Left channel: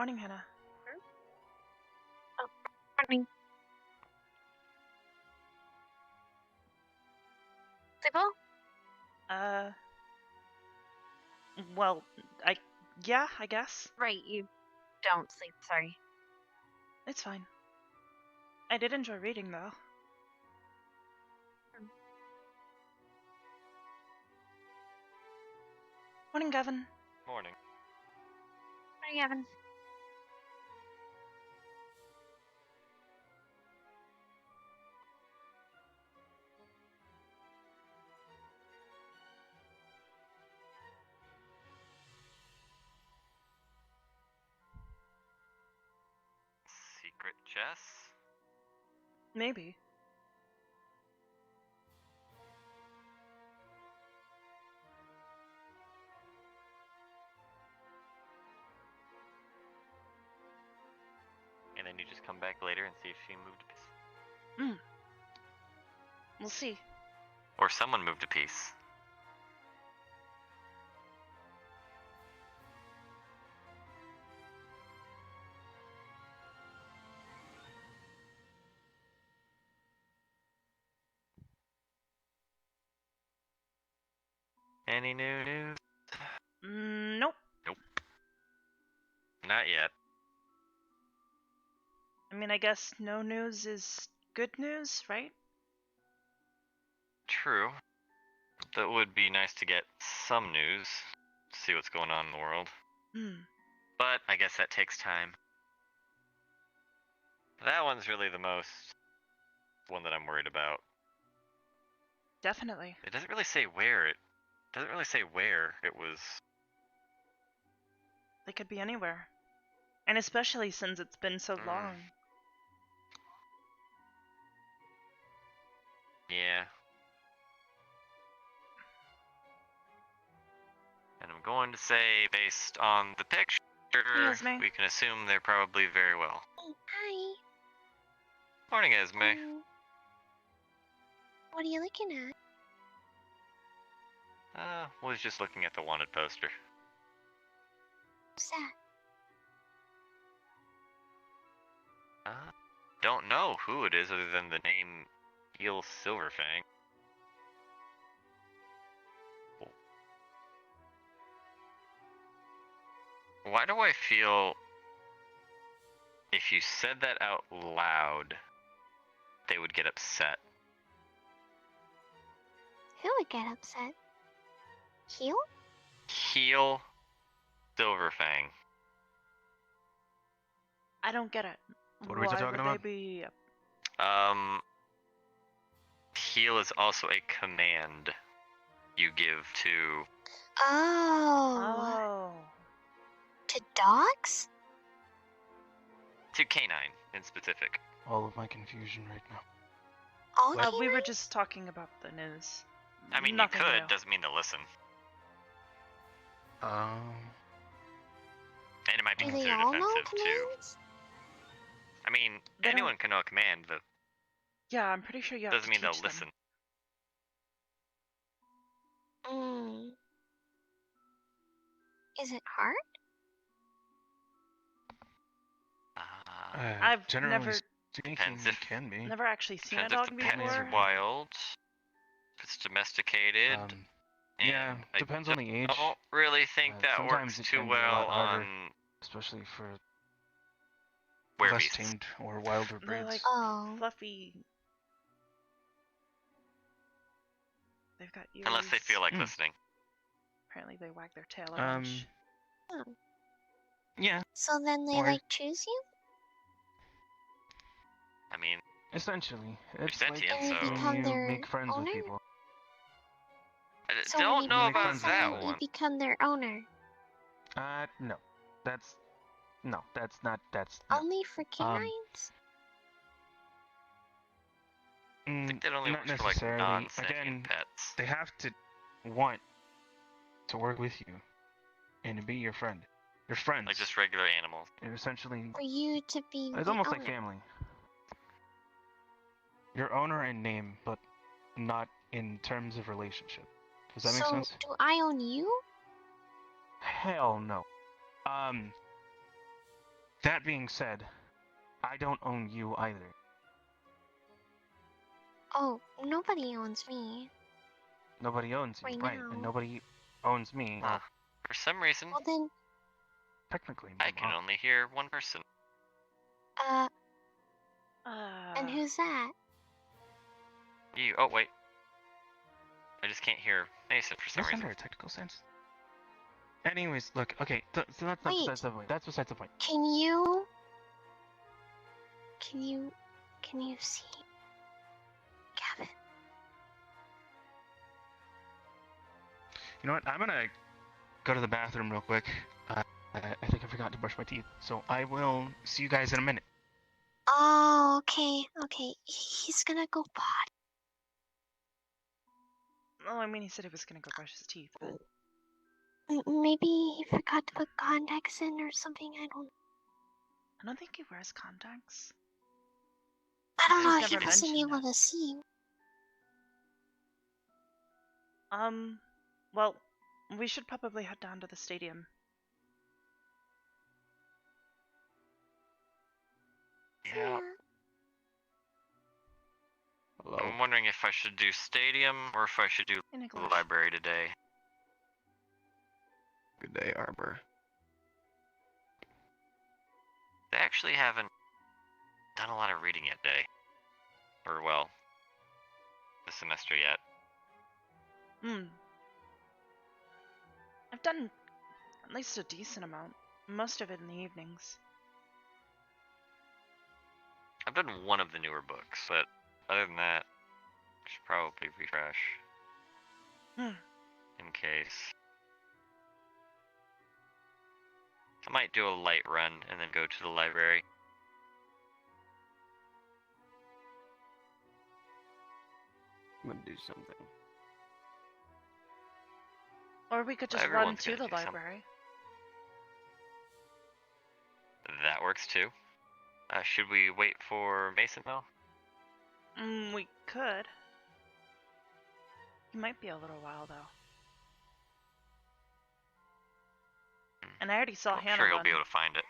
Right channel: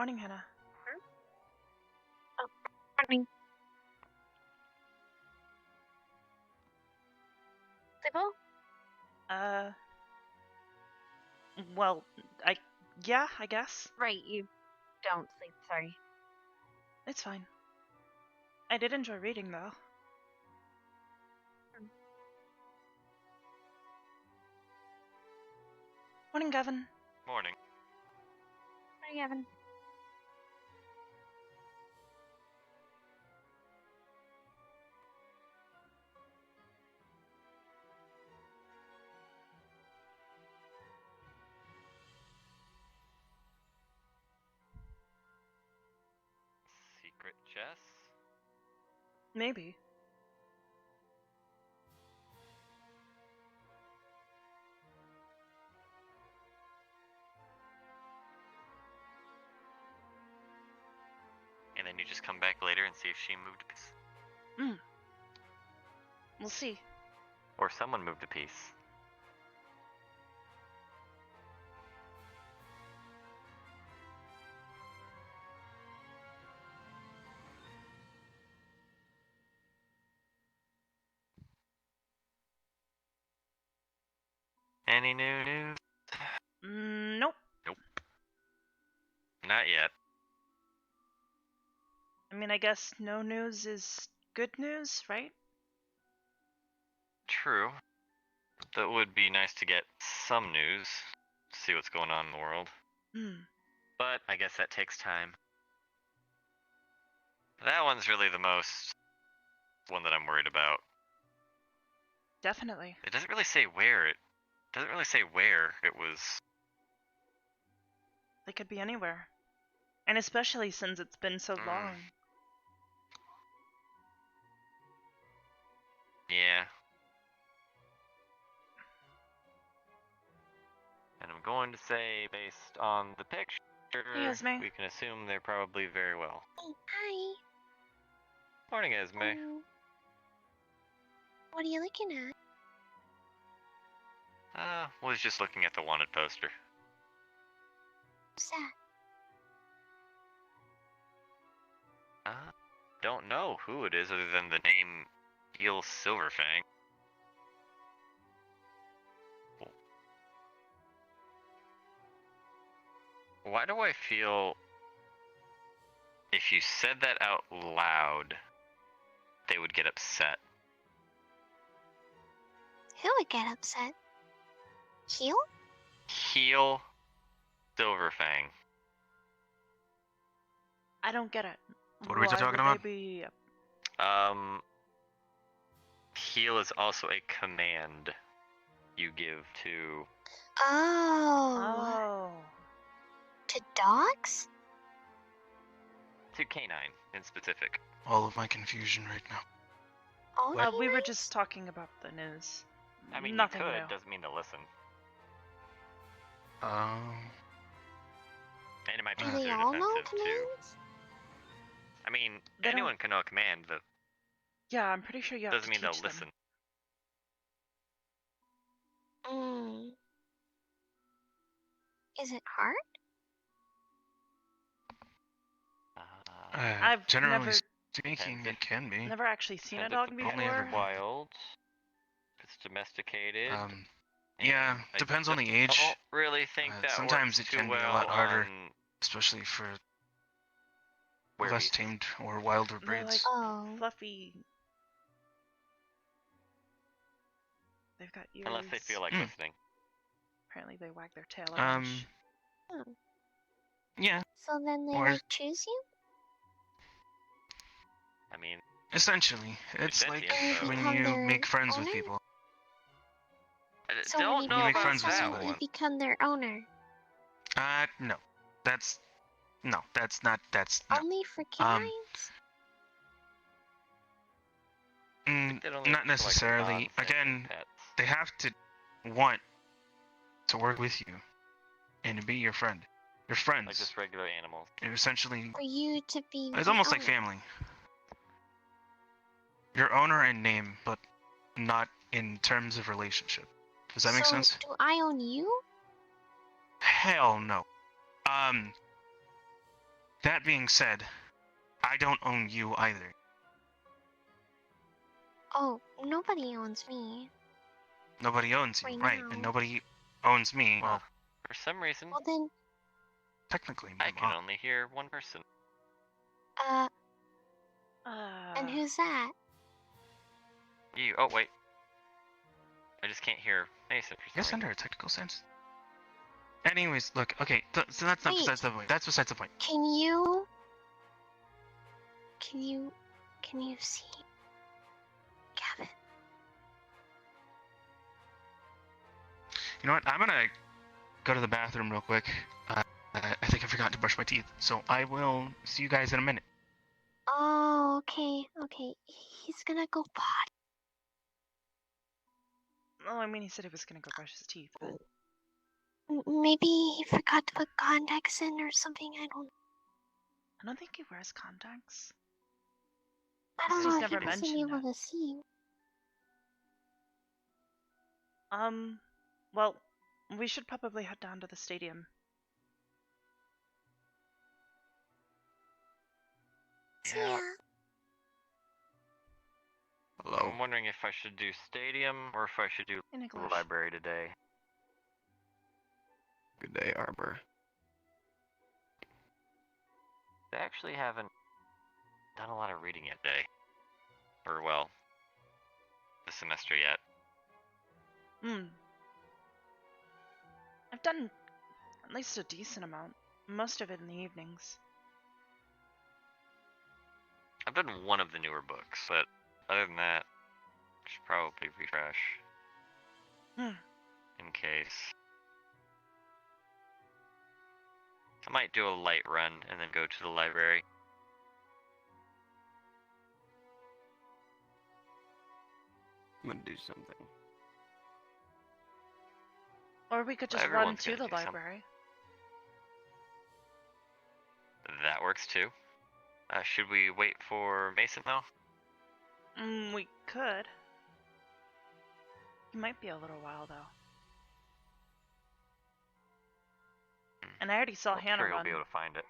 Morning, Hannah. Oh, morning. Signal? Well, yeah, I guess. Right, you don't sleep, sorry. It's fine. I did enjoy reading, though. Morning, Gavin. Morning. Morning, Evan. Secret chess? Maybe. And then you just come back later and see if she moved a piece. We'll see. Or someone moved a piece. Any new news? Nope. Nope. Not yet. I mean, I guess no news is good news, right? True. That would be nice to get some news. See what's going on in the world. But I guess that takes time. That one's really the most one that I'm worried about. Definitely. It doesn't really say where it was. They could be anywhere. And especially since it's been so long. Yeah. And I'm going to say, based on the picture, Esme. we can assume they're probably very well. Oh, hi. Morning, Esme. What are you looking at? Was just looking at the wanted poster. What's that? Don't know who it is other than the name Eel Silverfang. Why do I feel if you said that out loud, they would get upset? Who would get upset? Heel? Heel Silverfang. I don't get it. What are we talking about? Why would they be... Heel is also a command you give to... Oh. To dogs? To canine, in specific. All of my confusion right now. Oh, we were just talking about the news. I mean, Nothing you could, new. doesn't mean to listen. Um. And it might be Do considered they all know offensive, too. commands? I mean, They anyone don't- can know a command, but Yeah, I'm pretty sure you have doesn't to mean teach they'll them. listen. Is it hard? I've Generally never- speaking, Depends it if- can be. Never actually seen a Depends dog if the pet before. is wild, if it's domesticated. Yeah, and depends on the age. I don't really think that sometimes works it too can be a well lot harder. on Especially for where less beasts. tamed or wilder They're breeds. like fluffy. They've got ears. Unless they feel like listening. Apparently they wag their tail a bunch. Yeah. So then they Or- choose you? I mean, Essentially, it's like sentient, so- when Become you their make friends with owner? people. I So don't when you know make become about friends with that someone, someone. you become their owner. No. That's not. That's Only for canines? That only not works for, like, necessarily. non-sentient Again, pets. they have to want to work with you and to be your friend. Your friends. Like just regular animals. You're essentially, For you to be it's the almost like owner. family. Your owner in name, but not in terms of relationship. Does that make So, sense? do I own you? Hell no. That being said, I don't own you either. Oh, nobody owns me. Nobody owns you, right? And nobody owns me. Well, for some reason, Well then, technically, I can only hear one person. and who's that? You. Oh wait. I just can't hear Mason for some Yes, reason. under a technical sense. Anyways, look. Okay, so that's not besides the point. That's besides the point. Can you see Gavin? You know what? I'm gonna go to the bathroom real quick. I think I forgot to brush my teeth, so I will see you guys in a minute. Oh, okay. He's gonna go potty. Well, I mean, he said he was gonna go brush his teeth, but... Maybe he forgot to put contacts in or something. I don't think he wears contacts. I don't know. He's He never wasn't mentioned able it. to see. Well, we should probably head down to the stadium. Yeah. Hello. I'm wondering if I should do stadium or if I should do library today. Good day, Arbor. They actually haven't done a lot of reading yet today. Or, well, this semester yet. I've done at least a decent amount. Most of it in the evenings. I've done one of the newer books, but other than that, I should probably refresh. In case. I might do a light run and then go to the library. I'm gonna do something. Or we could just run Everyone's to gonna the do something. library. That works too. Should we wait for Mason though? We could. He might be a little while though. And I already saw I'm Hannah sure you'll run be able to find it.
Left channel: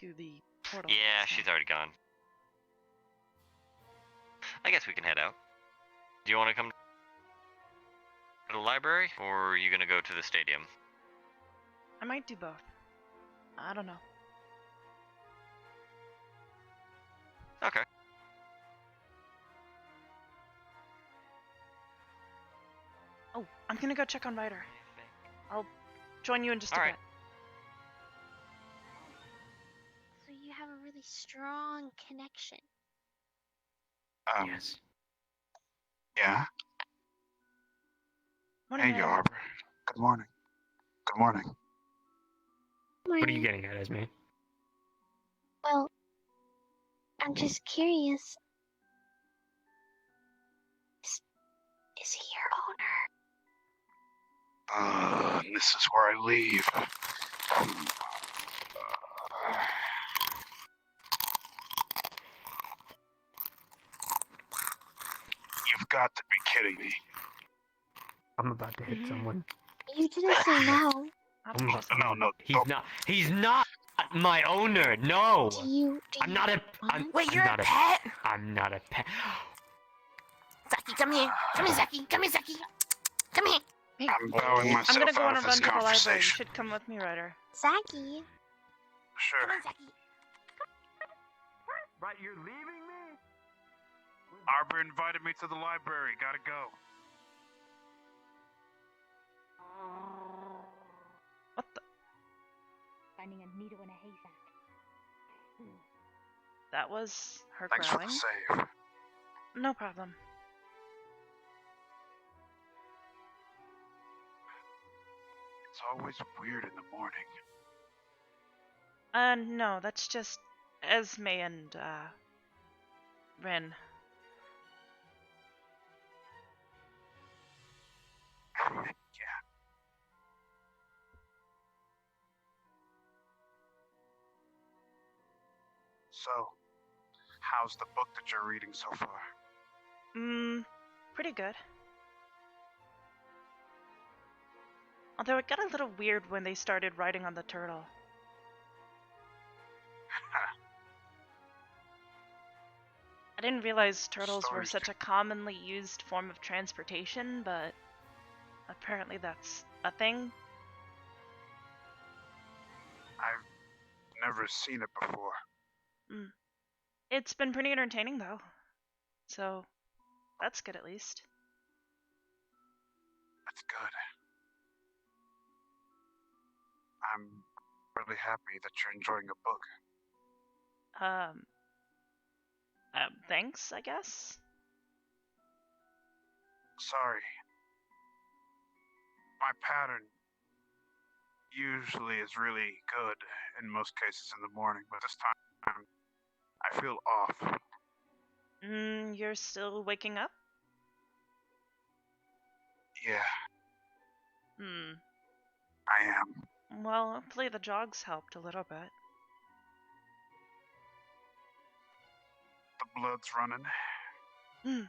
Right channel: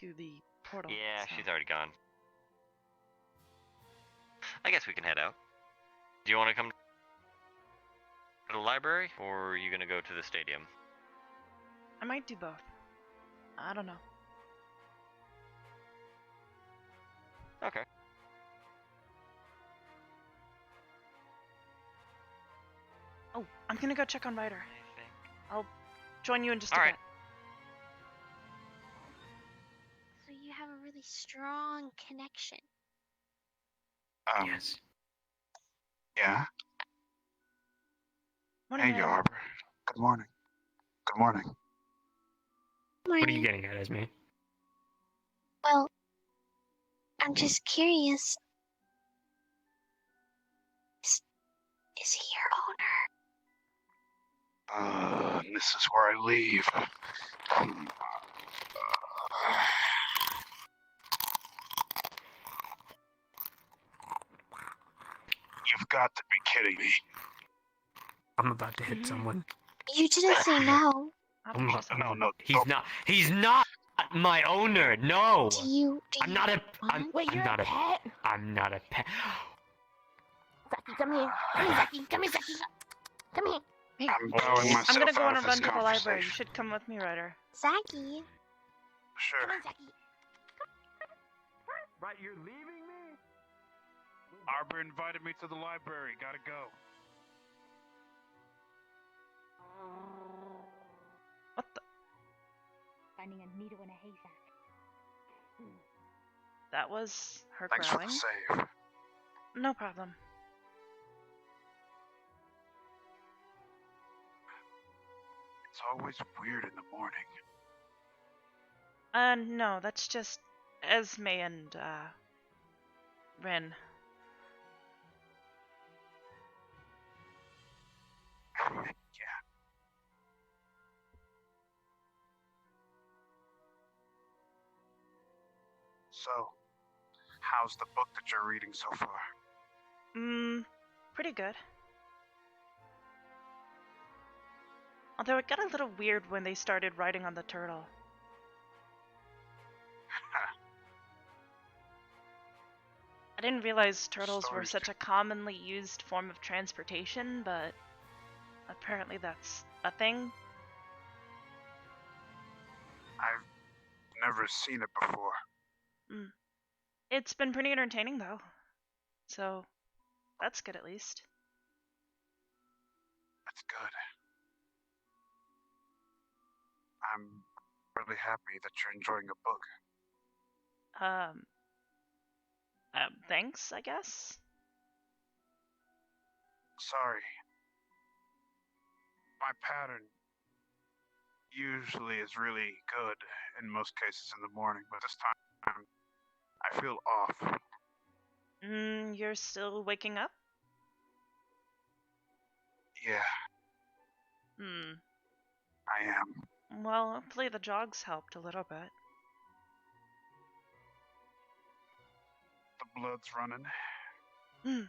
to the portal. Yeah, so. she's already gone. I guess we can head out. Do you want to come to the library, or are you gonna go to the stadium? I might do both. I don't know. Okay. Oh, I'm gonna go check on Ryder. I'll join you in just a bit. So you have a really strong connection. Yes. Yeah. Morning, Hey, Ryder. Arbor. Good morning. Good morning. What are you getting at, Esme? Well, I'm just curious. Is he your owner? This is where I leave. You've got to be kidding me. I'm about to hit someone. You didn't say no. No. He's not my owner. No. I'm not a. I'm not a pet. I'm not a pet. Zaki, come here. Come here, Zaki. Come here, Zaki. Come here. Hey, I'm bowing myself I'm gonna go on out a of run this to the library. You conversation. should come with me, Ryder. Zaki. Sure. Come on, Zaki. Right, you're leaving me? Arbor invited me to the library. Gotta go. What the? Finding a needle in a haystack. That was her Thanks for growling. the save. No problem. It's always weird in the morning. No, that's just Esme and, Rin. Yeah. So, how's the book that you're reading so far? Pretty good. Although it got a little weird when they started riding on the turtle. didn't realize turtles were Stories such a commonly used form of transportation, but apparently that's a thing. I've never seen it before. It's been pretty entertaining, though. So, that's good at least. That's good. I'm really happy that you're enjoying a book. Thanks, I guess? Sorry. My pattern usually is really good in most cases in the morning, but this time I feel off. You're still waking up? Yeah, Hmm. I am. Well, hopefully the jogs helped a little bit. The blood's running. Hmm.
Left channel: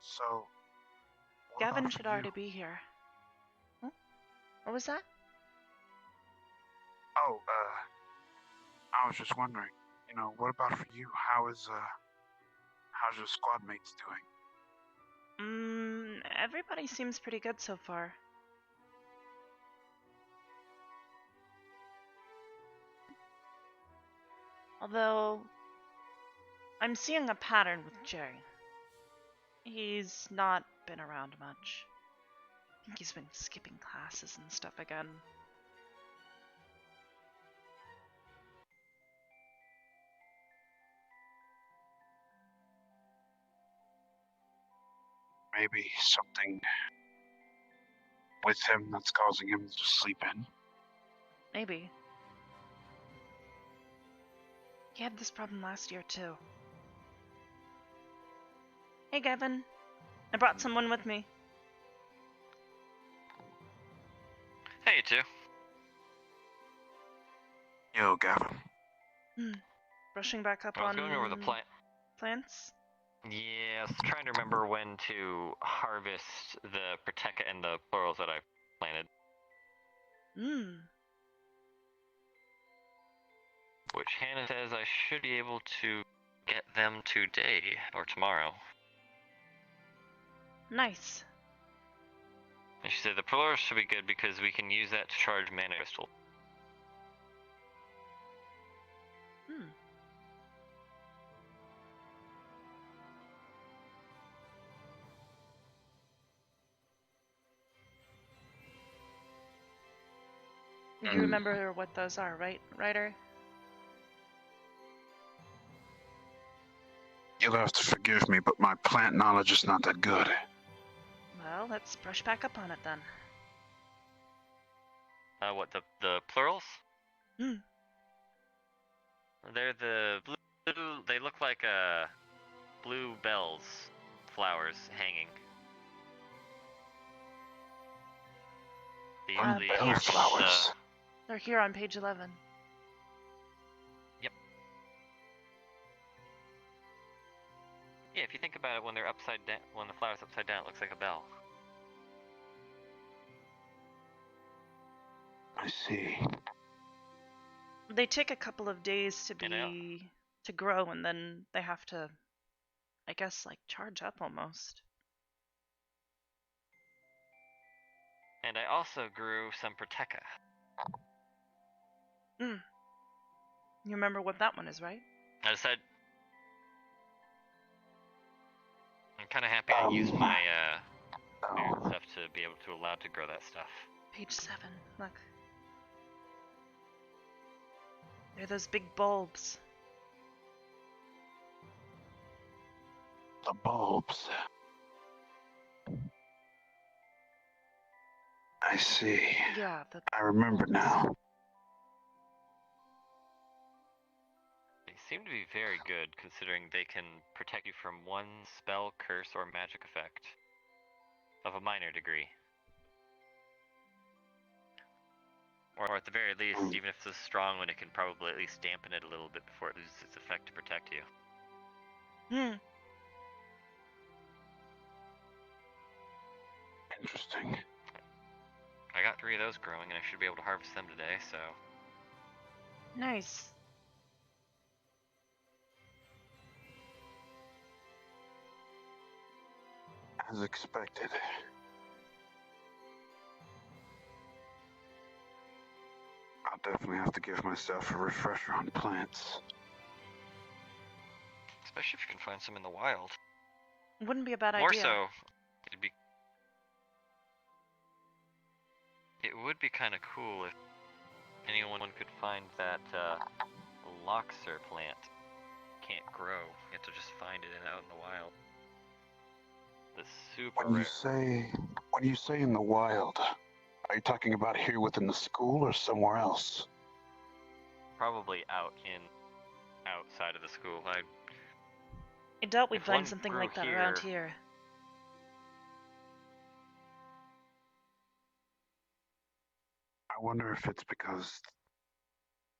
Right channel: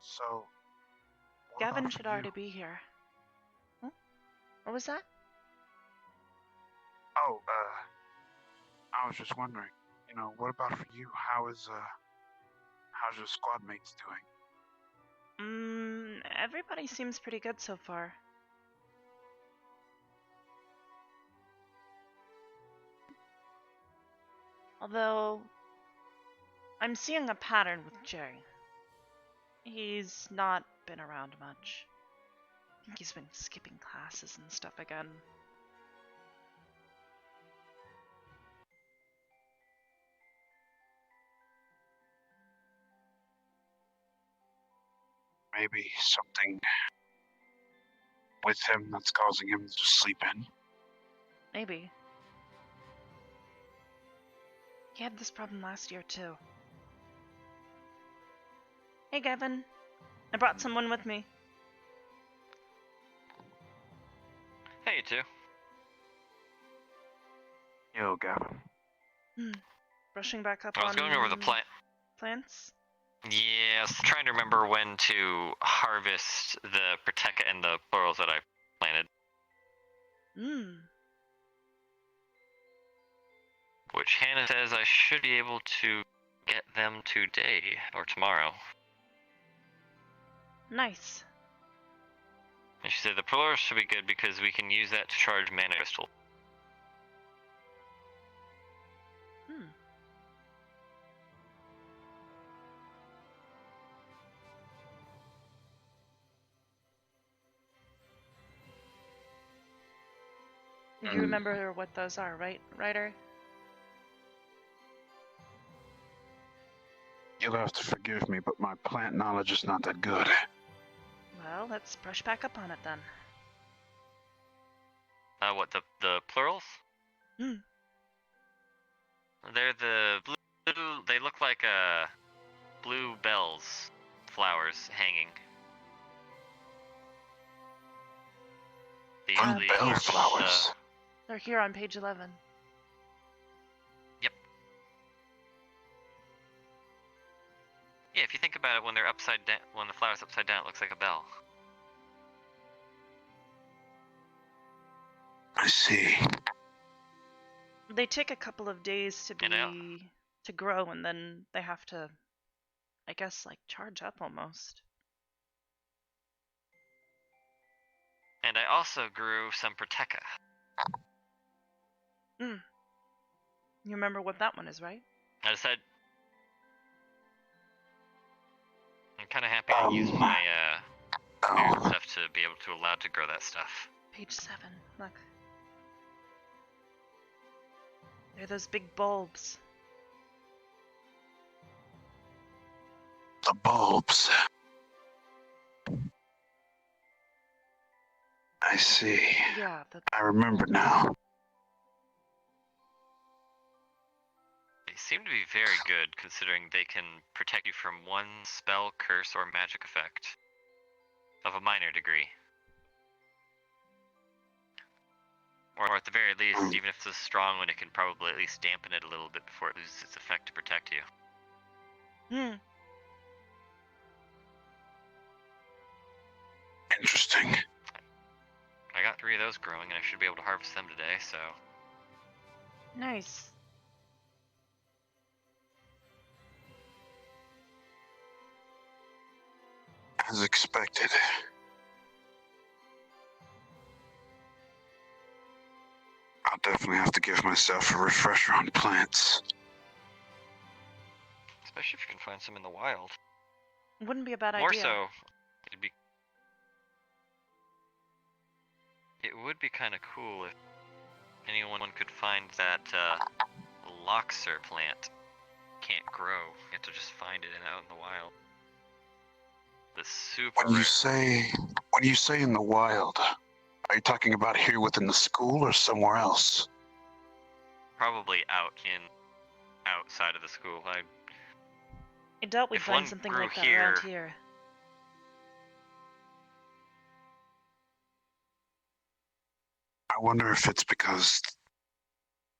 So, what Gavin about should for you? already be here. Hmm? What was that? Oh, I was just wondering, what about for you? How's your squad mates doing? Everybody seems pretty good so far. Although, I'm seeing a pattern with Jerry. He's not been around much. I think he's been skipping classes and stuff again. Maybe something with him that's causing him to sleep in. Maybe. He had this problem last year, too. Hey, Gavin. I brought someone with me. Hey, you two. Yo, Gavin. Brushing back up I was on going over the plants? Yeah, I was trying to remember when to harvest the Proteka and the plurals that I planted. Which Hannah says I should be able to get them today or tomorrow. Nice. And she said the plurals should be good because we can use that to charge mana crystal. You remember what those are, right, Ryder? You'll have to forgive me, but my plant knowledge is not that good. Well, let's brush back up on it then. What, the plurals? Hmm. They're the blue, they look like blue bells, flowers hanging. They usually Bell flowers. They're here on page 11. Yep. Yeah, if you think about it, when they're upside down, when the flower's upside down, it looks like a bell. I see. They take a couple of days to grow, and then they have to, I guess, like charge up almost. And I also grew some Proteka. You remember what that one is, right? I said, I'm kind of happy I used my weird stuff to be able to allow to grow that stuff. Page 7, look. They're those big bulbs. The bulbs. I see. Yeah, I remember now. They seem to be very good, considering they can protect you from one spell, curse, or magic effect of a minor degree. Or at the very least, even if it's a strong one, it can probably at least dampen it a little bit before it loses its effect to protect you. Interesting. I got 3 of those those growing, and I should be able to harvest them today, so... Nice. As expected. I'll definitely have to give myself a refresher on plants. Especially if you can find some in the wild. Wouldn't be a bad More idea. so, it would be kind of cool if anyone could find that Loxer plant. Can't grow. You have to just find it out in the wild. The super When rare. you say in the wild, are you talking about here within the school or somewhere else? Probably outside of the school. I doubt we'd If find one something grew like that around here- here. I wonder if it's because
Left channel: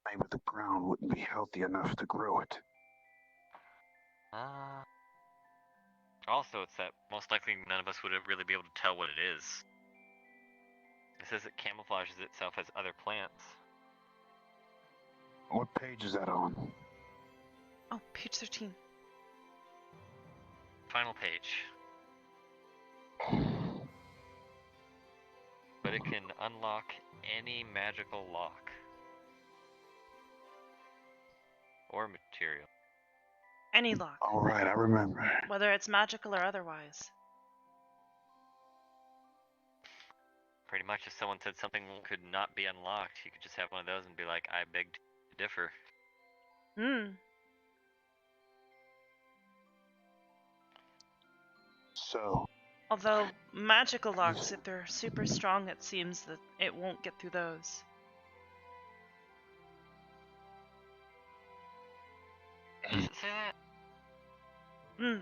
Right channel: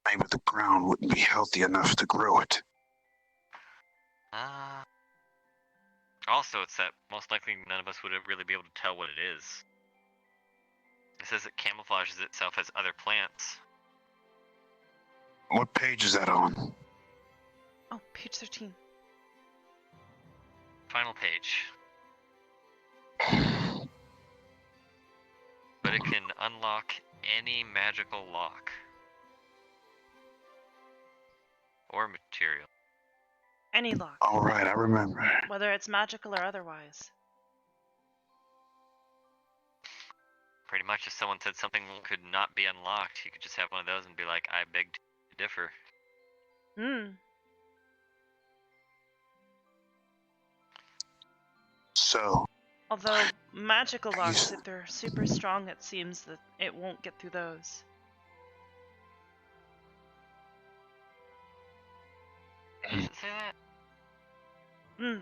maybe the ground wouldn't be healthy enough to grow it. Also, it's that most likely none of us would really be able to tell what it is. It says it camouflages itself as other plants. What page is that on? Oh, page 13. Final page. But it can unlock any magical lock. Or material. Any lock. Alright, I remember. Whether it's magical or otherwise. Pretty much if someone said something could not be unlocked, you could just have one of those and be like, I beg to differ. So, Although, magical locks, if they're super strong, it seems that it won't get through those. Does it say that?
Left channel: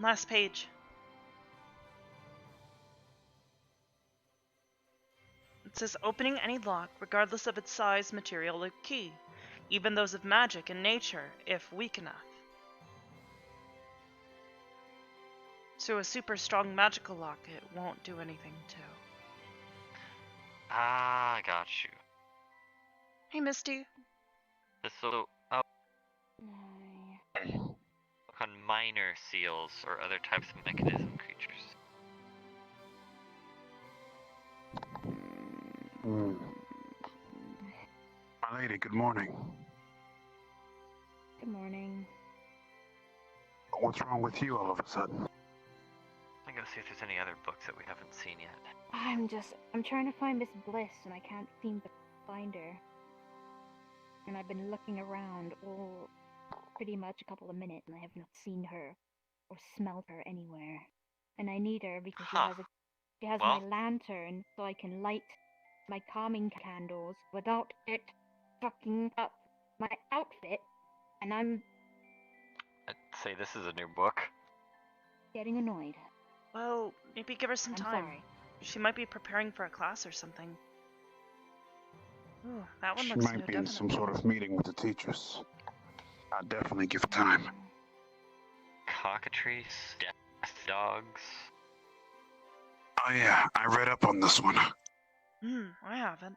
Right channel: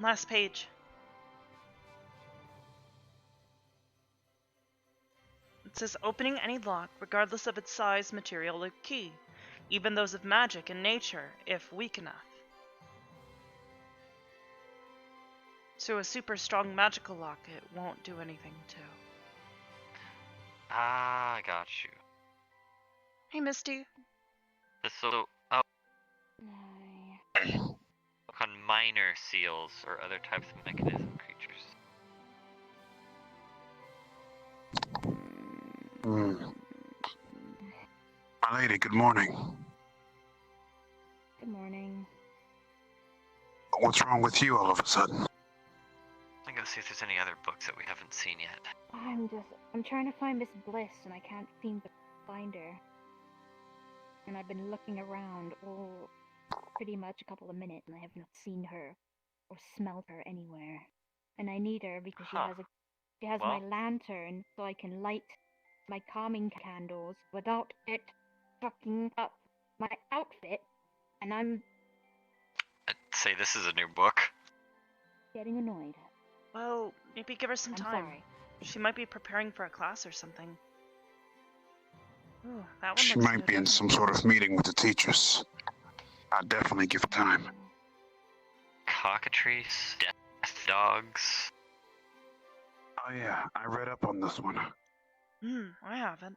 Last page. It says opening any lock, regardless of its size, material, or key, even those of magic and nature, if weak enough. So a super strong magical lock, it won't do anything to. Ah, I got you. Hey, Misty. So, look on minor seals or other types of mechanism creatures. My lady, good morning. Good morning. What's wrong with you all of a sudden? I'm gonna see if there's any other books that we haven't seen yet. I'm trying to find Miss Bliss and I can't seem to find her. And I've been looking around all pretty much a couple of minutes and I have not seen her or smelled her anywhere. And I need her because she has my lantern so I can light my calming candles without it fucking up my outfit. And I'm I'd say this is a new book. getting annoyed. Well, maybe give her some I'm time. sorry. She might be preparing for a class or something. Ooh, that one She looks might new, be in some definitely. sort of meeting with the teachers. I'll definitely give it time. Cockatrice, death dogs. Oh yeah, I read up on this one. I haven't.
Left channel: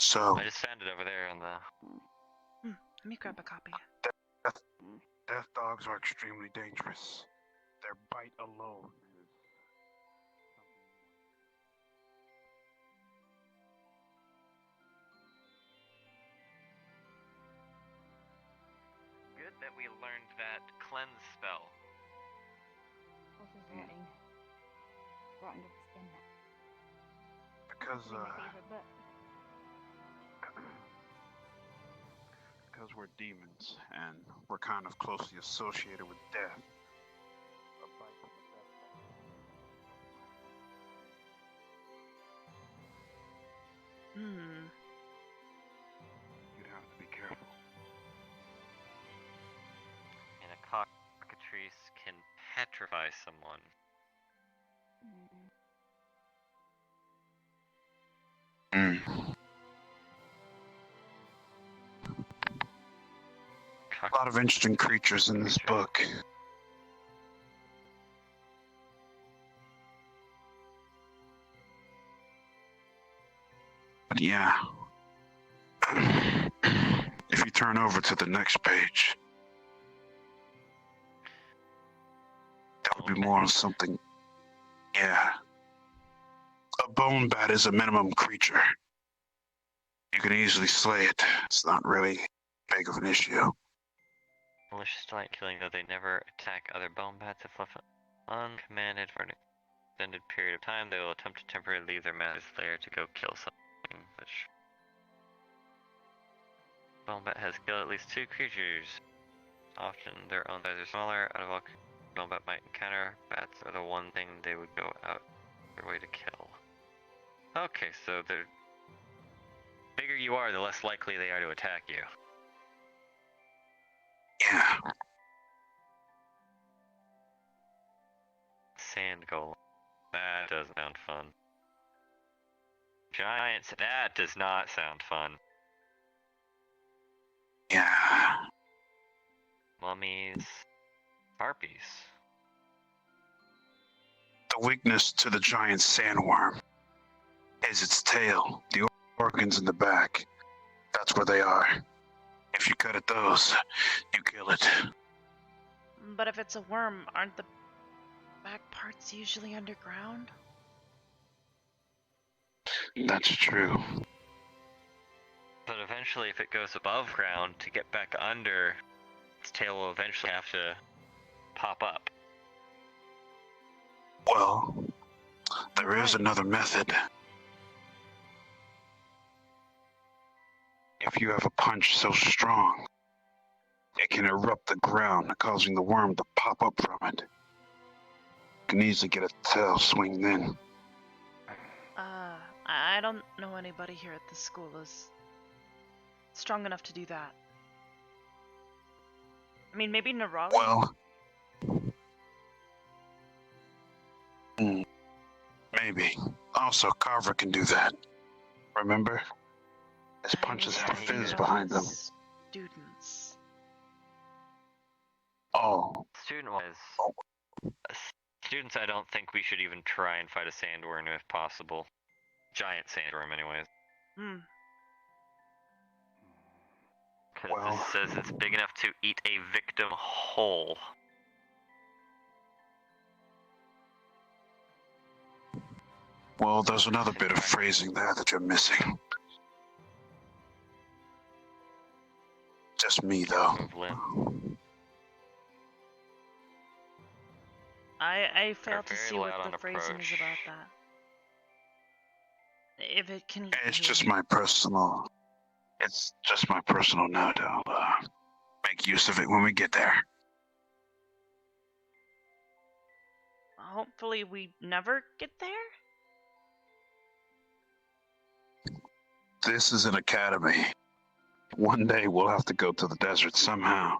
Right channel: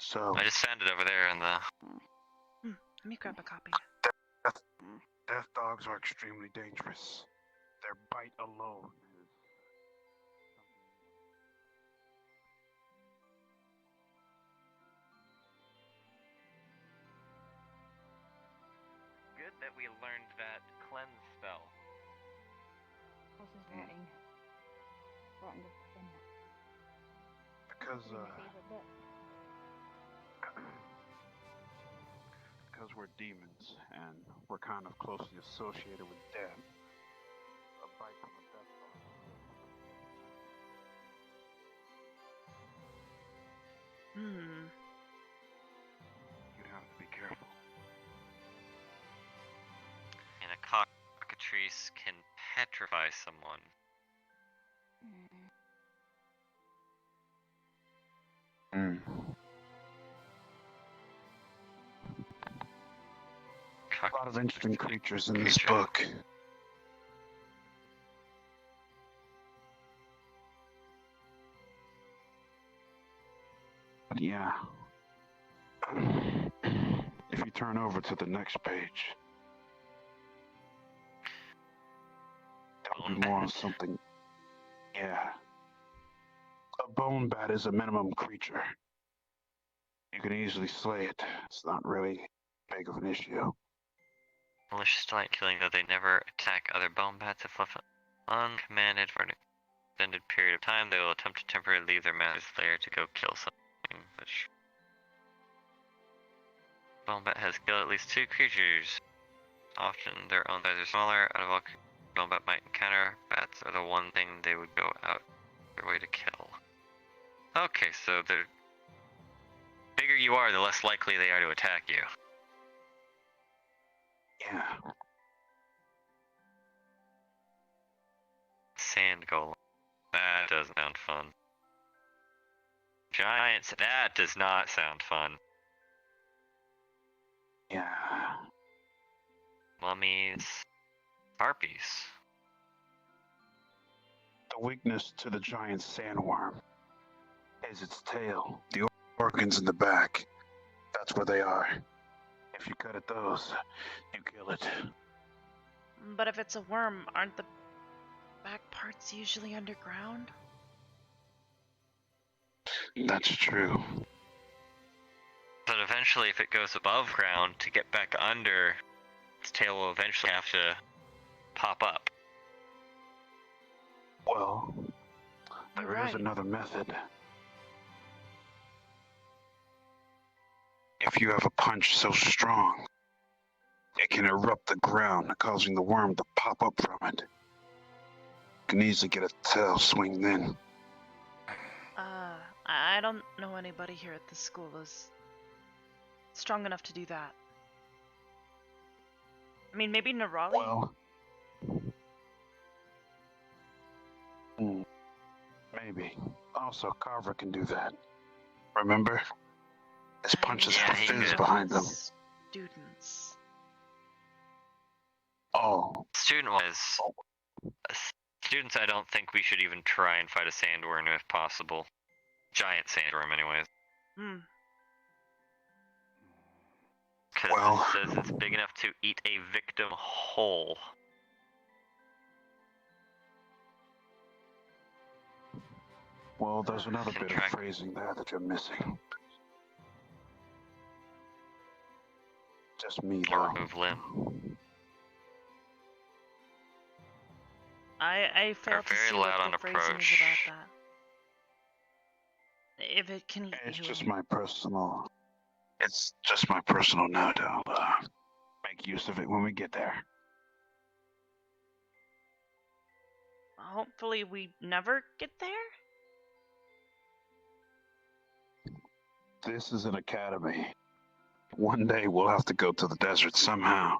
So, I just found it over there in the... Let me grab a copy. death dogs are extremely dangerous. Their bite alone is Good that we learned that cleanse spell. What's his writing? Rotten to the skin. because Really my favorite book. because we're demons and we're kind of closely associated with death. A bite from a death dog. You'd have to be careful. And a cockatrice can petrify someone. A lot of interesting creatures in this book. But yeah. If you turn over to the next page, that'll be more on something. Yeah. A bone bat is a minimum creature. You can easily slay it. It's not really big of an issue. Malicious delight killing, though they never attack other bone bats if left uncommanded for an extended period of time. They will attempt to temporarily leave their master's lair to go kill something. Which bone bat has killed at least 2 creatures. Often their own size are smaller. Out of all bone bat might encounter, bats are the one thing they would go out their way to kill. Okay, so the bigger you are, the less likely they are to attack you. Yeah. Sand golem. That doesn't sound fun. Giants. That does not sound fun. Yeah. Mummies. Harpies. The weakness to the giant sandworm is its tail. The organs in the back. That's where they are. If you cut at those, you kill it. But if it's a worm, aren't the back parts usually underground? That's true. But eventually, if it goes above ground, to get back under, its tail will eventually have to pop up. Well, there is another method. If you have a punch so strong, it can erupt the ground, causing the worm to pop up from it. You can easily get a tail swing then. I don't know anybody here at the school is strong enough to do that. I mean, maybe Nerali? Well, maybe. Also, Carver can do that. Remember? His punches have fins behind them. Students. Oh. Students, I don't think we should even try and fight a sandworm if possible. Giant sandworm, anyways. Because it says it's big enough to eat a victim whole. Well, there's another bit of phrasing there that you're missing. Just me, though. I fail to see what the phrasing is about that. If it can eat It's you. just my personal... It's just my personal note. I'll make use of it when we get there. Hopefully we never get there? This is an academy. One day we'll have to go to the desert somehow.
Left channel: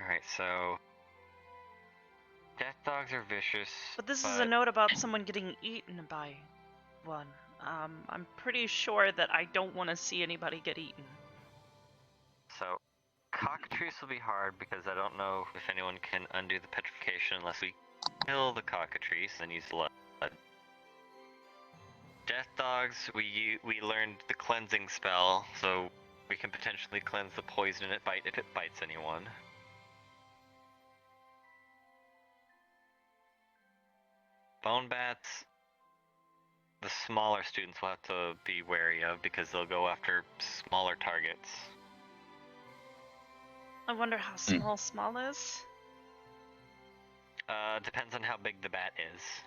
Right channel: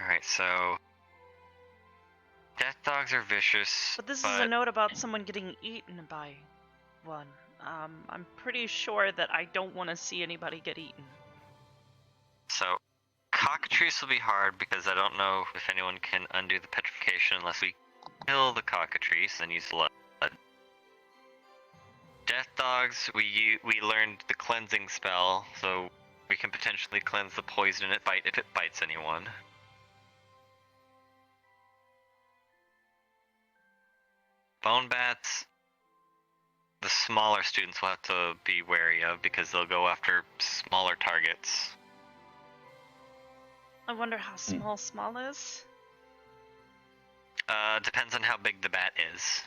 Alright, so... Death dogs are vicious. But this is a note about someone getting eaten by one. I'm pretty sure that I don't want to see anybody get eaten. So, cockatrice will be hard because I don't know if anyone can undo the petrification unless we kill the cockatrice and use blood. Death dogs, we learned the cleansing spell, so we can potentially cleanse the poison it bite if it bites anyone. Bone bats, the smaller students will have to be wary of because they'll go after smaller targets. I wonder how small is. Depends on how big the bat is.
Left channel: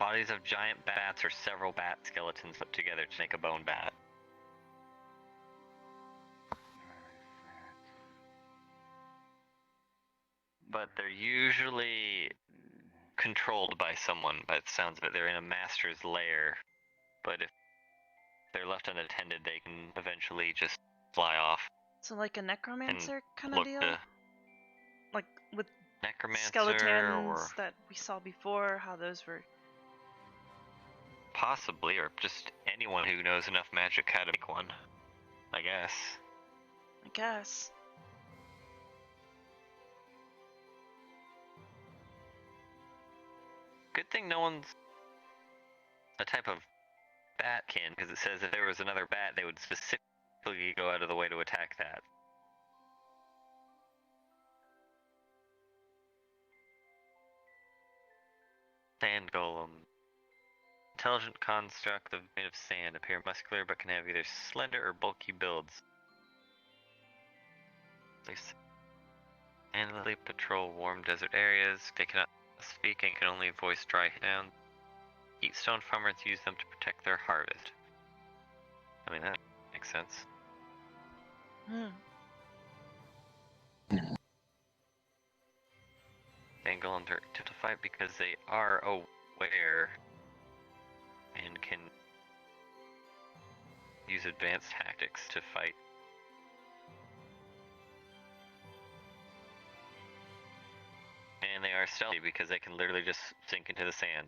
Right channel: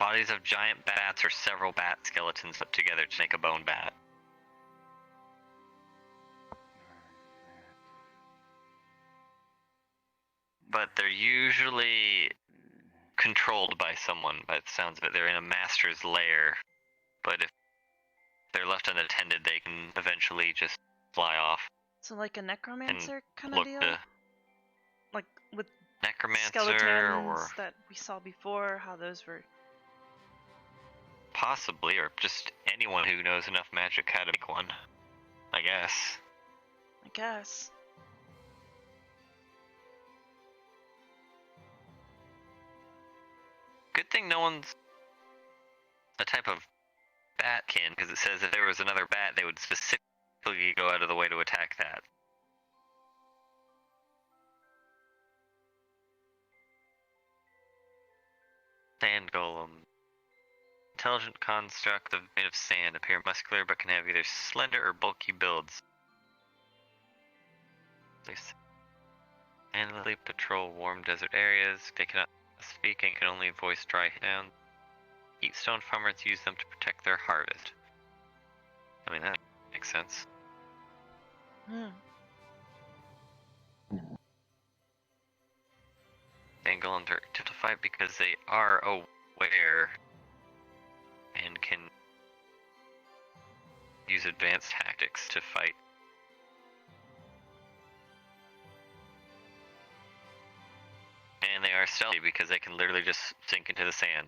Bodies of giant bats or several bat skeletons put together to make a bone bat. But they're usually controlled by someone, by the sounds of it. They're in a master's lair. But if they're left unattended, they can eventually just fly off. So like a necromancer kind of deal? Like with necromancer skeletons that we saw before, how those were... Possibly, or just anyone who knows enough magic how to make one. I guess. Good thing no one's a type of bat can, because it says if there was another bat, they would specifically go out of the way to attack that. Sand golem. Intelligent construct made of sand, appear muscular but can have either slender or bulky builds. They endlessly patrol warm desert areas. They cannot speak and can only voice dry sounds. Heapstone farmers use them to protect their harvest. I mean, that makes sense. Angle and to fight because they are aware and can use advanced tactics to fight. And they are stealthy because they can literally just sink into the sand.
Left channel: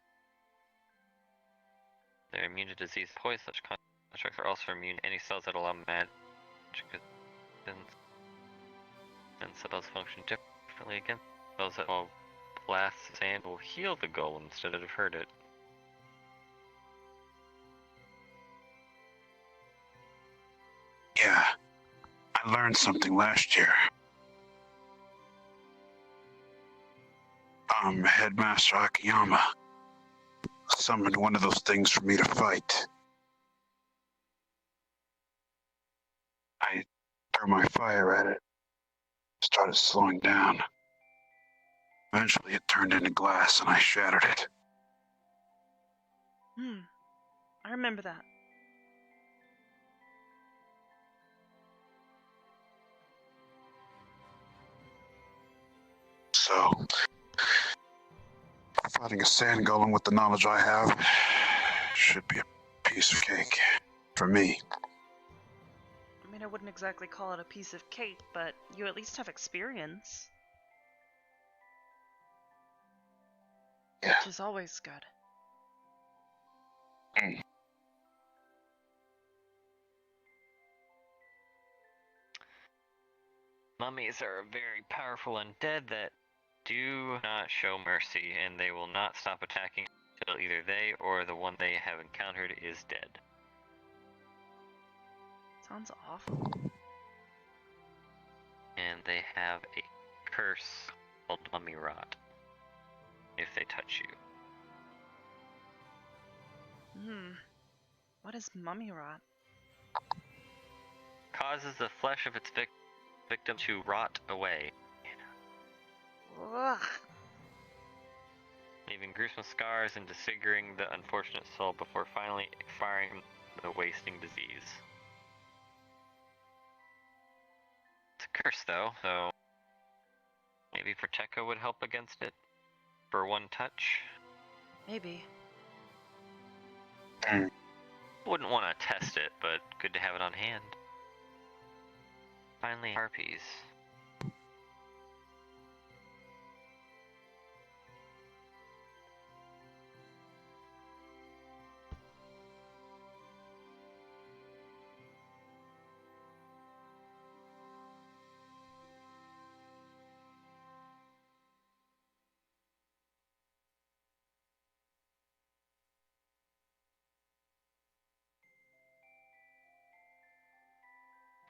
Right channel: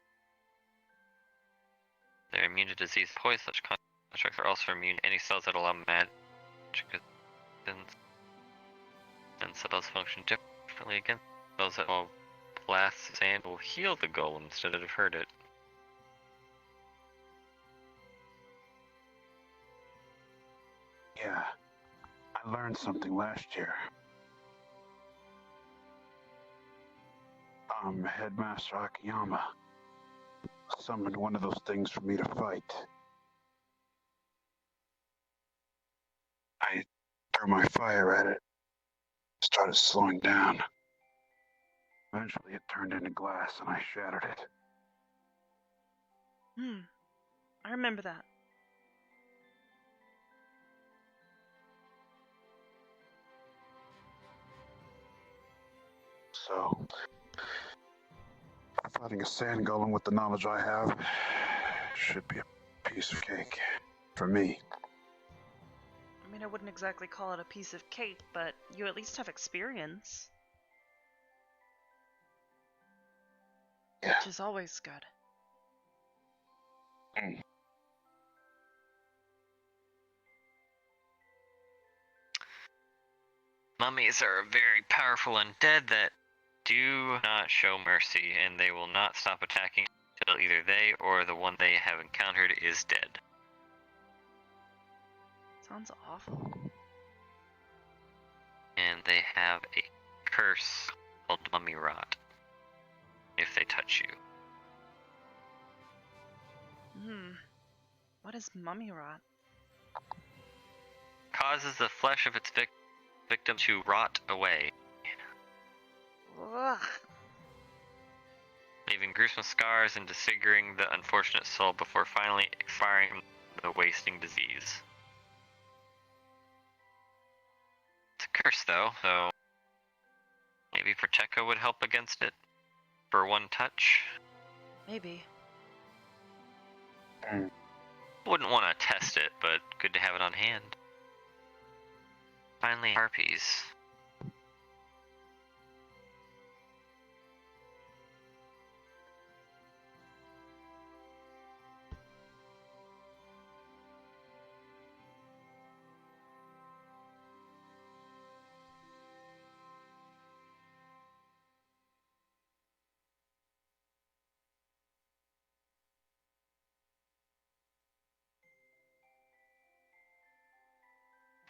They're immune to disease, poison. Such constructs are also immune to any spells that allow magic resistance. And spells function differently against spells that will blast sand will heal the golem instead of hurt it. Yeah, I learned something last year. Headmaster Akiyama summoned one of those things for me to fight. I threw my fire at it, started slowing down. Eventually it turned into glass and I shattered it. I remember that. So, fighting a sand golem with the knowledge I have should be a piece of cake for me. I mean, I wouldn't exactly call it a piece of cake, but you at least have experience. Yeah. Which is always good. Mummies are a very powerful undead that do not show mercy, and they will not stop attacking until either they or the one they have encountered is dead. Sounds awful. And they have a curse called mummy rot if they touch you. What is mummy rot? Causes the flesh of its victim to rot away, Ugh. leaving gruesome scars and disfiguring the unfortunate soul before finally expiring from the wasting disease. It's a curse, though, so maybe Protecco would help against it for one touch. Maybe. Wouldn't want to test it, but good to have it on hand. Finally, harpies.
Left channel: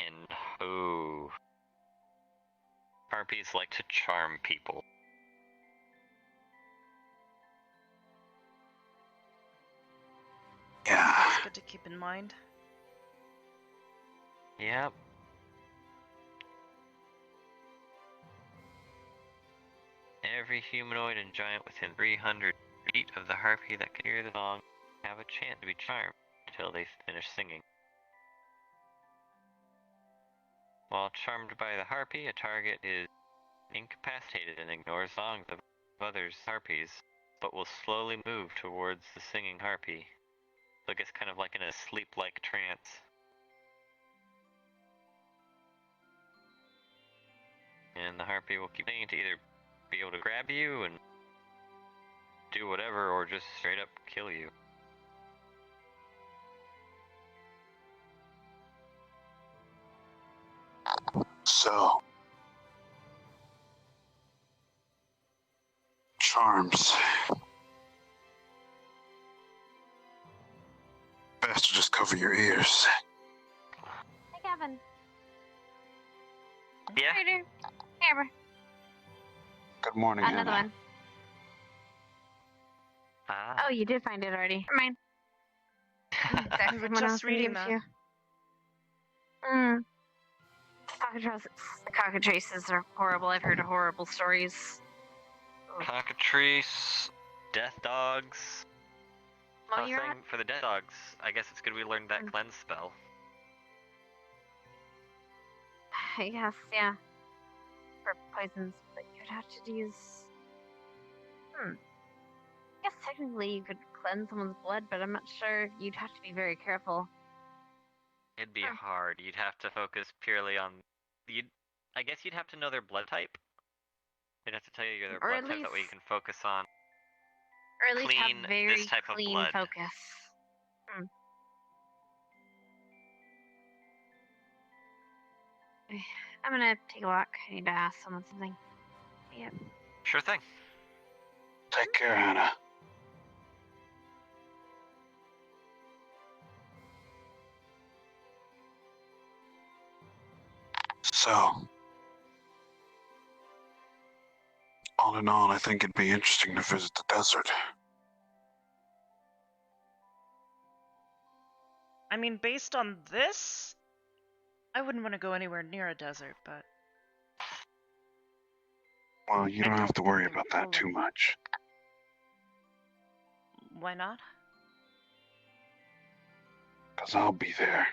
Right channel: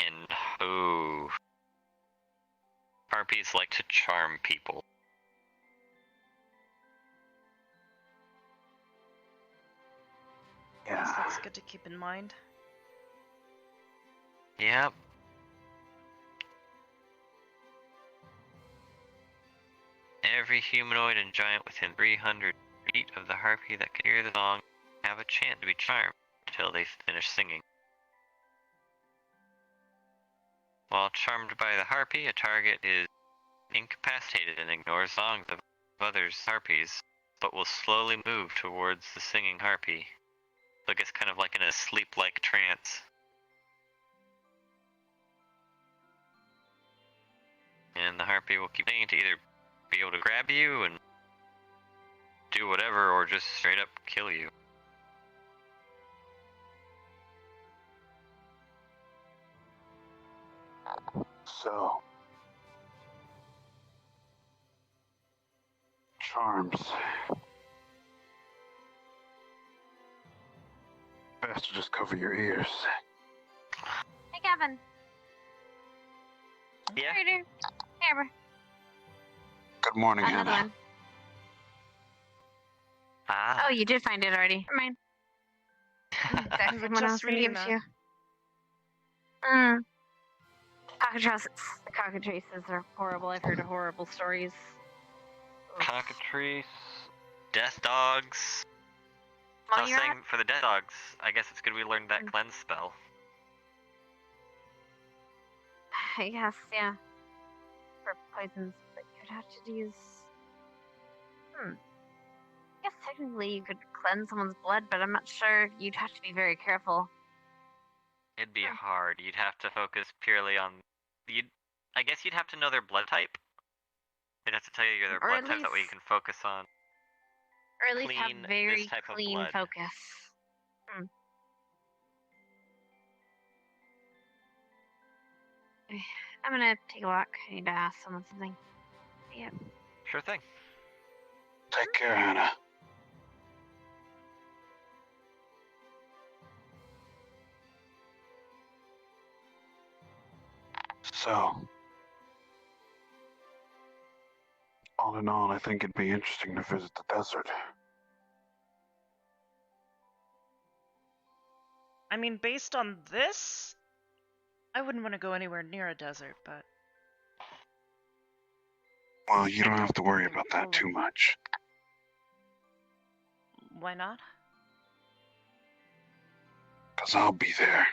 And harpies like to charm people. Yeah. That's good to keep in mind. Yep. Every humanoid and giant within 300 feet of the harpy that can hear the song have a chance to be charmed until they finish singing. While charmed by the harpy, a target is incapacitated and ignores songs of others' harpies, but will slowly move towards the singing harpy. So it gets kind of like in a sleep-like trance. And the harpy will keep singing to either be able to grab you and do whatever, or just straight up kill you. So, charms. cover your ears. Hey, Gavin. Yeah. Ryder. Hey, Arbor. Good morning, Another Hannah. one. Ah. Oh, you did find it already. Never mind. We were just reading that. The cockatrices are horrible. I've heard of horrible stories. Cockatrice, death dogs. So I was saying for the death dogs, I guess it's good we learned that cleanse spell. I guess, yeah. For poisons, but you'd have to use. I guess technically you could cleanse someone's blood, but I'm not sure. You'd have to be very careful. It'd be hard. You'd have to focus purely on. I guess you'd have to know their blood type. They'd have to tell you their Or blood at type. That way you least- can focus on. Or at least have Clean very this type of clean blood. focus. I'm gonna take a walk. I need to ask someone something. Yep. Sure thing. Take care, Hannah. So, all in all, I think it'd be interesting to visit the desert. I mean, based on this, I wouldn't want to go anywhere near a desert, but Well, you I don't have don't to worry think about they're that too full of- much. why not? Because I'll be there.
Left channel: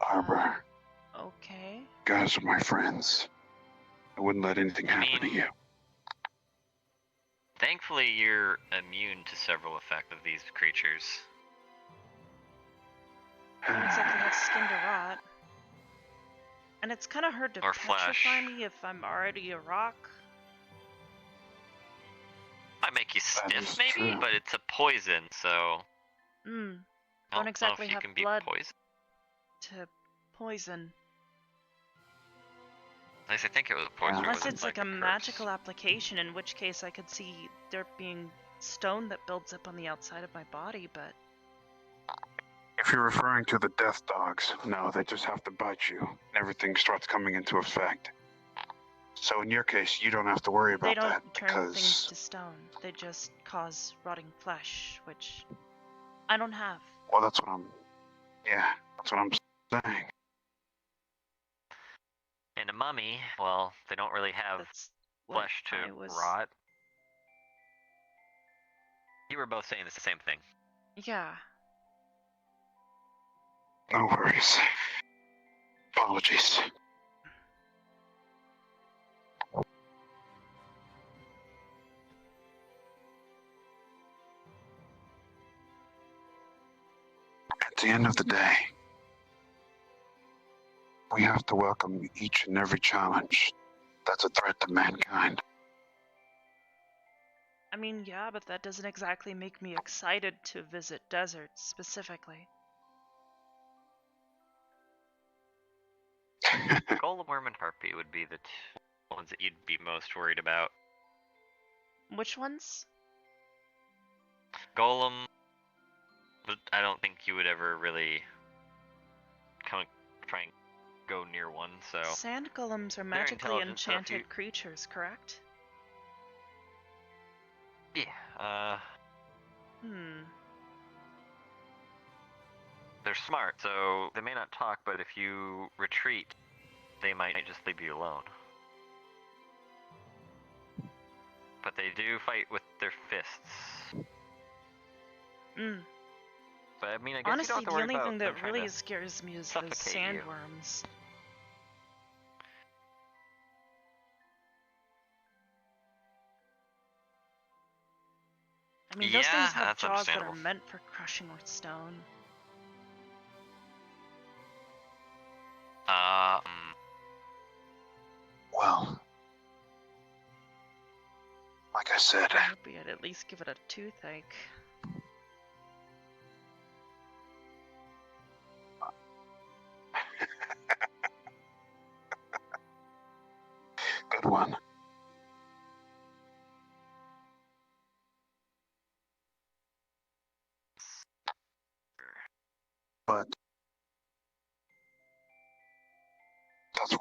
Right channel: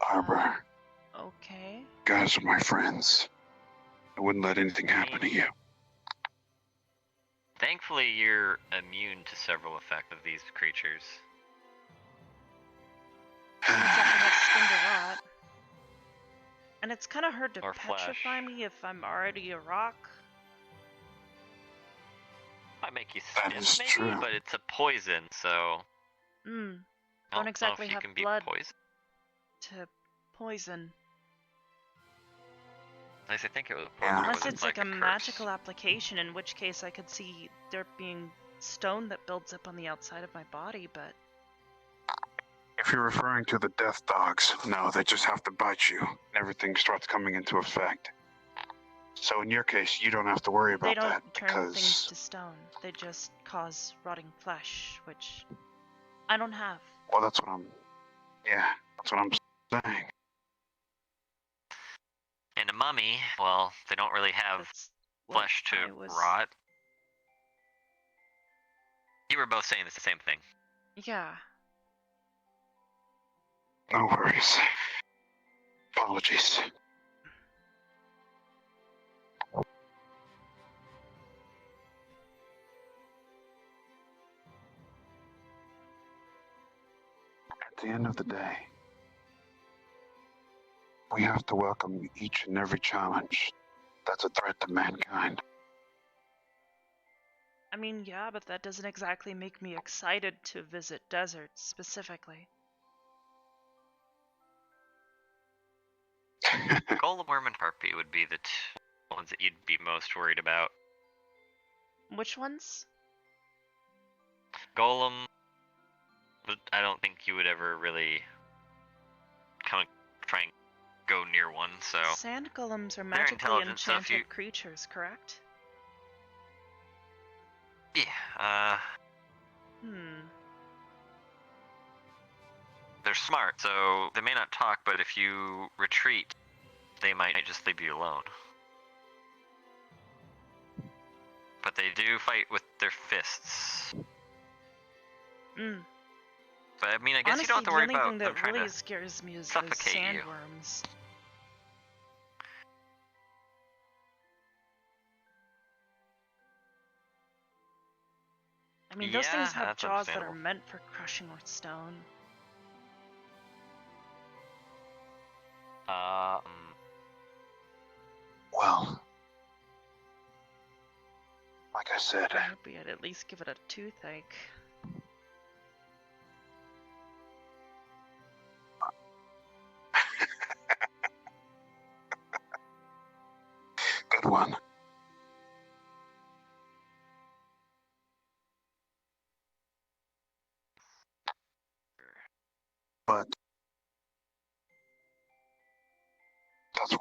Arbor, Okay. you guys are my friends. I wouldn't let anything happen to you. Thankfully, you're immune to several effects of these creatures. I don't exactly have skin to rot. And it's kind of hard to Or petrify flesh. me if I'm already a rock. Might make you That is stiff, maybe, true. but it's a poison, so. Mm. I Don't know exactly if you have can be blood poisoned. to poison. At least I think it was poison. Unless wasn't it's like a curse. magical application, in which case I could see there being stone that builds up on the outside of my body, but If you're referring to the death dogs, no, they just have to bite you, and everything starts coming into effect. So in your case, you don't have to worry they about don't that turn because things to stone. They just cause rotting flesh, which I don't have. well, that's what I'm saying. And a mummy, well, they don't really have That's what flesh to I was. rot. You were both saying the same thing. Yeah. No worries. Apologies. At the end of the day, we have to welcome each and every challenge that's a threat to mankind. I mean, yeah, but that doesn't exactly make me excited to visit deserts specifically. Golem Worm and Harpy would be the ones that you'd be most worried about. Which ones? Golem, but I don't think you would ever really kind of try and go near one, so. Sand golems are magically intelligent, so if enchanted you- creatures, correct? Yeah, Hmm. they're smart, so they may not talk, but if you retreat, they might just leave you alone. But they do fight with their fists. Mm. But I mean, I guess Honestly, you don't have to the worry only about thing them that trying really to scares me is those suffocate you. sandworms. I mean, those Yeah, things have that's jaws that are understandable. meant for crushing stone. Well, like I said, I hope I'd at least give it a toothache. good one.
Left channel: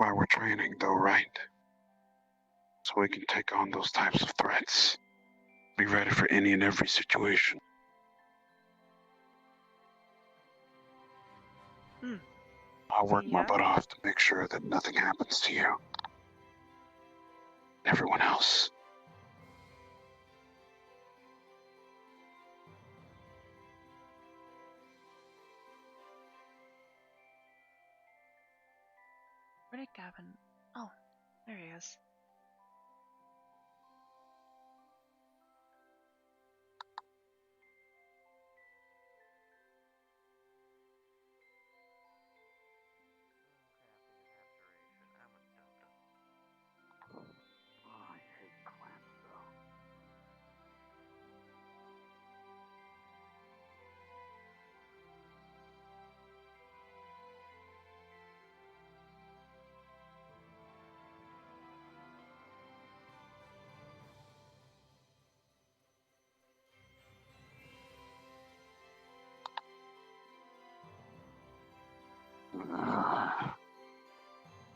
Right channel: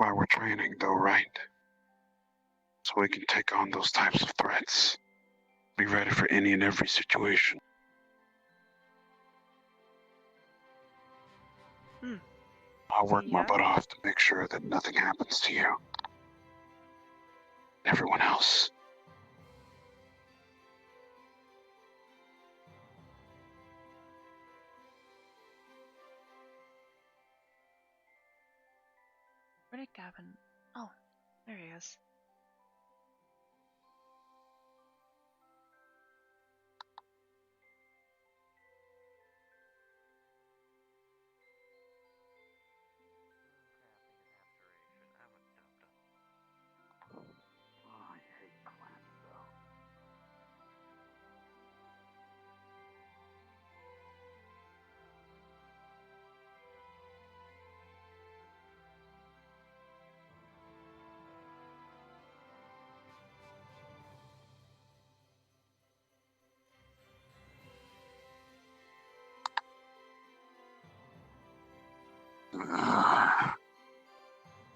why we're training, though, right? So we can take on those types of threats. Be ready for any and every situation. I'll work my butt off to make sure that nothing happens to you. And everyone else. Where did Gavin? Oh, there he is. I hate clans, though.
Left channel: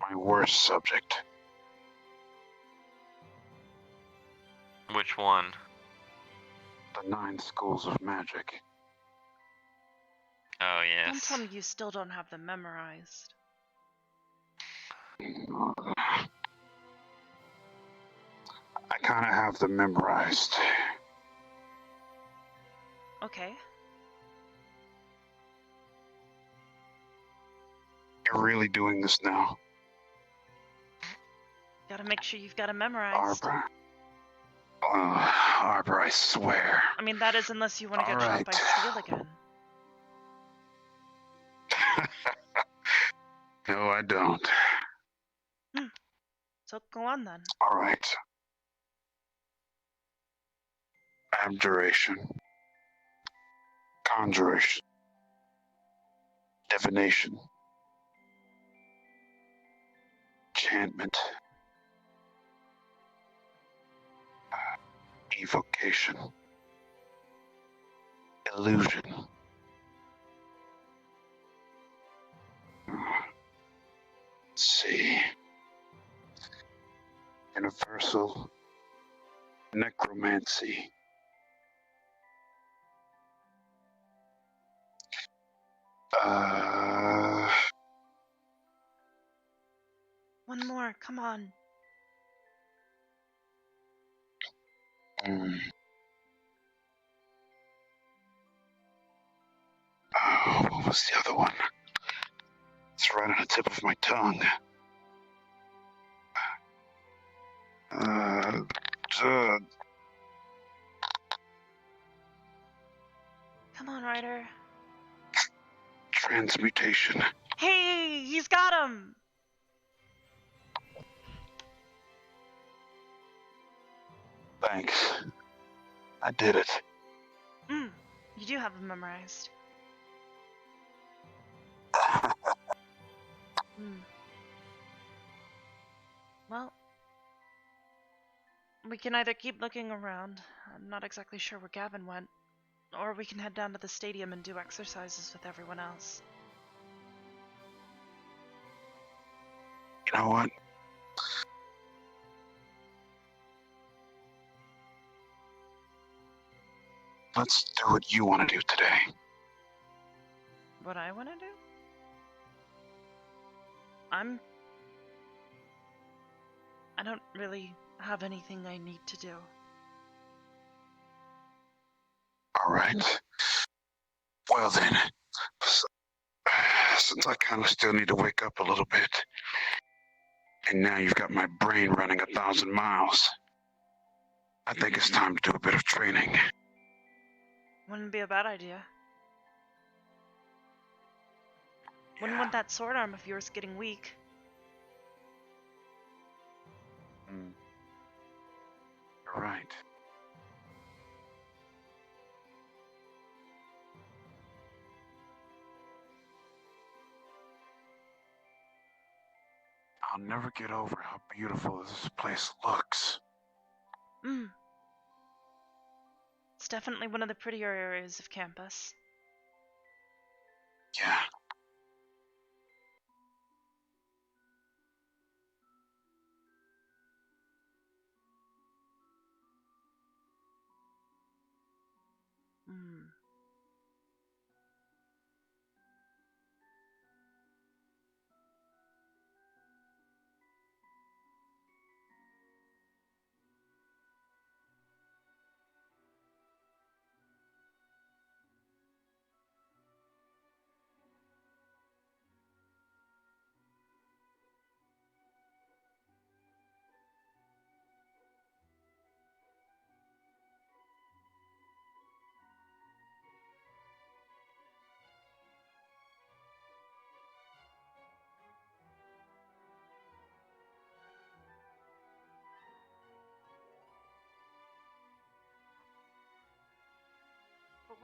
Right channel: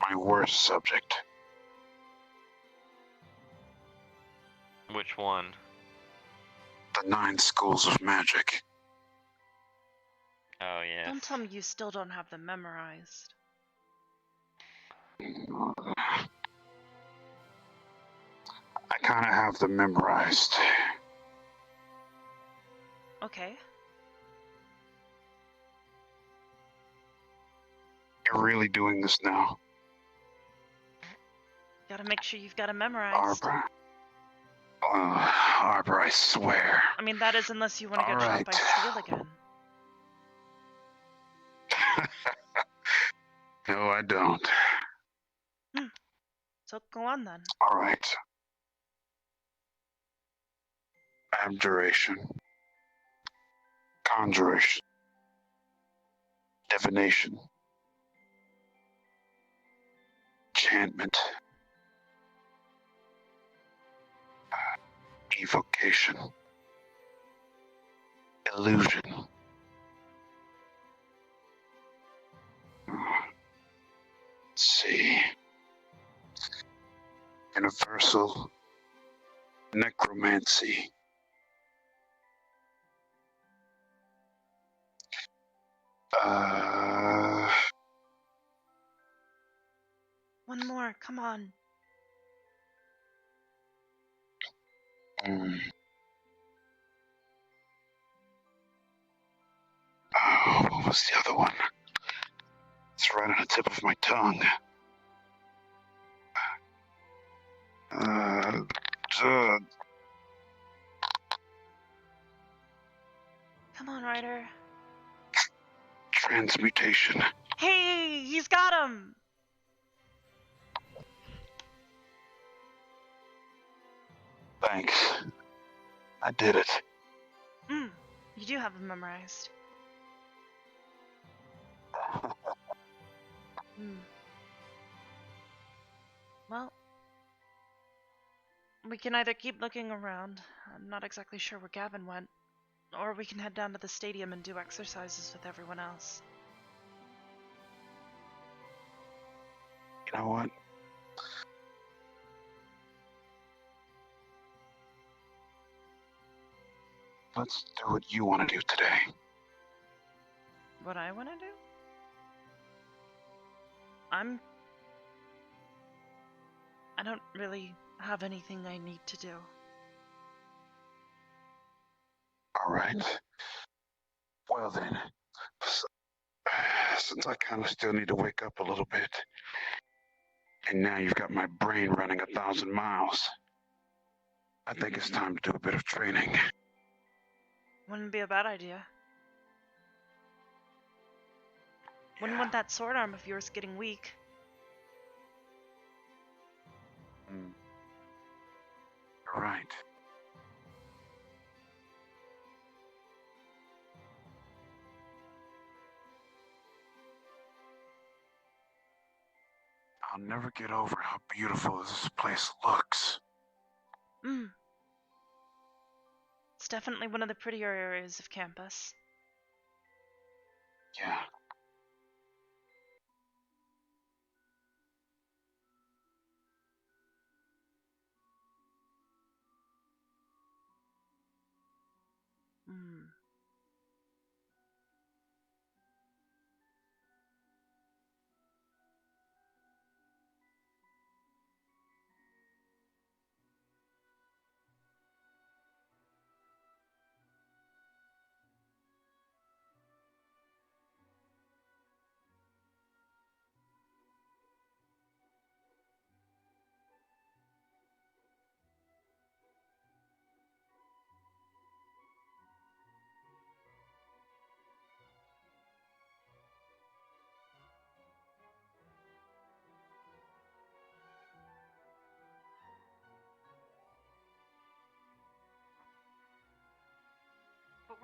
My worst subject. Which one? The 9 schools of magic. Oh, yes. Don't tell me you still don't have them memorized. I kind of have them memorized. Okay. You're really doing this now, Gotta make sure you've got them memorized. Arbor. Arbor, I swear. I mean, that is unless you want to get shot by steel again. No, I don't. So go on then. All right. Abjuration. Conjuration. Divination. Enchantment. Evocation. Illusion. Let's see. Universal necromancy. One more, come on. Oh, what was the other one? It's right on the tip of my tongue. Come on, Ryder. Transmutation. Hey, he's got him! Thanks. I did it. You do have them memorized. Well, we can either keep looking around. I'm not exactly sure where Gavin went. Or we can head down to the stadium and do exercises with everyone else. You know what? Let's do what you want to do today. What I want to do? I don't really have anything I need to do. All right. Well then, since I kind of still need to wake up a little bit, and now you've got my brain running 1,000 miles, I think it's time to do a bit of training. Wouldn't be a bad idea. Wouldn't want that sword arm of yours getting weak. You're right. I'll never get over how beautiful this place looks. It's definitely one of the prettier areas of campus. Yeah.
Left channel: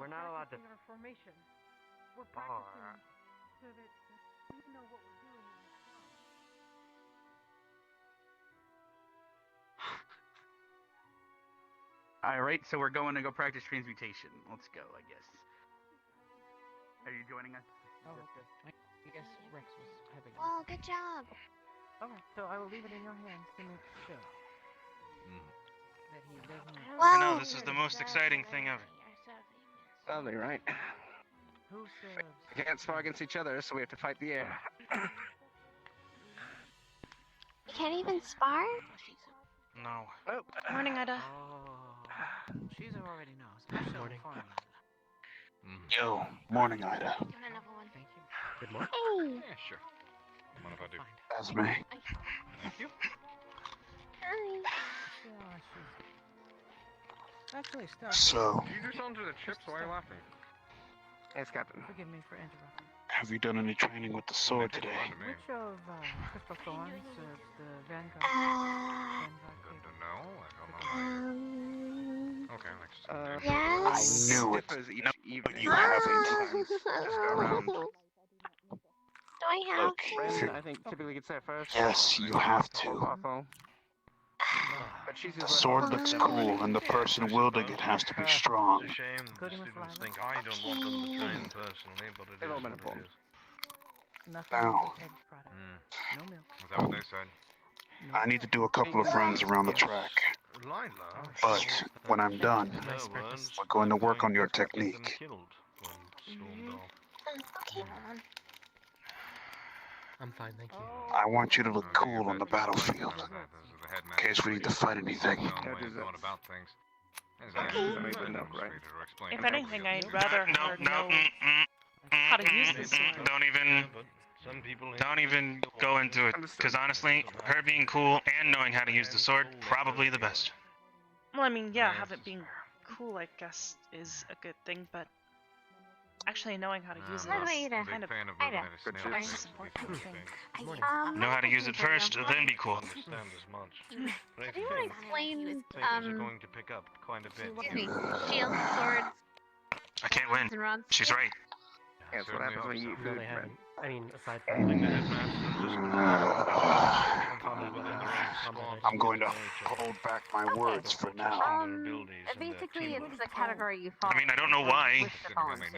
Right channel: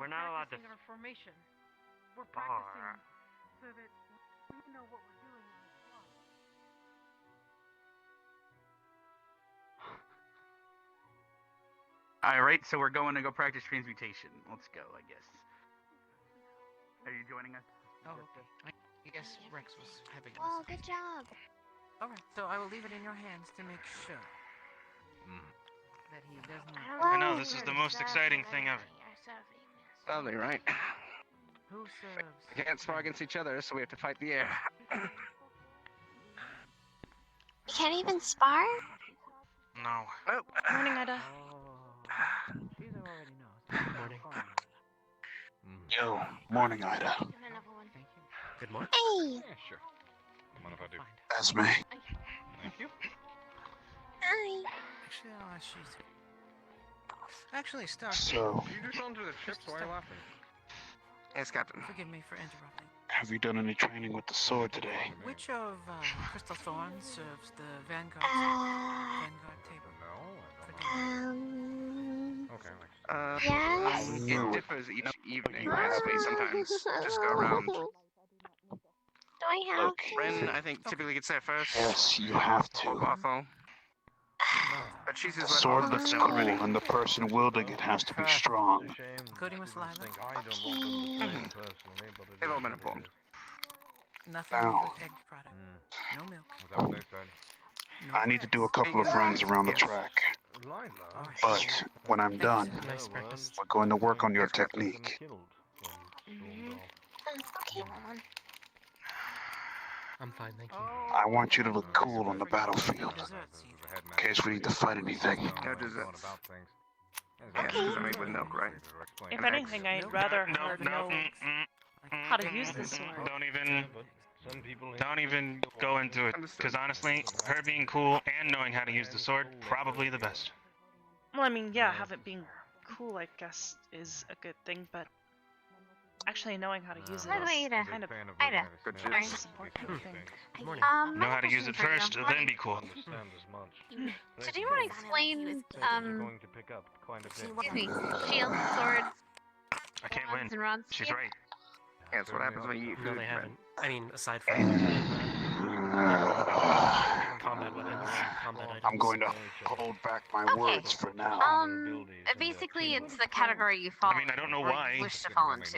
We're not allowed to. Our formation. We're practicing so that we know what we're doing. Alright, so we're going to go practice transmutation. Let's go, I guess. Are you joining us? Oh, I guess Rex was having. Oh, good job. Alright, so I will leave it in your hands to make sure that he doesn't. I know, this is the most exciting thing ever. Lovely, right? Who serves? We can't spar against each other, so we have to fight the air. You can't even spar? No. Nope. Morning, Ida. She's already knows. Morning. Yo, morning, Ida. Good morning. Hey! Yeah, sure. Mind if I do? Esme. Thank you. Hi. She's actually stuck. So, Did you do something to the chips? Why are you laughing? Yes, Captain. Forgive me for interrupting. have you done any training with the sword today? Which of Crystal Thorns serves the Vanguard? Uh, Vanguard table? Okay, next. yes? knew it. Differs each No, evening. you have it. Sometimes just go around. Do I have Look, to? Ren, I think, typically gets there first. Yes, you have to. Awful. But she's The sword looks cool, and the person wielding it has to be strong. Including Miss Lila? They've all been informed. Nothing Now. but egg product. No milk. Is that what they said? I need to do a couple of runs around the track. But when I'm done, Nice breakfast. we're going to work on your technique. Okay. I'm fine, thank you. I want you to look cool on the battlefield, in case we need to fight anything. No desserts. Doesn't make with milk, right? If anything, I'd rather her know how to use the sword. Don't even go into it, because honestly, her being cool and knowing how to use the sword, probably the best. Well, I mean, yeah, have it being cool, I guess, is a good thing, but actually knowing how to use it By the way, is Ida. kind of Ida. Good the choice. most important thing. Know how to use it first, then be cool. Did you want to explain, going to pick up quite a bit. excuse me, shields, swords, I can't win. and rods? She's right. Yeah, that's what happens when you eat No, food, they Ren. haven't. I mean, aside from I'm going to hold back my words for now. Basically, it's the category you fall. I mean, I don't know or why. wish to fall into.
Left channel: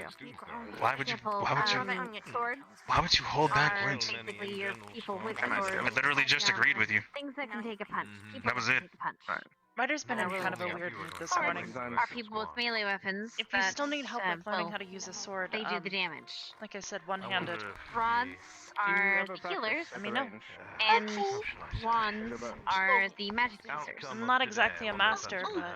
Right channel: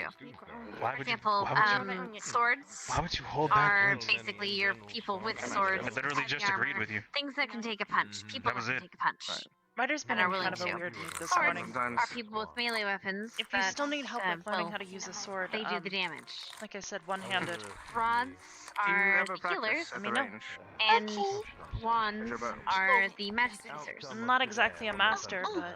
Why For would you? example, Why would you? swords Why would you hold back are words? basically your people with I swords. literally just armor, agreed with you. Things that can take a punch. People That was that it. can take a punch. Ryder's been That in are kind of a willing to. weird mood this Swords morning. are people with melee weapons. If you that, still need help with learning well, how to use a sword, they do the damage. like I said, one-handed. Rods are the healers, Let me know. and wands are the magic users. I'm not exactly a master, but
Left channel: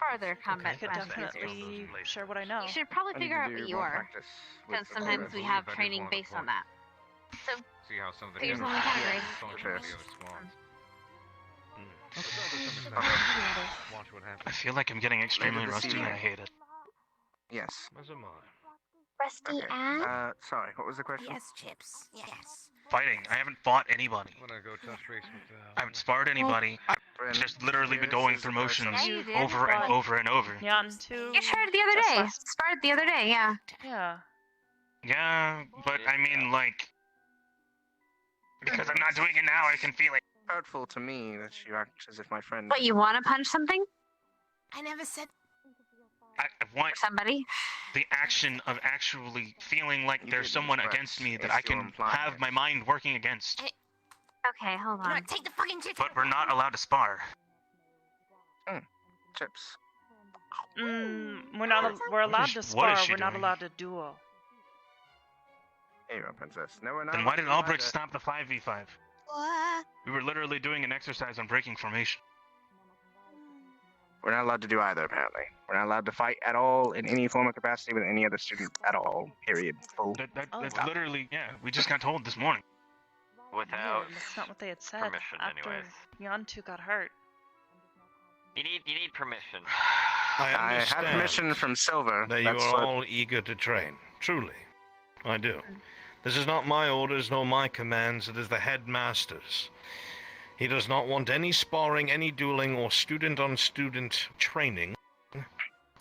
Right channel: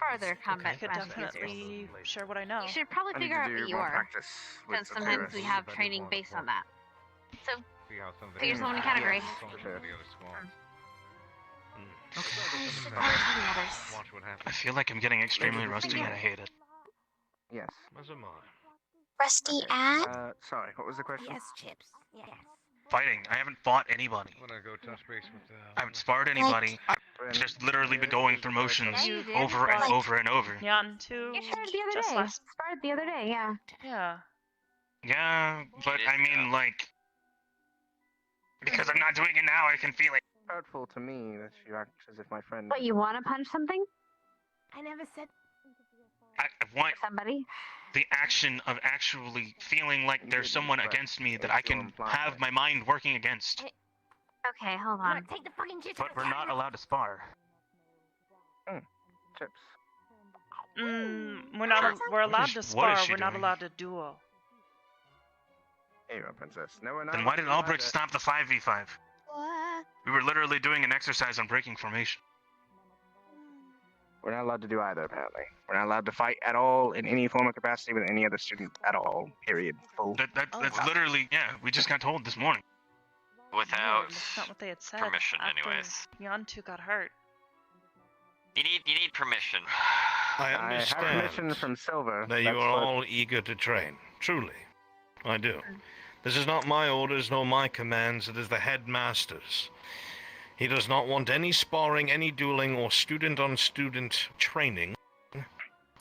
Farther I combat could magic definitely users. share what I know. You should probably figure out what you are, because sometimes we have training based on that. So, put yourself in the category. I feel like I'm getting extremely rusty and I hate it. Yes. Rusty at? Sorry, what was the question? Yes, Chips. Yes. Fighting. I haven't fought anybody. I'm gonna go touch base with I haven't sparred anybody. Just literally been going through motions over and over and over. Yan too. You shared the other just day. last- Sparred the other day, yeah. Yeah. Yeah, but I mean, like, because I'm not doing it now, I can feel it. Hurtful to me that you act as if my friend. But you want to punch something? I never said. I want Somebody? the action of actually feeling like there's someone against me that I can have my mind working against. Okay, hold on. Take the fucking chips But we're not allowed to spar. Chips. We're not. We're allowed to What is spar. she We're not doing? allowed to duel. Here you go, princess. No, we're not. Then why allowed did to Albrecht either. stop the 5v5? What? We were literally doing an exercise on breaking formation. We're not allowed to do either, apparently. We're not allowed to fight at all in any form of capacity with any other student at all. Period. Full. That's literally, yeah, we just got told this morning. Without Weird, that's not what they had said. permission, after anyways. Yantu got hurt. You need permission. I have understand permission from Silver. that you That's are what- all eager to train. Truly. I do. This is not my orders nor my commands, it is the headmaster's. He does not want any sparring, any dueling, or student-on-student training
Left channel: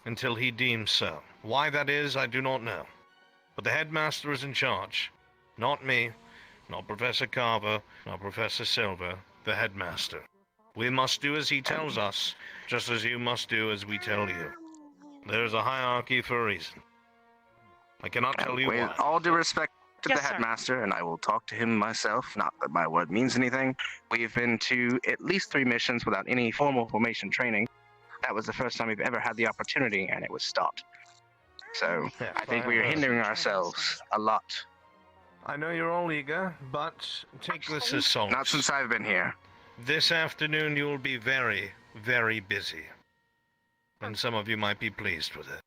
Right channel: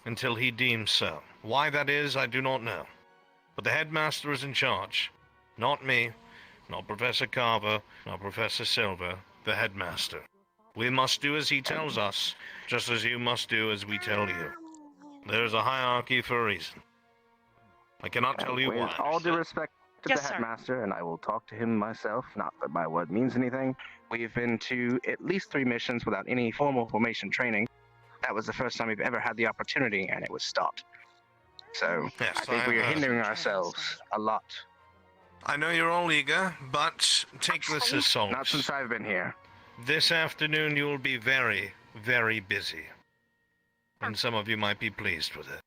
until he deems so. Why that is, I do not know. But the headmaster is in charge. Not me, not Professor Carver, not Professor Silver, the headmaster. We must do as he tells us, just as you must do as we tell you. There is a hierarchy for a reason. I cannot tell you With why. all due respect to Yes, the sir. headmaster, and I will talk to him myself, not that my word means anything. We've been to at least 3 missions without any formal formation training. That was the first time we've ever had the opportunity, and it was stopped. So, Yes, I think I we are have hindering heard. ourselves a lot. I know you're all eager, but take this as solace. Not since I've been here. This afternoon you will be very, very busy. And some of you might be pleased with it.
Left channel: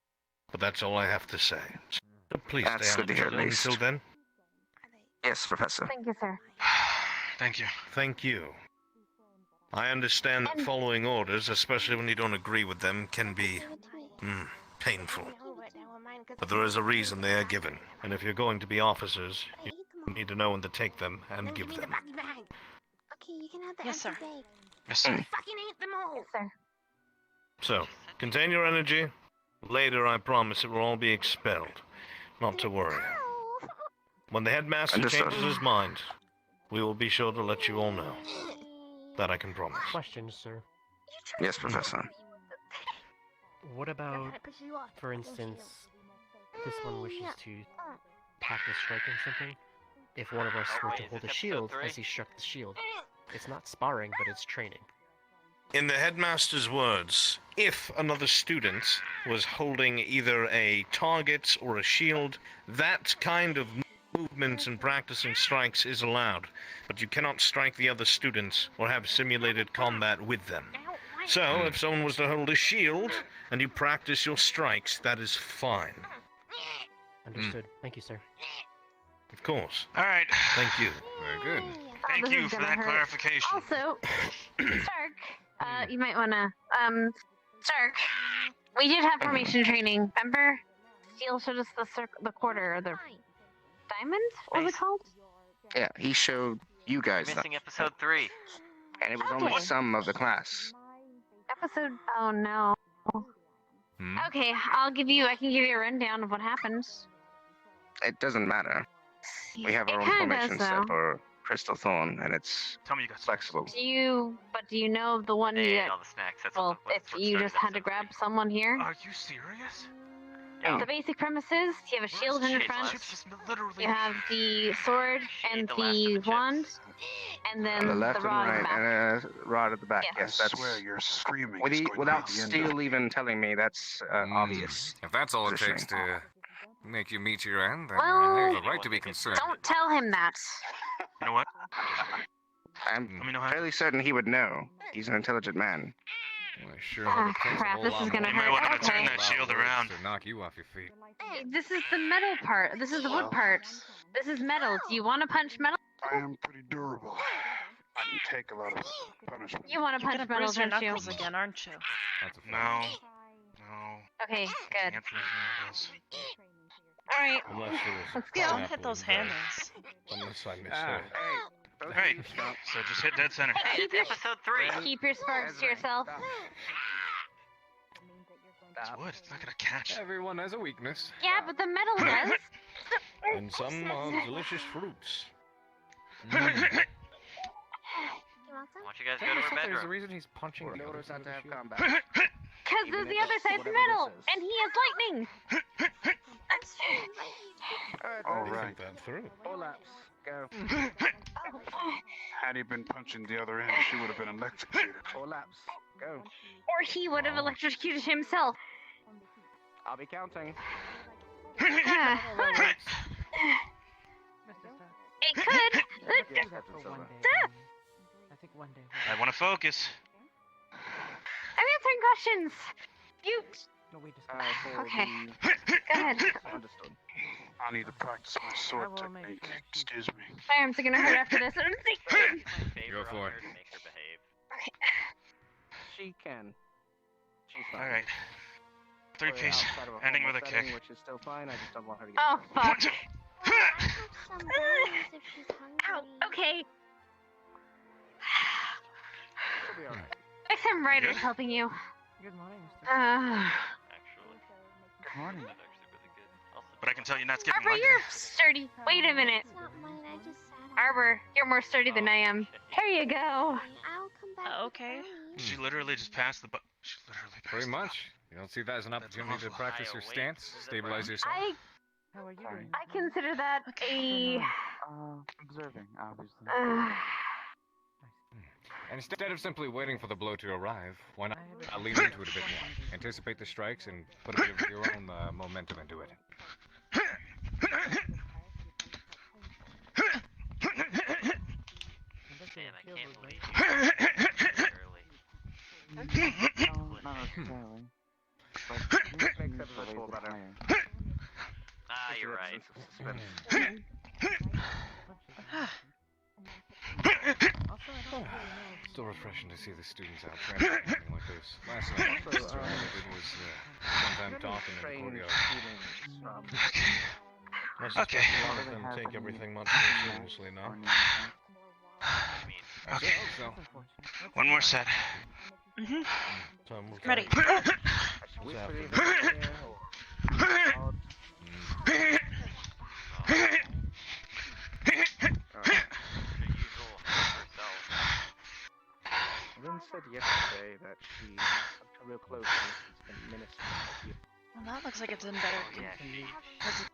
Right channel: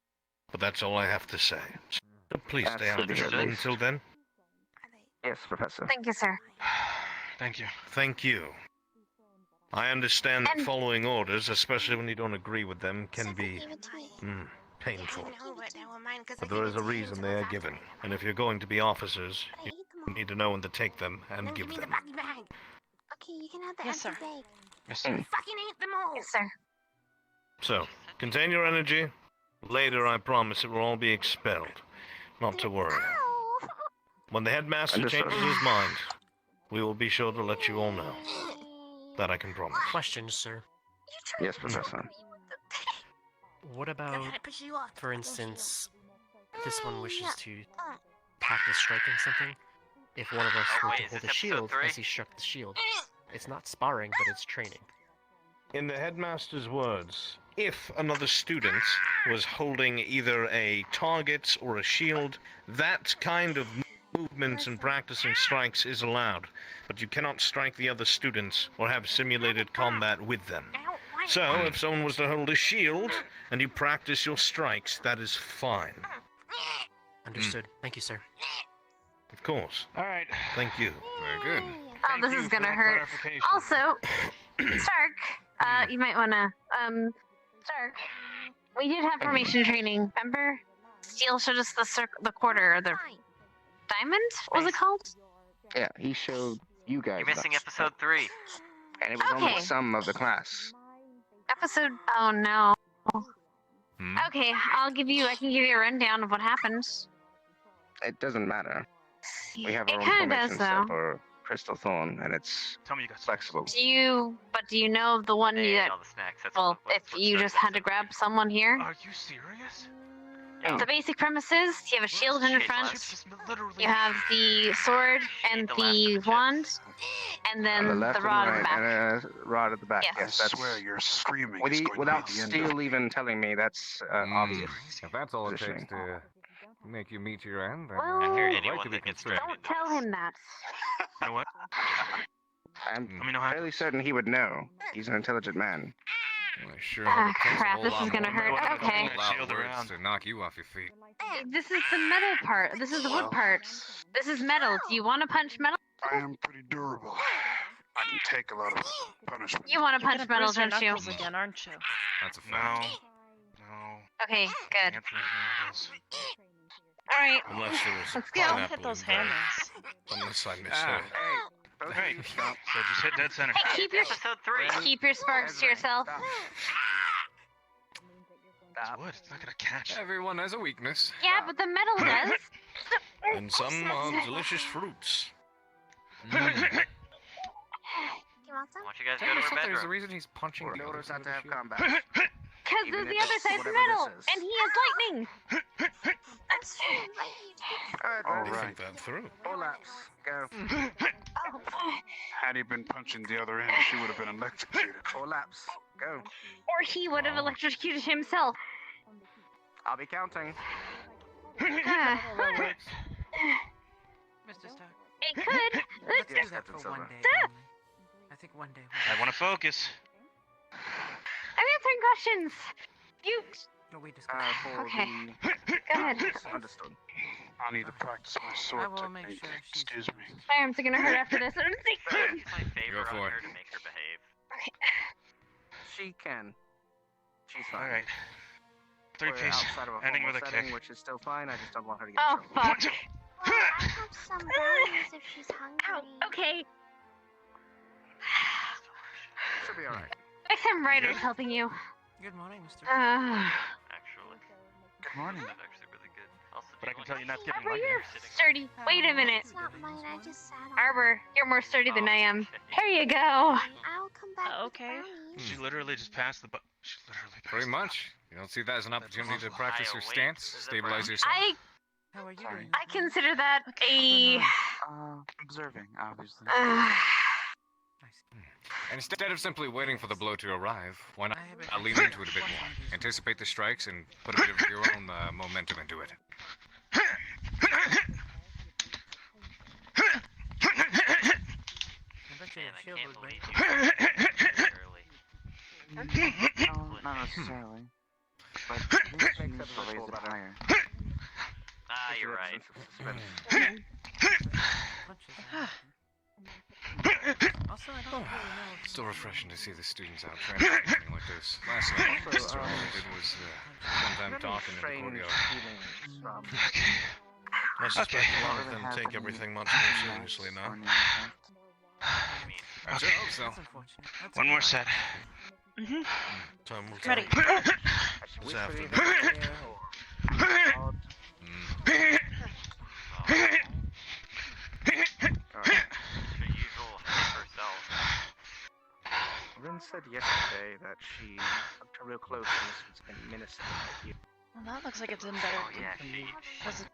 But that's all I have to say. So please stay That's out of good to hear, trouble at least. until then. Yes, Professor. Thank you, sir. Thank you. Thank you. I understand that following orders, especially when you don't agree with them, can be painful. But there is a reason they are given. And if you're going to be officers, you need to know when to take them and give them. Okay, you can have the Yes, sir. empty bag. Yes, Fucking eat them all. Yes, sir. So, contain your energy. Later, I promise it will all be expelled. Not to worry. When the headmaster Understood. changes his mind, we will be sure to let you all know. That I can promise. Question, sir. Yes, Professor. What about, for instance, this one wishes to practice striking something? If one of us were to Wait, is hold a this shield episode as he struck the shield, it's not sparring, but it's training. In the headmaster's words, if another student was holding either a target or a shield, that kind of movement and practicing strikes is allowed, but you cannot strike the other students or have simulated combat with them. So, if someone was to hold a shield and you practice your strikes, that is fine. Understood. Thank you, sir. Of course. All right. Thank you. Very good. Oh, this Thank you is for gonna that hurt. clarification. Also, Stark, you might wanna, Stark, we did have formation training, remember? Steel showed us the quarter, or the diamond? What was it called? Yeah, he showed you guys You're missing that. episode 3. And it was only Okay. some of the class. Episode, oh no. Okay, I can give you a rundown of what happened. It doesn't matter. We have our It own kinda formation does, set though. for Crystal Thorn, and it's Tell me you got flexible. Do you know the one They you ate all the snacks. That's well, what, if what you started just had to episode grab someone here? Are you serious? The basic premise is you have a shield in your front, Chips just literally. you have the sword and the last of the the chips. wand, and then On the left the and rod right, in the back. and a rod at the back. Yes. Yes, I that's. swear you're screaming. With it's going to without be the end Steel of- even telling me, that's obvious. If that's all it positioning. takes to make you meet your end, then Well, you have a right to be concerned. Don't tell him that. You know what? I'm fairly certain he would know. He's an intelligent man. Well, I sure hope it takes a Crap, whole this lot is gonna more hurt. than Okay. a Turn that lot of shield words around. to knock you off your feet. Hey, this is the metal part. This is the wood part. This is metal. Do you want to punch metal? I am pretty durable. I can take a lot of punishment. You want to You're punch gonna metal, bruise your don't you? knuckles again, aren't you? That's a fact. No. Okay, good. Can't think of those. All right. Unless there was Let's go. Don't hit those handles. Unless I misheard. Right. So just hit dead center. Hey, keep It's episode 3. Keep your sparks to yourself. It's wood. It's not gonna catch. Everyone has a weakness. Yeah, but the metal does. And some delicious fruits. I want you guys to go to our There's a bedroom. reason he's punching the other Orders side not of to the have shield. combat. Because Even the if other it's side's whatever metal, this is. and he has lightning. All You right. think that through. Go. Had he been punching the other end, she would have been electrocuted. Four laps. Go. Or he would have electrocuted himself. I'll be counting. Ah. Mr. Stark. It could. Let's Yes, do that Captain for Silver. one day. Only. I think one day. I want to focus. I'm answering questions. You. No, we discuss. Okay. Go ahead. Understood. I need to practice my sword I will make technique. sure she- Excuse me. My arms are gonna hurt after this. My favor Go for on it. her to make her behave. She can. She's fine. All right. Three We're piece. outside of a Ending formal with a setting, kick. which is still fine. I just don't want her to get. Oh fuck. Some berries if she's hungry. Ow. Okay. She'll be alright. There's some writers helping you. Good morning, Mr. Uh, Actually. tell you not skipping Arbor, Monday. you're sturdy. Wait a minute. It's not mine. I just sat on Arbor, you're more sturdy than I am. Here you go. it. I'll come back. Okay. She literally just passed the She literally passed Pretty the much. You don't see that as an opportunity to awful. practice your stance, stabilize yourself. How are you doing? I consider that a. Observing, obviously. And instead of simply waiting for the blow to arrive, why not lean into it a bit more? Anticipate the strikes and put a bit of your own momentum into it. Not necessarily. Ah, you're right. Still refreshing to see the students out traveling like this. Last night, Mr. Arbor was one time talking in the courtyard. I suspect you can take everything much more seriously now. Okay. One more set. Time will Ready. tell. This afternoon. Lynn said yesterday that she took a real close and minister. Well, that looks like it's in better. Was it?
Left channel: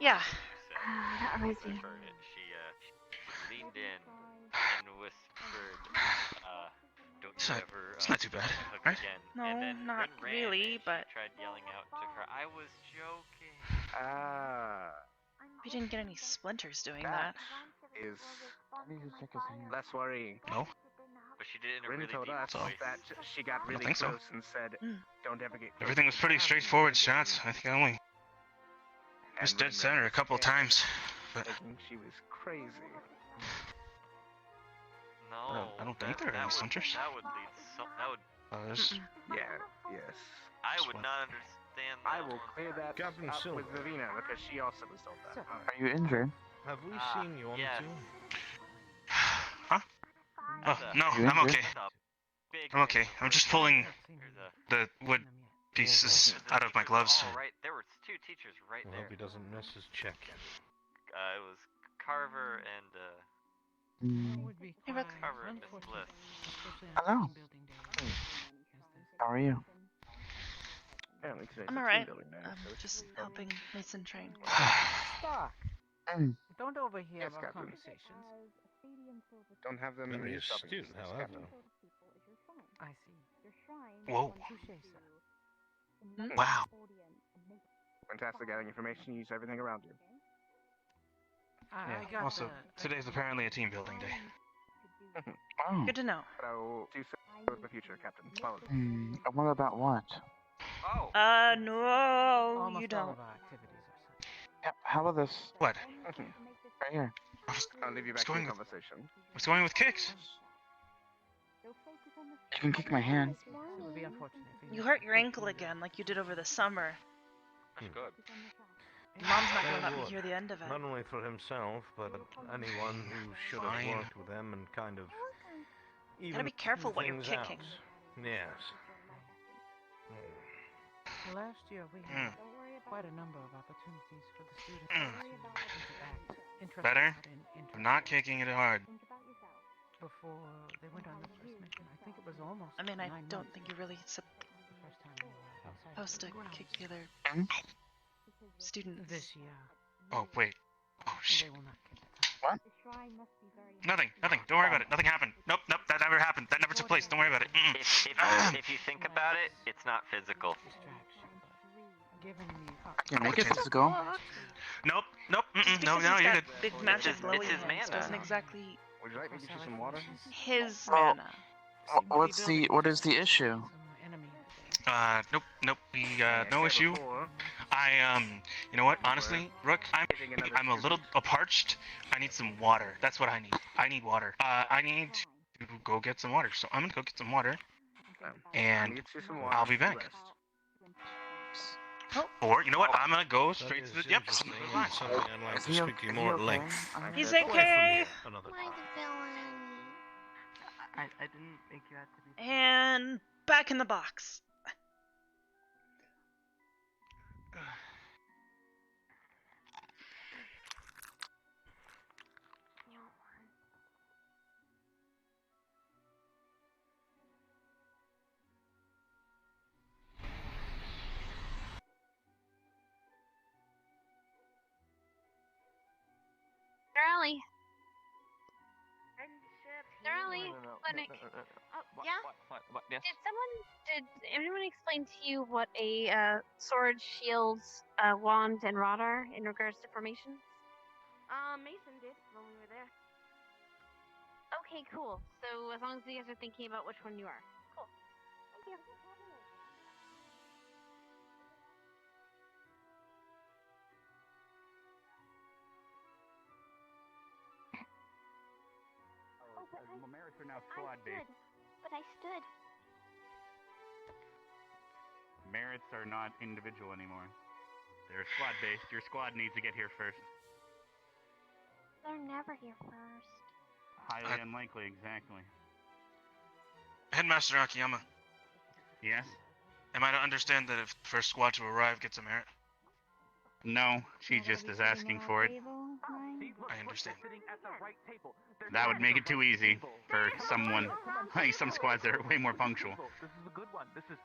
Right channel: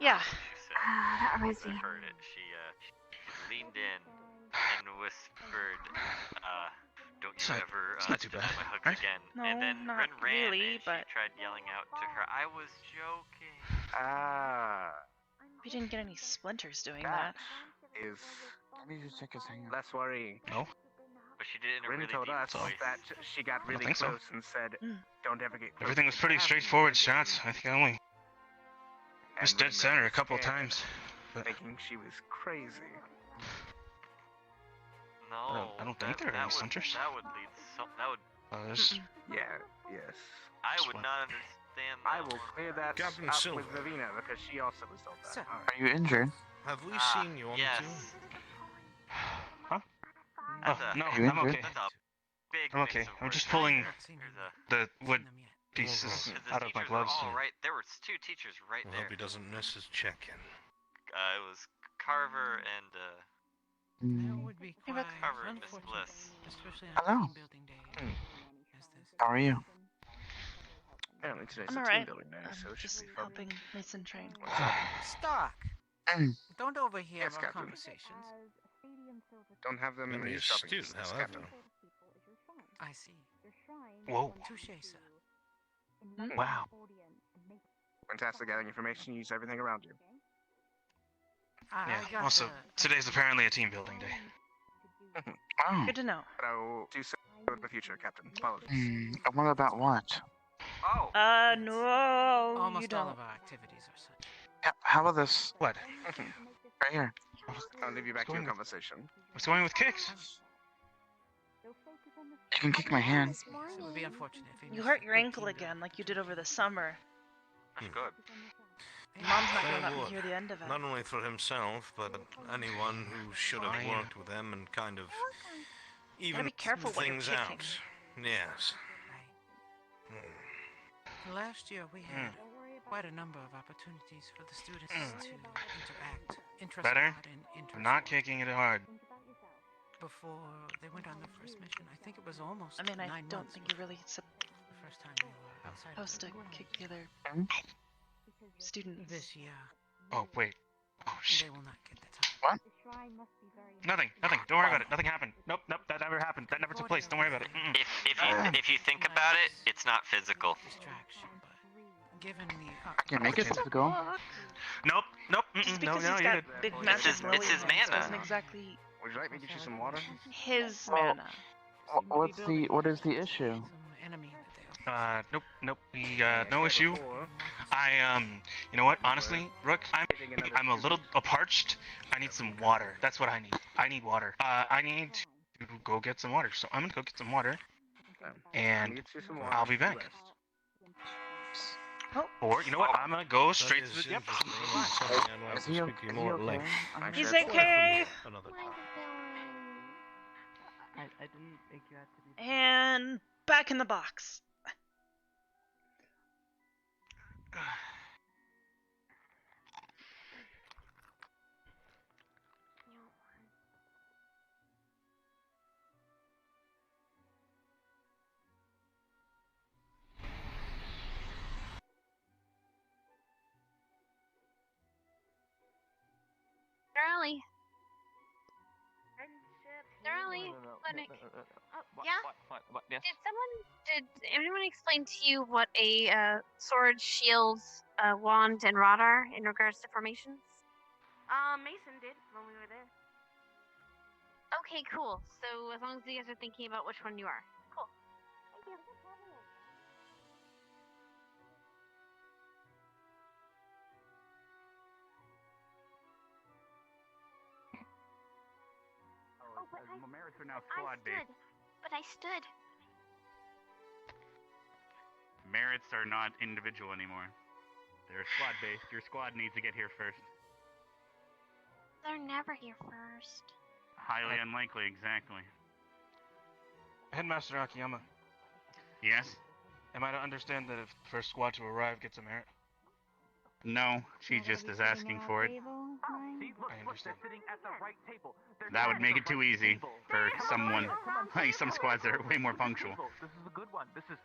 Yeah. That reminds me. She leaned in and whispered, "Don't you ever It's not too bad, my hook right? again." No, and then not ran, really, and but she tried yelling out to her, "I was joking." we didn't get any splinters doing that. Is Maybe just take his hand. less worrying. No. But she did it in a Lynn really told deep us voice. that she got I don't really think so. close and said, "Don't ever get close." Everything was pretty straightforward shots. I think I only And missed dead Lynn center a was couple scared, times. But thinking she was crazy. No, I don't think there are any splinters. That would lead that would. There's Yeah, yes. I would not understand that. I will clear that Captain up Silver. with Vivina because she also was told that. Are you injured? Have we seen you on the team? Huh? Oh, no, I'm okay. I'm okay. I'm just pulling the wood pieces out of my gloves. Right, there were two teachers right We'll there. hope he doesn't miss his check-in. It was Carver and Hey, Rook. Carver and Miss Bliss. Hello. How are you? Apparently today's I'm a alright. team building day, I'm so it should just be fun. helping Mason train. Stock. Don't overhear Yes, our Captain. conversations. Don't have them in Very the shopping astute, districts, however. Captain. I see. Whoa. Touche, sir. Wow. Fantastic gathering information. Use everything around you. I Yeah. got Also, the- today's apparently a team building day. Oh. Good to know. So, do so in the future, Captain. Apologies. What about what? Oh. No, Almost you all don't. of our activities are such. Yep. How about this? What? Right here. I'll leave you back to your going with- conversation. What's going with kicks? You can kick my hand. It would be unfortunate if You hurt your ankle again, like you did over the summer. That's good. Mom's not gonna let me hear the end of it. Not only for himself, but anyone who should have Fine. worked with him and kind of even Gotta be careful what you're things kicking. out. Yes. Last year we had quite a number of opportunities for the students to interact. Interest Better? and interest I'm not kicking it hard. before they went on the first mission. I think it was almost I mean, I 9 don't months think you're really the first time we were outside. supposed to kick the other students. This year. Oh, wait. Oh, shit. They will not get the time. What? Nothing. Nothing. Don't worry about it. Nothing happened. Nope. That never happened. That never took place. Don't worry about it. If you think about it, it's not physical. Distraction, but given the Can make it physical. Nope. Just No, because no, he's you're got good. big magic his- glowy it's his hands mana. doesn't exactly Would you like me to get you some water? his mana. What is the issue? Nope. We got no issue. You know what? Honestly, Rook, I'm a little parched. I need some water. That's what I need. I need water. I need to go get some water. So I'm gonna go get some water, and I'll be back. Or you know what? I'm gonna go straight to the. Yep. Something I'd like to speak to you more at length. He's okay. Another time. I didn't think you had to be. And back in the box. Darrelly. Darrelly, clinic. Yeah? What? Yes? Did anyone explain to you what a sword, shield, wand, and rod are in regards to formations? Mason did when we were there. Okay, cool. So as long as you guys are thinking about which one you are. Cool. Thank you. Merits are now squad based. But I stood. Merits are not individual anymore. They're squad based. Your squad needs to get here first. They're never here first. Highly unlikely, exactly. Headmaster Akiyama, Yes? am I to understand that if the first squad to arrive gets a merit? No, she just is asking for it. I understand. That would make it too easy for someone. Like some squads that are way more punctual. This is a good one. This is.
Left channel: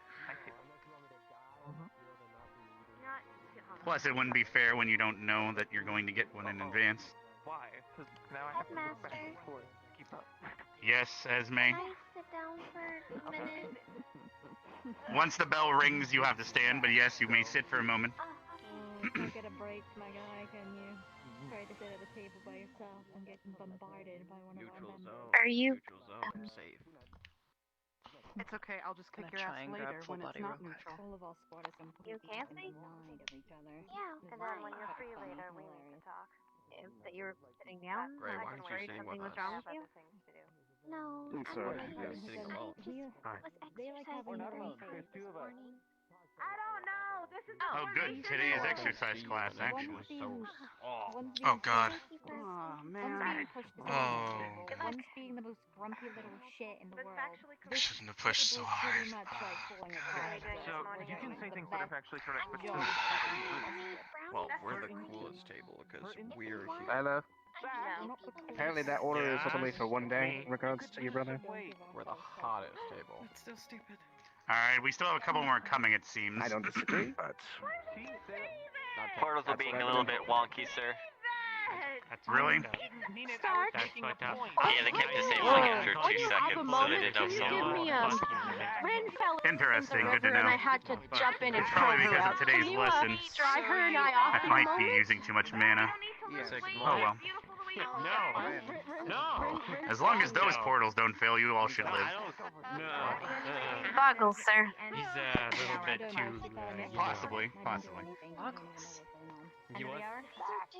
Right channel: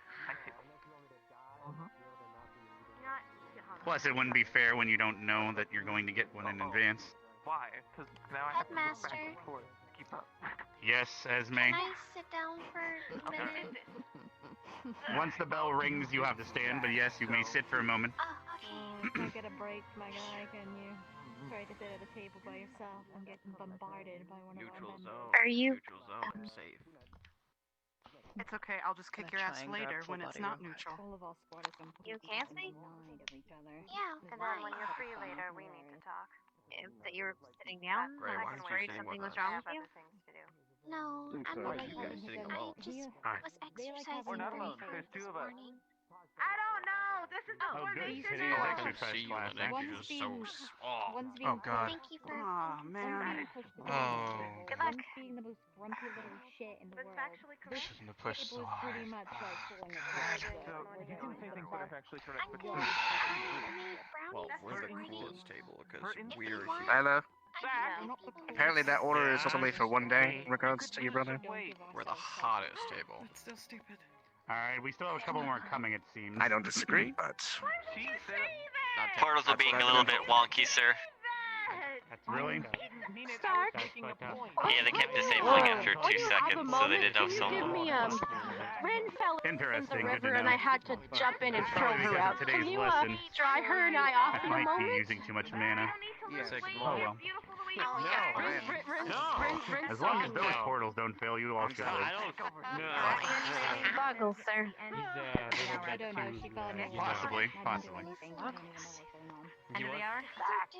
Plus, it wouldn't be fair when you don't know that you're going to get one in advance. Why? Because now I have to go back and forth. Keep up. Yes, Esme. Can I sit down for a minute? Once the bell rings, you have to stand, but yes, you may sit for a moment. Don't get a break, my guy, can you? Try to sit at a table by yourself and get bombarded by one of our members. Are you? Safe. It's okay, I'll just kick your ass later when it's not neutral. All of our squad is completely denied of each other. Yeah, And then when you're free later, we need to talk. That you were sitting down? Ray, I why was aren't you worried sitting something with was us? wrong with you? No, I'm sorry, you guys I sitting alone. just was They like having exercising their really own hard There's two this of us. morning. I don't know. This is the Oh, good. Today is exercise class, eh? One's being Oh God. Thank you for Oh, One's man. being pushed to Oh. One's being the most grumpy little shit in the world. I shouldn't have pushed so table's pretty hard. much like falling Oh, apart. So, you can say things that have actually sort of put Well, we're the coolest table because we're Hello. No. Apparently that order is only for one day in regards to your brother. We're the hottest table. That's still stupid. Alright, we still have a couple more coming, it seems. I don't disagree, but Portals are being a little bit wonky, sir. Really? Start. Yeah, they kept disabling it for 2 seconds, so they didn't know Give someone. me Ren fell in the Interesting, good river to and know. I had to jump in and throw Probably her because out. of Can today's you lesson. dry her and I off I in a might be moment? using too much mana. Oh well. No. As long as those portals don't fail, you all should No, I live. don't. Boggles, sir. He's a little bit too. Possibly. You what?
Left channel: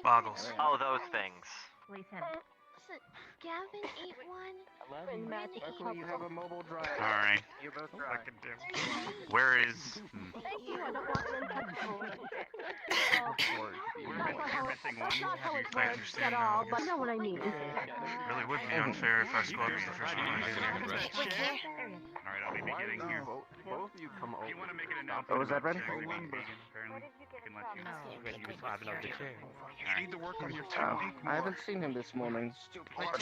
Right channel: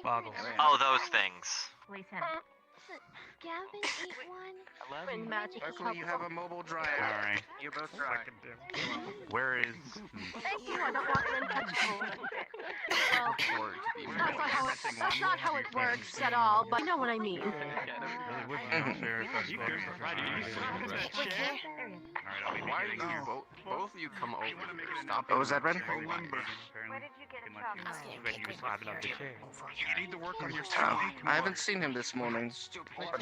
Boggles. Oh, those things. So Gavin ate one. luckily you have a mobile drive. Alright. You're both dry. Where is... Thank you. I don't want Ren touching You're missing one. Not how it works at all, but you know what I mean. Really would be unfair if I spoke for Alright, I'll be beginning here. Both of you come over. You want to make it an What was that, Ren? Apparently. I can let you You need to work on your Oh, I haven't seen him this morning. But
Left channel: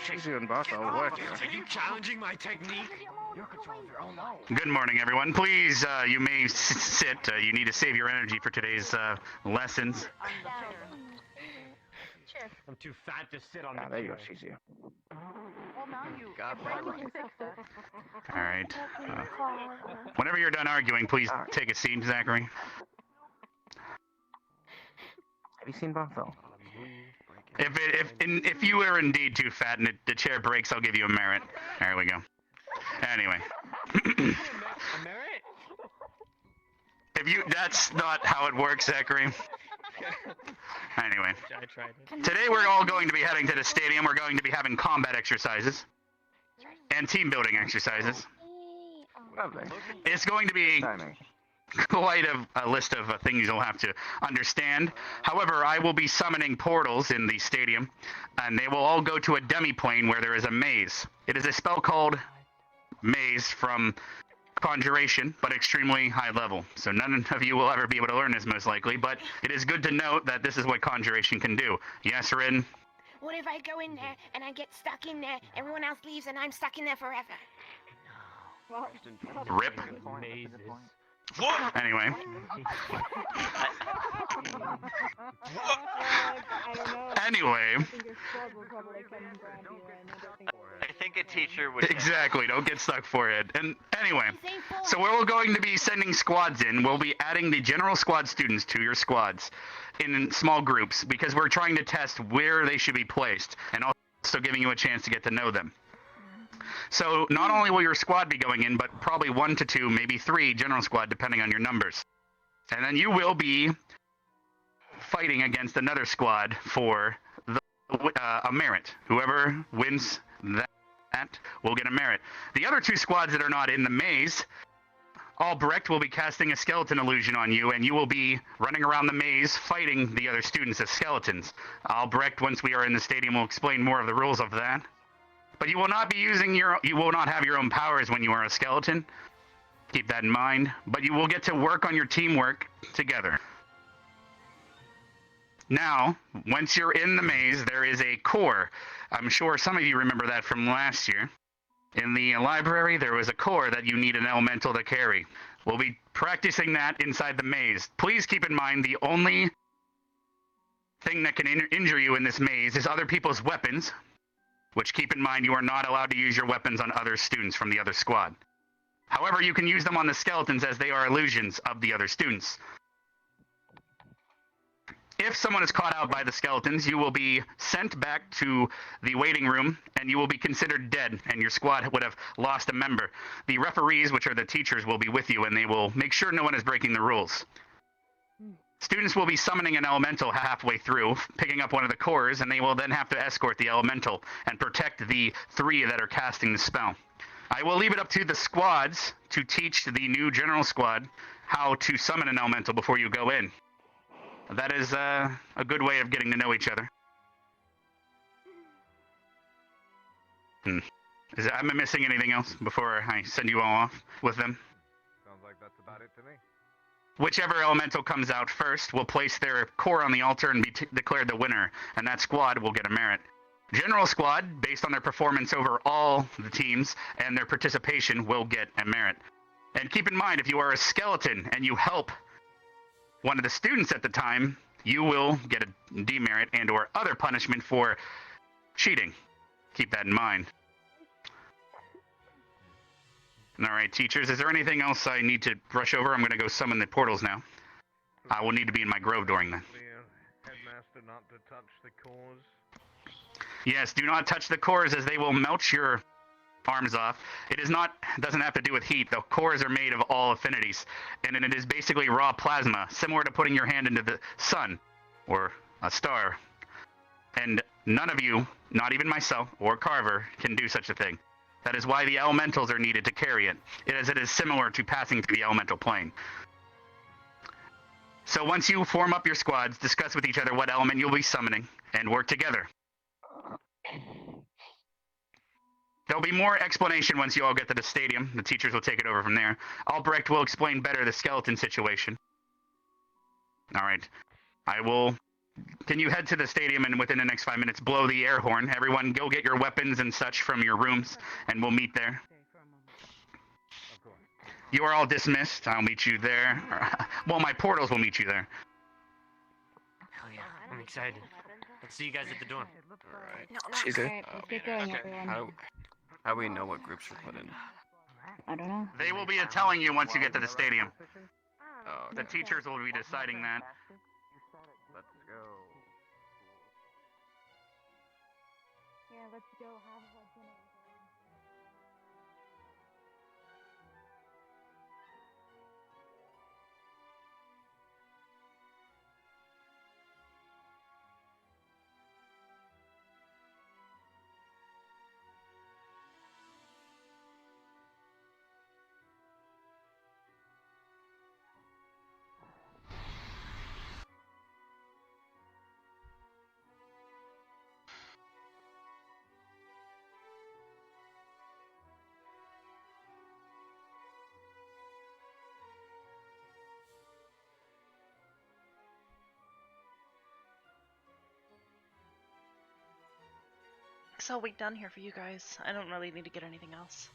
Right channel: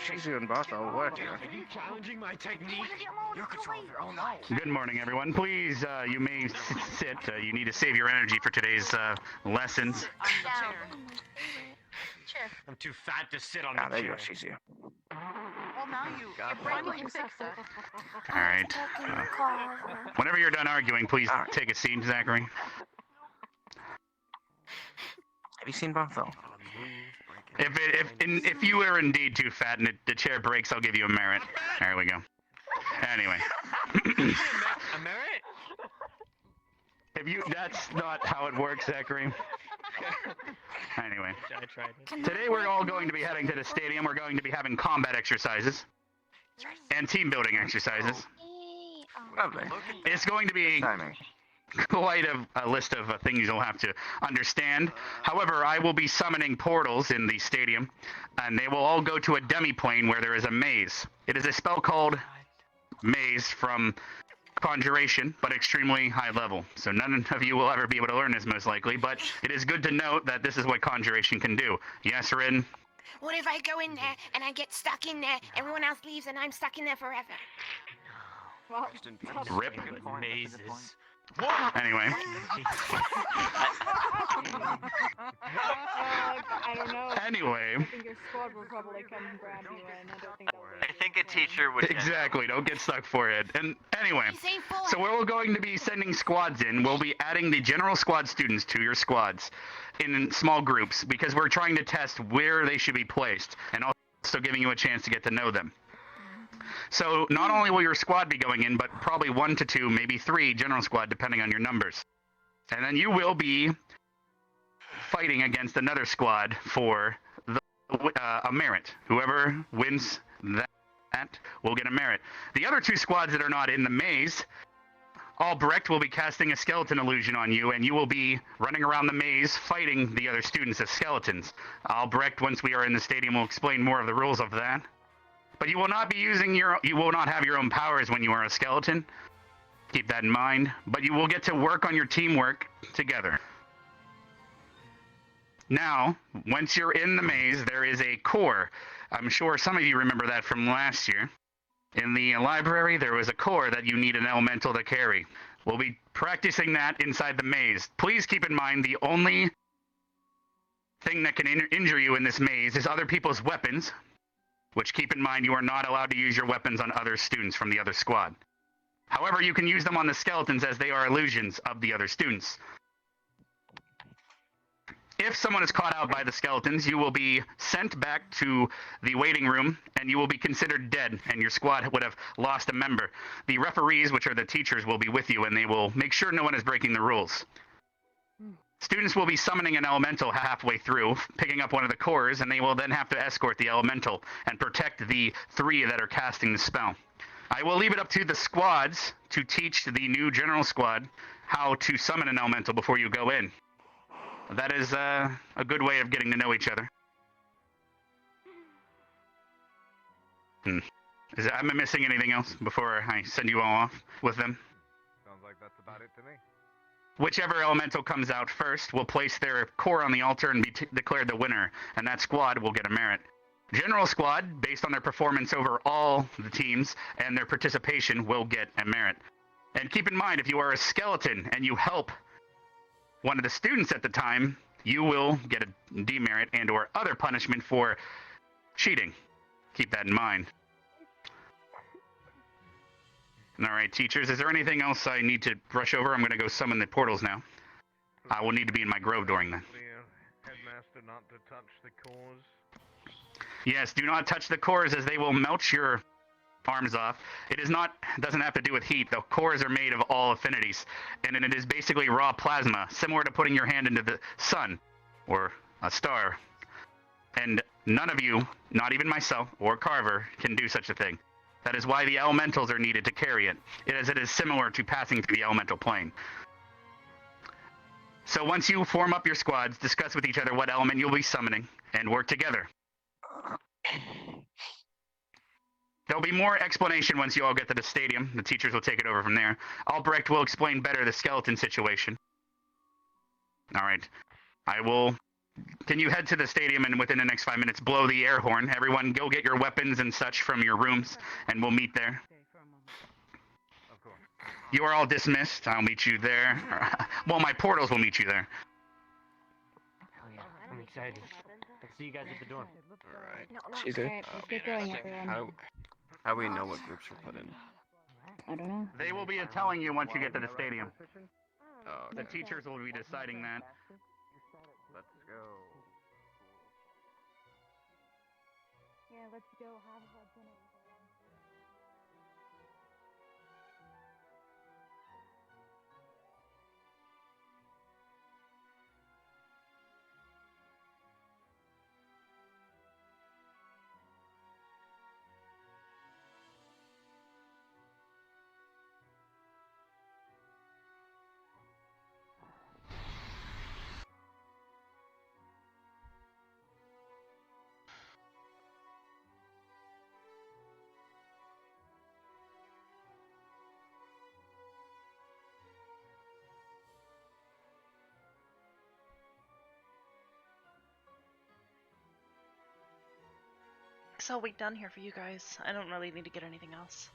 Shizu and Boss are working. Are you challenging my technique? You're controlling your own life. Good morning, everyone. Please, you may sit. You need to save your energy for today's lessons. I'm too fat to sit on Ah, the there you go, chair. Shizu. Well, now you Got that right. Alright. Whenever you're done arguing, please take a seat, Zachary. Have you seen Barthel? If you are indeed too fat and the chair breaks, I'll give you a merit. There we go. Anyway. That's not how it works, Zachary. Anyway. I tried it. Today we're all going to be heading to the stadium. We're going to be having combat exercises and team building exercises. Lovely. It's going to be quite a list of things you'll have to understand. However, I will be summoning portals in the stadium, and they will all go to a demi-plane where there is a maze. It is a spell called Maze from Conjuration, but extremely high level. So none of you will ever be able to learn this, most likely, but it is good to note that this is what Conjuration can do. Yes, Rin? What if I go in there and I get stuck in there, everyone else leaves and I'm stuck in there forever? Rip. Mazes. Anyway. Anyway. I think a teacher would. Exactly, don't get stuck for it. And anyway, so we're going to be sending squads in. We'll be adding the general squad students to your squads in small groups because we're trying to test where they should be placed and also giving you a chance to get to know them. So not only will your squad be going in, but probably 1 to 2, maybe 3 general squad, depending on your numbers. And then you will be fighting against another squad for a merit. Whoever wins that will get a merit. The other 2 squads that are not in the maze, Albrecht will be casting a skeleton illusion on you, and you will be running around the maze fighting the other students as skeletons. Albrecht, once we are in the stadium, will explain more of the rules of that. But you will not be you will not have your own powers when you are a skeleton. Keep that in mind. But you will get to work on your teamwork together. Now, once you're in the maze, there is a core. I'm sure some of you remember that from last year. In the library, there was a core that you need an elemental to carry. We'll be practicing that inside the maze. Please keep in mind the only thing that can injure you in this maze is other people's weapons, which keep in mind you are not allowed to use your weapons on other students from the other squad. However, you can use them on the skeletons as they are illusions of the other students. If someone is caught out by the skeletons, you will be sent back to the waiting room, and you will be considered dead, and your squad would have lost a member. The referees, which are the teachers, will be with you, and they will make sure no one is breaking the rules. Students will be summoning an elemental halfway through, picking up one of the cores, and they will then have to escort the elemental and protect the 3 that are casting the spell. I will leave it up to the squads to teach the new general squad how to summon an elemental before you go in. That is a good way of getting to know each other. Am I missing anything else before I send you all off with them? Sounds like that's about it to me. Whichever elemental comes out first will place their core on the altar and be declared the winner, and that squad will get a merit. General squad, based on their performance over all the teams and their participation, will get a merit. And keep in mind, if you are a skeleton and you help one of the students at the time, you will get a demerit and or other punishment for cheating. Keep that in mind. Alright, teachers, is there anything else I need to brush over? I'm going to go summon the portals now. I will need to be in my grove during that. Headmaster not to touch the cores. Yes, do not touch the cores as they will melt your arms off. Doesn't have to do with heat. The cores are made of all affinities, and it is basically raw plasma, similar to putting your hand into the sun or a star. And none of you, not even myself or Carver, can do such a thing. That is why the elementals are needed to carry it, as it is similar to passing through the elemental plane. So once you form up your squads, discuss with each other what element you'll be summoning, and work together. There'll be more explanation once you all get to the stadium. The teachers will take it over from there. Albrecht will explain better the skeleton situation. Alright. Can you head to the stadium and within the next 5 minutes blow the air horn? Everyone go get your weapons and such from your rooms, and we'll meet there. You are all dismissed. I'll meet you there. Well, my portals will meet you there. Oh yeah, I'm excited. Let's see you guys at the door. Alright. She's good. Alright, let's get going, everyone. How do we know what groups we're put in? I don't know. They will be telling you once you get to the stadium. Oh, The teachers will be deciding that. Let's go. Yeah, let's go have dinner. That's all we've done here for you guys. I don't really need to get anything else.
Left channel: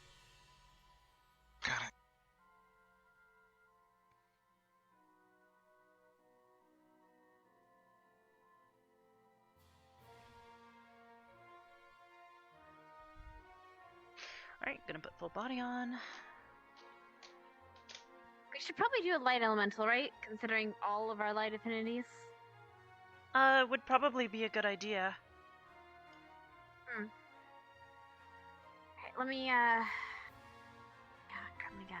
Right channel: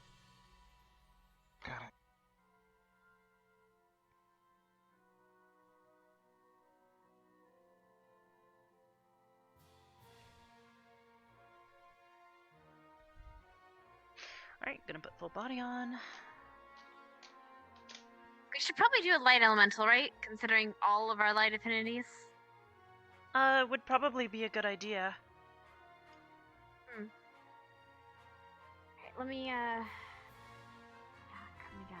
Alright, gonna put full body on. We should probably do a light elemental, right? Considering all of our light affinities. Would probably be a good idea. Okay, let me, yeah, come again.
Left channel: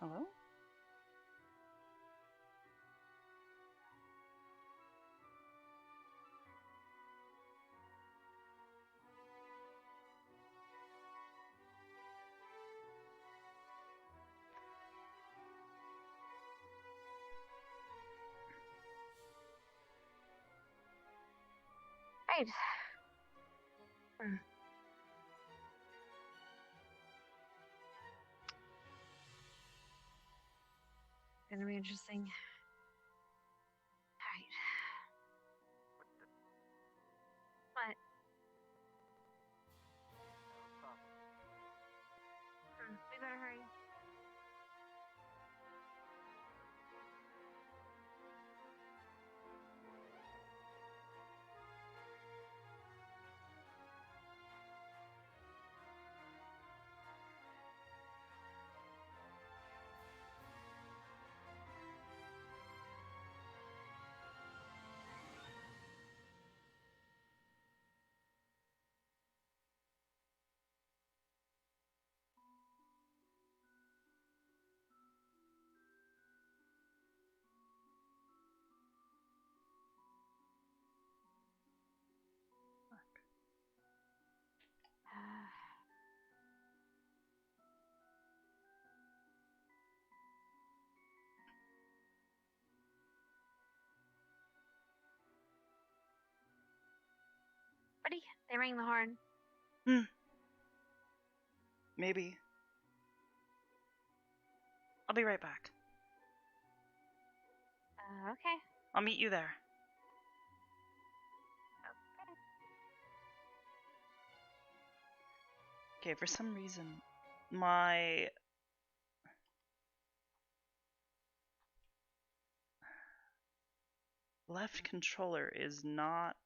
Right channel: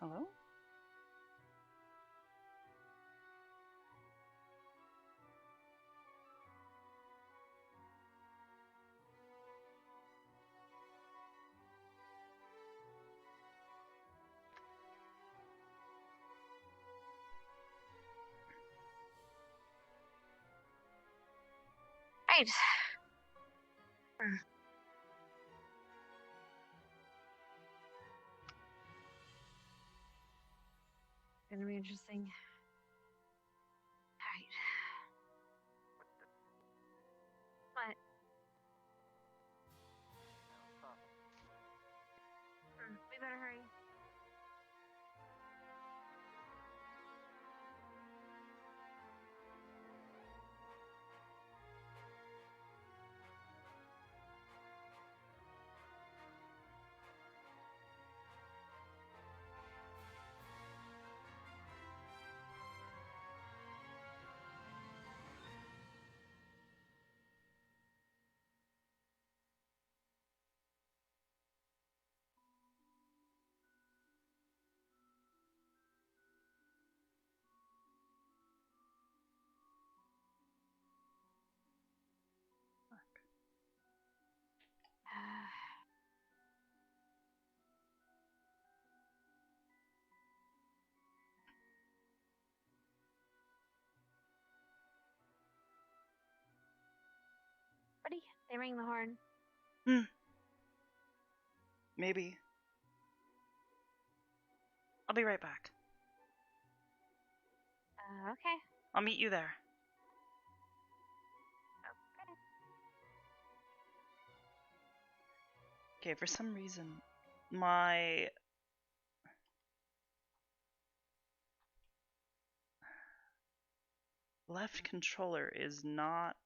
Hello? Right. Gonna be interesting. Alright. What? We better hurry. Ready? They rang the horn. Maybe. I'll be right back. Okay. I'll meet you there. Okay, for some reason, my left controller is not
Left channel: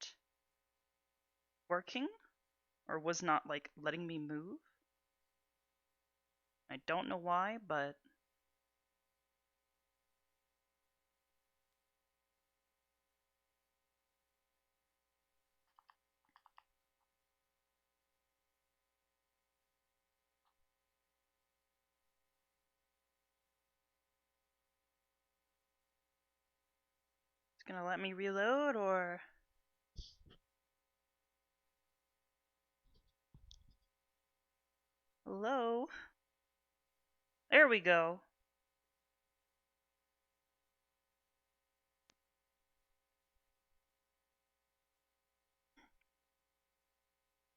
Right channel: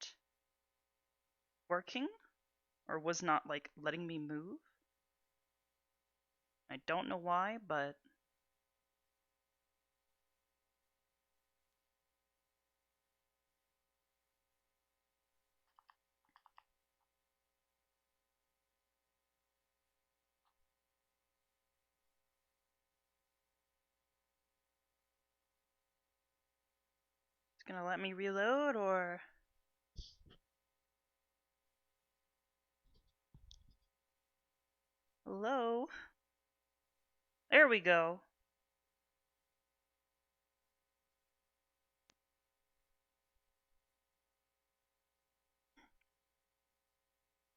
working, or was not, like, letting me move. I don't know why, but it's gonna let me reload, or hello? There we go.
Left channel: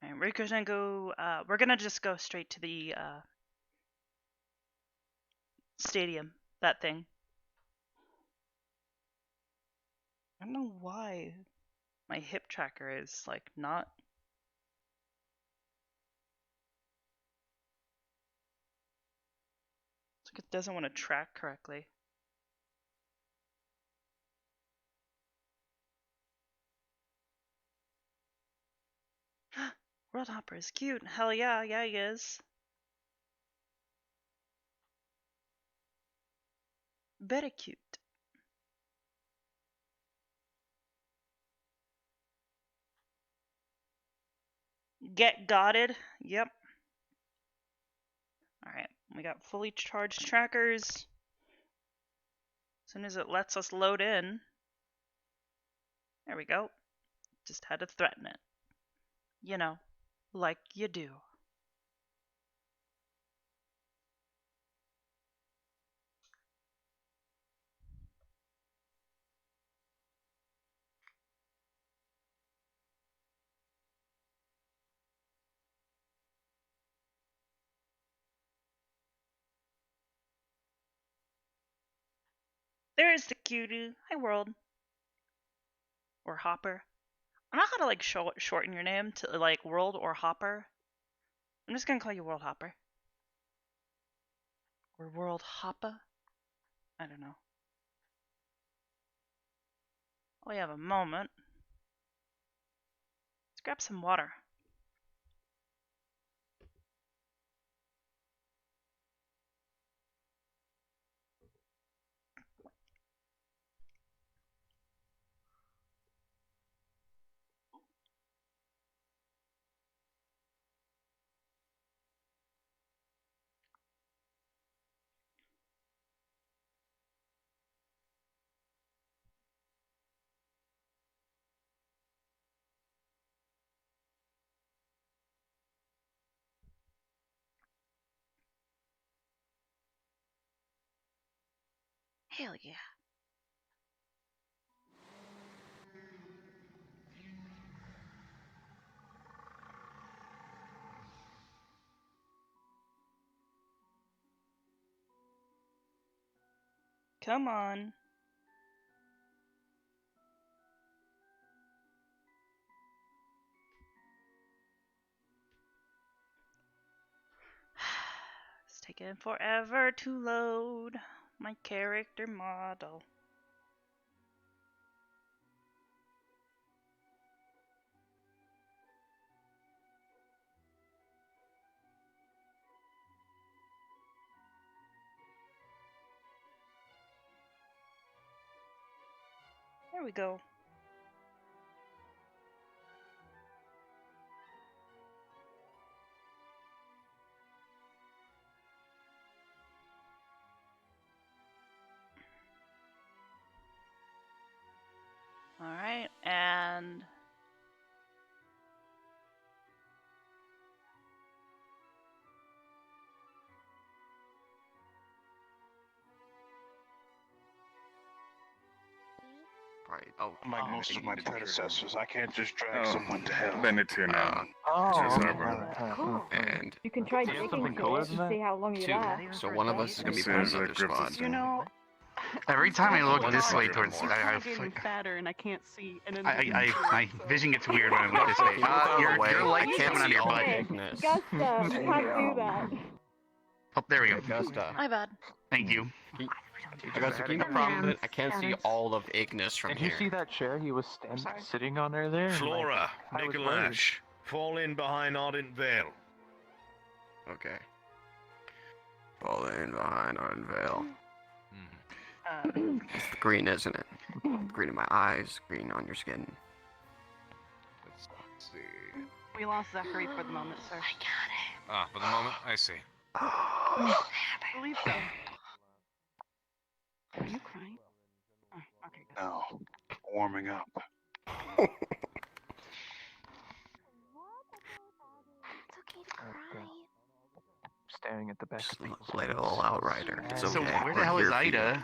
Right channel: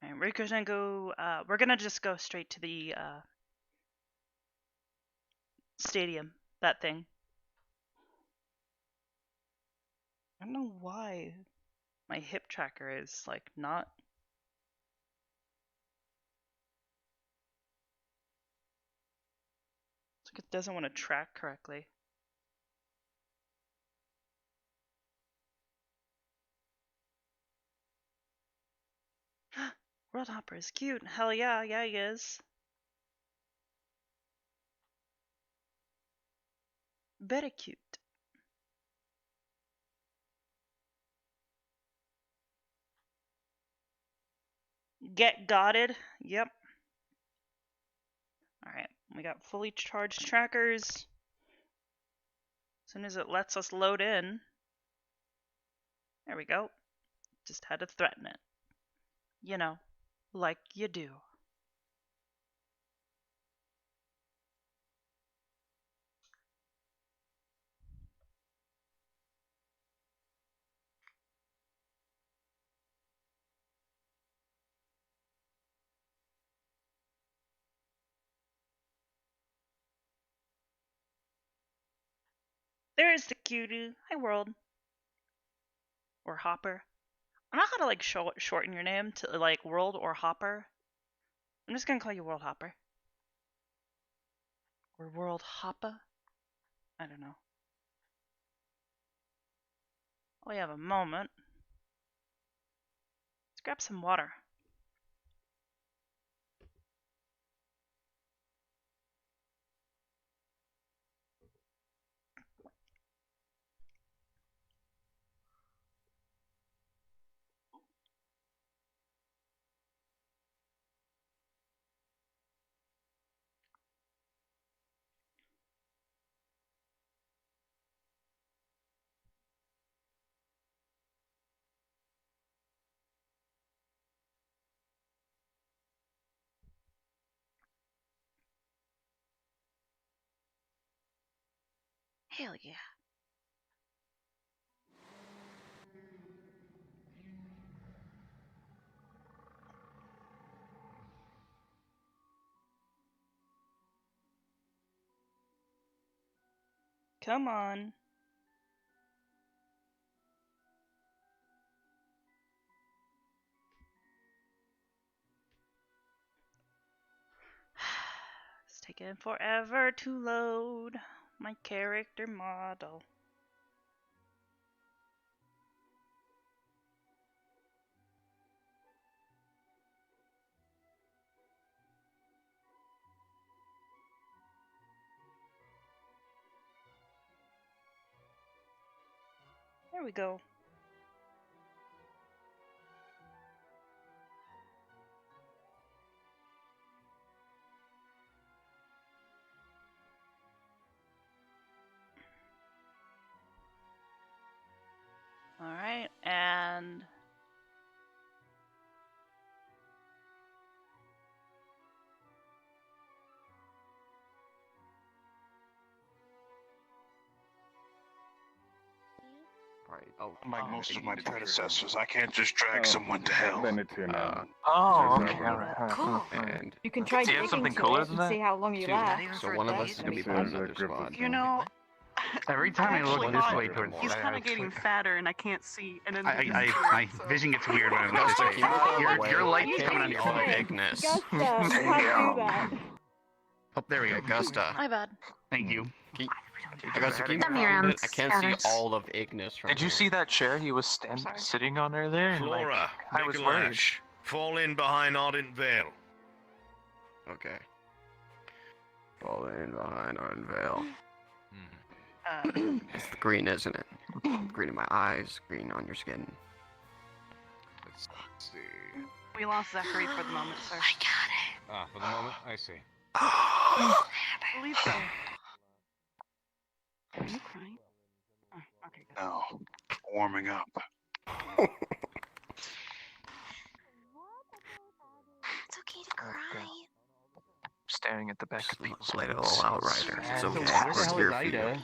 Alright, we're gonna just go straight to the stadium, that thing. I don't know why my hip tracker is, like, not. It's like it doesn't want to track correctly. World Hopper is cute. Hell yeah, yeah he is. Very cute. Get gotted. Yep. Alright, we got fully charged trackers. As soon as it lets us load in. There we go. Just had to threaten it. You know, like you do. There's the cutie. Hi, world. Or Hopper. I don't know how to like shorten your name to like World or Hopper. I'm just gonna call you World Hopper. Or World Hoppa? I don't know. We have a moment. Let's grab some water. Hell yeah. Come on. It's taking forever to load my character model. There we go. Alright, and Right. Like most of my predecessors, I can't just drag someone to hell. Cool. And You can try digging to it and see how long you last. so one of us is gonna be put in another squad. You know, Every time I look this way towards he's kind of getting fatter, and I can't see. And then my vision gets weird when I look this way. Your light's coming on your body. Gusta, you can't do that. Oh, there we go. Gusta. My bad. Thank you. Augusta, keep Come moving here, a minute. I can't see Scanners. all of Ignis from Did here. you see that chair he was sitting on earlier? Flora, I was Nicolash, fall in behind Ardent Vale. Okay. Fall in behind Ardent Vale. It's the green, isn't it? Green in my eyes, green on your skin. Let's see. We lost Zachary for the moment, sir. I got it. Ah, for the moment, I see. Lisa. Are you crying? Oh, okay, good. No, warming up. It's okay to cry. Staring at the back of people's Play it heads. all out, Ryder. It's okay. where the We're hell here is for you. Ida?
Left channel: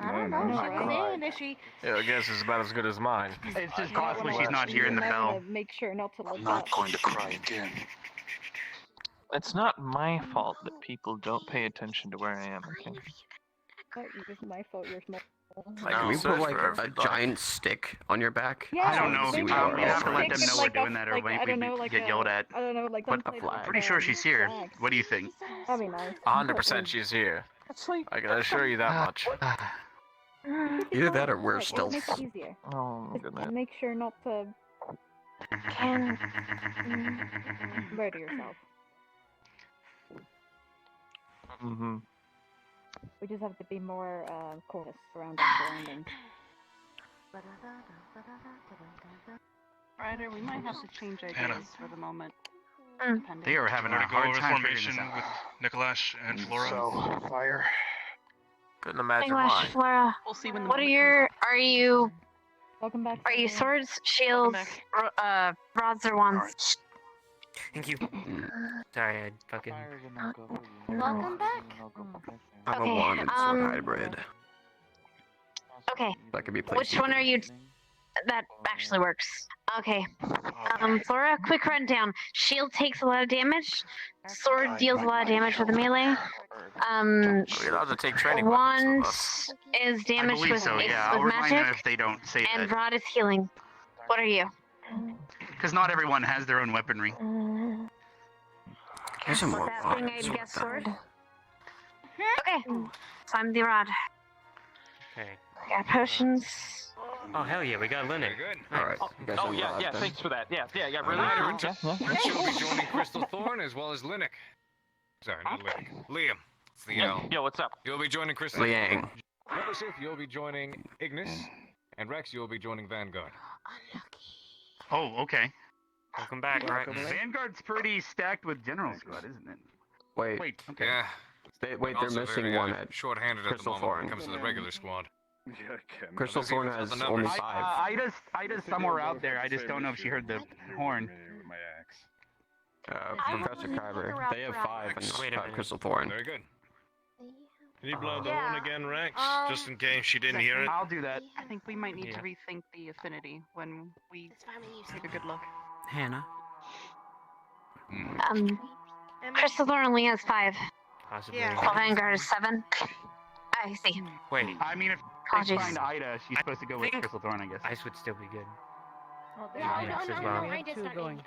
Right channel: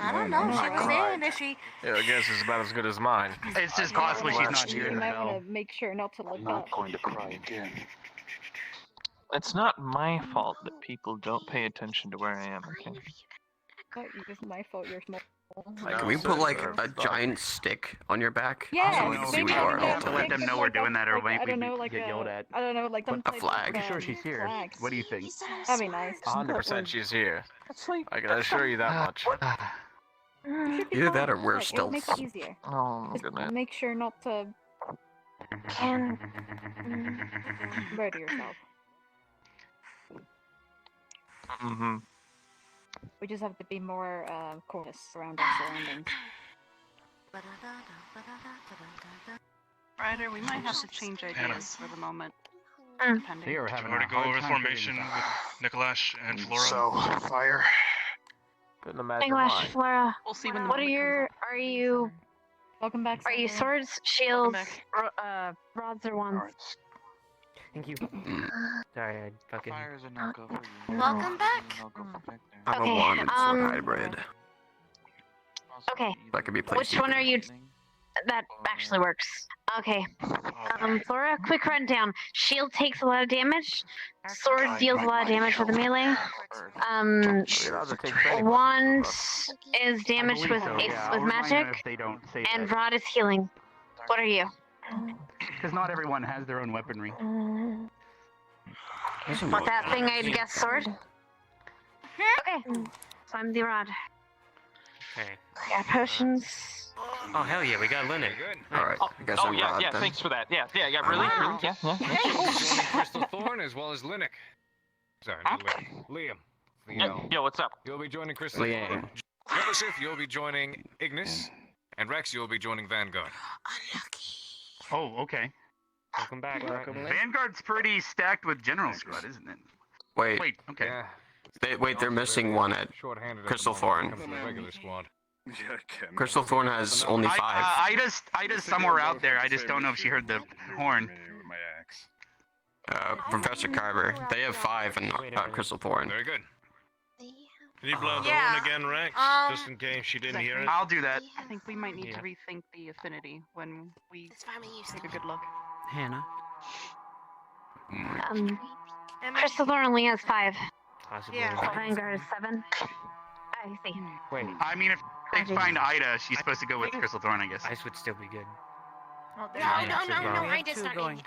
I don't know. She was in, is she? Yeah, I guess it's about as good as mine. It's just possibly she's not here in You the might bell. want to make sure not to look I'm up. not going to cry again. It's not my fault that people don't pay attention to where I am, okay? It's just my fault you're small. Can we put like a giant stick on your back? Yeah, I don't know if maybe we we are. could Have to let them like know a- we're doing that, or like, we I don't know, like get a- yelled at. I don't know, like What some the type of, flag? Pretty sure she's here. flags. What do you think? That'd be nice. 100% she's here. I can assure you that much. Either that or we're Like, still. it makes it easier. Oh, Just goodness. make sure not to murder yourself. Mm-hmm. We just have to be more cautious around our surroundings. Ryder, we might have to change Hannah. ideas for the moment. They are having Want a to go hard over the time figuring formation this out. with Nicholas and Flora? So, fire. Couldn't imagine English, why. Flora. We'll see when the What are moment your? Are you? Welcome back. Are you Flora. swords, shields, rods, or wands? Thank you. Sorry, I fucking. Welcome back. I'm Okay, a wand and sword hybrid. Okay. That could be placed. Which one are you? That actually works. Okay. Flora, quick rundown. Shield takes a lot of damage. Sword deals a lot of damage with a melee. Wand is damaged with with magic, if they don't say and that. rod is healing. What are you? Because not everyone has their own weaponry. For that thing, I'd guess sword. Okay. So I'm the rod. Okay. Got potions. Oh hell yeah, we got Linux. Very good. Alright, Oh yeah, thanks for that. Yeah, really. Wow. Yeah. You'll be joining Crystal Thorn as well as Linux. Sorry, not Linux. Liam. It's the L. Yo, what's up? You'll be joining Crystal Liang. Thorn. Joseph, you'll be joining Ignis. And Rex, you'll be joining Vanguard. Oh, okay. Welcome back. Vanguard's pretty stacked with General Squad, isn't it? Wait, okay. Yeah. they're Also missing very, one at short-handed Crystal at the moment when Thorn. it comes to the regular squad. Crystal Thorn has only 5. Ida's somewhere out there. I just don't know if she heard the horn. Professor Carver. They have 5 in Crystal Thorn. Very good. Can you blow the horn again, Rex? Just in case she didn't hear it. I'll do that. I think we might need to Yeah. rethink the affinity when we take a good look. Hannah. Crystal Thorn only has 5. Possibly. So Vanguard is 7. I see. Wait, I mean, if they find Ida, she's supposed to go with Crystal Thorn, I guess. Ice would still be good. No, I just not going.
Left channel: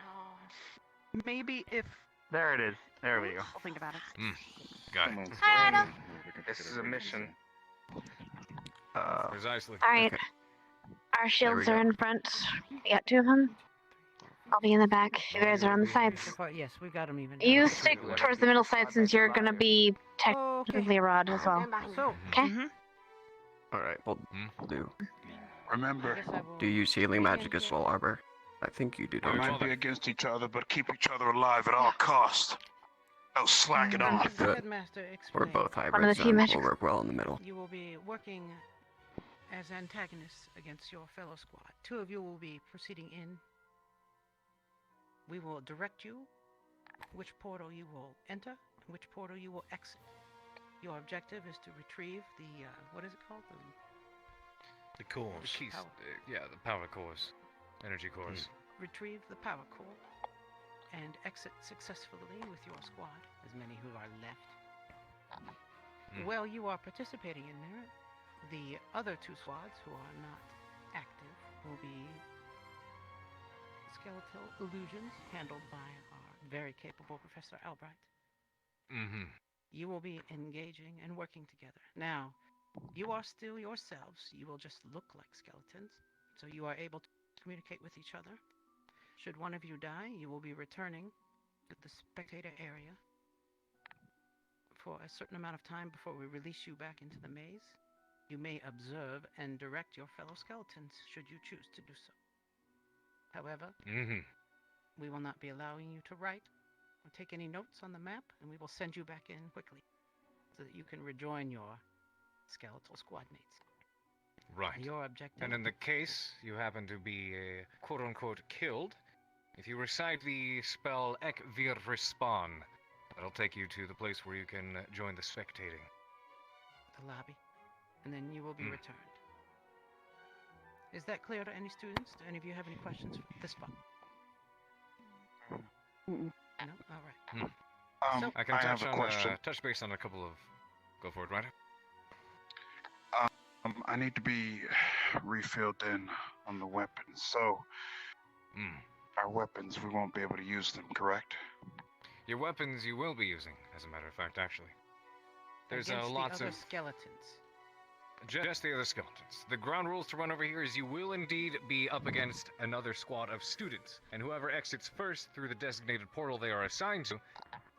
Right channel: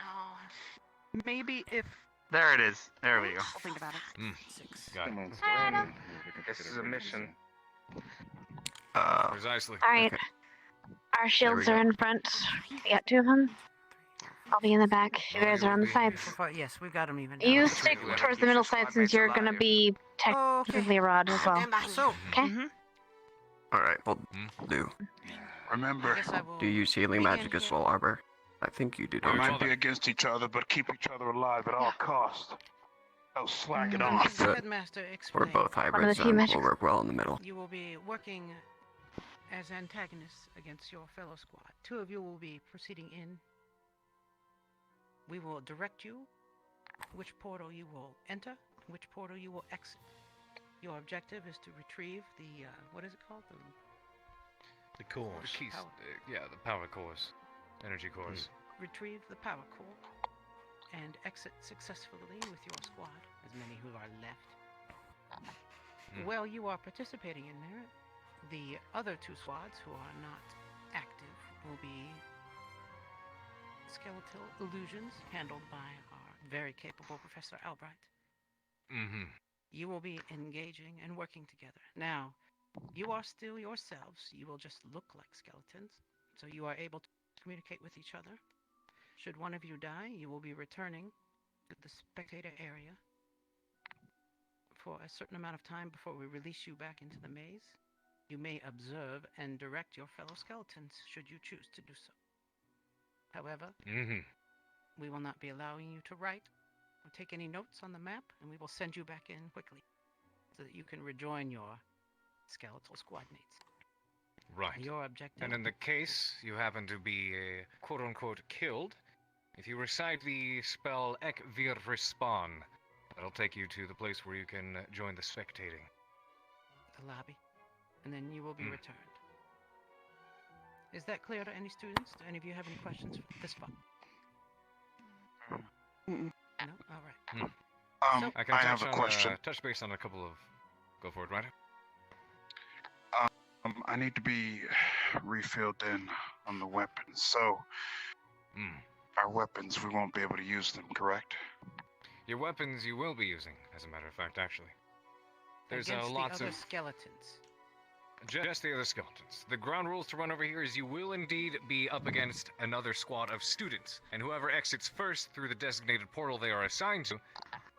Maybe if. There it is. There we go. I'll think about it. Got it. This is a mission. Precisely. Alright. Our shields are in front. We got 2 of them. I'll be in the back. You guys are on the sides. Yes, we've got them even. You stick towards the middle side since you're gonna be technically a rod as well. Okay? Alright, we'll do. Remember, Do you use healing magic as well, Arbor? I think you do, we don't might you? be against each other, but keep each other alive at all costs. Don't slack it off. Good. We're both One of hybrids, the two and magic- we'll work well in the middle. You will be working as antagonists against your fellow squad. 2 of you will be proceeding in. We will direct you which portal you will enter, which portal you will exit. Your objective is to retrieve the, what is it called? The cores. The keys. Yeah, the power cores. Energy cores. Retrieve the power core and exit successfully with your squad, as many who are left. While you are participating in there, the other 2 squads who are not active will be skeletal illusions handled by our very capable Professor Albright. You will be engaging and working together. Now, you are still yourselves. You will just look like skeletons, so you are able to communicate with each other. Should one of you die, you will be returning to the spectator area for a certain amount of time before we release you back into the maze. You may observe and direct your fellow skeletons should you choose to do so. However, we will not be allowing you to write or take any notes on the map, and we will send you back in quickly so that you can rejoin your skeletal squad mates. Right. Your objective. And in the case you happen to be quote-unquote killed, if you recite the spell Ek Vir Respawn, that'll take you to the place where you can join the spectating. The lobby, and then you will be returned. Is that clear to any students? Do any of you have any questions this far? No? All right. I can I have touch a on question. touch base on a couple of. Go for it, Ryder. I need to be refilled in on the weapons. So, our weapons, we won't be able to use them, correct? Your weapons you will be using, as a matter of fact, actually. There's Against lots the other of skeletons. just the other skeletons. The ground rules to run over here is you will indeed be up against another squad of students, and whoever exits first through the designated portal they are assigned to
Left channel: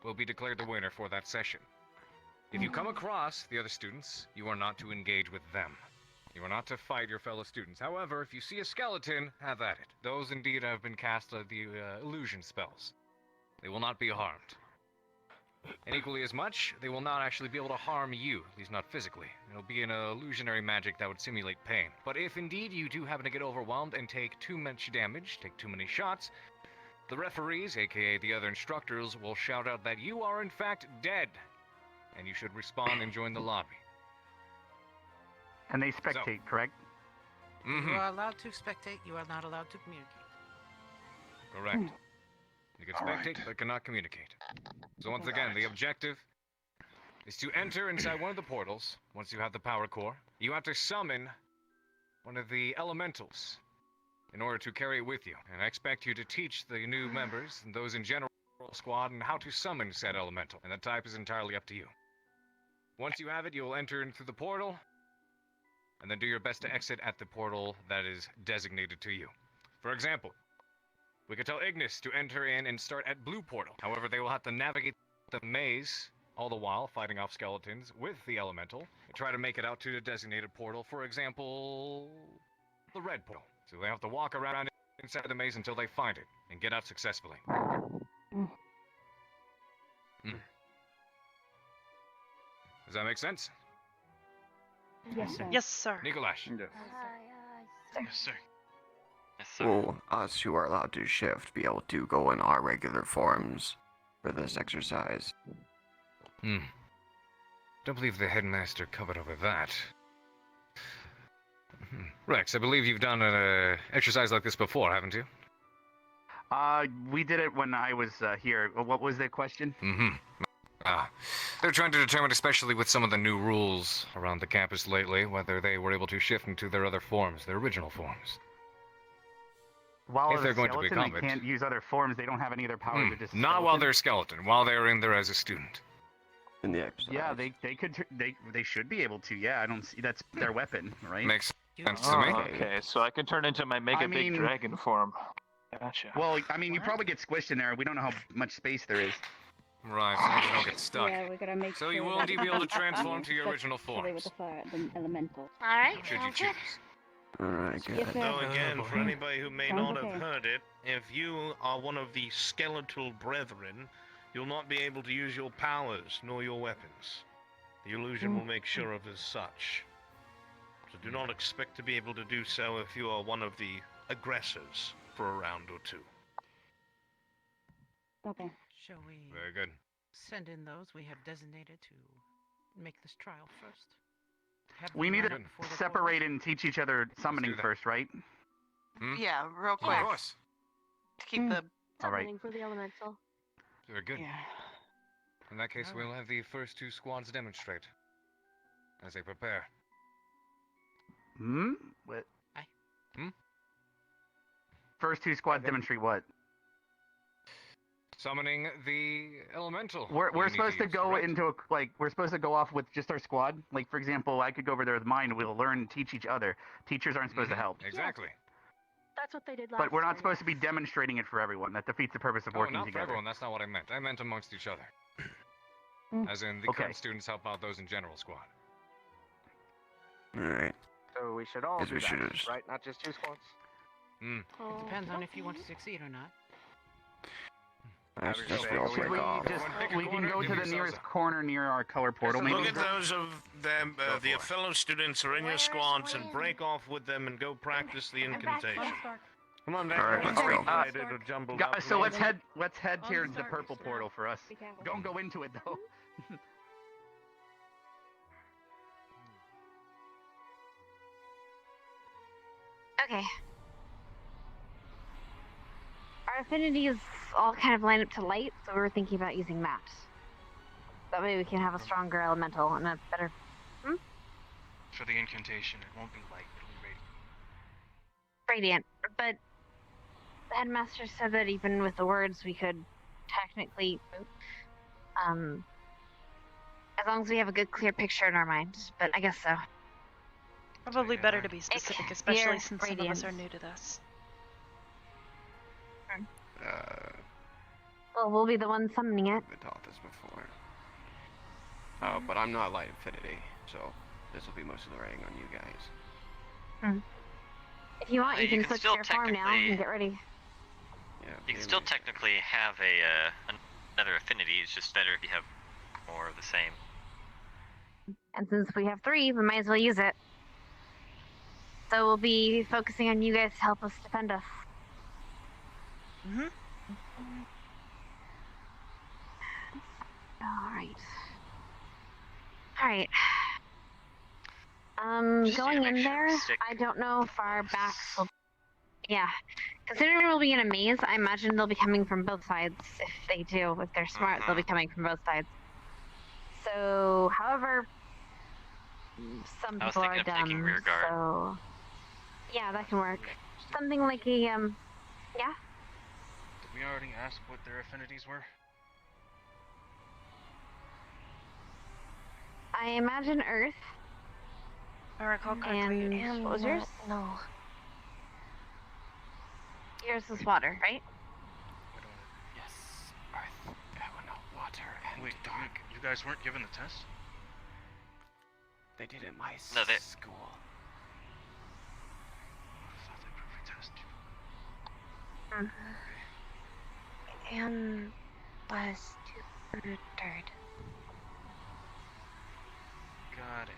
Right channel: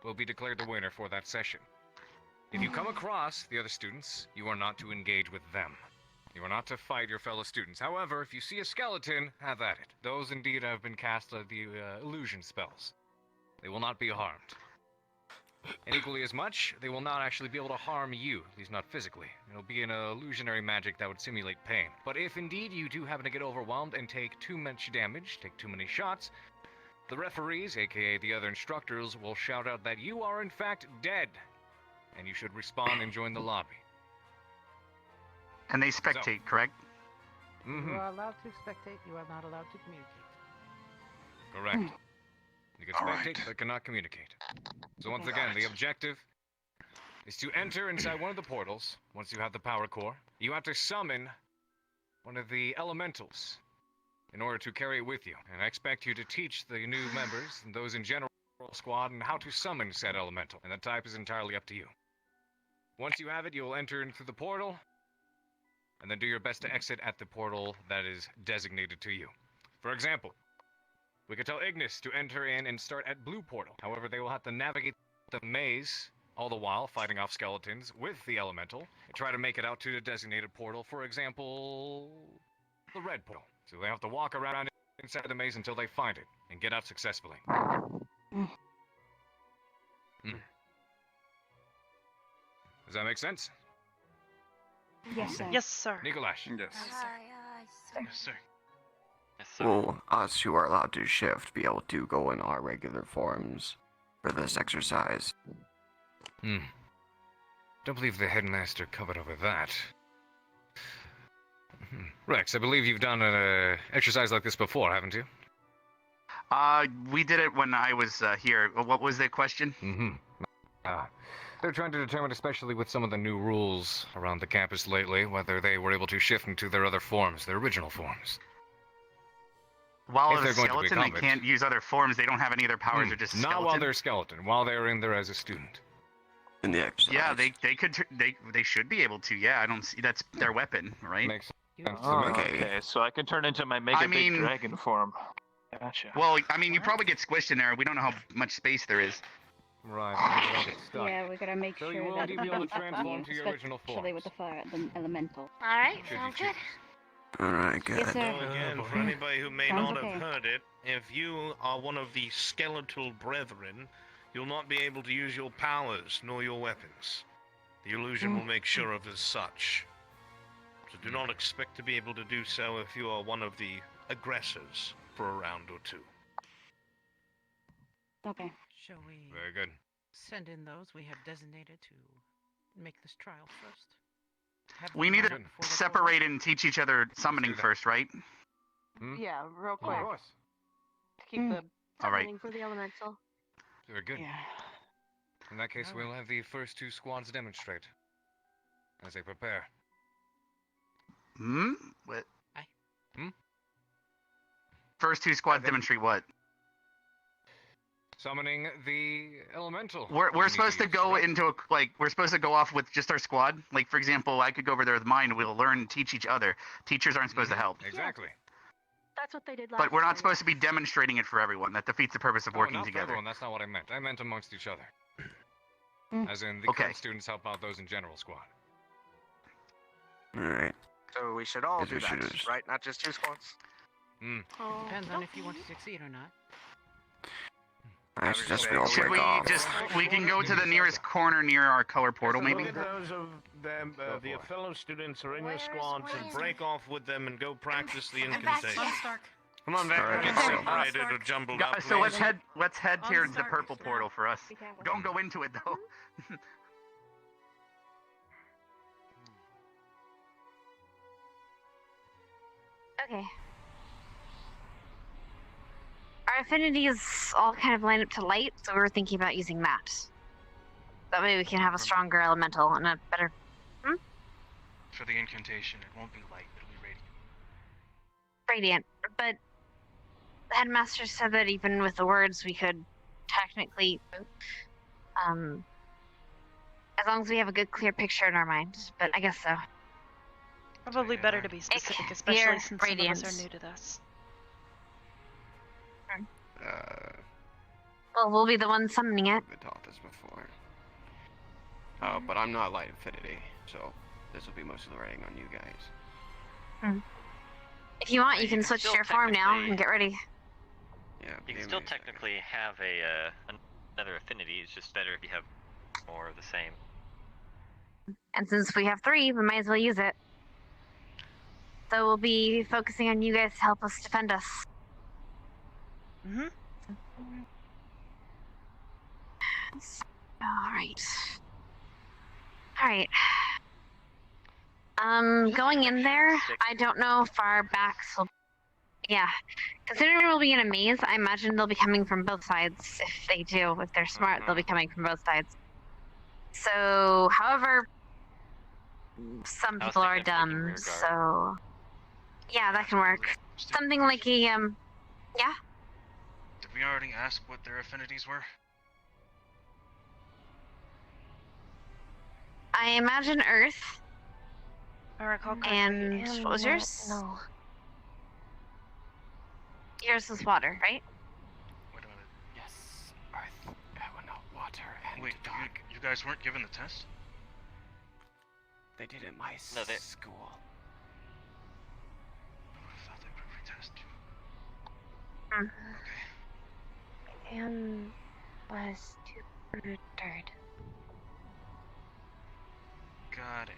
will be declared the winner for that session. If you come across the other students, you are not to engage with them. You are not to fight your fellow students. However, if you see a skeleton, have at it. Those indeed have been cast the illusion spells. They will not be harmed. And equally as much, they will not actually be able to harm you, at least not physically. It'll be an illusionary magic that would simulate pain. But if indeed you do happen to get overwhelmed and take too much damage, take too many shots, the referees, aka the other instructors, will shout out that you are in fact dead, and you should respawn and join the lobby. And they spectate, correct? You are allowed to spectate, you are not allowed to communicate. Correct. You can spectate, but cannot communicate. So once again, the objective is to enter inside one of the portals. Once you have the power core, you have to summon one of the elementals in order to carry it with you. And I expect you to teach the new members and those in general squad on how to summon said elemental. And the type is entirely up to you. Once you have it, you will enter into the portal, and then do your best to exit at the portal that is designated to you. For example, we could tell Ignis to enter in and start at blue portal. However, they will have to navigate the maze, all the while fighting off skeletons with the elemental, and try to make it out to the designated portal. For example, the red portal. So they have to walk around inside the maze until they find it, and get out successfully. Does that make sense? Yes, sir. Yes, sir. Nikolash. Yes. Yes, sir. Will us who are allowed to shift be able to go in our regular forms for this exercise? Don't believe the headmaster covered over that. Rex, I believe you've done an exercise like this before, haven't you? We did it when I was here. What was the question? They're trying to determine, especially with some of the new rules around the campus lately, whether they were able to shift into their other forms, their original forms. While If as they're a going to skeleton, become they it. can't use other forms. They don't have any other powers. They're just a Not skeleton. while they're a skeleton, while they're in there as a student. In the exercise. Yeah, they could they should be able to. Yeah, I don't see that's their weapon, right? Makes sense Oh, to me. okay, so I can turn into my mega big dragon form. Gotcha. Well, I mean, you probably get squished in there. We don't know how much space there is. Right, so you don't get stuck. Yeah, we gotta make So sure you will that indeed be able to doesn't happen, transform to your original especially with the fire, the elemental. Alright, Should you sounds good. Alright, good. Yes, sir. So again, for anybody who may Sounds not okay. have heard it, if you are one of the skeletal brethren, you'll not be able to use your powers nor your weapons. The illusion will make sure of as such. So do not expect to be able to do so if you are one of the aggressors for a round or two. Okay. Shall we Very good. send in those we have designated to make this trial first? Have We them need line to up before the separate and teach each other summoning do that. first, right? Yeah, real quick. Of course. To keep the All right. Summoning for the elemental. Very good. Yeah. In that case, we'll have the first two squads demonstrate as they prepare. What? Aye. First two squads demonstrate what? Summoning the elemental. We're you need supposed to use, go correct? into we're supposed to go off with just our squad. Like for example, I could go over there with mine. We'll learn and teach each other. Teachers aren't supposed to help. Exactly. That's what they did last But we're year, not supposed to be demonstrating it for everyone. That defeats the purpose of Oh, working not for together. everyone. That's not what I meant. I meant amongst each other. As in, the Okay. current students help out those in general squad. Alright. So we should all Guess do we should that, just- right? Not just two squads. It depends on if you want to succeed or not. I should just go Should we break off. we can go to the nearest corner near our color portal, maybe? Look at those of them, the fellow students are in your squads and break off with them and go practice the incantation. Come on, All right. Get All separated or jumbled up. So let's head towards the purple portal for us. Don't go into it though. Okay. Our affinities all kind of line up to light, so we were thinking about using that. That way we can have a stronger elemental and a better... For the incantation, it won't be light, it'll be Radiant. radiant. But the headmaster said that even with the words we could technically... as long as we have a good clear picture in our minds, but I guess so. Probably better to be specific, especially Near since some of us are radiance. new to this. Well, we'll be the ones summoning it. I've been taught this before. But I'm not light affinity, so this will be most of the rain on you guys. If you want, Well, you can switch to still your form now technically- and get ready. Yeah. You can still technically have another affinity. It's just better if you have more of the same. And since we have 3, we might as well use it. So we'll be focusing on you guys to help us defend us. Alright. Going in there, I don't know if our backs will... Yeah. Considering we'll be in a maze, I imagine they'll be coming from both sides. If they do, if they're smart, they'll be coming from both sides. So, however, some people are done, so... Yeah, that can work. Something like a, yeah? Did we already ask what their affinities were? I imagine Earth. And what was yours? No. Yours was water, right? Yes, earth, water, and Wait, dark. You guys weren't given the test? They did it in my No, they- school. I thought they were test. And was 2 for 3rd. Got it.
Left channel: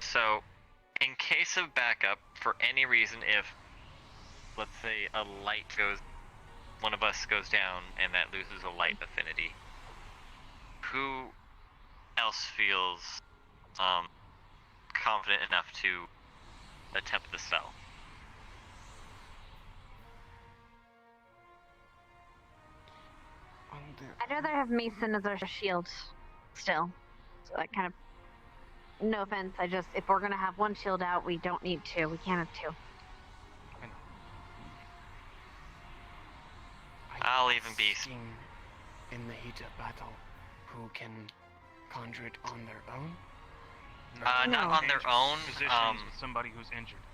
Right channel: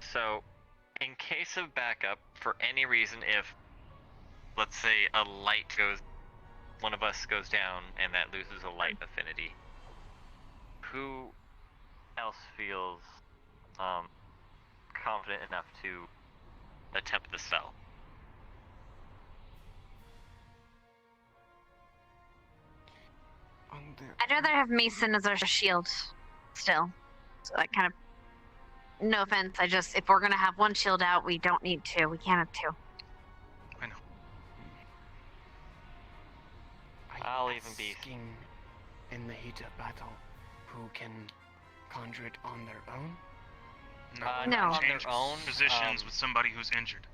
So, in case of backup, for any reason, if, let's say, one of us goes down and that loses a light affinity, who else feels confident enough to attempt the spell? I'd rather have Mason as our shield, still. So that kind of... No offense, if we're gonna have one shield out, we don't need 2. We can't have 2. I know. I'll even be... In the heat of battle, who can conjure it on their own? Not on their own. Positions with somebody who's injured.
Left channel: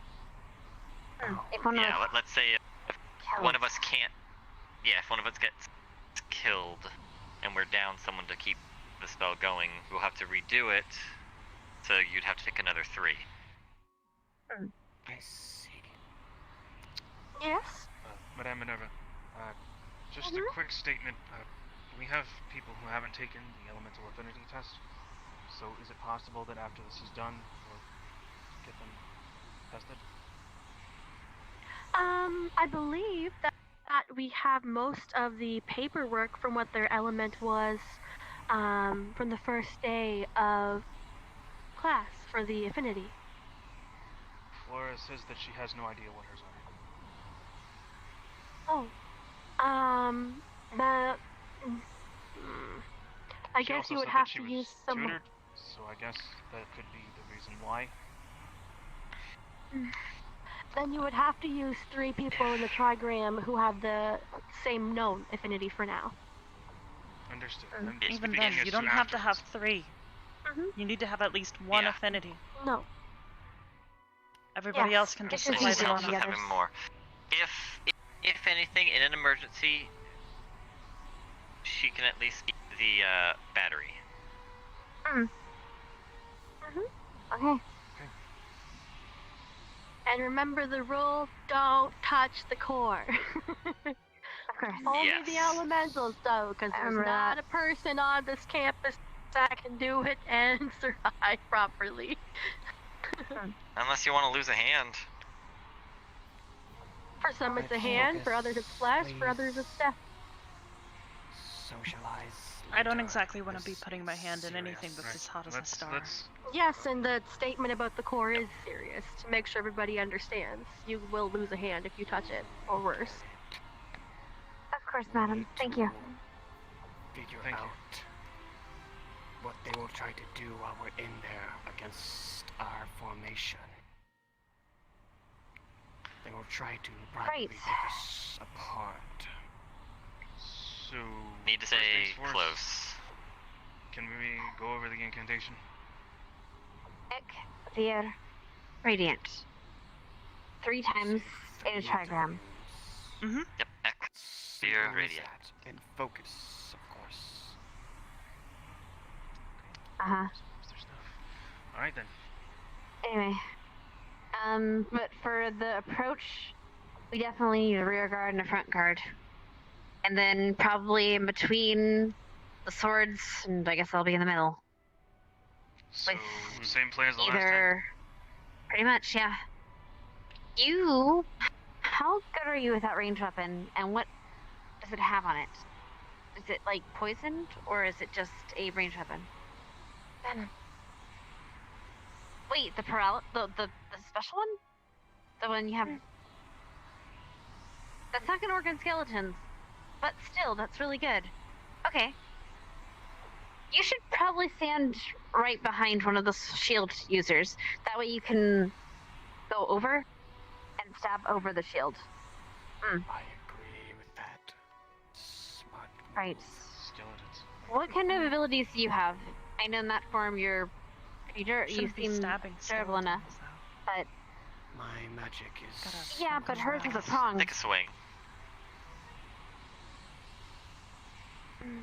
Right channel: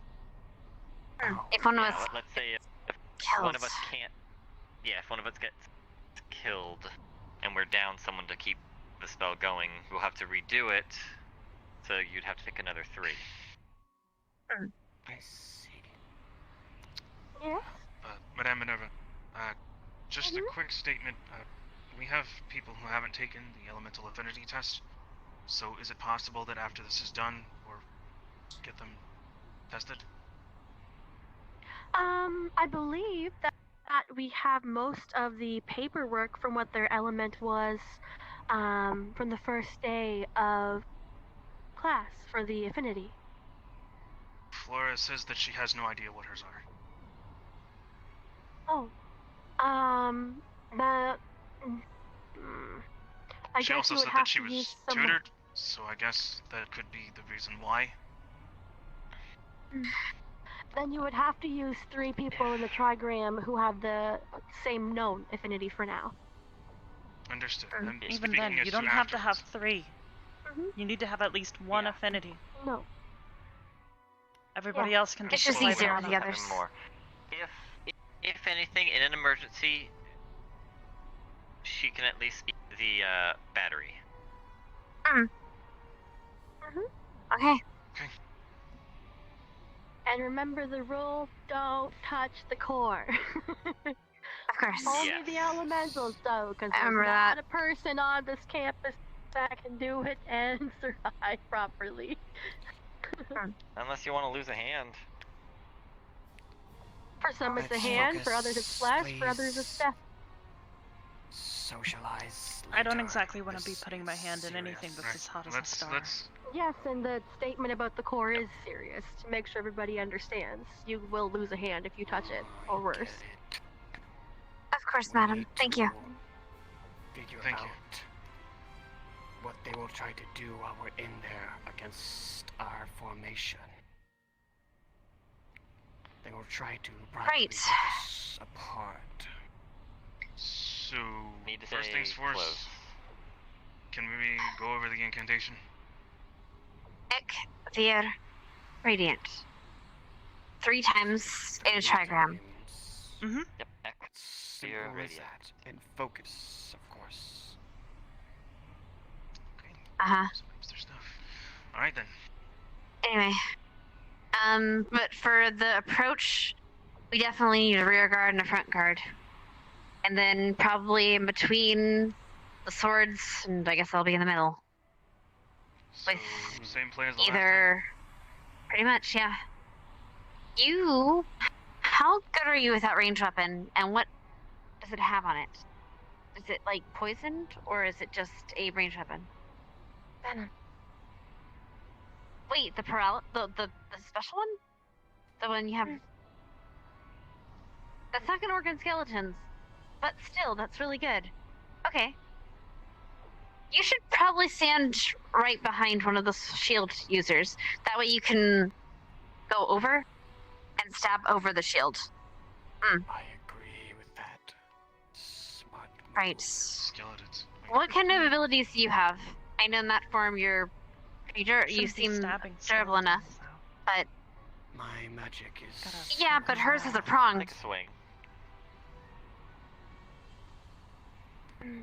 If one of us... let's say if one of us can't... Yeah, if one of us gets killed and we're down someone to keep the spell going, we'll have to redo it, so you'd have to pick another 3. I see. Yes? Madame Minerva, just a quick statement. We have people who haven't taken the elemental affinity test, so is it possible that after this is done, we'll get them tested? I believe that we have most of the paperwork from what their element was from the first day of class for the affinity. Flora says that she has no idea what hers are. I She guess also you would said have that she to was use some. tutored, so I guess that could be the reason why. Then you would have to use 3 people in the trigram who have the same known affinity for now. Understood. Even then, you don't have to have 3. You need to have at least 1 affinity. No. Everybody else can just apply them on others. More. If anything, in an emergency, she can at least get the battery. Okay. And remember the rule, don't touch the core. Of course. Only the elementals, though, because there's not a person on this campus that can do it and survive properly. Unless you want to lose a hand. For some it's a hand, for others it's flesh, for others it's death. Socialize. I don't exactly want to be putting my hand in anything that's as hot as a star. Yes, and the statement about the core is serious, to make sure everybody understands. You will lose a hand if you touch it, or worse. Of course, madam. Thank you. Figure out what they will try to do while we're in there against our formation. They will try to probably pick us apart. So, need to first things stay first, close. Can we go over the incantation? Ek, Vir, Radiant. 3 times in a trigram. Yep, Ek, Vir, Radiant. And focus, of course. course. Uh-huh. Alright then. Anyway. But for the approach, we definitely need a rear guard and a front guard. And then probably in between the swords, and I guess I'll be in the middle. So, same plan as the last Either... Pretty much, yeah. You... How good are you with that ranged weapon, and what does it have on it? Is it, like, poisoned, or is it just a ranged weapon? Venom. Wait, the special one? The one you have... That's not gonna work on skeletons. But still, that's really good. Okay. You should probably stand right behind one of the shield users. That way you can go over and stab over the shield. I agree with that. Smart move. Right. Skeletons. What kind of abilities do you have? I know in that form you seem durable enough. But my magic is... yeah, but hers is a prong. Take a swing.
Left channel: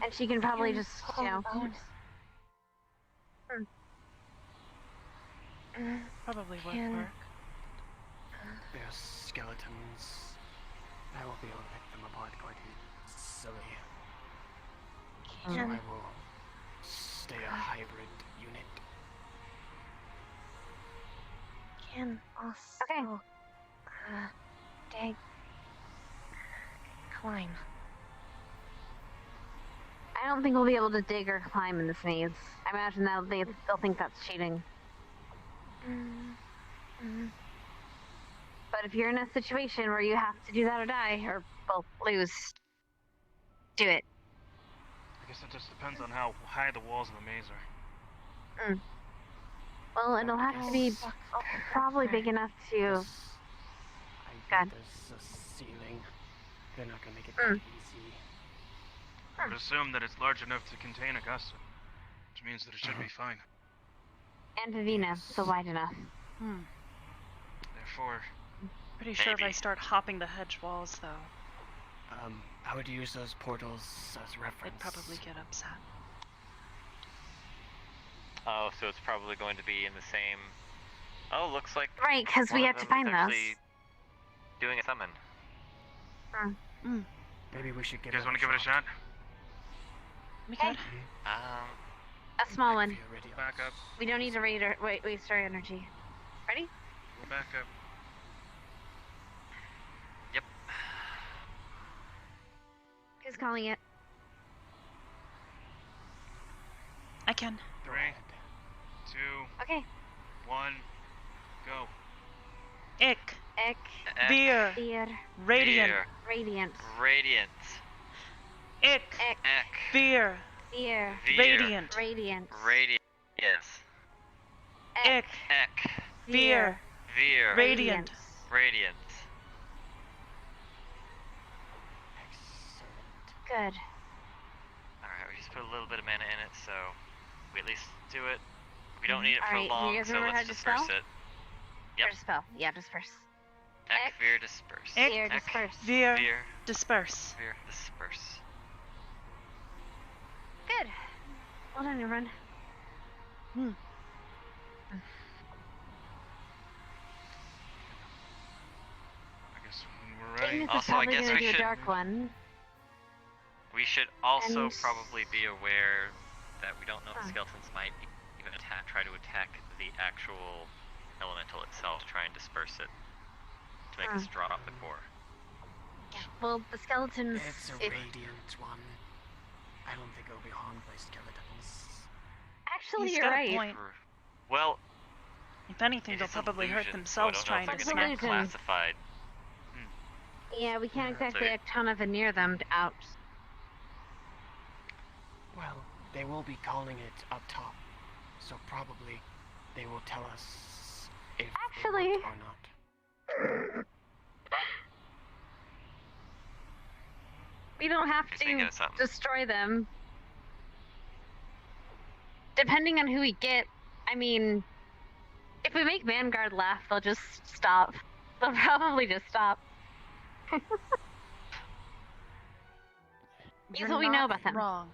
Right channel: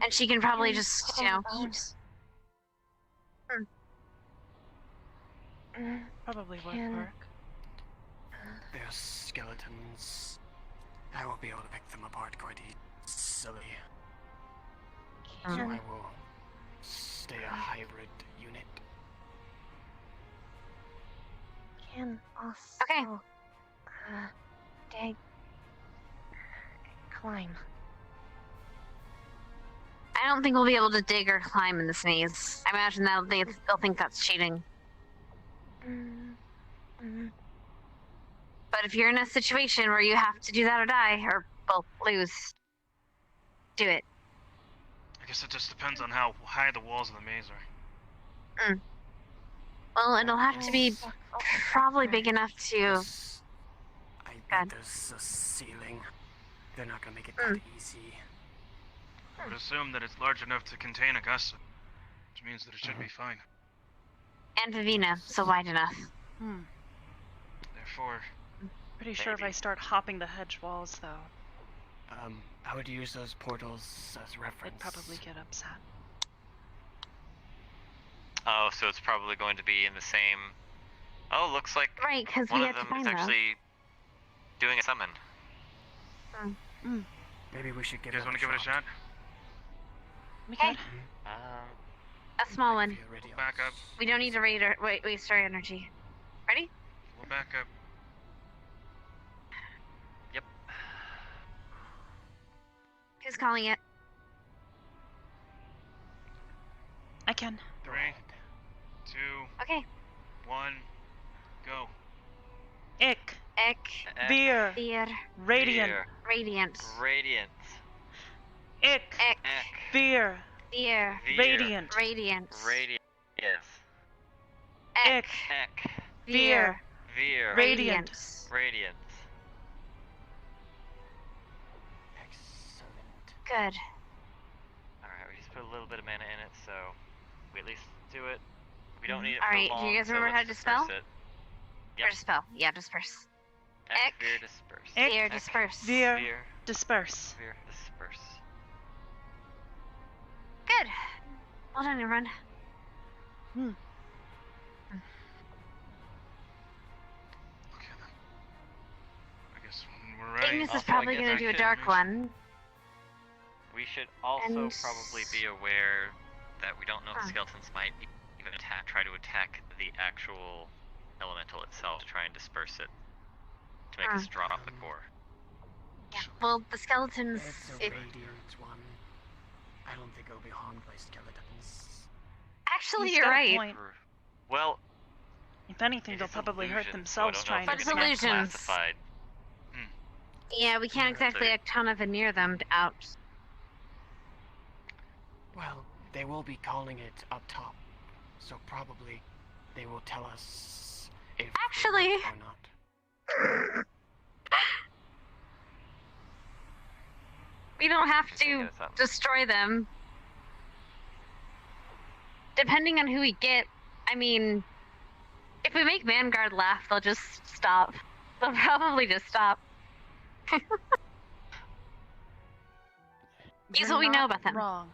And she can probably just, you know... Probably would work. There's skeletons. I will be able to pick them apart quite easily. So I will stay a hybrid unit. Can also dig, climb. I don't think we'll be able to dig or climb in this maze. I imagine they'll think that's cheating. But if you're in a situation where you have to do that or die, or well, lose, do it. I guess it just depends on how high the walls of the maze are. Well, it'll have to be probably big enough to... There's a ceiling. They're not gonna make it that easy. I would assume that it's large enough to contain Augusta, which means that it should be fine. And Vivina, so wide enough. Therefore... Pretty sure if I start hopping the hedge walls, though. I would use those portals as reference. They'd probably get upset. Oh, so it's probably going to be in the same... Oh, looks like... Right, because we have to find those. Actually doing a summon. Maybe we should give You guys want to give it a shot? We could. A small one. We'll back up. We don't need to waste our energy. Ready? We'll back up. Yep. Who's calling it? I can. 3, 2, Okay. 1, go. Ick. Ick. Beer. Beer. Radiant. Beer. Radiant. Radiant. Ick. Ick. Beer. Beer. Radiant. Radiant. Radiant. Ick. Eck. Beer. Veer. Radiant. Radiant. Excellent. Good. Alright, we just put a little bit of mana in it, so we at least do it. We don't need it for Alright, long, you guys so remember how let's to disperse spell? it. Yep. Dispel. Yeah, disperse. Eck. Veer, disperse. Ick. Veer, disperse. Veer. Veer. Disperse. Veer, disperse. Good. Well done, everyone. I guess when we're ready. Ignis is Also, I probably guess going to we do a should- dark one. We should also And- probably be aware that we don't know if skeletons might even try to attack the actual elemental itself to try and disperse it to make us drop the core. Yeah. Well, the skeletons. It's a radiant one. I don't think it'll be harmed by skeletons. Actually, He's you're got a right. point. Well, If anything, they'll it's a probably hurt illusion, so I themselves don't know if trying to they're smack gonna be them. classified. Yeah, we can't Yeah, exactly they- act on a veneer them out. Well, they will be calling it up top, so probably they will tell us if Actually- they work or not. We don't have Speaking to of something. destroy them. Depending on who we get, I mean, if we make Vanguard laugh, they'll just stop. They'll probably just stop. Here's You're what we know not about them. Wrong.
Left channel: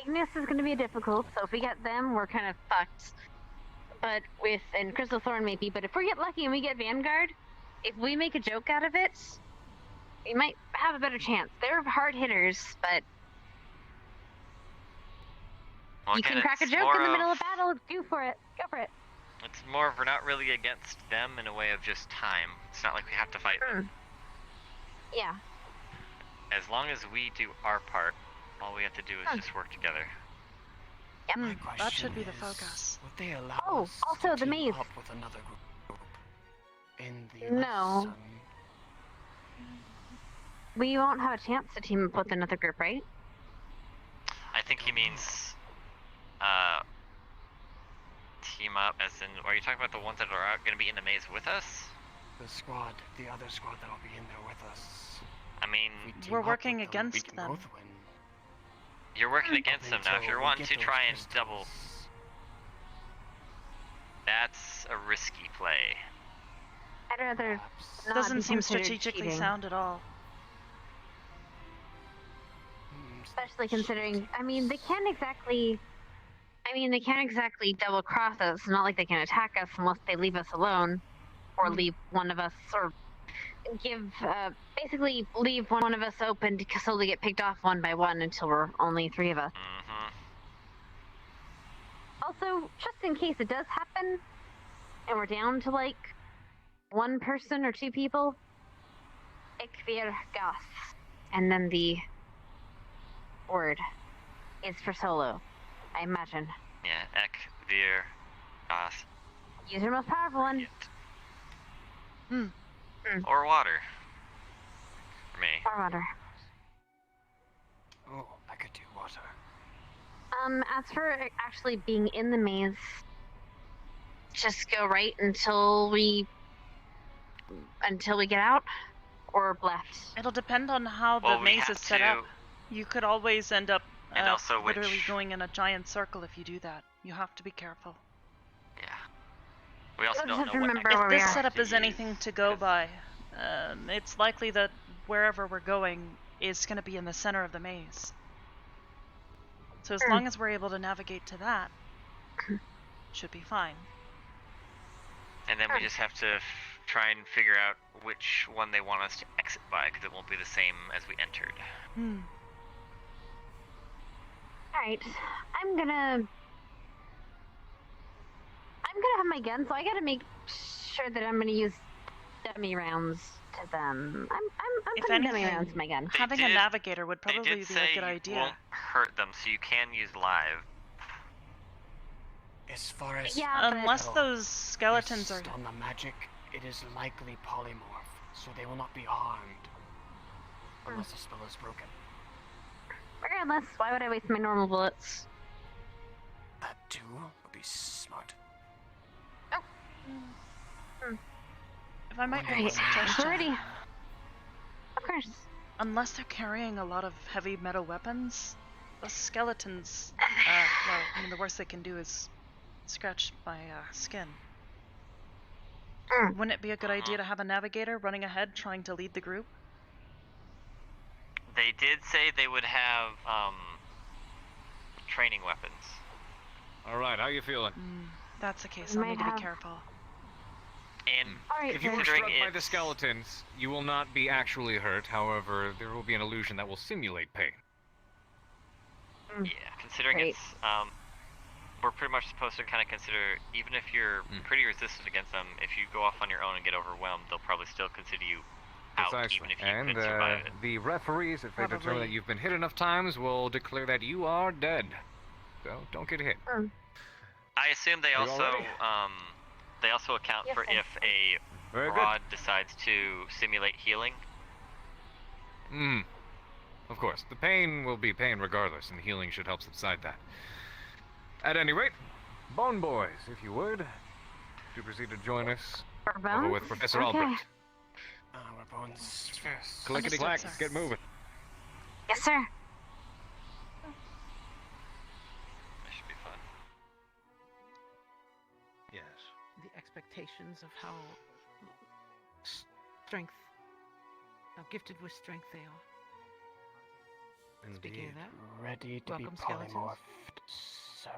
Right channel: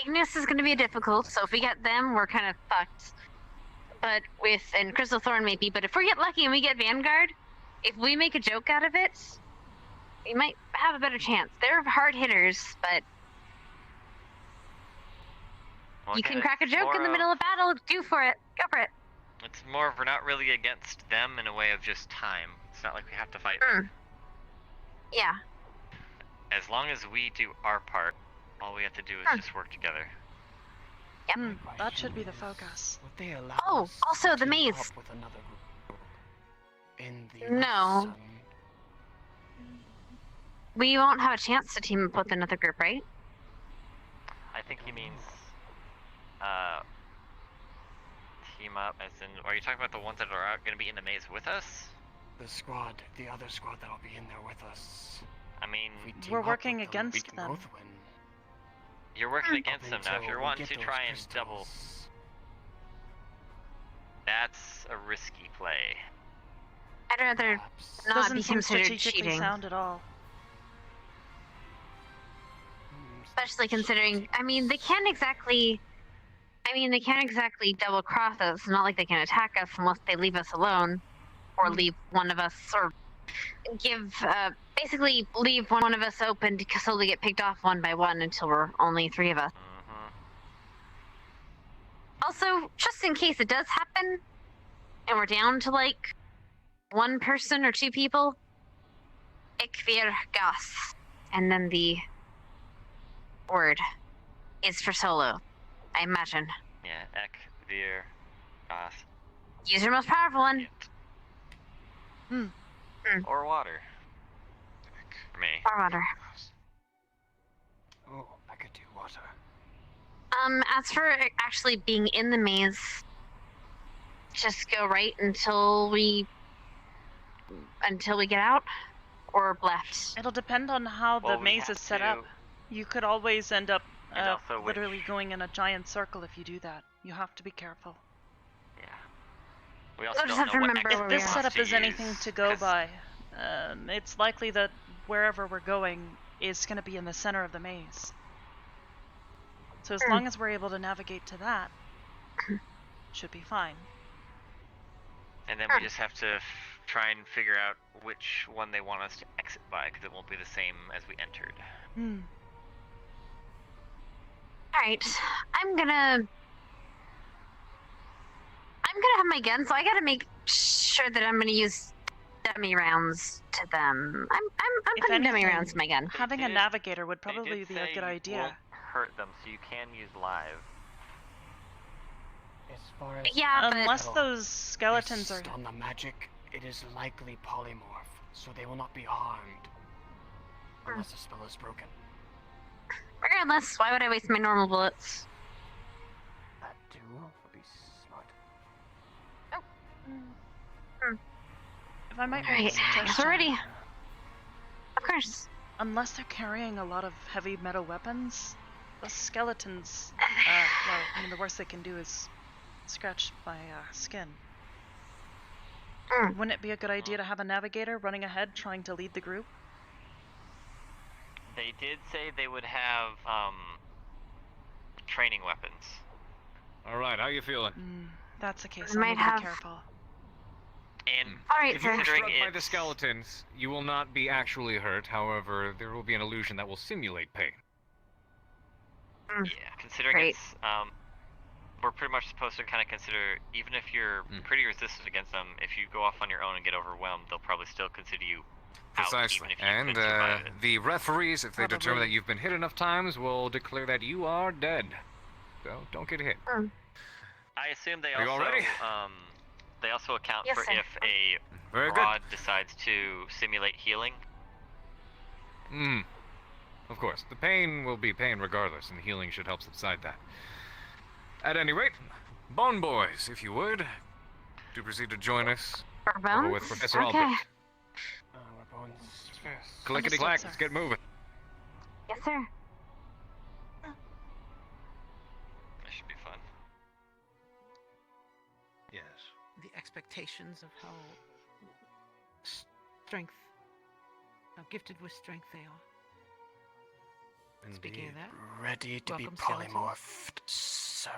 Ignis is going to be difficult, so if we get them, we're kind of fucked. But and Crystal Thorn maybe, but if we get lucky and we get Vanguard, if we make a joke out of it, we might have a better chance. They're hard hitters, but Well, you again, can crack a it's joke more in the middle of- of battle, go for it. Go for it. It's more of we're not really against them in a way of just time. It's not like we have to fight them. Yeah. As long as we do our part, all we have to do is just work together. Yep. That should be the focus. Would they allow Oh, us also to the team maze. up with another group in the No. We won't have a chance to team up with another group, right? I think he means, team up as in, are you talking about the ones that are going to be in the maze with us? The squad, the other squad that'll be in there with us. I mean, We're working against them. You're working against them now. If you're wanting to try and double, that's a risky play. I'd rather not Doesn't be seem considered strategically cheating. sound at all. Especially considering, they can't exactly double cross us. It's not like they can attack us unless they leave us alone, or leave one of us, or basically leave one of us open to slowly get picked off one by one until we're only 3 of us. Also, just in case it does happen, and we're down to like 1 person or 2 people, Ik vir gas, and then the word is for solo, I imagine. Yeah, Ek, Vir, Gas. Use your most powerful one. Or water. For me. Or water. Oh, I could do water. As for actually being in the maze, just go right until we get out, or left. It'll depend on how the Well, we maze have is set to- up. You could always end up And also literally which- going in a giant circle if you do that. You have to be careful. We also We'll just don't have know to what remember If where this we are. setup to is anything use, to go by, it's likely that wherever we're going is going to be in the center of the maze. So as long as we're able to navigate to that, should be fine. And then we just have to try and figure out which one they want us to exit by, because it won't be the same as we entered. Alright, I'm gonna have my gun, so I gotta make sure that I'm gonna use dummy rounds to them. I'm If putting anything, dummy rounds in my gun. having a navigator would They probably did be say a good you idea. won't hurt them, so you can use live. As far as Yeah, Unless but- those skeletons are... Based on the magic, it is likely polymorph, so they will not be harmed. Unless the spell is broken. Regardless, why would I waste my normal bullets? That too would be smart. If I might make a Alright, suggestion. already. Of course. Unless they're carrying a lot of heavy metal weapons, the skeletons, the worst they can do is scratch my skin. Wouldn't it be a good idea to have a navigator running ahead trying to lead the group? They did say they would have training weapons. Alright, how you feeling? That's the case. I need to be careful. And If you were struck by the skeletons, you will not be actually hurt. However, there will be an illusion that will simulate pain. Yeah, considering it's we're pretty much supposed to kind of consider, even if you're pretty resistant against them, if you go off on your own and get overwhelmed, they'll probably still consider you out, Precisely. even if you And couldn't survive it. the referees, if they determine Probably. that you've been hit enough times, will declare that you are dead. So don't get hit. I assume they Are you also all ready? they also account Yes, for sir. if a Very good. rod decides to simulate healing. Of course, the pain will be pain regardless, and healing should help subside that. At any rate, Bone Boys, if you would, do proceed to join us over with Professor Albrecht. We're going fast. Clickety clack, let's get moving. Yes, sir. That should be fun. Yes. The expectations of how strength, how gifted with strength they are. Speaking of that, Ready to be welcome, skeletons. polymorphed, sir.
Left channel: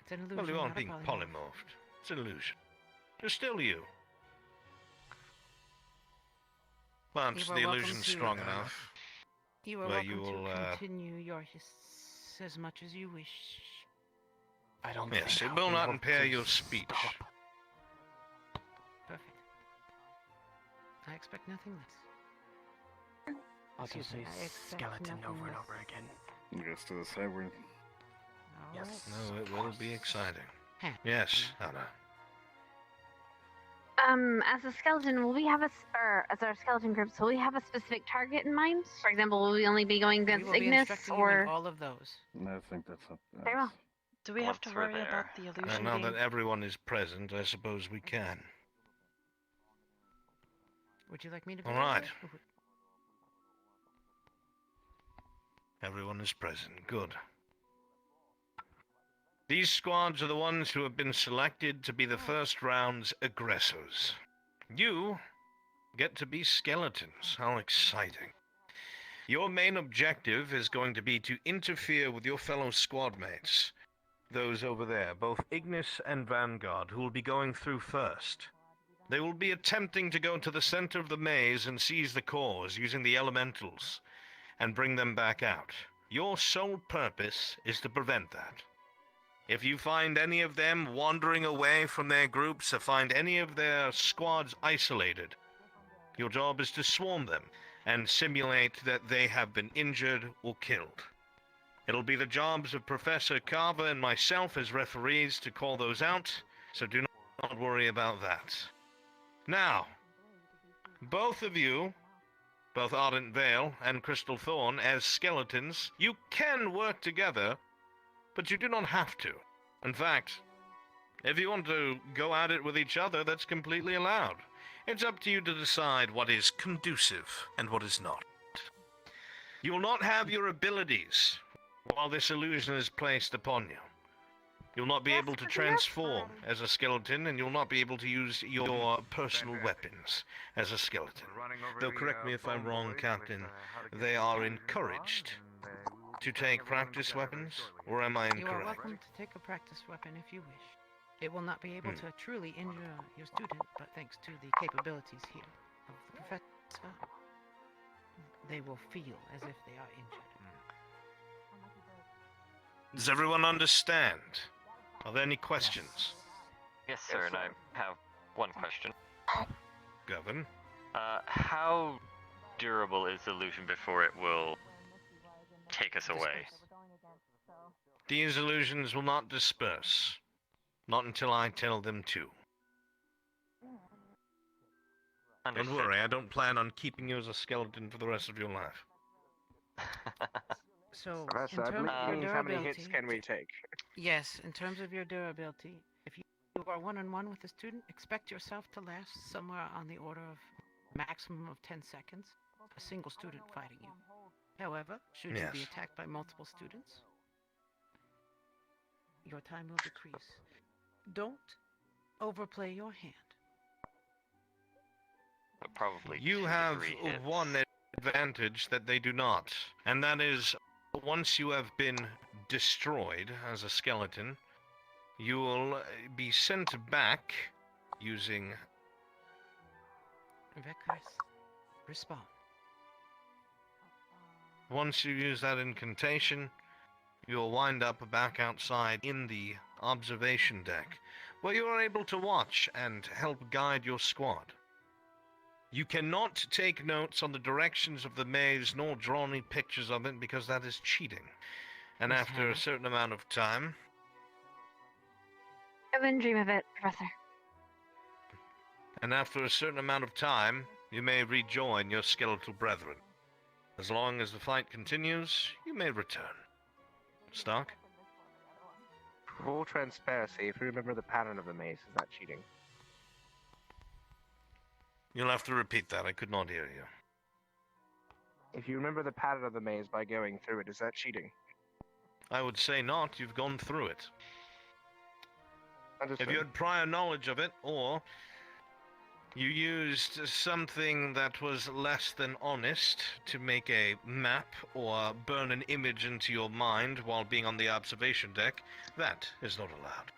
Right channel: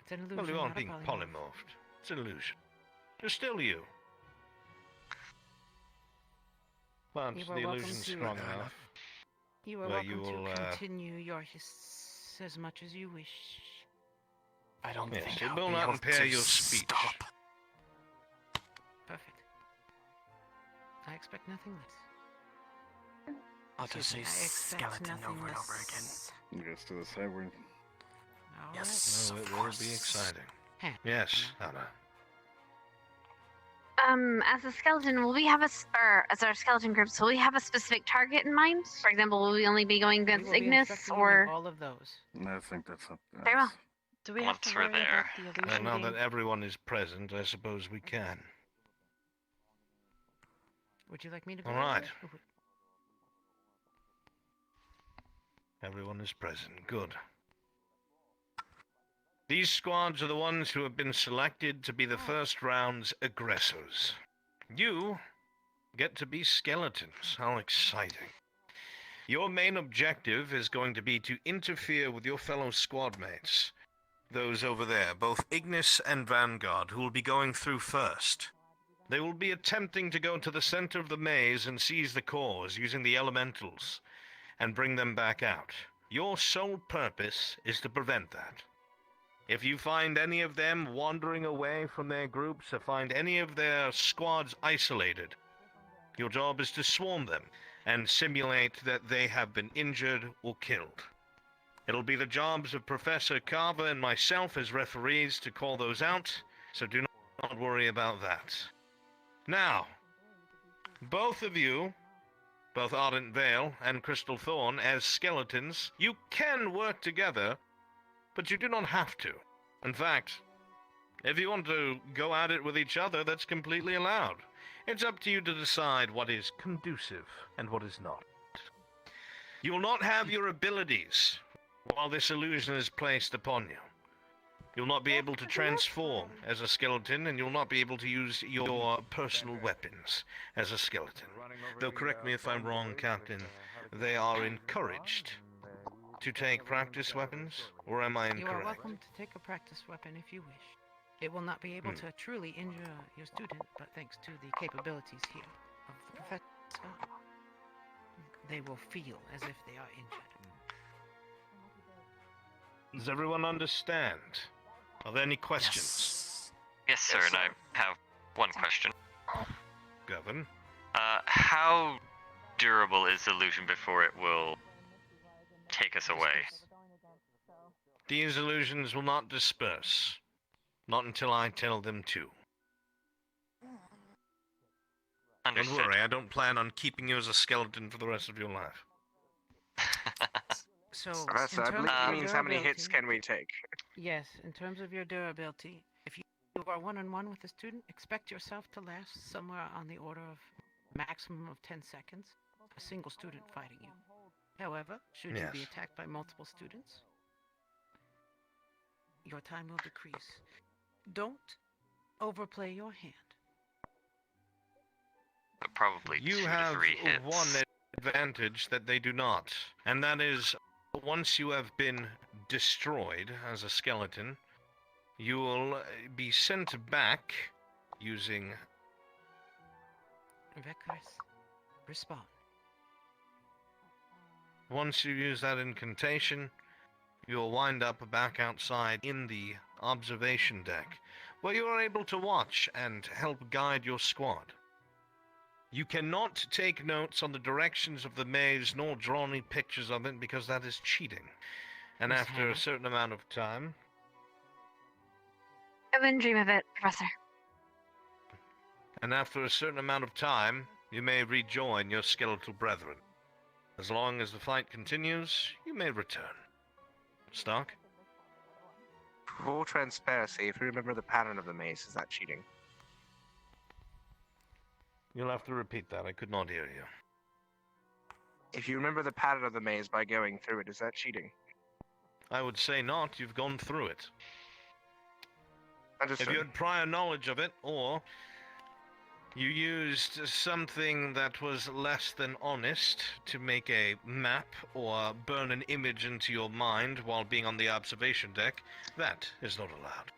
It's an illusion, Well, you not aren't a being polymorphed. It's an illusion. You're still you. But You are the welcome illusion's to- strong enough. You are Well, welcome you will, to continue your hiss as much as you wish. I don't Yes, think it I'll will be not able impair to your speech. stop. Perfect. I expect nothing less. I'll just say Excuse me, skeleton nothing over and less. over again. Yes, to the tavern. Yes. No, it of will course. be exciting. Yes, Anna. As a skeleton, will we have or as our skeleton groups, will we have a specific target in mind? For example, will we only be going We against will be Ignis instructing you in or? all of those. I think that's up. Very well. Do we have to worry about the illusion And now being... that everyone is present, I suppose we can. Would you like me to go? All right. over? Everyone is present. Good. These squads are the ones who have been selected to be the first round's aggressors. You get to be skeletons. How exciting. Your main objective is going to be to interfere with your fellow squad mates. Those over there, both Ignis and Vanguard, who will be going through first. They will be attempting to go to the center of the maze and seize the cores using the elementals and bring them back out. Your sole purpose is to prevent that. If you find any of them wandering away from their groups or find any of their squads isolated, your job is to swarm them and simulate that they have been injured or killed. It'll be the jobs of Professor Carver and myself as referees to call those out, so do not worry about that. Now, both of you, both Ardent Vale and Crystal Thorn, as skeletons, you can work together, but you do not have to. In fact, if you want to go at it with each other, that's completely allowed. It's up to you to decide what is conducive and what is not. You will not have your abilities while this illusion is placed upon you. You'll not be able to transform as a skeleton, and you'll not be able to use your personal weapons as a skeleton. Though correct me if I'm wrong, Captain, they are encouraged to take practice weapons, or am I You are incorrect? welcome to take a practice weapon if you wish. It will not be able to truly injure your student, but thanks to the capabilities here of the professor, they will feel as if they are injured. Does everyone understand? Are there any questions? Yes, sir, and I have one question. Govern? How durable is the illusion before it will take us away? These illusions will not disperse. Not until I tell them to. Understood. Don't worry, I don't plan on keeping you as a skeleton for the rest of your life. So, Professor, in I terms believe of means your how many durability, hits can we take? Yes, in terms of your durability, if you are one-on-one with a student, expect yourself to last somewhere on the order of maximum of 10 seconds, a single student fighting you. However, should you be Yes. attacked by multiple students, your time will decrease. Don't overplay your hand. But probably You 2 to have 3 hits. one advantage that they do not, and that is once you have been destroyed as a skeleton, you will be sent back using Vekris, respawn. Once you use that incantation, you'll wind up back outside in the observation deck, where you are able to watch and help guide your squad. You cannot take notes on the directions of the maze nor draw any pictures of it because that is cheating. And after a certain amount of time, I wouldn't dream of it, Professor. you may rejoin your skeletal brethren. As long as the fight continues, you may return. Stark? Full transparency, if you remember the pattern of the maze, is that cheating? You'll have to repeat that. I could not hear you. If you remember the pattern of the maze by going through it, is that cheating? I would say not. You've gone through it. Understood. If you had prior knowledge of it, or You used something that was less than honest to make a map or burn an image into your mind while being on the observation deck. That is not allowed.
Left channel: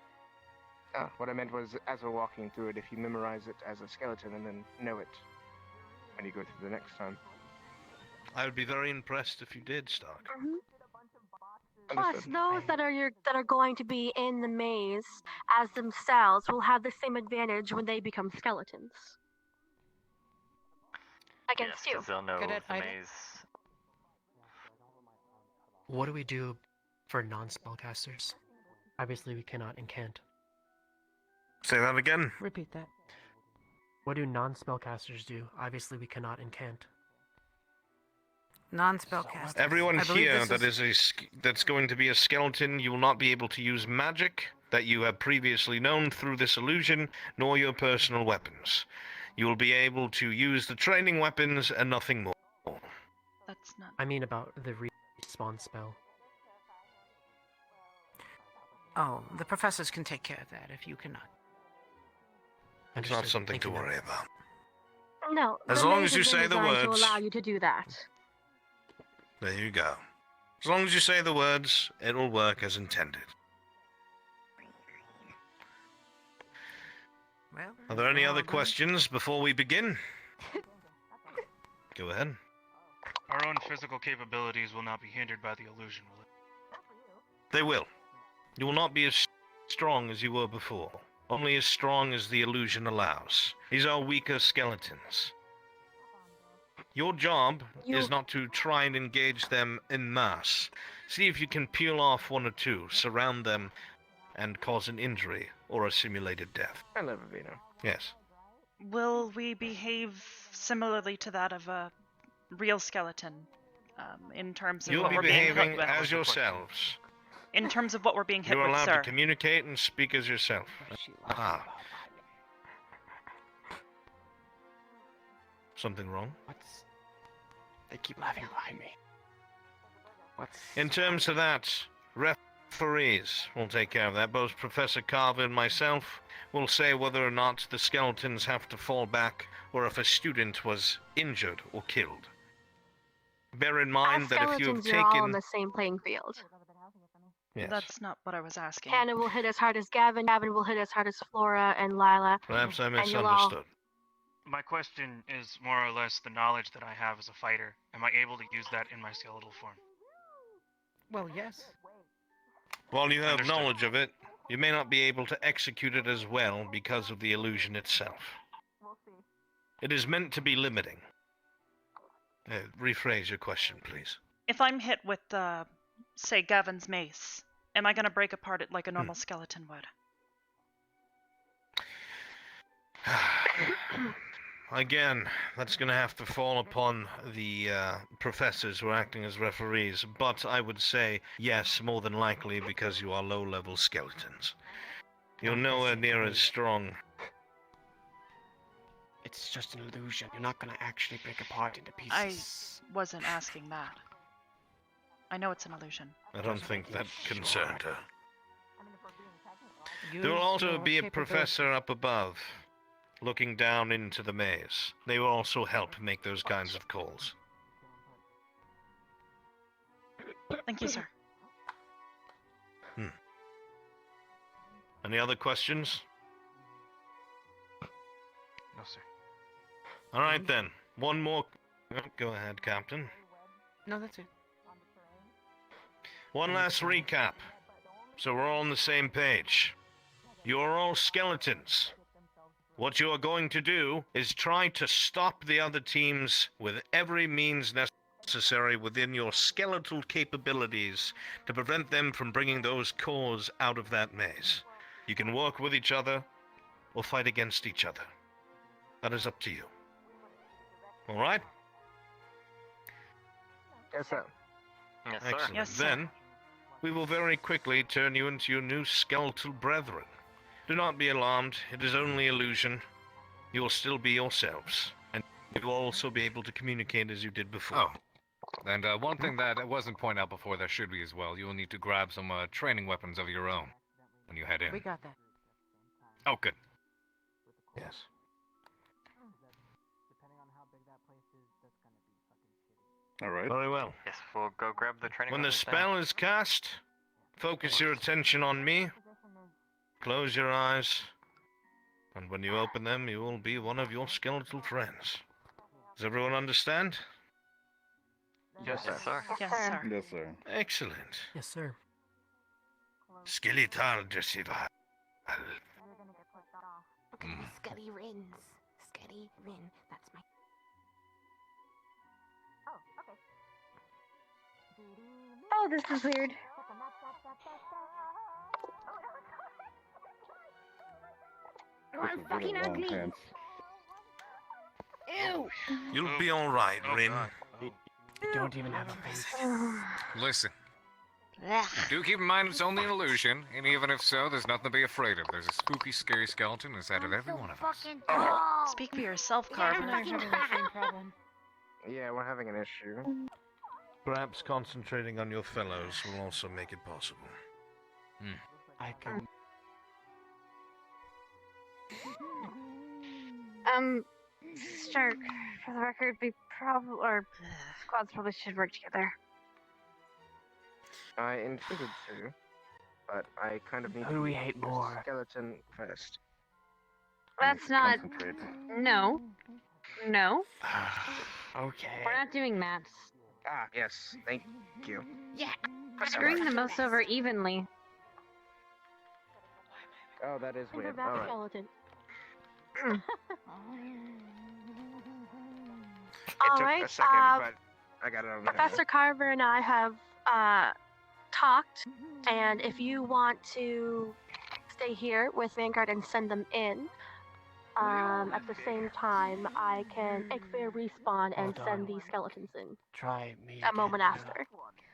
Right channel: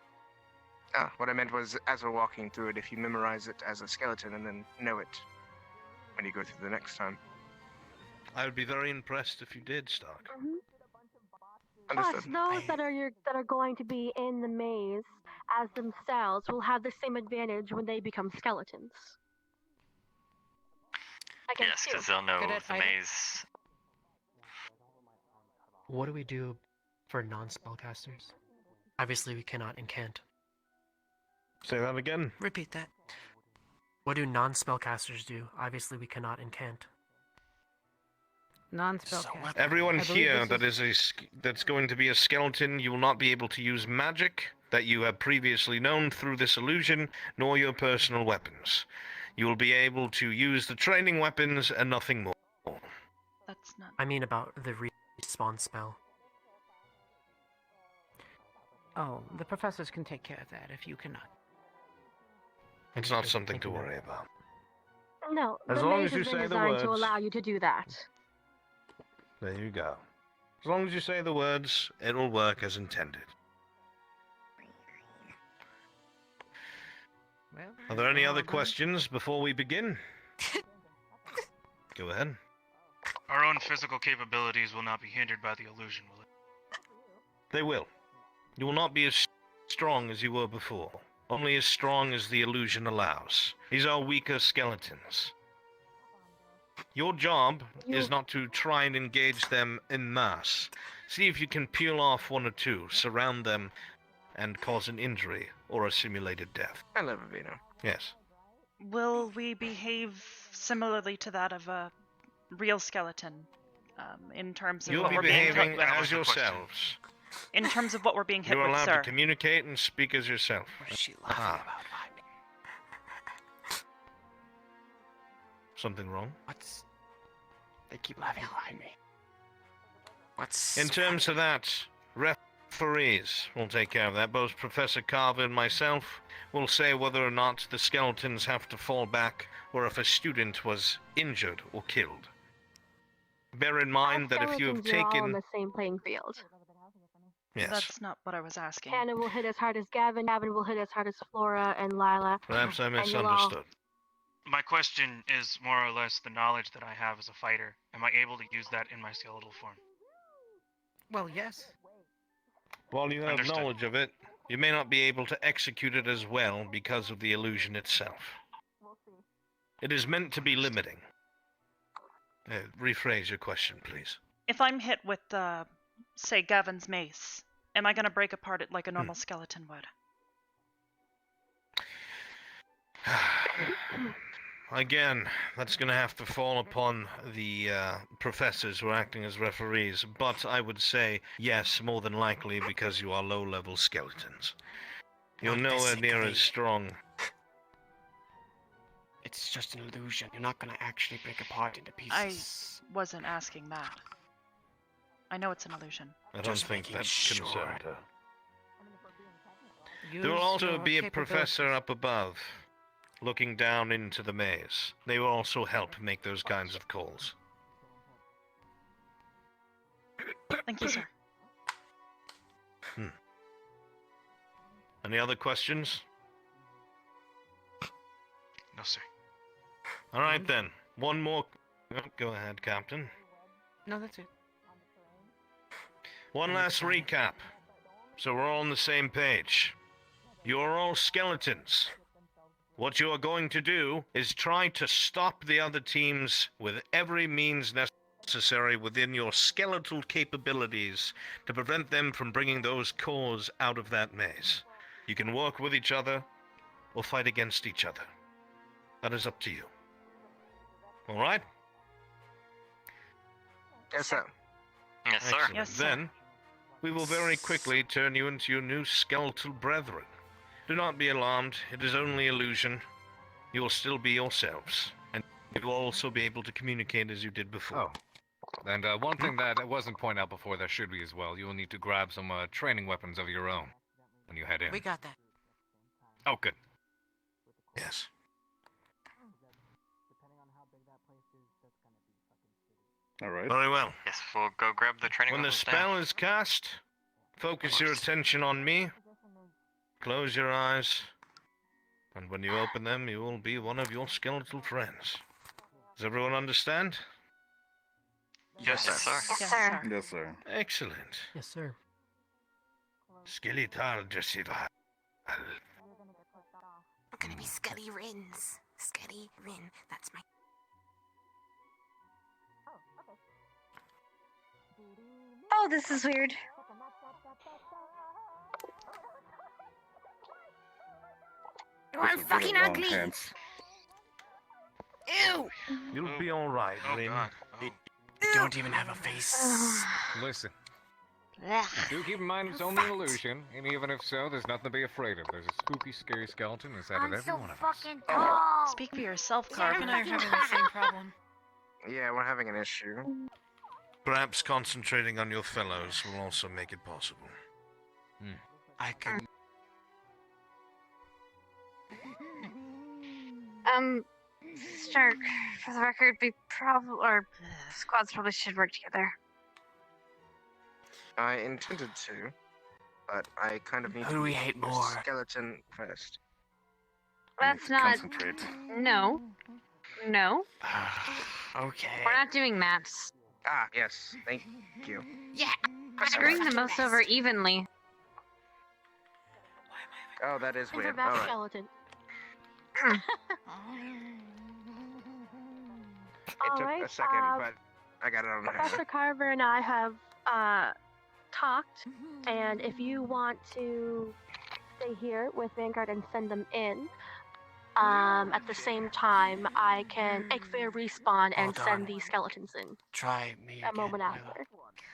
What I meant was, as we're walking through it, if you memorize it as a skeleton and then know it when you go through the next time. I would be very impressed if you did, Stark. Plus, those that are going to be in the maze as themselves will have the same advantage when they become skeletons. Against Yes, because they'll know the maze. What do we do for non-spellcasters? Obviously, we cannot and can't. Say that again. Repeat that. What do non-spellcasters do? Obviously, we cannot and can't. Non-spellcasters. Everyone here that's going to be a skeleton, you will not be able to use magic that you have previously known through this illusion, nor your personal weapons. You will be able to use the training weapons and nothing more. That's not... I mean about the respawn spell. Oh, the professors can take care of that if you cannot. It's not something to worry about. No, As the long maze as you has been say the designed to words. allow you to do that. There you go. As long as you say the words, it'll work as intended. Well, Are there any other questions before we begin? Go ahead. Our own physical capabilities will not be hindered by the illusion, will it? They will. You will not be as strong as you were before. Only as strong as the illusion allows. These are weaker skeletons. Your job is not to try and engage them en masse. See if you can peel off one or two, surround them, and cause an injury or a simulated death. I love it, Vito. Yes. Will we behave similarly to that of a real skeleton, in terms of You'll what be we're being hit behaving with? as yourselves. In terms of what we're being hit You're with, allowed sir. to communicate and speak as yourself. Ah. Something wrong? They keep laughing behind me. In terms of that, referees will take care of that. Both Professor Carver and myself will say whether or not the skeletons have to fall back or if a student was injured or killed. Bear in mind that if you have Skeletons are all on taken... the same playing field. Yes. That's not what I was asking. Hannah will hit as hard as Gavin, Gavin will hit as hard as Flora and Lila. Perhaps I and you'll misunderstood. My question is more or less the knowledge that I have as a fighter. Am I able to use that in my skeletal form? Well, yes. While you have Understood. knowledge of it, you may not be able to execute it as well because of the illusion itself. It is meant to be limiting. Rephrase your question, please. If I'm hit with, say, Gavin's mace, am I going to break apart it like a normal skeleton would? Again, that's going to have to fall upon the professors who are acting as referees, but I would say yes, more than likely, because you are low-level skeletons. You're nowhere near as strong. It's just an illusion. You're not gonna actually break apart into pieces. I wasn't asking that. I know it's an illusion. I don't think that concerned her. Use There will also your be a capabilities. professor up above, looking down into the maze. They will also help make those kinds of calls. Thank you, sir. Any other questions? No, sir. All right, then. One more... Go ahead, Captain. No, that's it. One last recap, so we're all on the same page. You're all skeletons. What you are going to do is try to stop the other teams with every means necessary within your skeletal capabilities to prevent them from bringing those cores out of that maze. You can work with each other or fight against each other. That is up to you. All right? Yes, sir. Yes, sir. Excellent. Yes, sir. Then, we will very quickly turn you into your new skeletal brethren. Do not be alarmed. It is only illusion. You will still be yourselves. And you will also be able to communicate as you did before. And one thing that wasn't pointed out before that should be as well, you will need to grab some training weapons of your own when you head in. We got that. Oh, good. Yes. Alright. Very well. Yes, we'll go grab the training. When the weapons then. spell is cast, focus your attention on me. Close your eyes. And when you open them, you will be one of your skeletal friends. Does everyone understand? Yes, sir. Yes, sir. Yes, sir. Excellent. Yes, sir. Skeletal Desival. We're gonna be Scuddy Rins. Scuddy Rin. That's my. Oh, this is weird. Oh, I'm fucking ugly. Ew. You'll be alright, Rin. You don't even have a face. Listen. Do keep in mind it's only an illusion, and even if so, there's nothing to be afraid of. There's a spooky, scary skeleton inside of every one of us. Speak for yourself, Carver. Yeah, we're having an issue. Perhaps concentrating on your fellows will also make it possible. I can. Stark, for the record, our squads probably should work together. I intended to, but I kind of need Who do to we hate the more? skeleton first. That's not. Concentrate. No. No. Okay. We're not doing maps. Ah, yes, thank you. Yeah. Bring the most over evenly. Oh, that is weird. Paperback Alright. skeleton. It took Alright, a second, but I got it on the Professor Carver and I have talked, and if you want to stay here with Vanguard and send them in, at the same time, I can Ekfair respawn and send the skeletons in Try me. a moment after.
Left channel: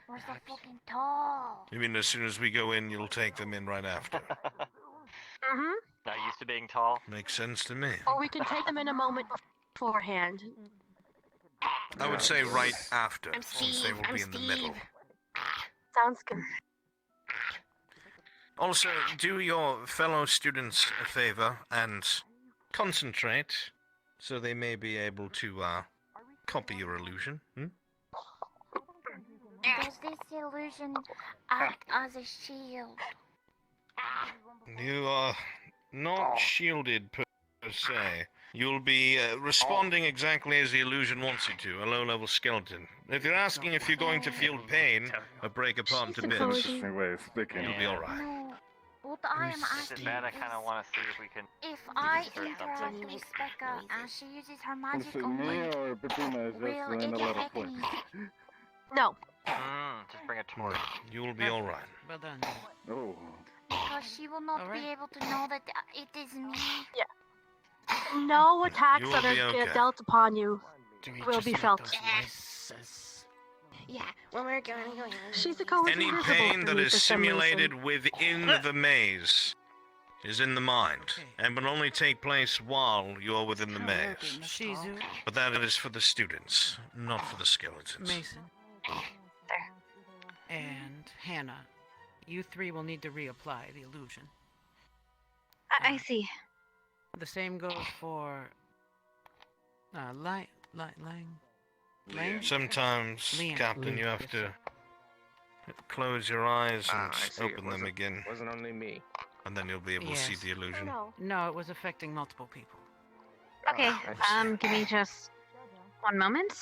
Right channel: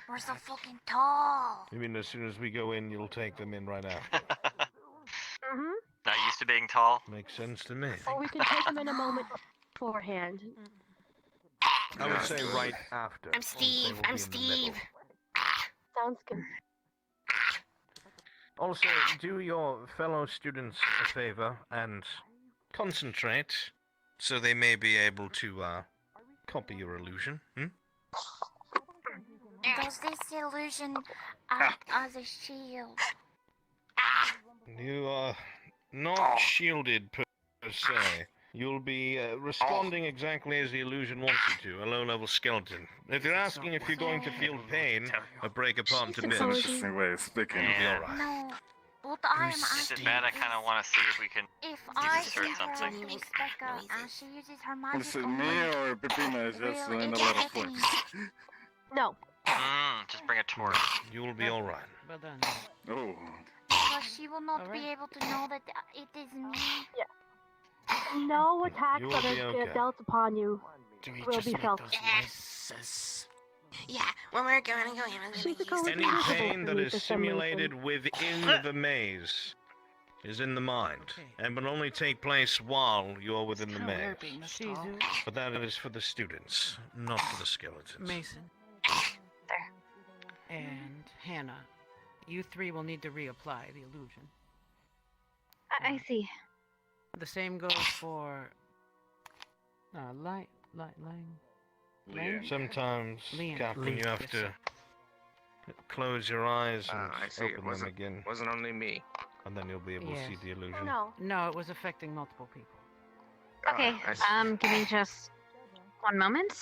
We're so fucking tall. You mean as soon as we go in, you'll take them in right after? Mm-hmm. Not used to being tall. Makes sense to me. Or we can take them in a moment beforehand. I would say right after, I'm since they Steve. will I'm be in the middle. Steve. Sounds good. Also, do your fellow students a favor and concentrate, so they may be able to copy your illusion. Does this illusion act as a shield? You are not shielded per se. You'll be responding exactly as the illusion wants you to, a low-level skeleton. If you're asking if you're going to feel pain or break apart into bits, Interesting way of speaking. you'll be alright. No. What I am This is asking bad. I is, kind of want to see if we can. if I insert interact something. with Becca and she uses her Is magic it on me me, or Pepina is just will in a it lot of affect me? flex? No. Just bring a torch. You will be alright. Well done. Oh. Because she will not be able to know that it is me. No attacks You will that be are okay. dealt upon you Do we will just be make felt. those noises? Yeah, when we're going. She's the color Any invisible pain to that me is for some reason. simulated within the maze is in the mind, and will only take place while you're within the maze. Shizu, But that is for the students, not for the skeletons. Mason, and Hannah, you three will need to reapply the illusion. I see. The same goes for Lang. Sometimes, Liam. Captain, you have to close your eyes and I see. It open them wasn't, again, wasn't only me. and then you'll be able to see Yes. the illusion. No, it was affecting multiple people. Okay, give me just one moment.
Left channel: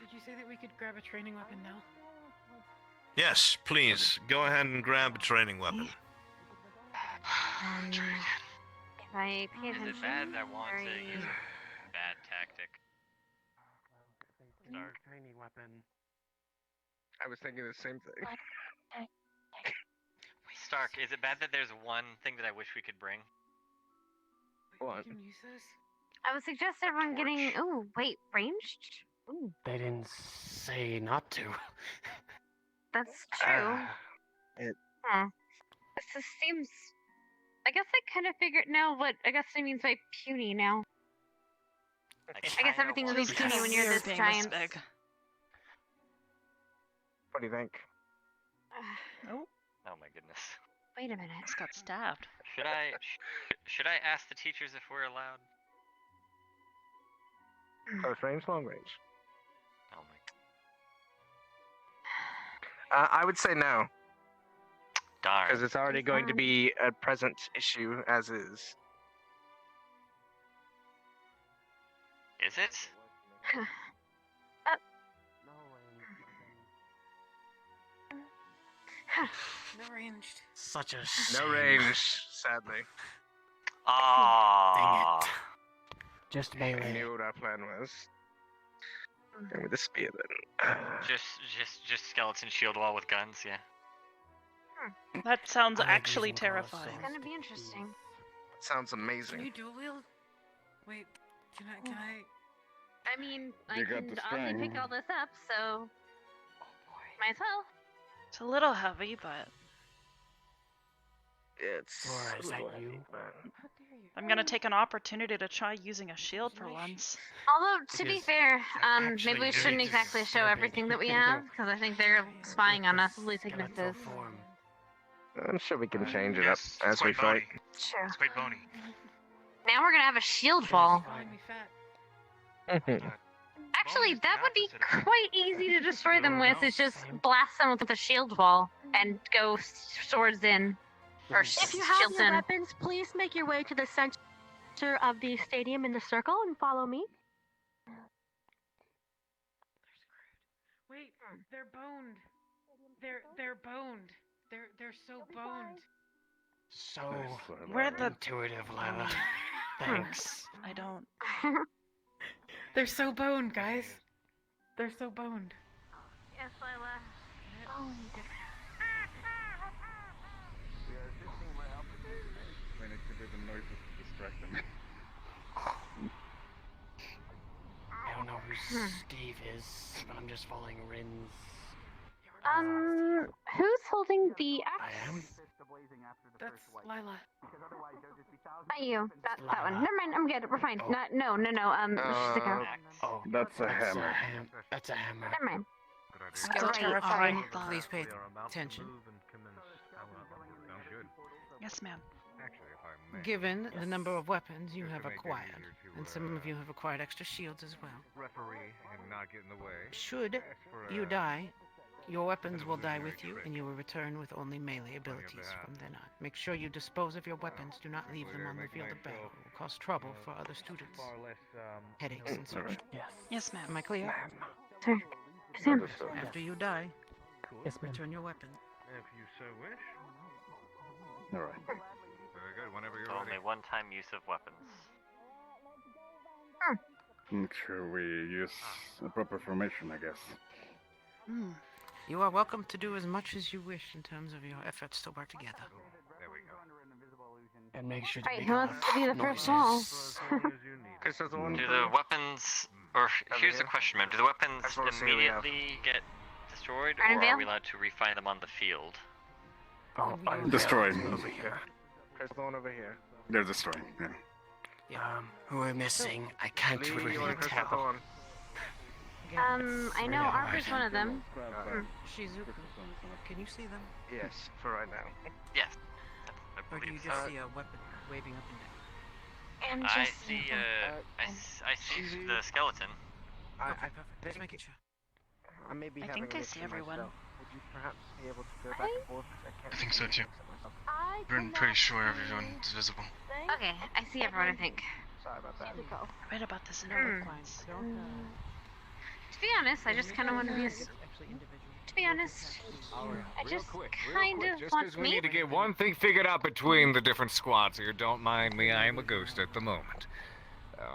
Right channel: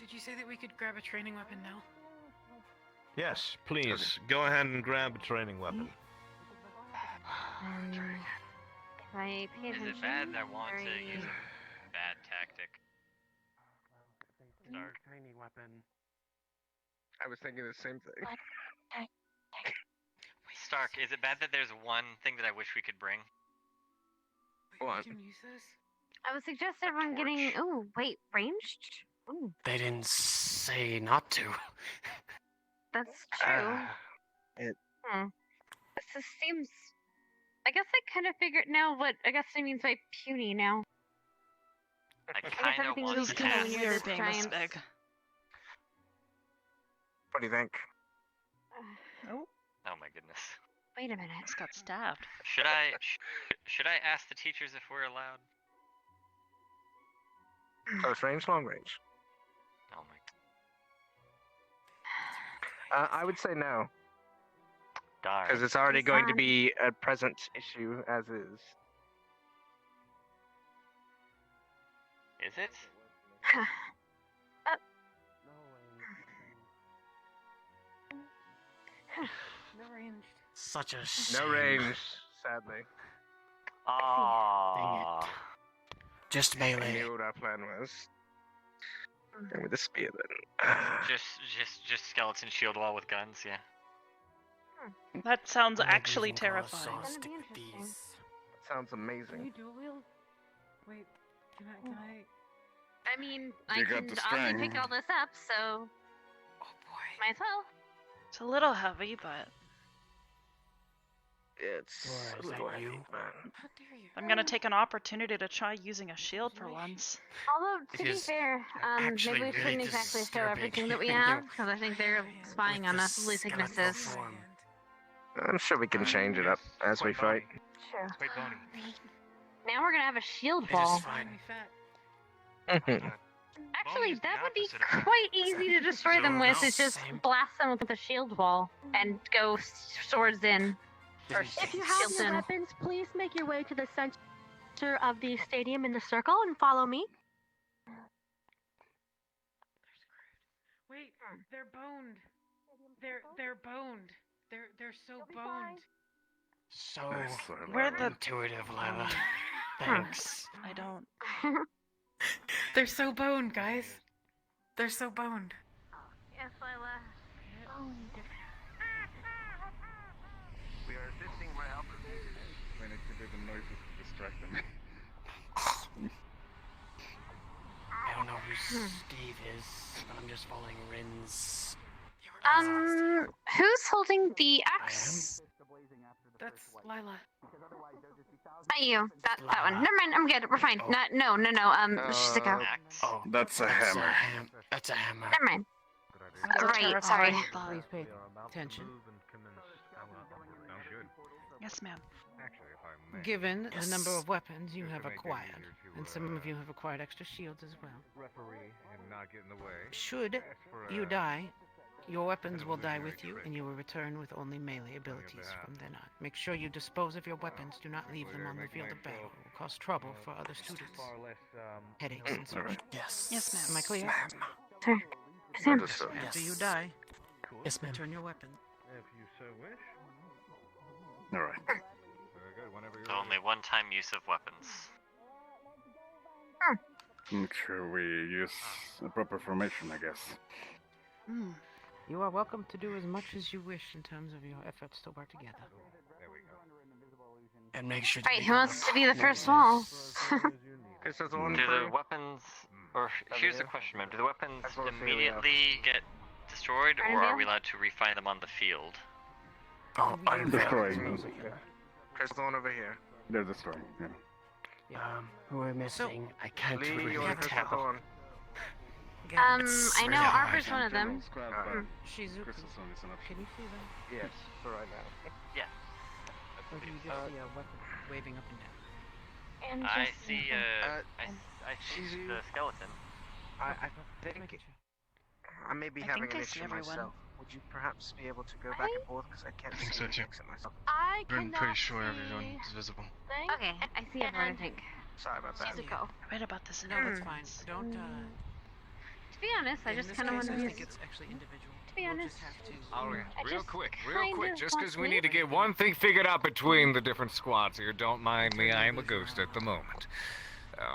Did you say that we could grab a training weapon now? Yes, please, go ahead and grab a training weapon. Can I pay Is attention? it bad that I want to Very- use a bad tactic? Start. Tiny weapon. I was thinking the same thing. Stark, is it bad that there's one thing that I wish we could bring? What? I would suggest everyone getting. Oh, wait, ranged? Ooh, They didn't say not to. that's true. It. This just seems. I guess I kind of figured now what Augusta means by puny now. I guess everything want was to kind of use- when you're this being this giant. big. What do you think? Oh, Oh my goodness. Wait a minute. just got stabbed. Should I ask the teachers if we're allowed? Close range, long range. Oh my. I would say no. Darn. Because it's already going to be a present issue as is. Is it? No range. Such a No shame. range, sadly. Ah. Dang it. Just melee. I knew what our plan was. And with the spear then. Just skeleton shield wall with guns, yeah. That sounds actually terrifying. It's gonna be interesting. Sounds amazing. Can you dual wield? Wait, can I? I mean, I You got can the already string. pick all this up, so might as well. It's a little heavy, but It's Laura, is a that little you? heavy, man. I'm gonna take an opportunity to try using a shield for once. Although, to It be is fair, actually maybe we very shouldn't exactly show disturbing. everything that we have, because I think they're spying on us. Ugly Skeletal thicknesses. form. I'm sure we can change it up Yes, as we it's quite fight. bony. Sure. It's quite bony. Now we're gonna have a shield wall. Find me fat. Actually, Bony's the that would be opposite of quite easy to destroy them with. Is just Same. blast them with a shield wall and go swords in. Or If you have shields no in. weapons, please make your way to the center of the stadium in the circle and follow me. Wait, they're boned. They're boned. They're so boned. So Where the intuitive, Lila. Thanks. I don't. They're so boned, guys. They're so boned. Yes, Lila. We are assisting my opposition. We need to do the noises to distract them. I don't know who Steve is, but I'm just following Rin's. Who's holding the I axe? That's Lila. Not you. That one. Never mind. I'm good. We're fine. Oh. No. Shizuko. Oh, That's a that's hammer. That's a hammer. Never mind. That's a Right, terrifying sorry. thought. Please pay attention. Sounds good. Yes, ma'am. Actually, if I may. Given the number of weapons you Just have to make it acquired, easier to, and some of you have acquired extra shields as well. referee and not get in the way. Should Ask for, you die, your weapons will die with you, and you will return with only melee abilities that. from then on. Make sure you dispose of your weapons. Do not leave them on the field of battle. It will cause trouble for other students. Far less, Headaches and such. Yes. Yes, ma'am. Am I clear? Sir. Sam. After you die, Yes, ma'am. return your weapon. If you so wish. All right. Very good. Whenever you're Only ready. one-time use of weapons. Sure, we use a proper formation, I guess. Hmm. You are welcome to do as much as you wish in terms of your efforts to work together. There we go. And make sure to Right, make who all wants to be the first noises. wall? Because there's one Do the weapons, or here's the question, ma'am. Do the weapons That's what Celia immediately get destroyed, Right, or Vale? are we allowed to refine them on the field? Oh, I'm Destroyed. over here. There's the one over here. They're destroyed. Yeah. Who we're missing? I can't Lee, really you want to press that tell. one? It's I know really Arbor's hard. one of them. Shizuku, can you see them? Yes, for right now. Yes. Or do you just see a weapon waving up and down? And I just see, I see the skeleton. I Just think making sure. I may be I having think an I see issue everyone. myself. Would you perhaps be able to go back and forth? Because I can't I think so, too. myself. I I'm pretty cannot sure see everyone's visible. anything. Okay, I see everyone, I think. Sorry about that. Shizuko. I read about this in No, a that's book fine. once. Don't, To be honest, I just in kind of this want case, to I be. think it's actually individual. To be honest, Alright, I real just quick, kind of just want because we me. need to get one thing figured out between the different squads here. Don't mind me, I am a ghost at the moment.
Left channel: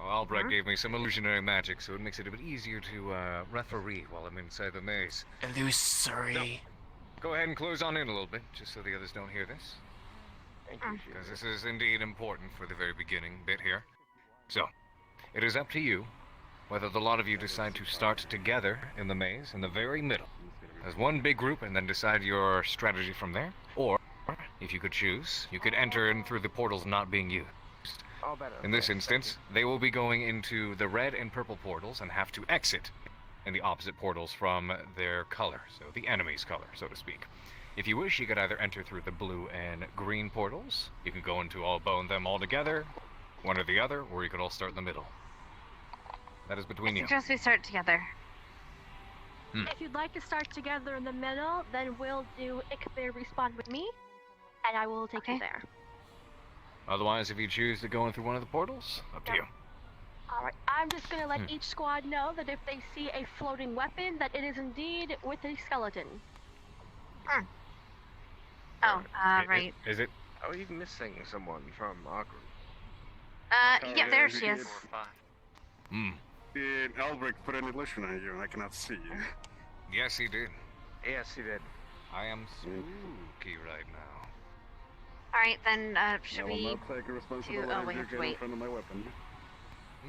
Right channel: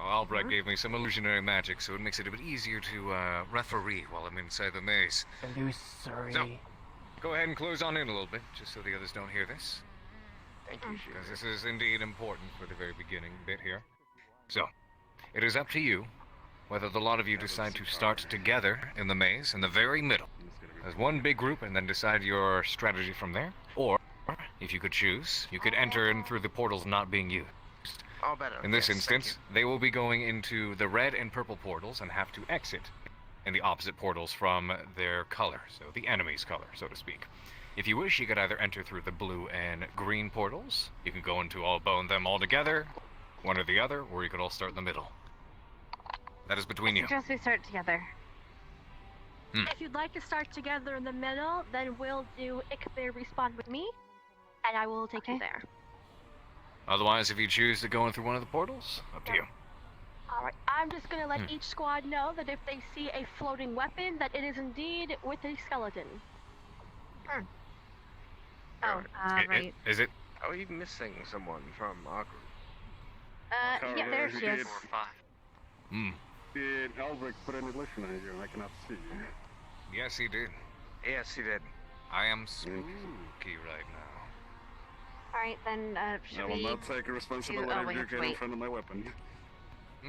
Albright gave me some illusionary magic, so it makes it a bit easier to referee while I'm inside the maze. Illusory. So, go ahead and close on in a little bit, just so the others don't hear this. Thank you. Because this is indeed important for the very beginning bit here. So, it is up to you whether the lot of you decide to start together in the maze in the very middle as one big group and then decide your strategy from there, or if you could choose, you could enter in through the portals not being used. All better. In this Yes, thank instance, they will be going into the red and purple portals and have to exit in the opposite portals from their color, so the enemy's color, so to speak. If you wish, you could either enter through the blue and green portals, you can go into all bone them all together, one or the other, or you could all start in the middle. That is between you. Suggest we start together. If you'd like to start together in the middle, then we'll do Ikthir respawn with me, and I will take you there. Otherwise, if you choose to go in through one of the portals, up to you. Alright, I'm just gonna let each squad know that if they see a floating weapon, that it is indeed with a skeleton. Oh, right. Is it? Are we missing someone from our group? Yeah, there she is. Did Albrecht put an illusion on you? I cannot see you. Yes, he did. Yes, he did. I am spooky right now. Alright, then, should I will we not take a responsibility oh, we have of to getting in wait. front of my weapon.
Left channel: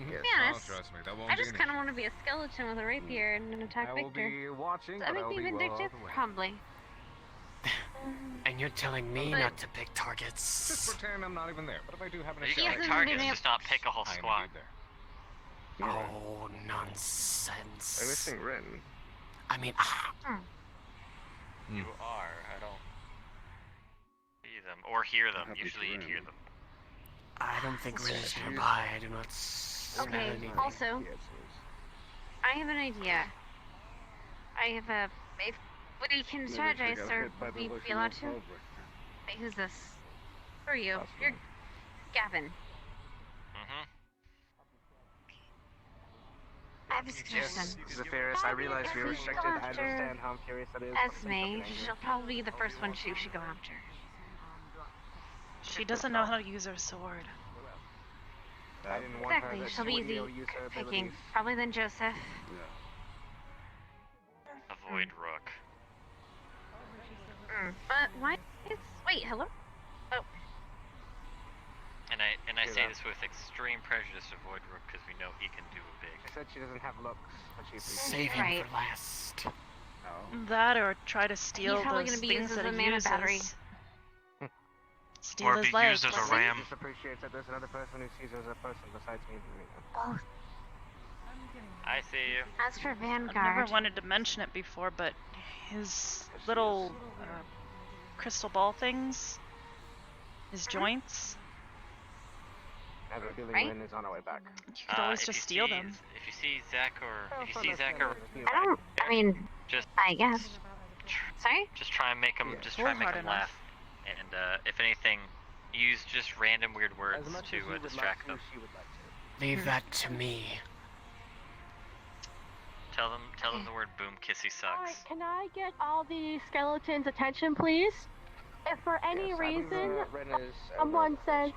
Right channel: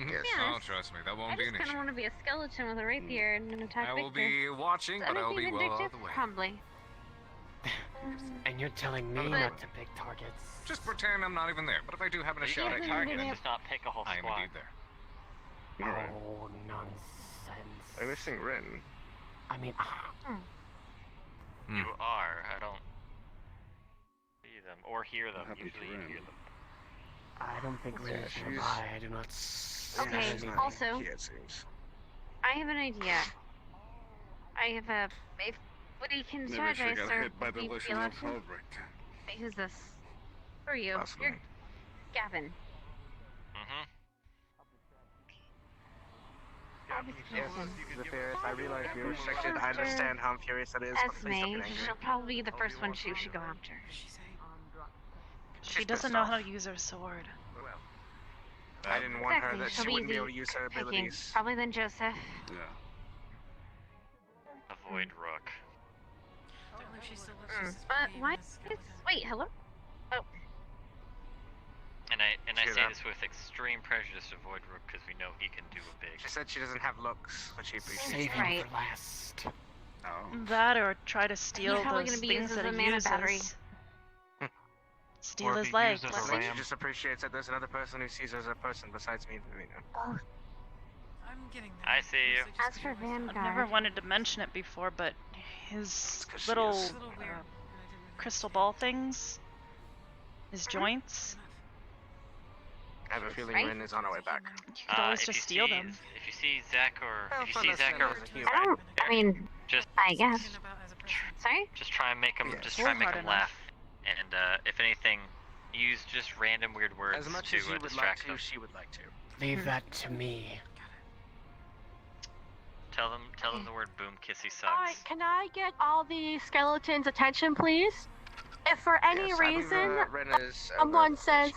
Yes. Yeah, Oh, trust me, that won't I be just an kind of issue. want to be a skeleton with a rapier and an attack I will Victor. be watching, Does that but make I'll me be well vindictive? out of the way. Probably. And you're telling me But- not to pick targets. Just pretend I'm not even there. But if I do happen to You shot can at pick targets, targets, just not pick a whole I am squad. indeed there. Oh, nonsense. I'm missing Rin. I mean, You are. I don't see them or hear them. happened to Usually you Rin? hear them. I don't think Rin is she's- nearby. I do not see Okay, anything. also, I have an idea. I have a... If we can Maybe she strategize, got sir, hit by would the we illusion be allowed of to? Albrecht. Who's this? Who are you? You're Gavin. I'm just Yes, Zephyris, I realize we were infected. I understand how infurious that is. but please don't Esme, get angry. she'll probably be the first one she should go after. She doesn't know how to use her sword. I didn't want her Exactly, that she'll she be wouldn't be easy able to use her picking. abilities. Probably then Joseph. Avoid Rook. But why? Wait, hello? Oh. And I She say don't. this with extreme prejudice to avoid Rook because we know he can do a big. She said she doesn't have looks, but she appreciates Save it. him Right. for last. That or try to steal probably those gonna be things used that as he a mana battery. uses. Steal Or his be legs. used as a She ram. just appreciates that there's another person who sees her as a person besides me. Both. I see you. As for Vanguard. I've never wanted to mention it before, but his little crystal ball things, his joints, I have a feeling Right? Rin is on her way back. you could always If just you steal see- them. If you see Zach or if you see Zach understand or that. I don't. I mean, just I guess. Sorry? just try and make him Yes. just try and Pull make hard him laugh. And if anything, use just random weird words As much to as you would like distract to, them. she would like to. Leave that to me. Tell them the word boom kissy sucks. Alright, can I get all the skeletons' attention, please? If for any Yes, I believe, reason Rin is someone says,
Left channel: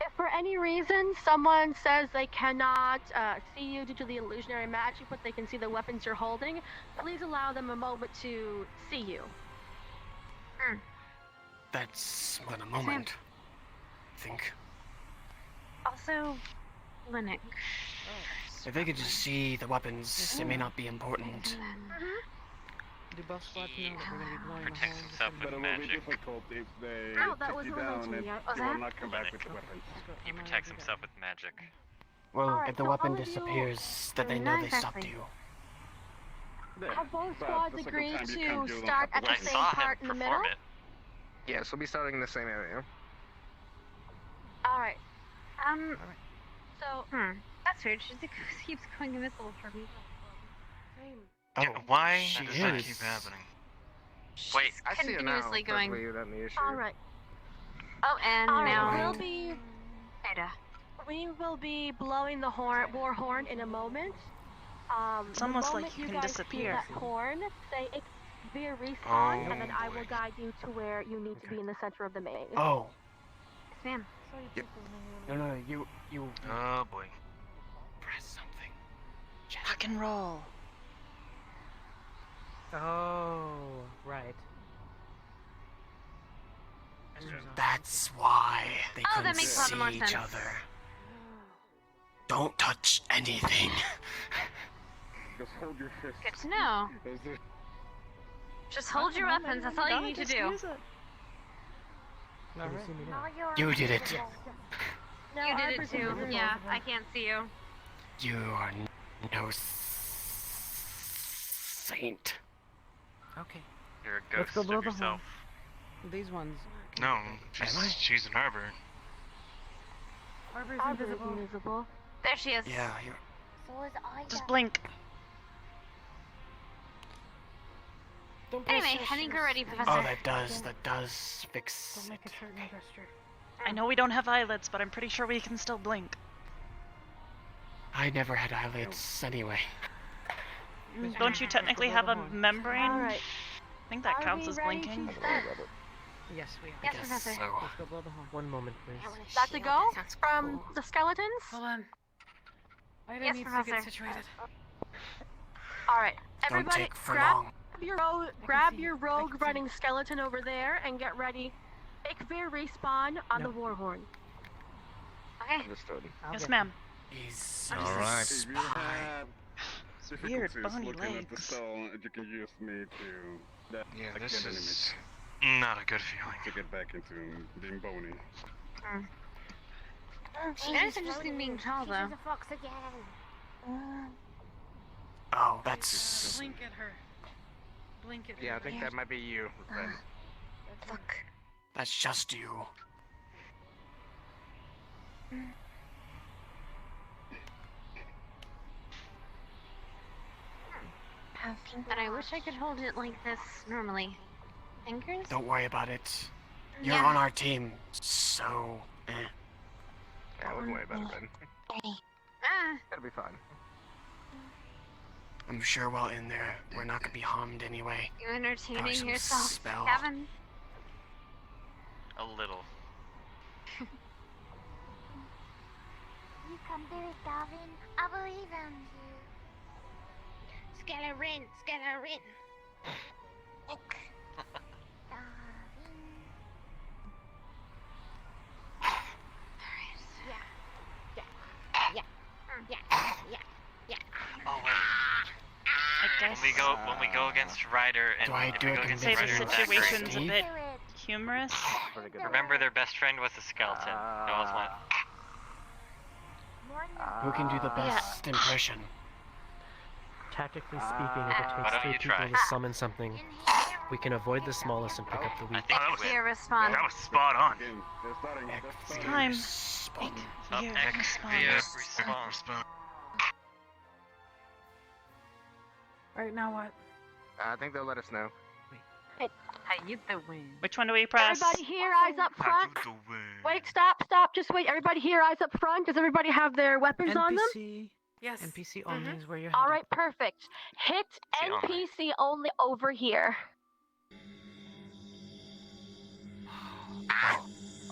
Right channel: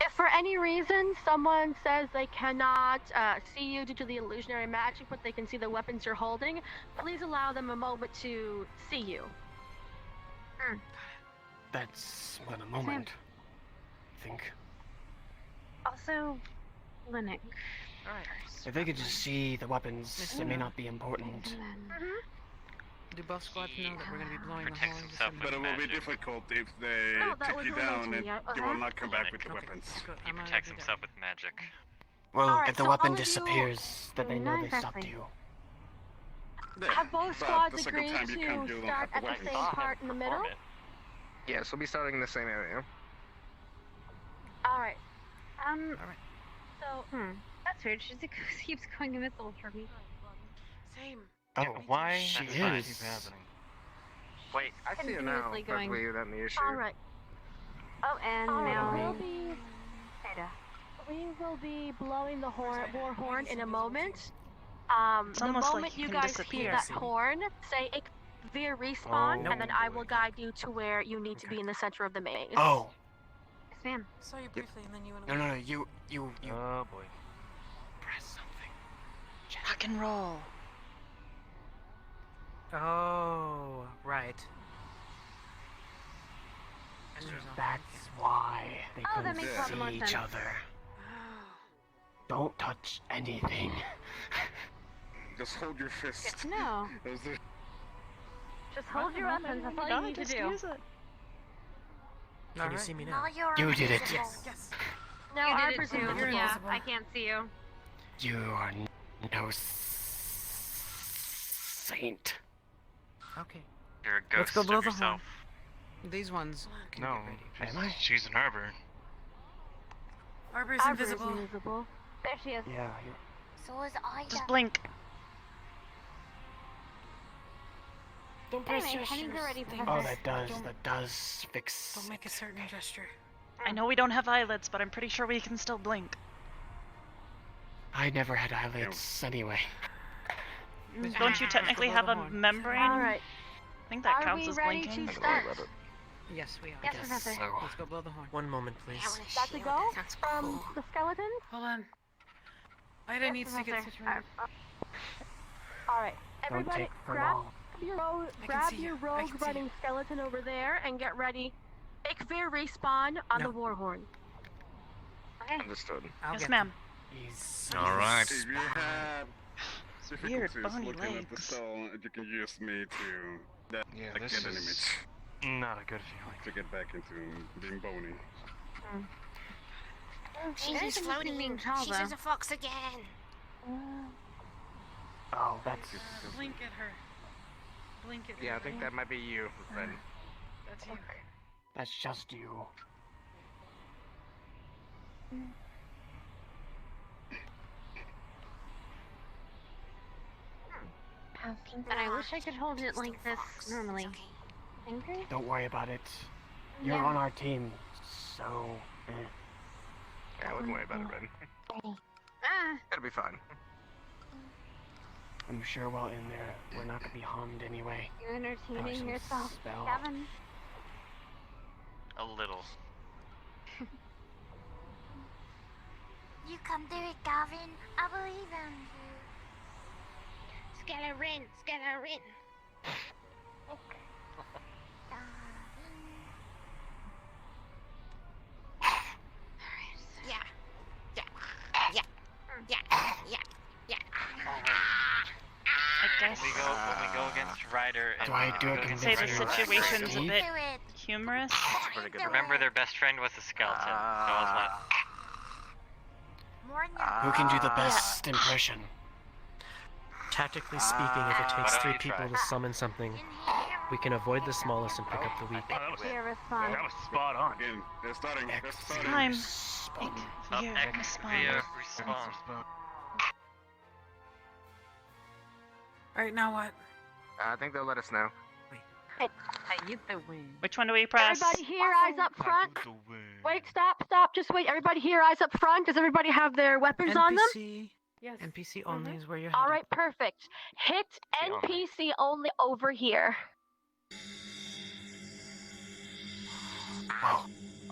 if for any reason someone says they cannot see you due to the illusionary magic, but they can see the weapons you're holding, please allow them a moment to see you. That's but a moment. I think. Also, Linux. If they could just see the weapons, it may not be important. Do both squads know that we're going to be blowing Protects the horns? himself But with it will be magic. difficult if they No, that take was you relayed down to me. and Oh, you that? will not come back with the Okay. weapons. He protects himself with magic. Well, Alright, if the so weapon all of you- disappears, then they know Not they stopped exactly. you. Have both But squads the second agreed time you to come, you'll start have the at the weapons. same I saw part in him the middle? perform it. Yes, we'll be starting in the same area. Alright, So, that's weird. She just keeps going invisible for me. Oh, Why she does that is. keep happening? Wait, I see it now, Continuously going. perfectly without any issue. alright. Oh, and Alright, now Ada. We will be blowing the war horn in a moment. It's almost the like moment you can guys disappear. Hear that horn, say via respawn, Oh, and then I will guide you to where you need to be in the center of the maze. Oh. Yes, ma'am. Saw you briefly, and then you went No, you. Oh boy. Press something. Rock and roll. Oh, right. That's why they Oh, that couldn't makes a lot see more each sense. other. Don't touch anything. Just hold your fist. Good to know. Those are- Just hold your weapons. That's all you need to do. Use it. Can you see me now? You did it. Now, You I did it presume too. you're Yeah, invisible. I can't see you. You are no saint. Okay. You're a Let's ghost go blow of the yourself. These ones. can No, get ready. Am I? she's an arbor. Arbor's Arbor's invisible. invisible. There she is. Yeah, So is I. Just blink. Don't Anyway, press heading gestures. ready, Professor. Oh, that does fix. Don't make a certain gesture. I know we don't have eyelids, but I'm pretty sure we can still blink. I never had eyelids anyway. Don't you technically have a membrane? Alright. I think that counts as blinking. Yes, we are. Yes, Professor. Let's go blow the horn. One moment, please. That to go from the skeletons? Hold on. Ida Yes, needs to get Professor. situated. Alright, Don't everybody take for grab long. your can grab see your you. I can rogue see running skeleton over there and get ready. Make fair respawn on the war horn. Okay. Understood. Yes, ma'am. All right. If you have Weird difficulties bony looking at the legs. stall, you can use me to Yeah, again, this enemies is not a good feeling. to get back into being bony. She's just being tall, though. She's a fox again. Oh, that's. Blink at her. Blink at her. Yeah, I think that might be you, Ren. That's just you. But I wish I could hold it like this normally. Fingers? Don't worry about it. You're on our team, so. Yeah, I wouldn't worry about it, Ren. Ah. It'll be fine. I'm sure while in there, we're not gonna be harmed anyway. You entertaining Probably some yourself, spell. Kevin? A little. You can do it, Gavin. I believe in you. Skeleton, skeleton. I guess. When we go against Ryder and Do I do it Say the convincing? situation's a Steve? bit humorous. remember their best friend was a skeleton. So I was like, Who can do the best impression? Tactically speaking, if it Why takes don't 3 you people try? to summon something, we can avoid the smallest and pick up the weak. Fear response. That was spot on. Again, they're starting. It's time. Fear response. Alright, now what? I think they'll let us know. I get the win. Which one do we press? Everybody here, eyes up front. Wait, stop, just wait. Everybody here, eyes up front. Does everybody have their weapons on them? NPC. Yes. NPC only is where you're All headed. right, perfect. Hit NPC only over here.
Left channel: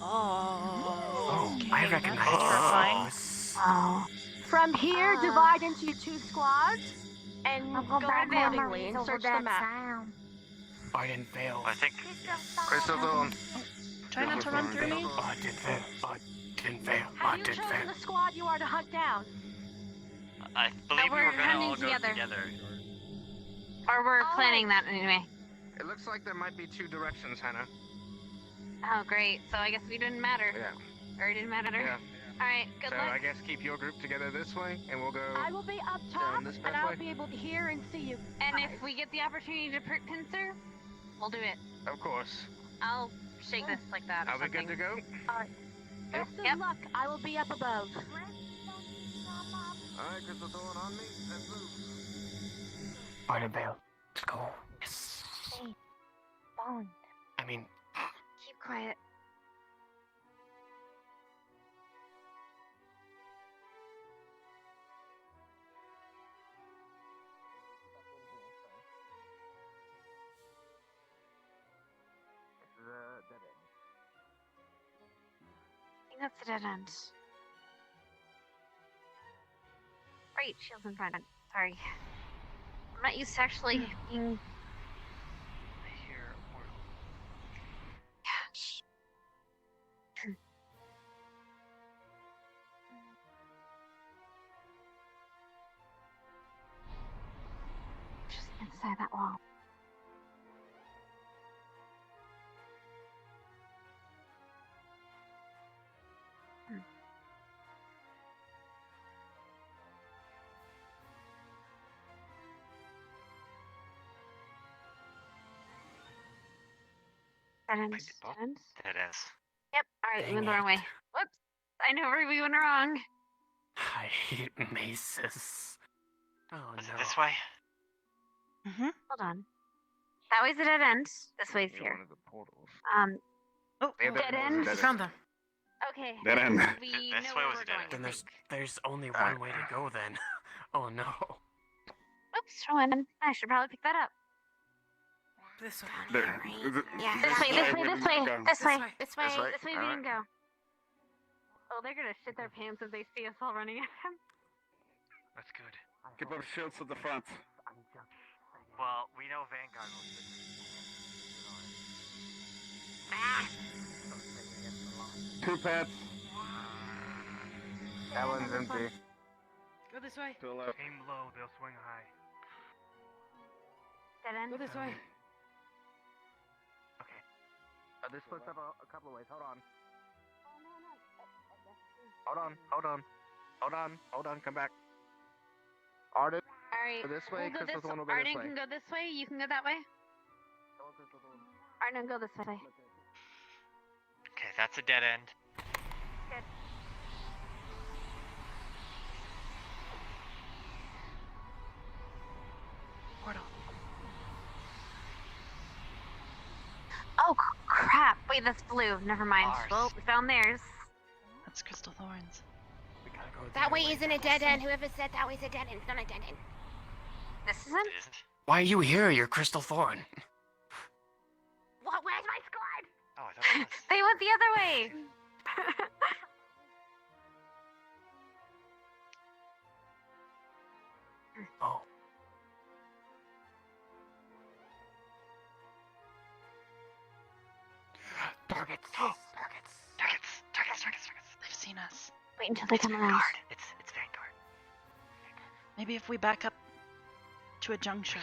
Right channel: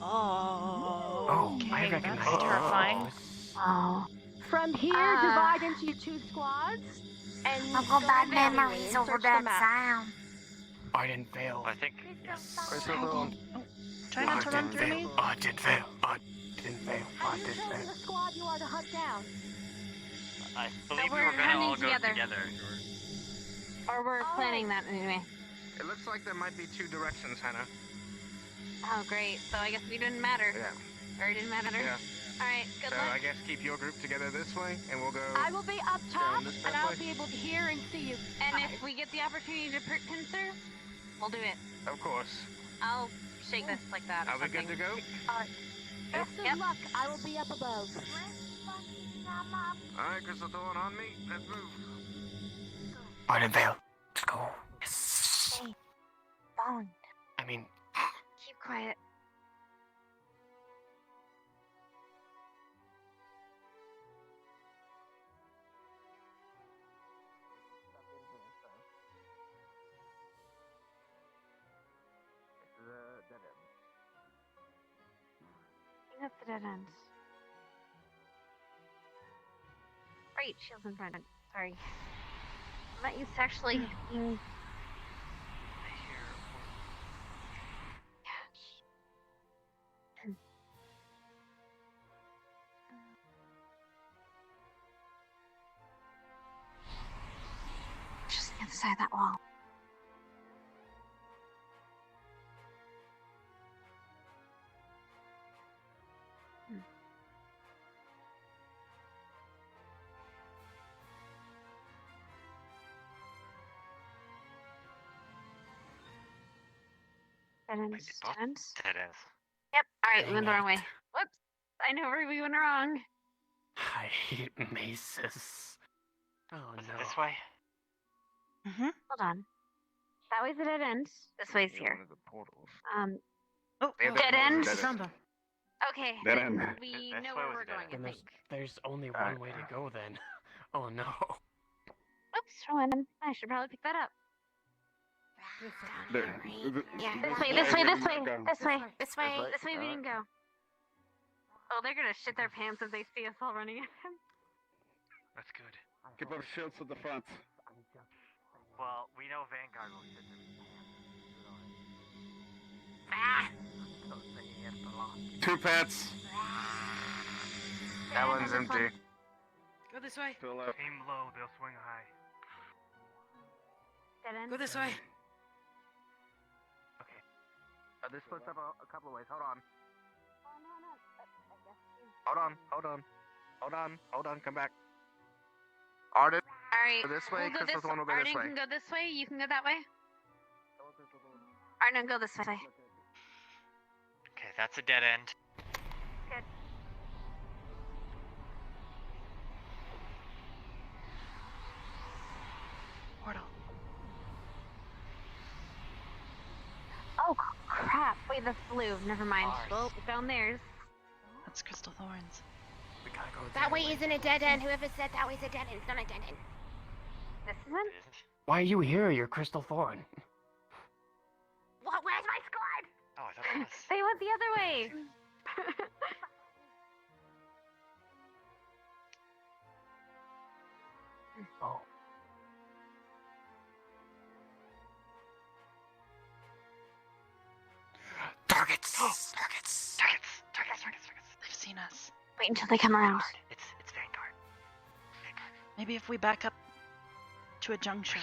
Oh, I okay, recognize that's terrifying. Oh. From here, divide into 2 squads and Uncle go Bad manually memories and over search the that map. sound. I didn't fail. I think Crystal Dawn. Try not to run through me. I did fail. I didn't fail. Have I you did chosen fail. the squad you are to hunt down? I believe we we're were gonna hunting all go together. together. Or we're planning that anyway. It looks like there might be 2 directions, Hannah. Oh, great. So I guess we didn't matter. Yeah. Or it didn't matter. Yeah. Alright, good So luck. I guess keep your group together this way, and we'll go. I will be up Down top, this and I'll pathway? be able to hear and see you. And if we get the opportunity to pincer, we'll do it. Of course. I'll shake this like that or Are we something. good to go? Alright. Best of luck. I will be up above. Alright, Crystal Dawn on me. Let's move. I didn't fail. Let's go. Yes. Hey, Bone, I mean, keep quiet. I think that's the dead end. Right, shields in front. Sorry. I'm not used to actually being. I hear a portal. Just the other side of that wall. Dead ends. Dead ends. Dead ends. Yep. Alright, we went the Dang wrong way. it. Whoops. I know where we went wrong. I hate mazes. Oh Is no. it this way? Mm-hmm. Hold on. That way's a dead end. This way's here. Oh, dead end. I found them. Okay, Dead then end. we This know way where was we're a dead going. end. Then there's only one way to go then. Oh no. Oops, Rowan. I should probably pick that up. This way. Yeah, this way. This way we can go. Oh, they're gonna shit their pants if they see us all running at them. That's good. Keep our shields to the front. Well, we know Vanguard will sit Ah! 2 pets. That one's empty. Go this way. To the left. Aim low, they'll swing high. Dead end. Go this way. Okay. This splits up a couple of ways. Hold on. Hold on. Come back. Arden. Alright. Go this way. We'll go Crystal's this one will go Arden this way. can go this way. You can go that way. Arden, go this way. Okay, that's a dead end. Good. Portal. Oh crap! Wait, that's blue. Never mind. Well, we found theirs. That's Crystal Thorns. We gotta go That way isn't a dead end. Whoever said that way's a dead end, it's not a dead end. This isn't. Why are you here? You're Crystal Thorn. What? Where's my squad? Oh, I thought it was. They went the other way. Oh. Targets. Targets. They've seen us. Wait until they come around. It's Vanguard. Maybe if we back up to a juncture.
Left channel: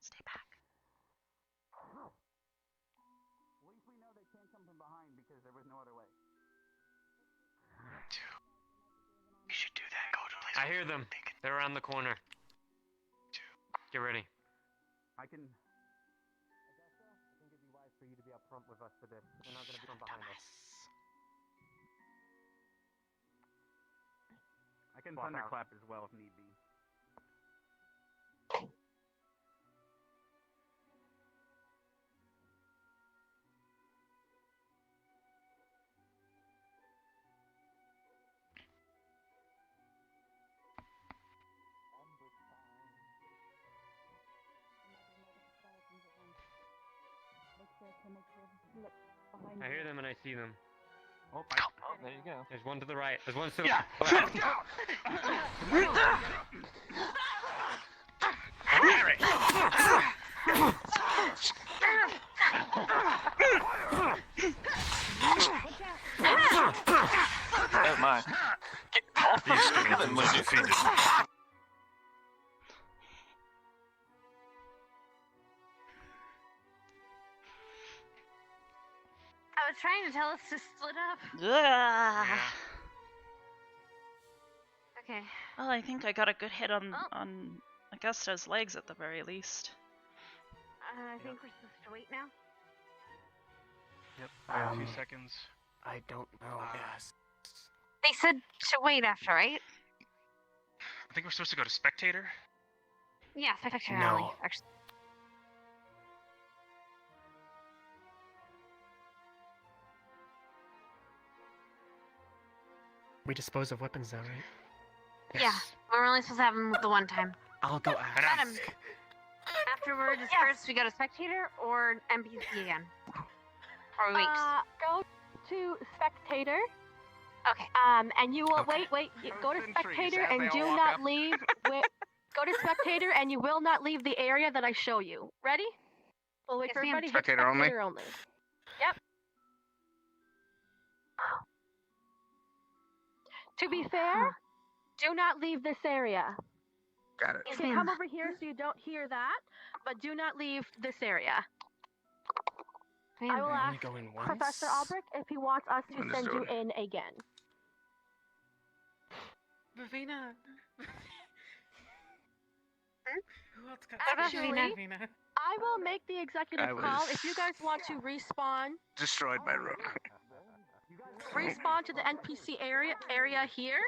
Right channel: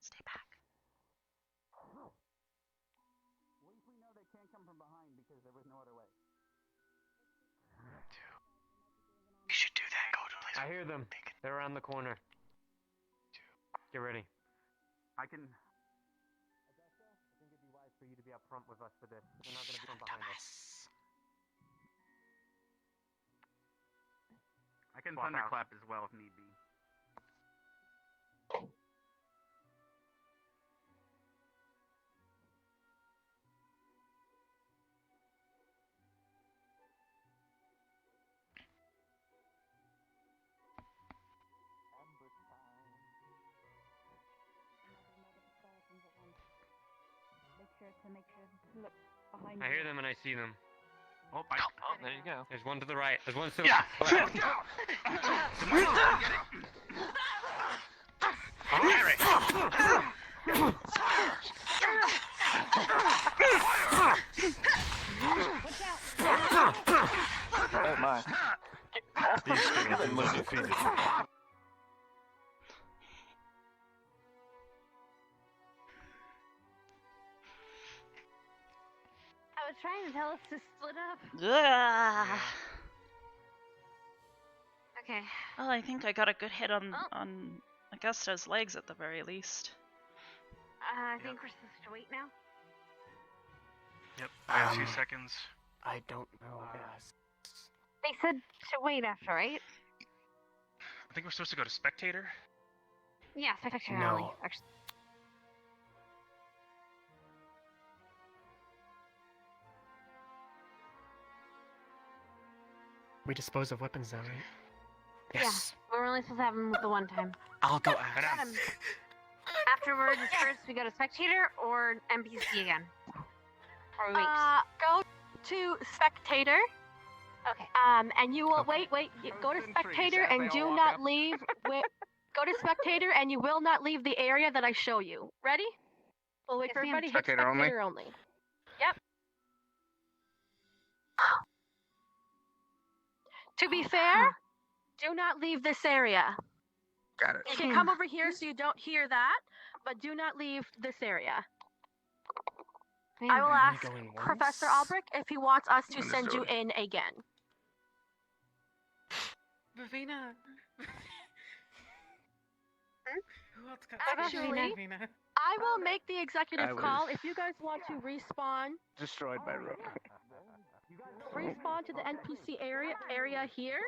Stay back. We know they can't come from behind because there was no other way. We should do that. Go to place. I hear them. They're around the corner. Get ready. I think it'd be wise for you to be up front with us for this. They're not going to be from behind us. I can thunderclap as well if need be. I hear them and I see them. Oh, there you go. There's one to the right. There's one to the Oh my. These skeletons are defeated. I was trying to tell us to split up. Ugh. Okay. Well, I think I got a good hit on Augusta's legs at the very least. I think we're supposed to wait now. Yep, I have 2 seconds. I don't know. They said to wait after, right? I think we're supposed to go to Spectator. Yeah, Spectator No. Alley, actually. We dispose of weapons now, right? Yes. Yeah, we're only supposed to have them the one time. I'll go ask. Adam, afterwards, first we go to Spectator or NPC again? Or we wait? Go to Spectator. Okay. And you will wait. Go to Spectator and do not leave. Go to Spectator and you will not leave the area that I show you. Ready? We'll wait for everybody. Hit Spectator only? Spectator only. Yep. To be fair, do not leave this area. Got it. You can come over here so you don't hear that, but do not leave this area. I will ask Professor Albrecht if he wants us to send you in again. Ravina. Who else got Actually, Ravina? I will make the executive I was- call if you guys want to respawn. Destroyed by Rook. Respawn to the NPC area here,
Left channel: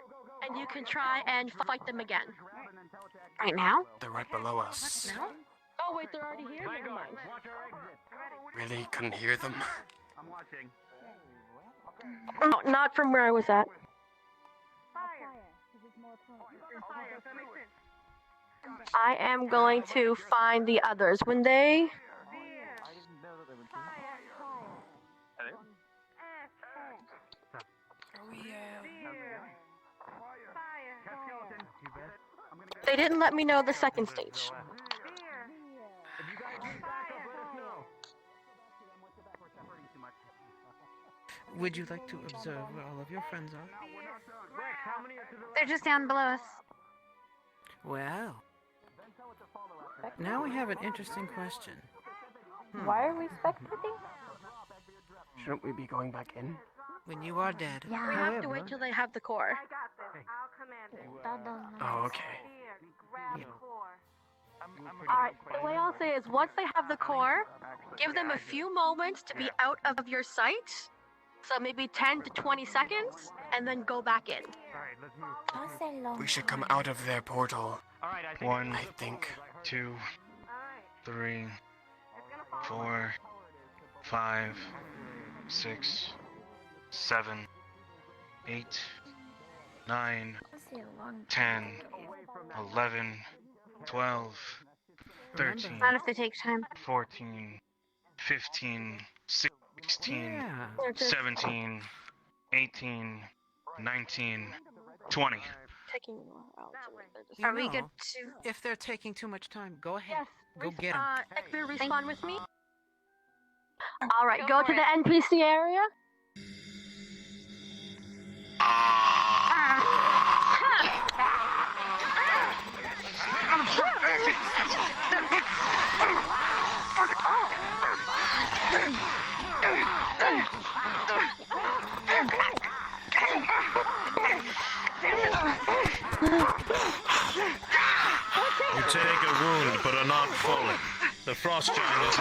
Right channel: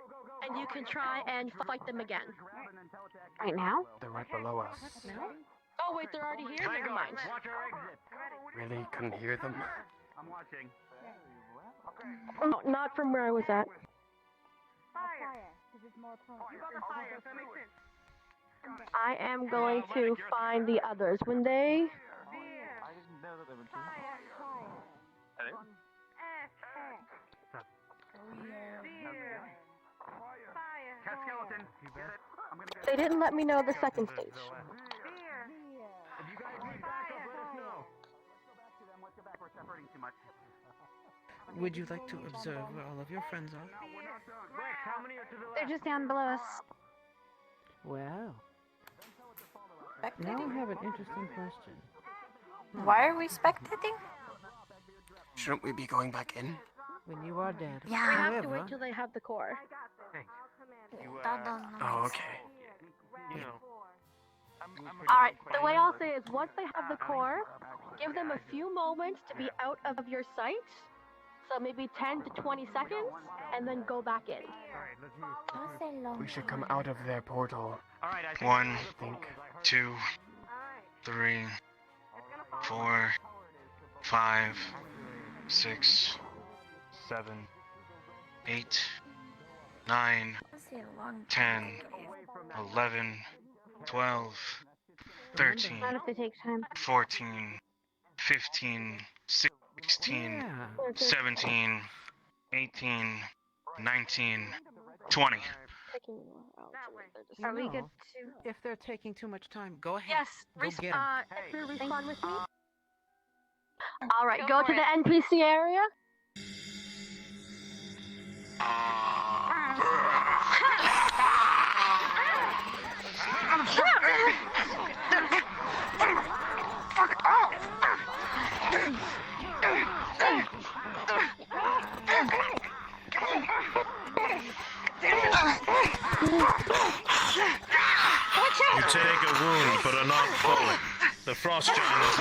and you can try and fight them again. Right now? They're right below us. Oh wait, they're already here? Never mind. Really couldn't hear them. I'm watching. No, not from where I was at. I am going to find the others. When they... They didn't let me know the second stage. Would you like to observe where all of your friends are? They're just down below us. Well, now we have an interesting question. Why are we spectating? Shouldn't we be going back in? When you are dead. We have to wait till they have the core. Oh, okay. Alright, the way I'll say is once they have the core, give them a few moments to be out of your sight. So maybe 10 to 20 seconds, and then go back in. We should come out of their portal. One, I think. 2, 3, 4, 5, 6, 7, 8, 9, 10, 11, 12, 13, Not if they take time. 14, 15, 16, Yeah. 17, 18, 19, 20. You Are we know, good to... If they're taking too much time, go ahead. Yes, Go get them. respawn with me. Alright, go to the NPC area. You take a wound, but are not falling. The frost giant is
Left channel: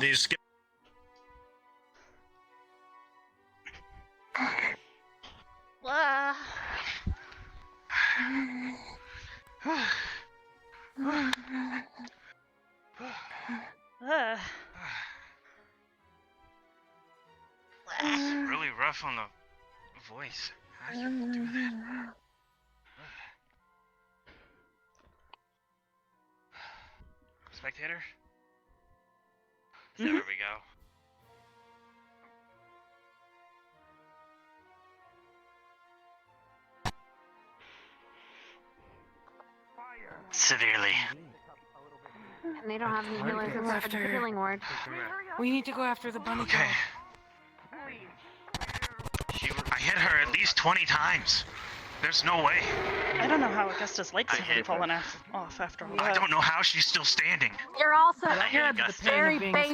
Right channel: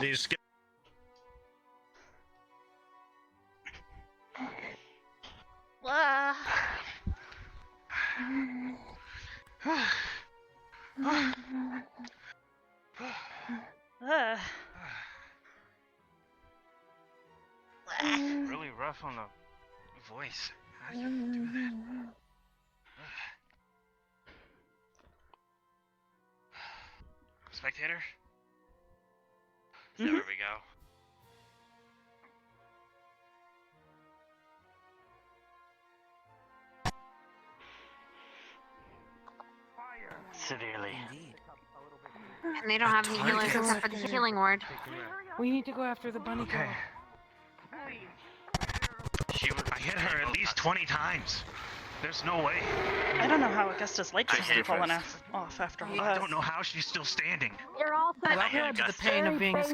These Really rough on the voice. How you do that? Spectator? There we go. Severely. And they don't have any healers except for the healing ward. We need to go after the bunny girl. I hit her at least 20 times. There's no way. I don't know how Augusta's legs haven't fallen off after all I that. don't know how she's still standing. You're also you're a very base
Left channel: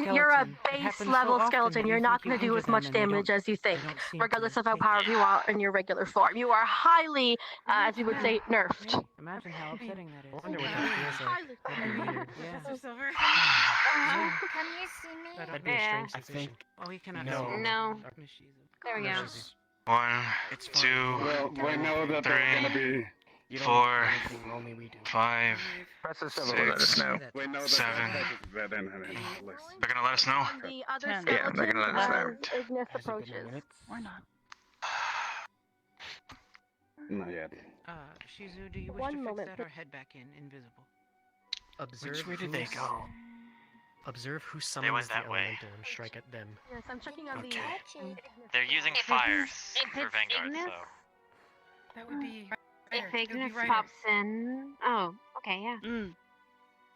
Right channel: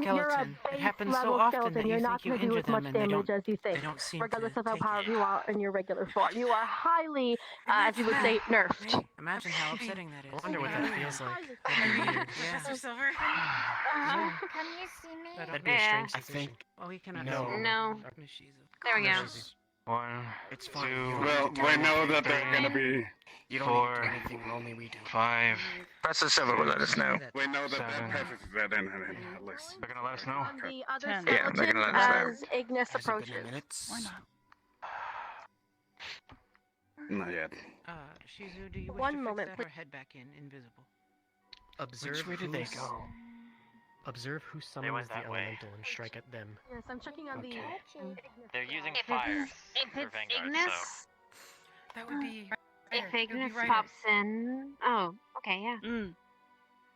level skeleton. You're not going to do as much damage as you think, regardless of how powerful you are in your regular form. You are highly, as you would say, nerfed. Imagine how upsetting that is. I wonder what that feels like. Professor Silver, Yeah. can you see me? That'd be a strange I sensation. Oh, we cannot. No. No. There we go. 1, It's fine. 2, Well, we know that they're gonna be. You don't 4, need anything, only we do. 5, Professor Silver will let us know. We know that 7. they're They're gonna let us know? The other 10. Yeah, they're gonna let us know. as Ignis approaches. Why not? Not yet. Shizu, do you wish One to fix moment, that or head back in invisible? Observe Which way did they who's- go? Observe who went summons the that way. elemental and strike at them. Yes, I'm checking on the. They're using If fires If for it's Vanguard, Ignis, That would be. if It would be Ignis right. pops in... Oh, okay, yeah.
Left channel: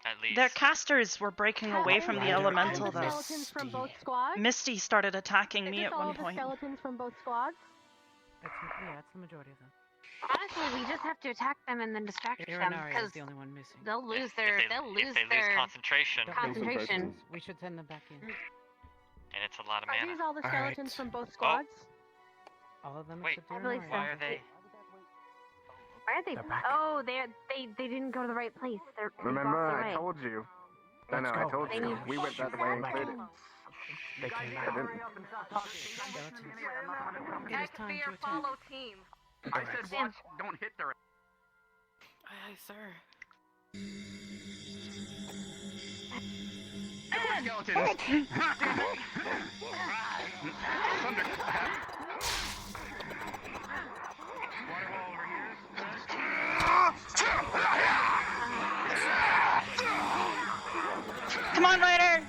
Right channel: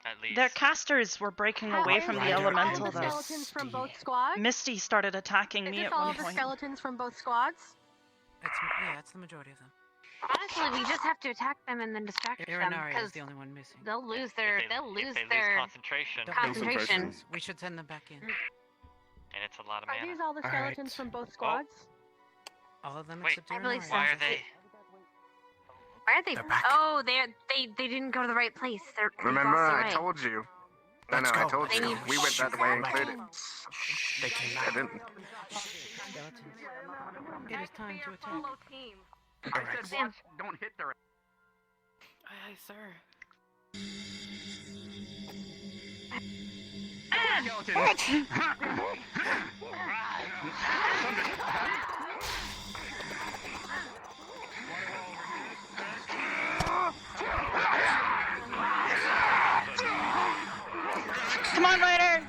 At least. Their casters were breaking away from the elemental, though. Skeletons from both squads. Misty started attacking Is me this at all one of the point. skeletons from both squads? It's the majority of them. Honestly, we just have to attack them and then distract them Irinari because is the only one missing. they'll lose their if they lose concentration, concentration. We should send them back in. and it's a lot of Are mana. these all the skeletons from both squads? All of them Wait, except I believe Irinari. so. Why are they? Where are they? Oh, they didn't go to the right place. They're Remember, lost their I way. told you. Let's I go. told They you. need- We went that way included. They came I out. didn't. Skeletons. It is time to attack. Team. I said watch, don't hit the. Aye, sir. Skeletons. Come on, Ryder!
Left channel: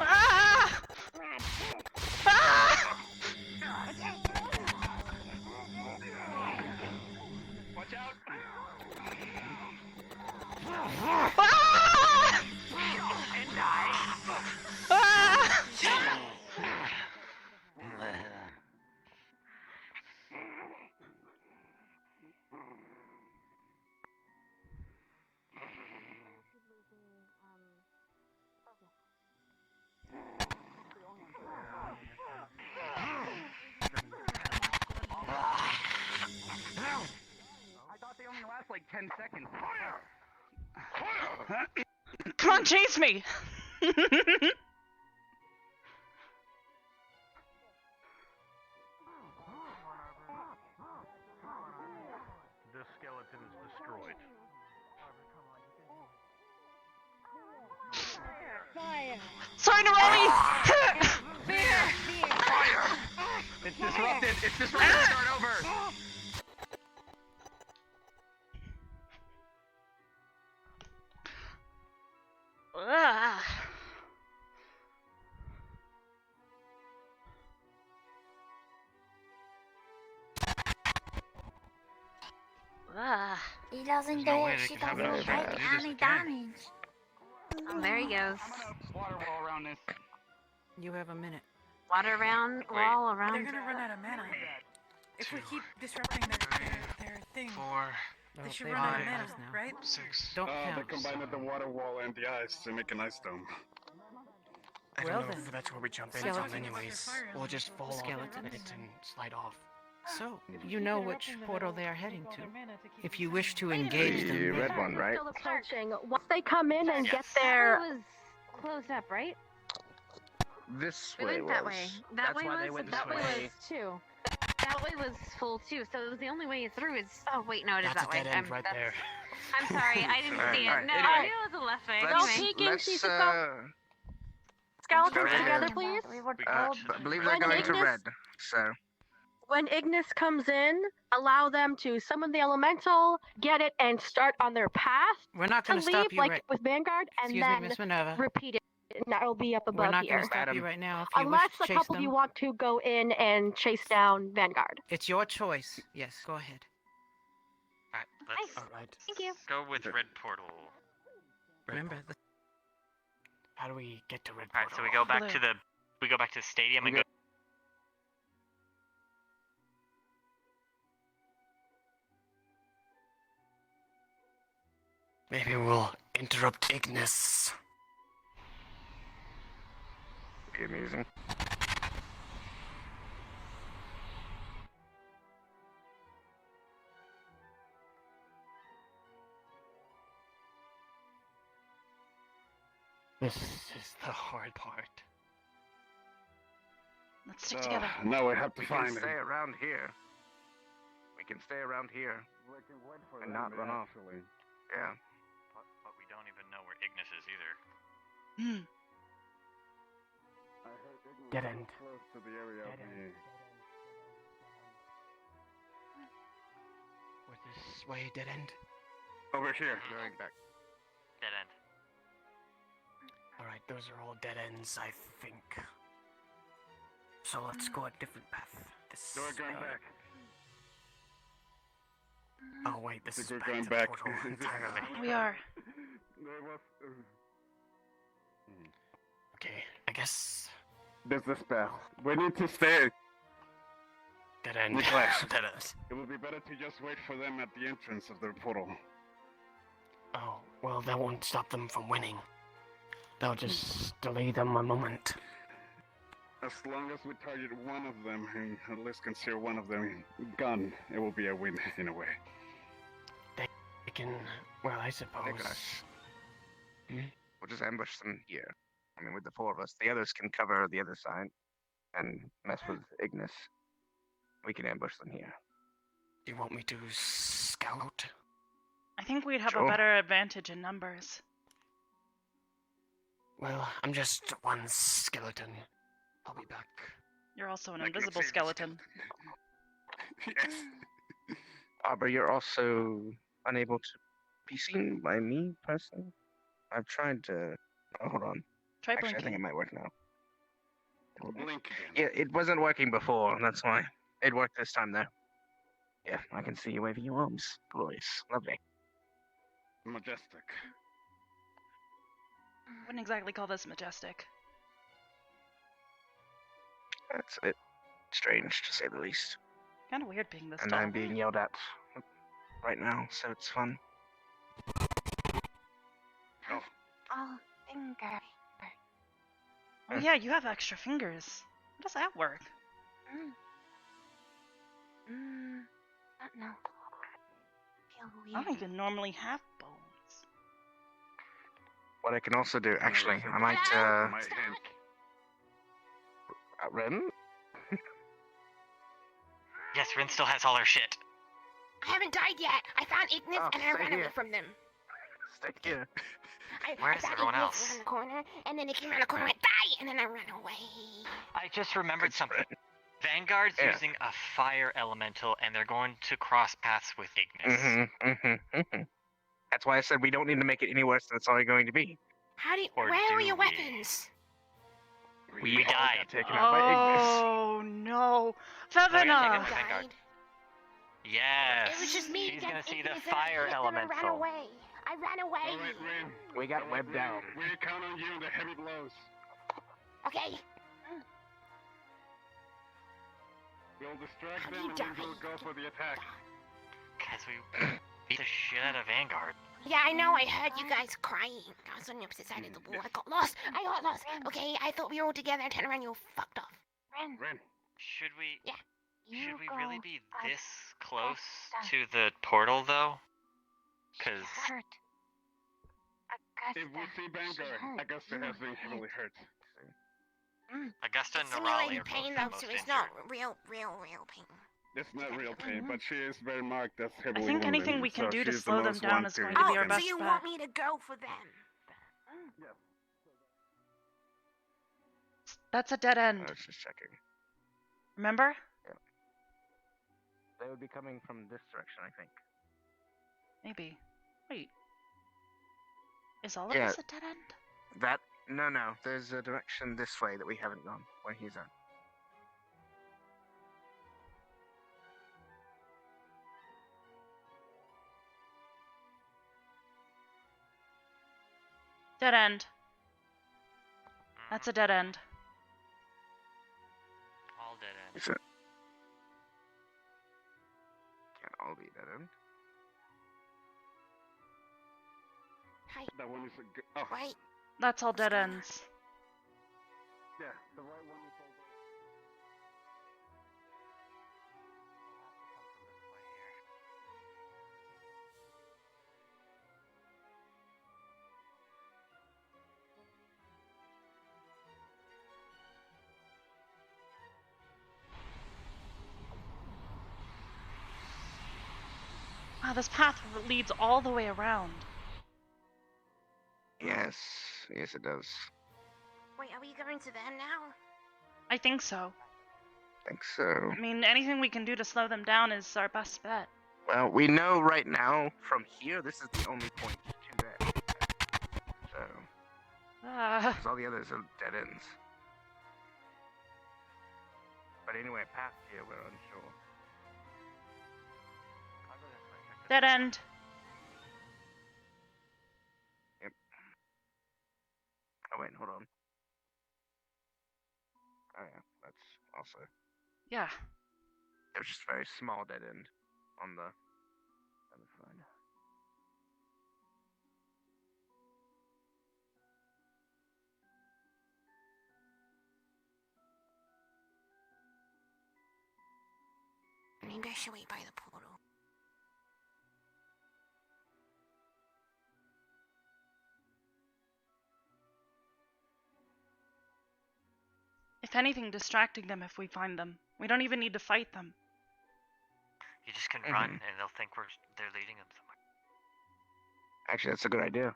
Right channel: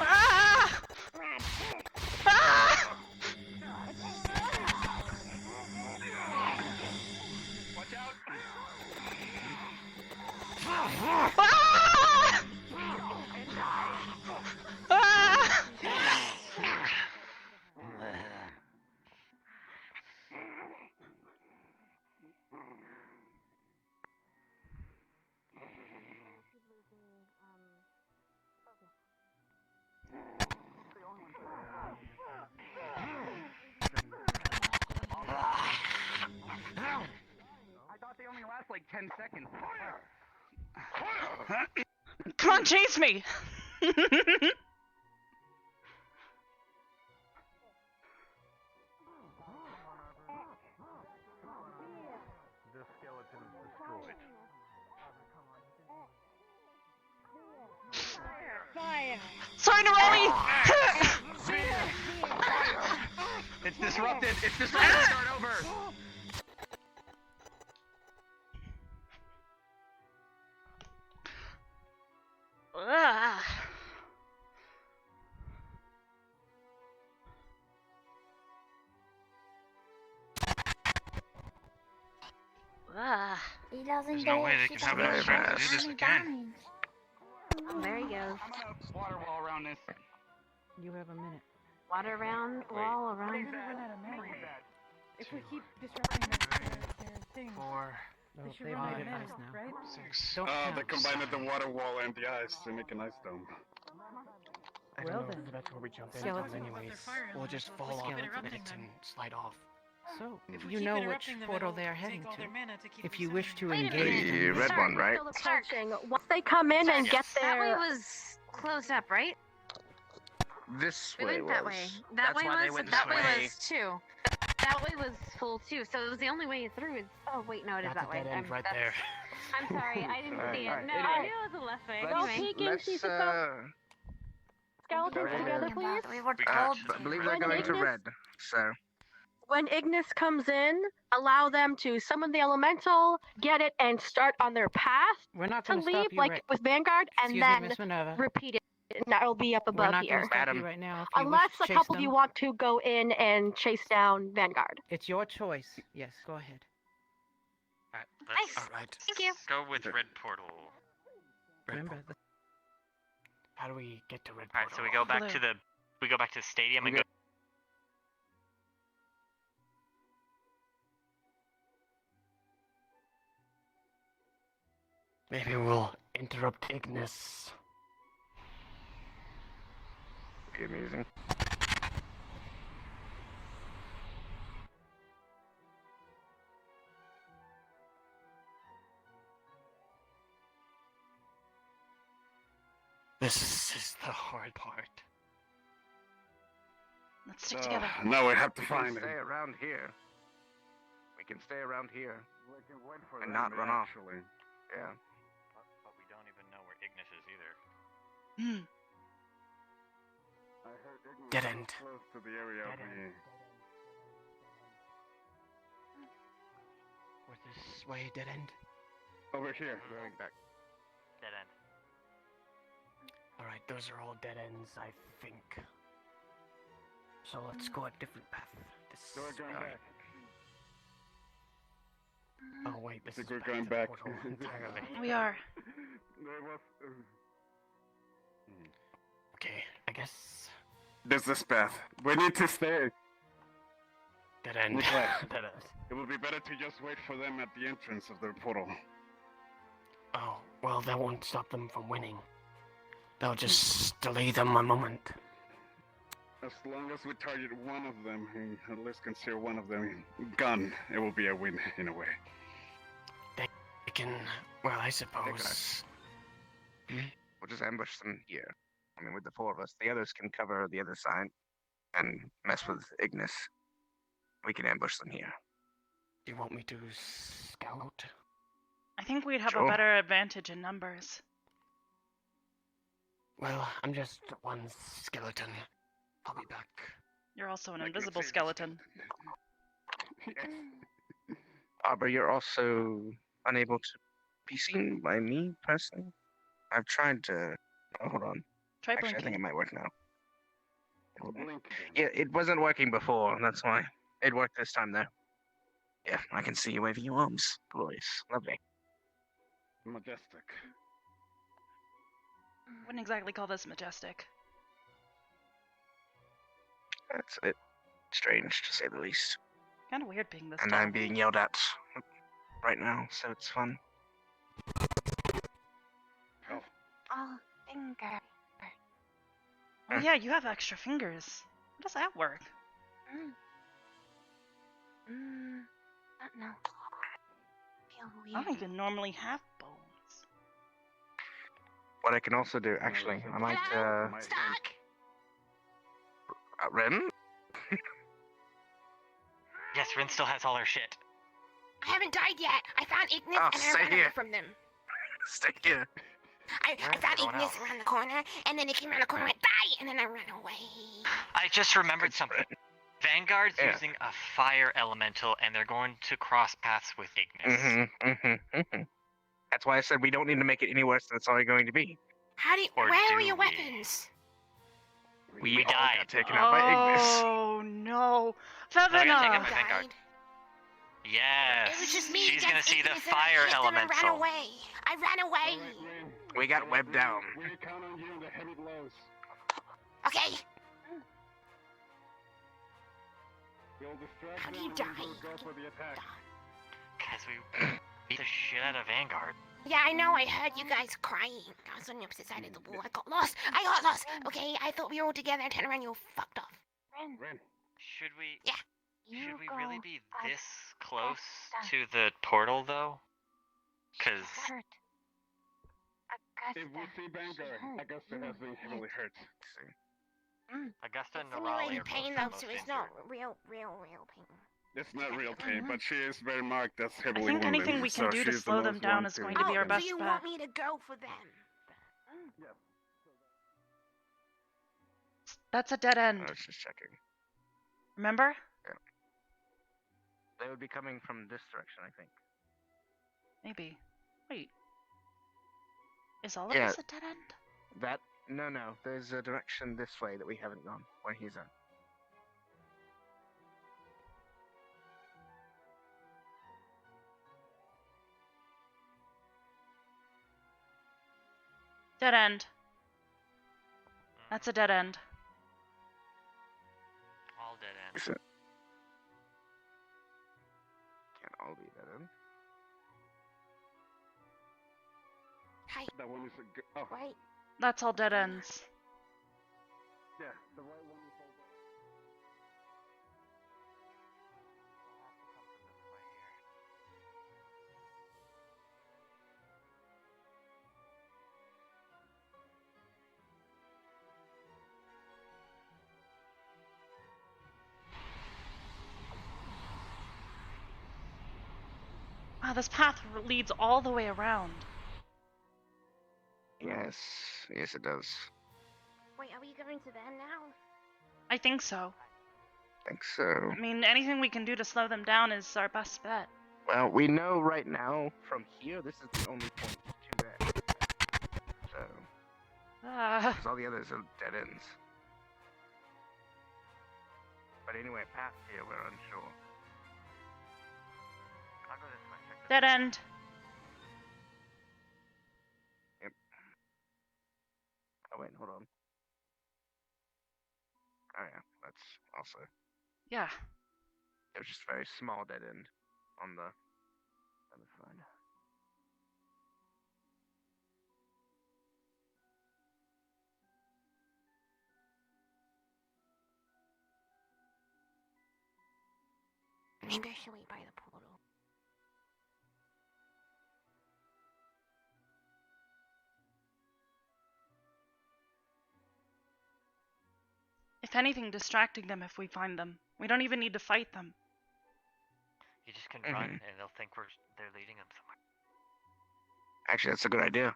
Ah! Ah! Watch out. Ah! Ah! I thought they only last like 10 seconds. Come on, chase me! The skeleton's destroyed. Sorry, Neroli! It's disrupted. It's disrupted. Start over. Ah. Ah. He doesn't There's no do way it. they She can have doesn't it do do this any again. damage. There he goes. I'm gonna water wall around this. You have a minute. Water around, wall They're around. gonna run out of mana. If we keep disrupting their thing, they Well, should they've run out made of it mana, ice now. right? 6. Don't They count. combined the water wall and the ice to make an ice dome. I Well don't know then. if that's where we jump Skeleton. into anyways. We'll just fall off Skeleton. it and slide off. So, If we you keep know interrupting which them, portal it'll they are take heading all to. their mana to keep If us you safe. wish to The engage them, red one, right? Still approaching. Once they come in and get That their way was closed up, right? This We way went that was. way. That That's way why they was went that this way way. was too. That way was full too. So it was the only way through. Is oh wait, no, it is That's that a way. dead end right that's- there. I'm sorry, I didn't see it. No, I knew it was the left way. Let's, Anyway, skeletons go together, ahead. please. I believe they're When going to Ignis- red. So. When Ignis comes in, allow them to summon the elemental, get it, and start on their path we're not to going to leave, stop you like right. with Vanguard, and Excuse me, then Miss Minerva. repeat it. And that'll be up We're above not going here. to stop you Adam. right now. If you Unless wish a to couple chase of you them, want to go in and chase down Vanguard. it's your choice. Yes, go ahead. Let's Alright. thank you. go with red portal. Remember, How do we get to red All right, so we go back to the stadium and go. Maybe we'll interrupt Ignis. Be amusing. This is the hard part. Let's stick together. Now we have to We can find stay him. around here. We can stay around here. And not run off. Actually. Yeah. But we don't even know where Ignis is either. Hmm. I heard Ignis Dead was end. close to the area of the... Where's this way, dead end? Over here. Going back. Dead end. Alright, those are all dead ends, I think. So let's go a different path. This So we're going back. Oh wait, this I is think we're back going to the back. portal entirely. We are. There was. Okay, I guess There's this path. We need to stay. dead end. Nicholas, Dead end. it would be better to just wait for them at the entrance of their portal. Oh, well, that won't stop them from winning. That'll just delay them a moment. As long as we target one of them, and at least consider one of them gun, it will be a win in a way. They can, well, I suppose. Nicholas. We'll just ambush them here. I mean, with the four of us, the others can cover the other side and mess with Ignis. We can ambush them here. Do you want me to scout? I think we'd have a Sure. better advantage in numbers. Well, I'm just one skeleton. I'll be back. You're also an invisible skeleton. Yes. Arbor, you're also unable to be seen by me, personally. I've tried to... Oh, hold on. Try Actually, I think blinking. it might work now. Blink Yeah, it wasn't working before, that's why. It worked this time, though. Yeah, I can see you waving your arms. Glorious. Lovely. Majestic. Wouldn't exactly call this majestic. That's a bit strange, to say the least. Kind of weird being this And tall. I'm being yelled at right now, so it's fun. Oh, finger. Oh yeah, you have extra fingers. How does that work? I don't know. Feel I weird. don't even normally have bones. What I can also do, actually, I might, Ren? Yes, Rin still has all her shit. I haven't died yet. I found Ignis Oh, and I stay ran away here. from them. Stay here. I Where's found everyone Ignis else? around the corner, and then he came around the corner and went, die! And then I ran away. I just remembered something. Vanguard's Yeah. using a fire elemental, and they're going to cross paths with Ignis. That's why I said we don't need to make it any worse than it's already going to be. How do you, Or where were do your we? weapons? We all died. got taken out by Ignis. Oh no, We're gonna Fevina! take out Vanguard. Yes. It was just me She's gonna against see the Ignis, and I fire hit them and ran elemental. away. I ran away. All right, Rin. We got webbed down. We count on you in the heavy blows. Okay. We'll distract How do them you and then die? we'll go for the attack. Because we beat the shit out of Vanguard. Yeah, I know. I heard you guys crying. I was on the opposite side of the wall. I got lost. Okay, I thought we were all together. I turned around. You all fucked off. Rin. Should we? Yeah. Should we really be this close to the portal, though? Because If we see Vanguard, Augusta has been heavily hurt. Augusta and Nerali Simulated are pain, both though, most so it's injured. not real pain. It's not real pain, but she is very marked as heavily I think wounded, anything we can so do to she's the slow them most down one is going to be our So best you bet. want me to go for them? That's a dead I end. was just checking. Remember? They would be coming from this direction, I think. Maybe. Wait. Is all of Yeah. this a dead end? That? No. There's a direction this way that we haven't gone, where he's at. Dead end. That's a dead end. All dead ends. Is it? Can't all be dead end. Hey, That one is a good. Oh, right. That's all dead ends. yeah, the right one is all dead. Wow, this path leads all the way around. Yes, it does. Wait, are we going to them now? I think so. Think so. I mean, anything we can do to slow them down is our best bet. Well, we know right now from here this is the only point to that. So, because all the others are dead ends. But anyway, past here we're unsure. I'll go this way. Dead end. Yep. Oh wait, hold on. Oh yeah, that's also. Yeah. It was just a very small dead end on the other side. Maybe I should wait by the portal. If anything, distracting them if we find them. We don't even need to fight them. You just can run, and they'll think they're leading them somewhere. Actually, that's a good idea.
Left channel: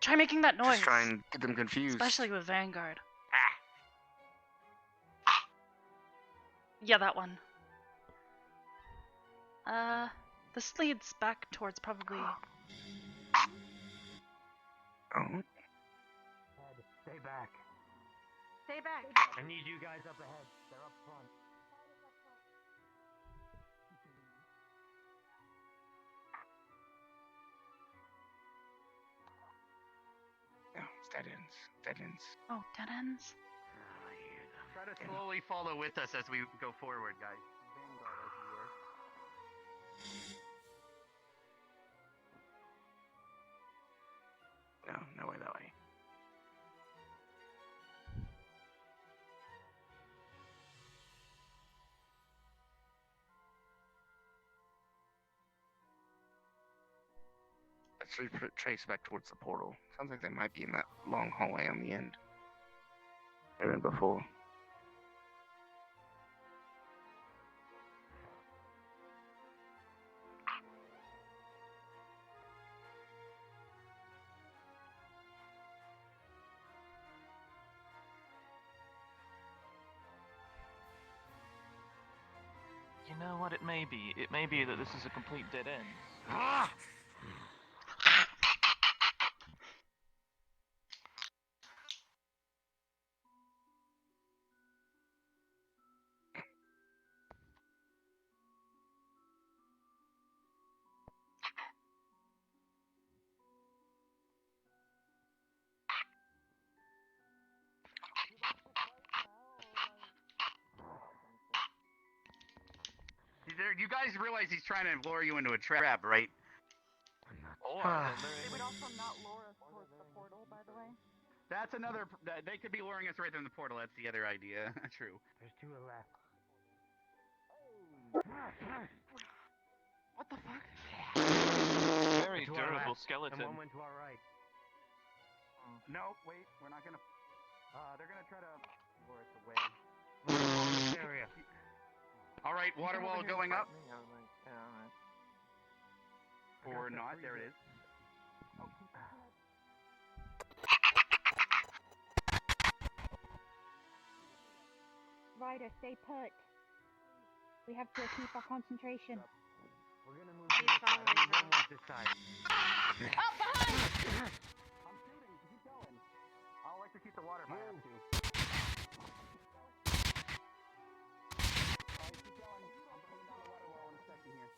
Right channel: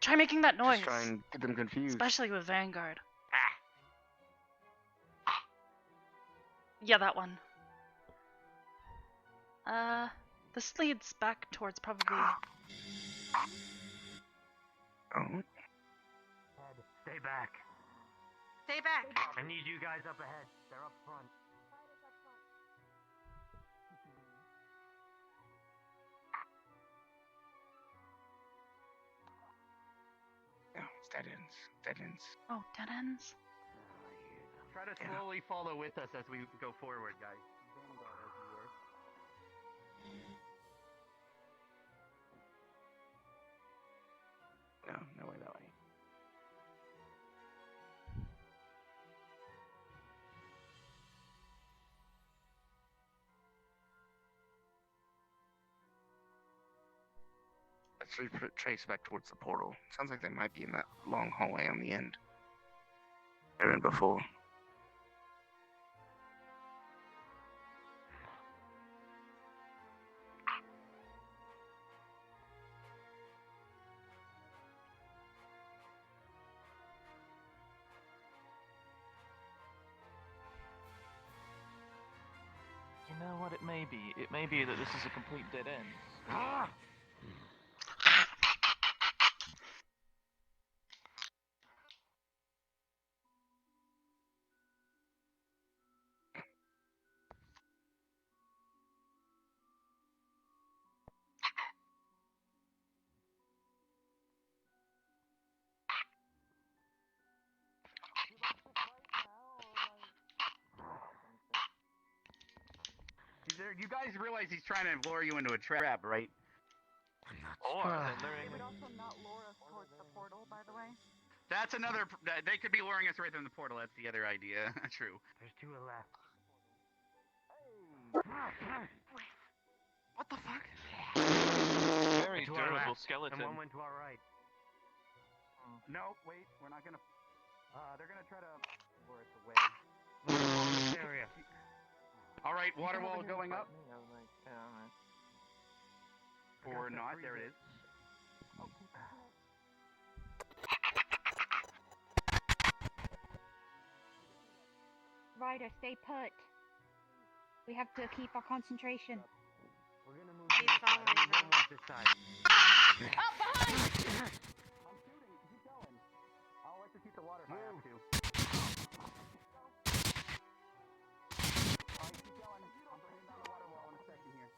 Try making that noise. Just try and get them confused. Especially with Vanguard. Yeah, that one. This leads back towards probably... Oh. Stay back. Stay back. I need you guys up ahead. They're up front. No, it's dead ends. Dead ends. Oh, dead ends? Try to slowly follow with us as we go forward, guys. No, no way, that way. Let's retrace back towards the portal. Sounds like they might be in that long hallway on the end. They're in before. You know what it may be? It may be that this is a complete dead end. Ah! You guys realize he's trying to lure you into a trap, right? Or They would also not lure us towards the portal, by the way. That's another. They could be luring us right in the portal. That's the other idea. True. There's two left. What the fuck? very durable skeleton. And one went to our right. No, wait. We're not gonna. They're gonna try to lure us away. This area. All right, water wall going up. Or not. There it is. Ryder, stay put. We have to keep our concentration. We're gonna move to this side. I'm gonna move this side. Up behind! I'm shooting. Keep going. I'll like to keep the water if I have to. Keep going. I'm bringing down the water wall in a second here.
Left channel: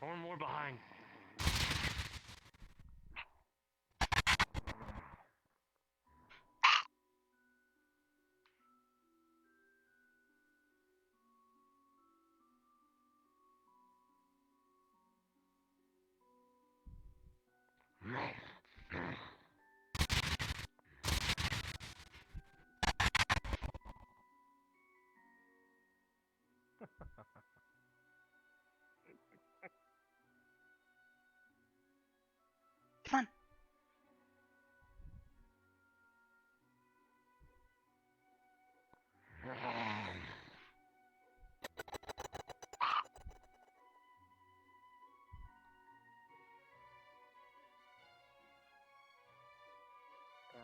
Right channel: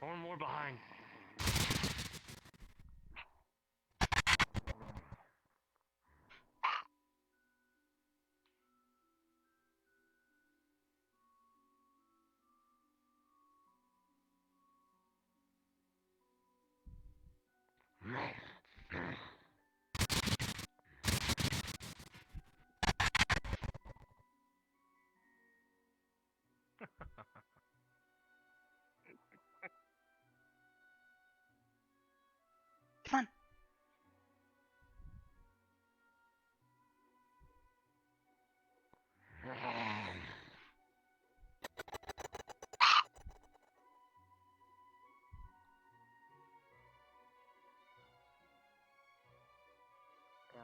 One more behind.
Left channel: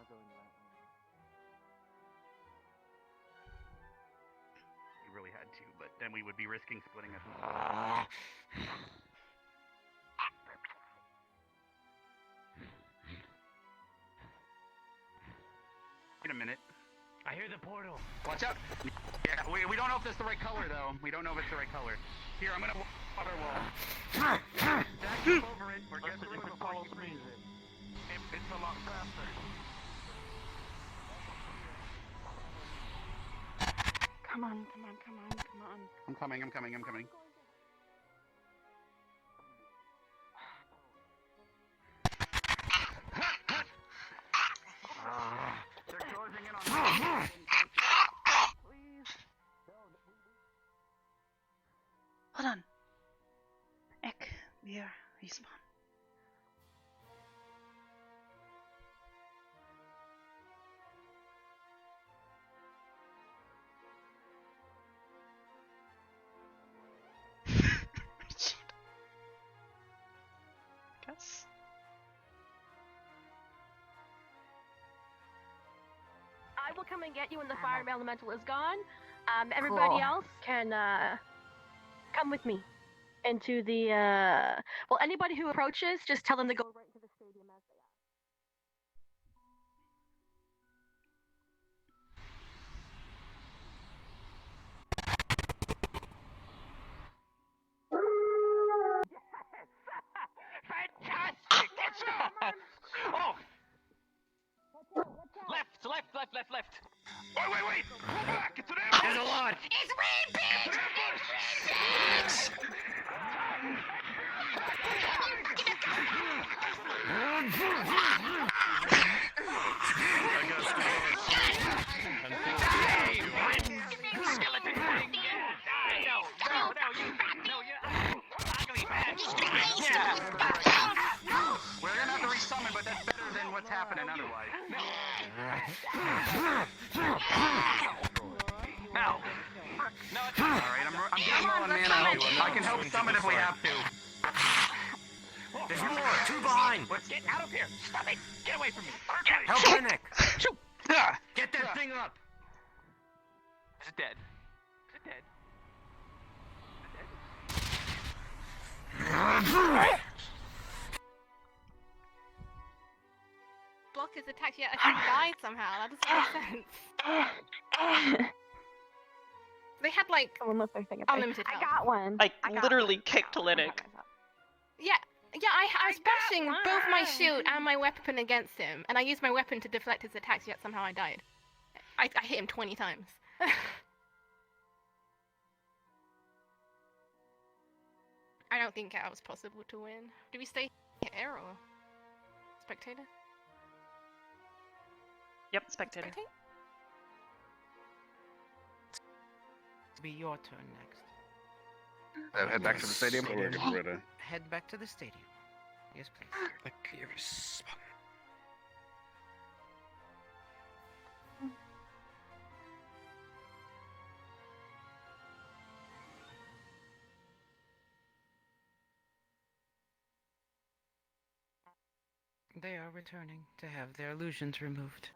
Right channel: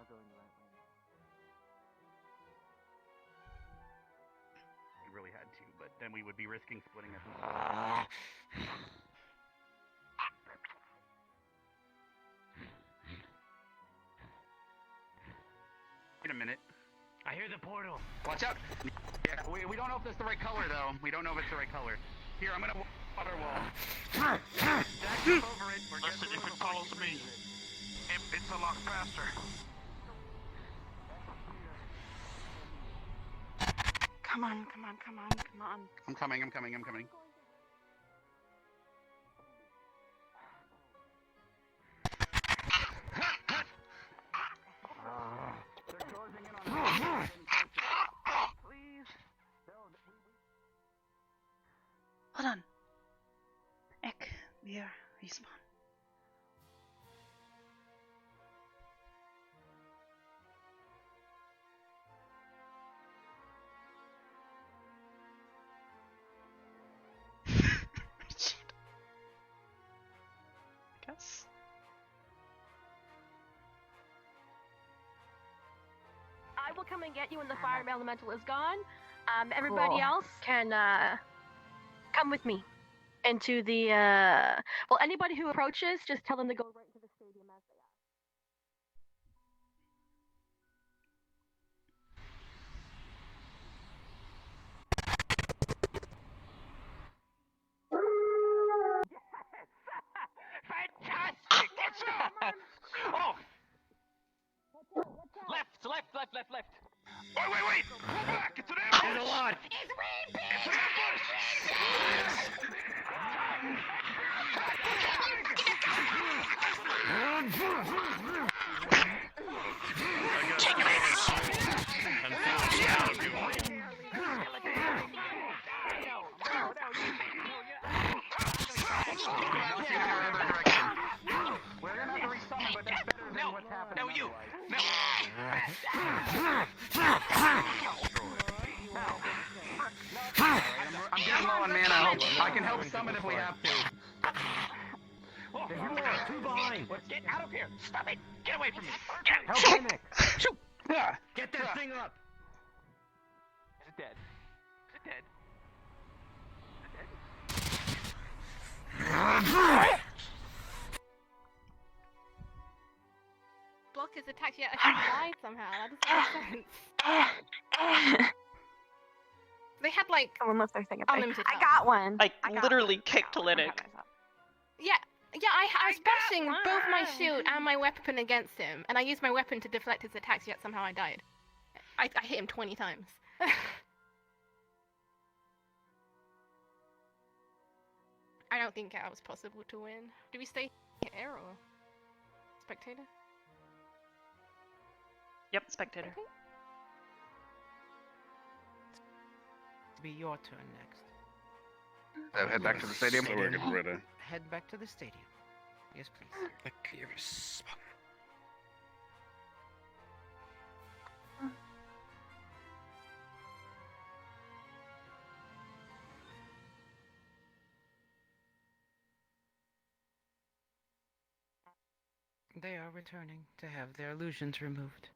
We really had to, but then we would be risking splitting up. Wait a minute. I hear the portal. Watch out! Yeah, we don't know if it's the right color, though. We don't know if it's the right color. Here, I'm gonna water wall. Dash over it or get Listen, through if it it before you follows me, freeze it. it's a lot faster. Come on, come on, come on, come on. I'm coming. They're closing in on me. Please. Hold on. Ek, we are respawn. Shit. I guess. I will come and get you when the fire elemental is gone. Everybody Cool. else can come with me into the. Well, anybody who approaches, just tell them to go right into the stadium as they are. Fantastic! Oh! Left! Wait! Pull back! It's an ambush! There's a lot! It's rampant! It's an ambush! We're gonna have to resummon, but that's better than what's happening I'm getting low on mana. I can help summon if we have to. There's more! Two behind! Get out of here! Stop it! Get away from me! No panic! Get that thing up! Is it dead? Block his attacks yet I died somehow. That doesn't make sense. They had like unlimited health. I got one. I literally kicked Linux. Yeah, I was bashing both my shield and my weapon against him, and I used my weapon to deflect his attacks, yet somehow I died. I hit him 20 times. I don't think it was possible to win. Do we stay here or spectator? Yep, spectator. To be your turn next. Head back to the stadium. Head back to the stadium. Yes, please. They are returning to have their illusions removed.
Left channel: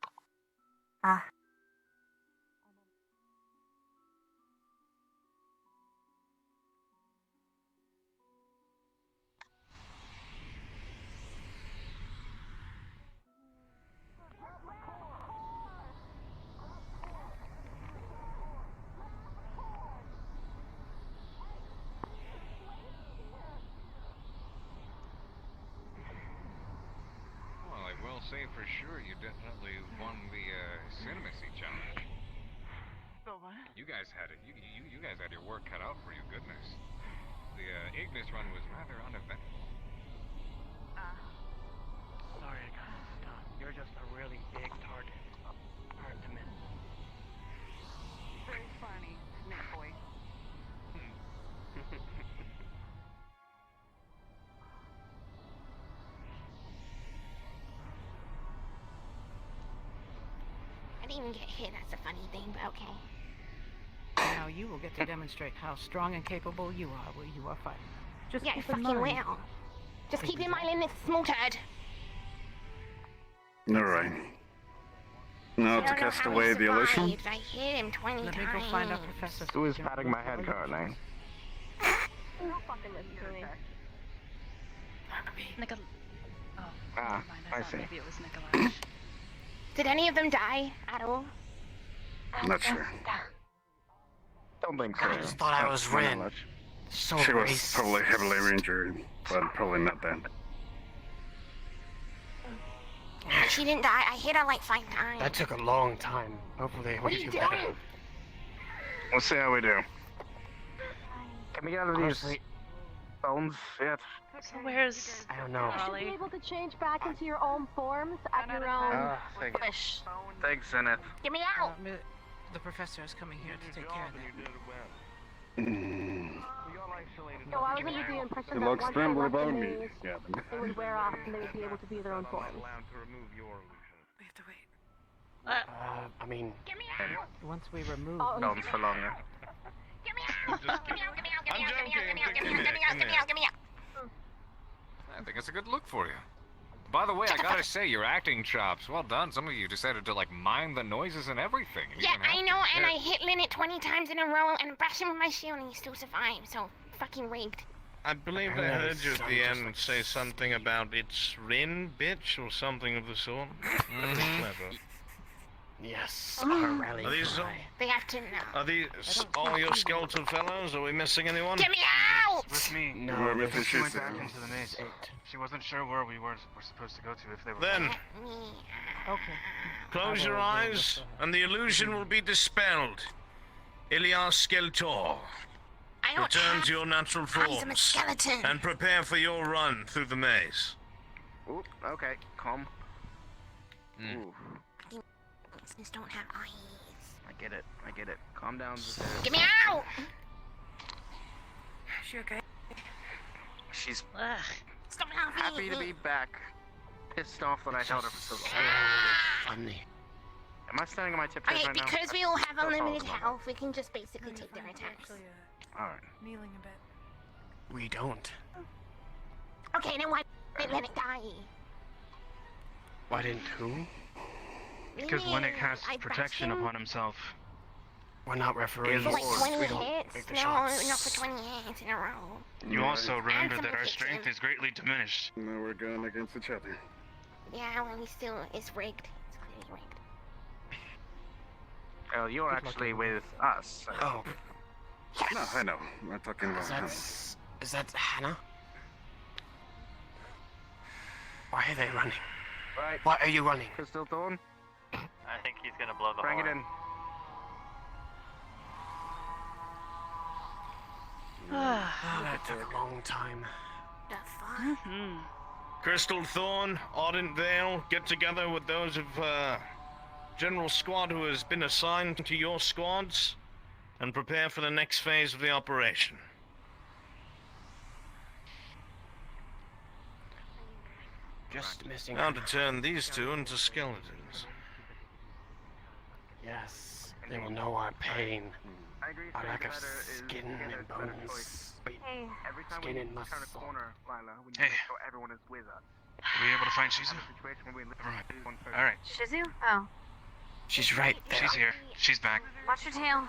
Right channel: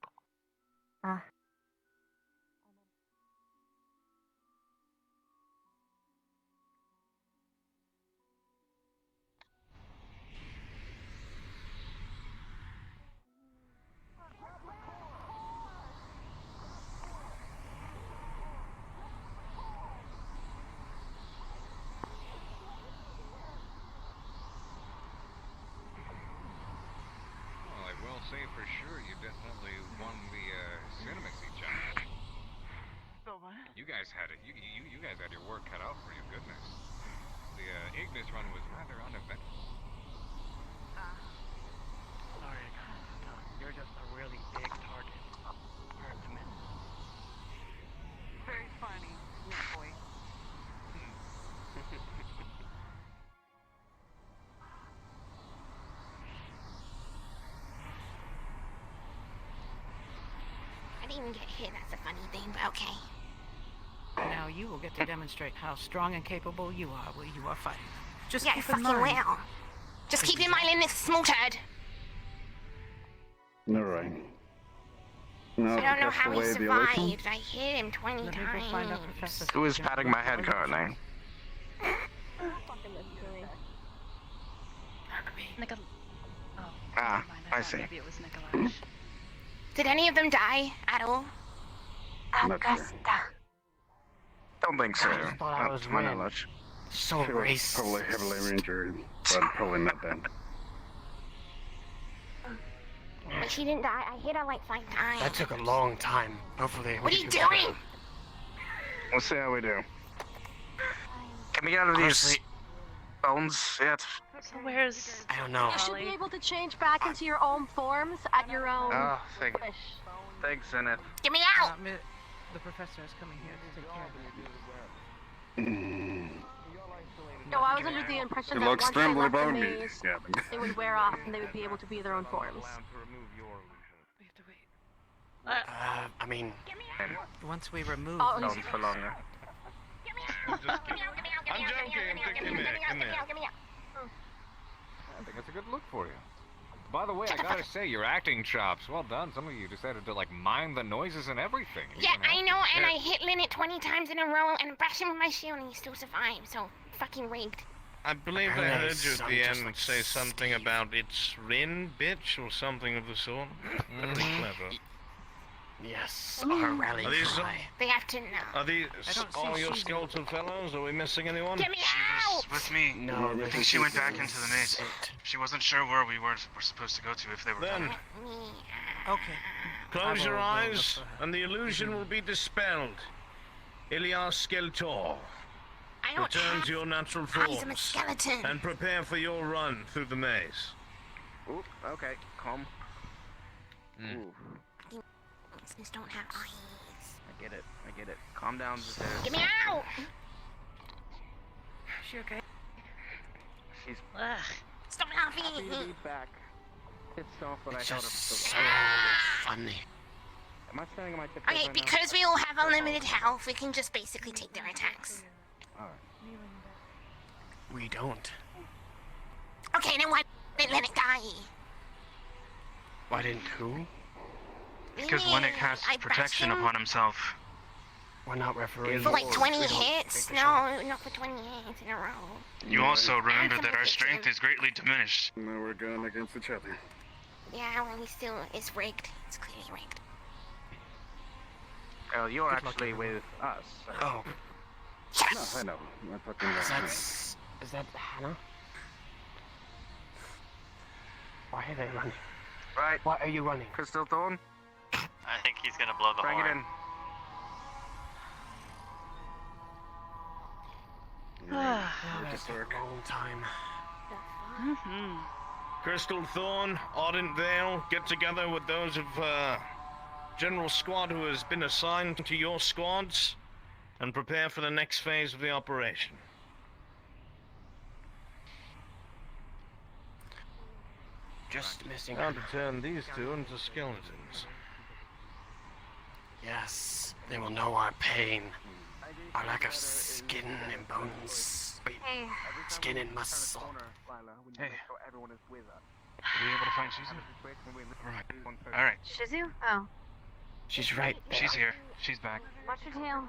Well, I will say for sure you definitely won the Cinemacy challenge. You guys had it. You guys had your work cut out for you. Goodness. The Ignis run was rather uneventful. Sorry, I got stuck. You're just a really big target. Hard to miss. Very funny, Snake Boy. I didn't even get hit, that's a funny thing, but okay. Now you will get to demonstrate how strong and capable you are while you are fighting them. Just Yeah, keep fucking in mind. will. Just keep in mind in this small turd. Alright. No, I to don't know cast how away he the illusion. survived. I hit him 20 Let me go find out times. Professor. Who is patting my head currently? Nicol. Oh, Ah, never mind. I I thought see. maybe it was Nikolaj. Did any of them die at all? Not sure. Don't think so. I just thought I was my Rin. knowledge. So She was racist. probably heavily injured, but probably not dead. But she didn't die. I hit her like 5 times. That took a long time. Hopefully, What we are you do doing? better. Let's see how we do. Can we get out of these bones yet? So where's I don't know. You should be able to change back into your own forms at your own Oh, thank wish. Thanks, Zenith. Get me out! The professor is coming here to take care of that. No, I was under the impression It that looks once they trembly left the about me. maze, Yeah. they would wear off and they would be able to be their own forms. allowed to remove your illusion. We have to wait. I mean, Once we remove Bones for longer. I'm just kidding. I'm joking. Come here. Come here. I think it's a good look for you. By the way, I gotta say, your acting chops, well done. Some of you decided to, like, mime the noises and everything. Yeah, I know, and I hit Lynette 20 times in a row and bashed him with my shield and he still survived, so fucking rigged. I believe I heard you at the end say something about it's Rin, bitch, or something of the sort. Clever. yes, our rally Are these, cry. They have to know. are these all your skeletal fellows? Are we missing anyone? Get me out! With me. No, Yeah, this She is went back into the maze. She wasn't sure where we were supposed to go to if they were. Then, Okay. close your eyes, and the illusion will be dispelled. Ilias Skeletor. I don't Return have to your natural eyes, I'm a forms, skeleton. and prepare for your run through the maze. Oop, okay, calm. Ooh, Monsters don't have eyes. I get it. Calm down, Zazarius. Get me out! She okay? She's Ugh. Stop happy laughing! to be back. Pissed off that I held her for so So long. funny. Am I standing on my tiptoes Okay, right now? because we all have unlimited health, we can just basically take their attacks. Alright. Kneeling in bed. We don't. Okay, then why did Lynette die? Why didn't who? Because Lynette casts I protection bashed him upon himself. We're not referees. for like 20 We don't hits? take the No, shots. not for 20 hits in a row. You also remember And that our from strength the is greatly diminished. Now we're going against each other. Yeah, well, we still, it's rigged. It's clearly rigged. Oh, you're actually with us. Oh, No, I know. We're talking about is that Hannah? Why are they running? Right. Why are you running? Crystal Thorn, I think he's gonna blow the bring it horn. in. Oh, that took a long time. Mm-hmm. Crystal Thorn, Ardent Vale, get together with those of General Squad who has been assigned to your squads, and prepare for the next phase of the operation. Just missing. Now to turn these two into skeletons. Yes, they will know our pain. Our lack of skin and bones. Wait, skin and muscle. Hey. Were you able to find Shizu? Alright. Shizu? Oh. She's right there. She's here. She's back. Watch your tail.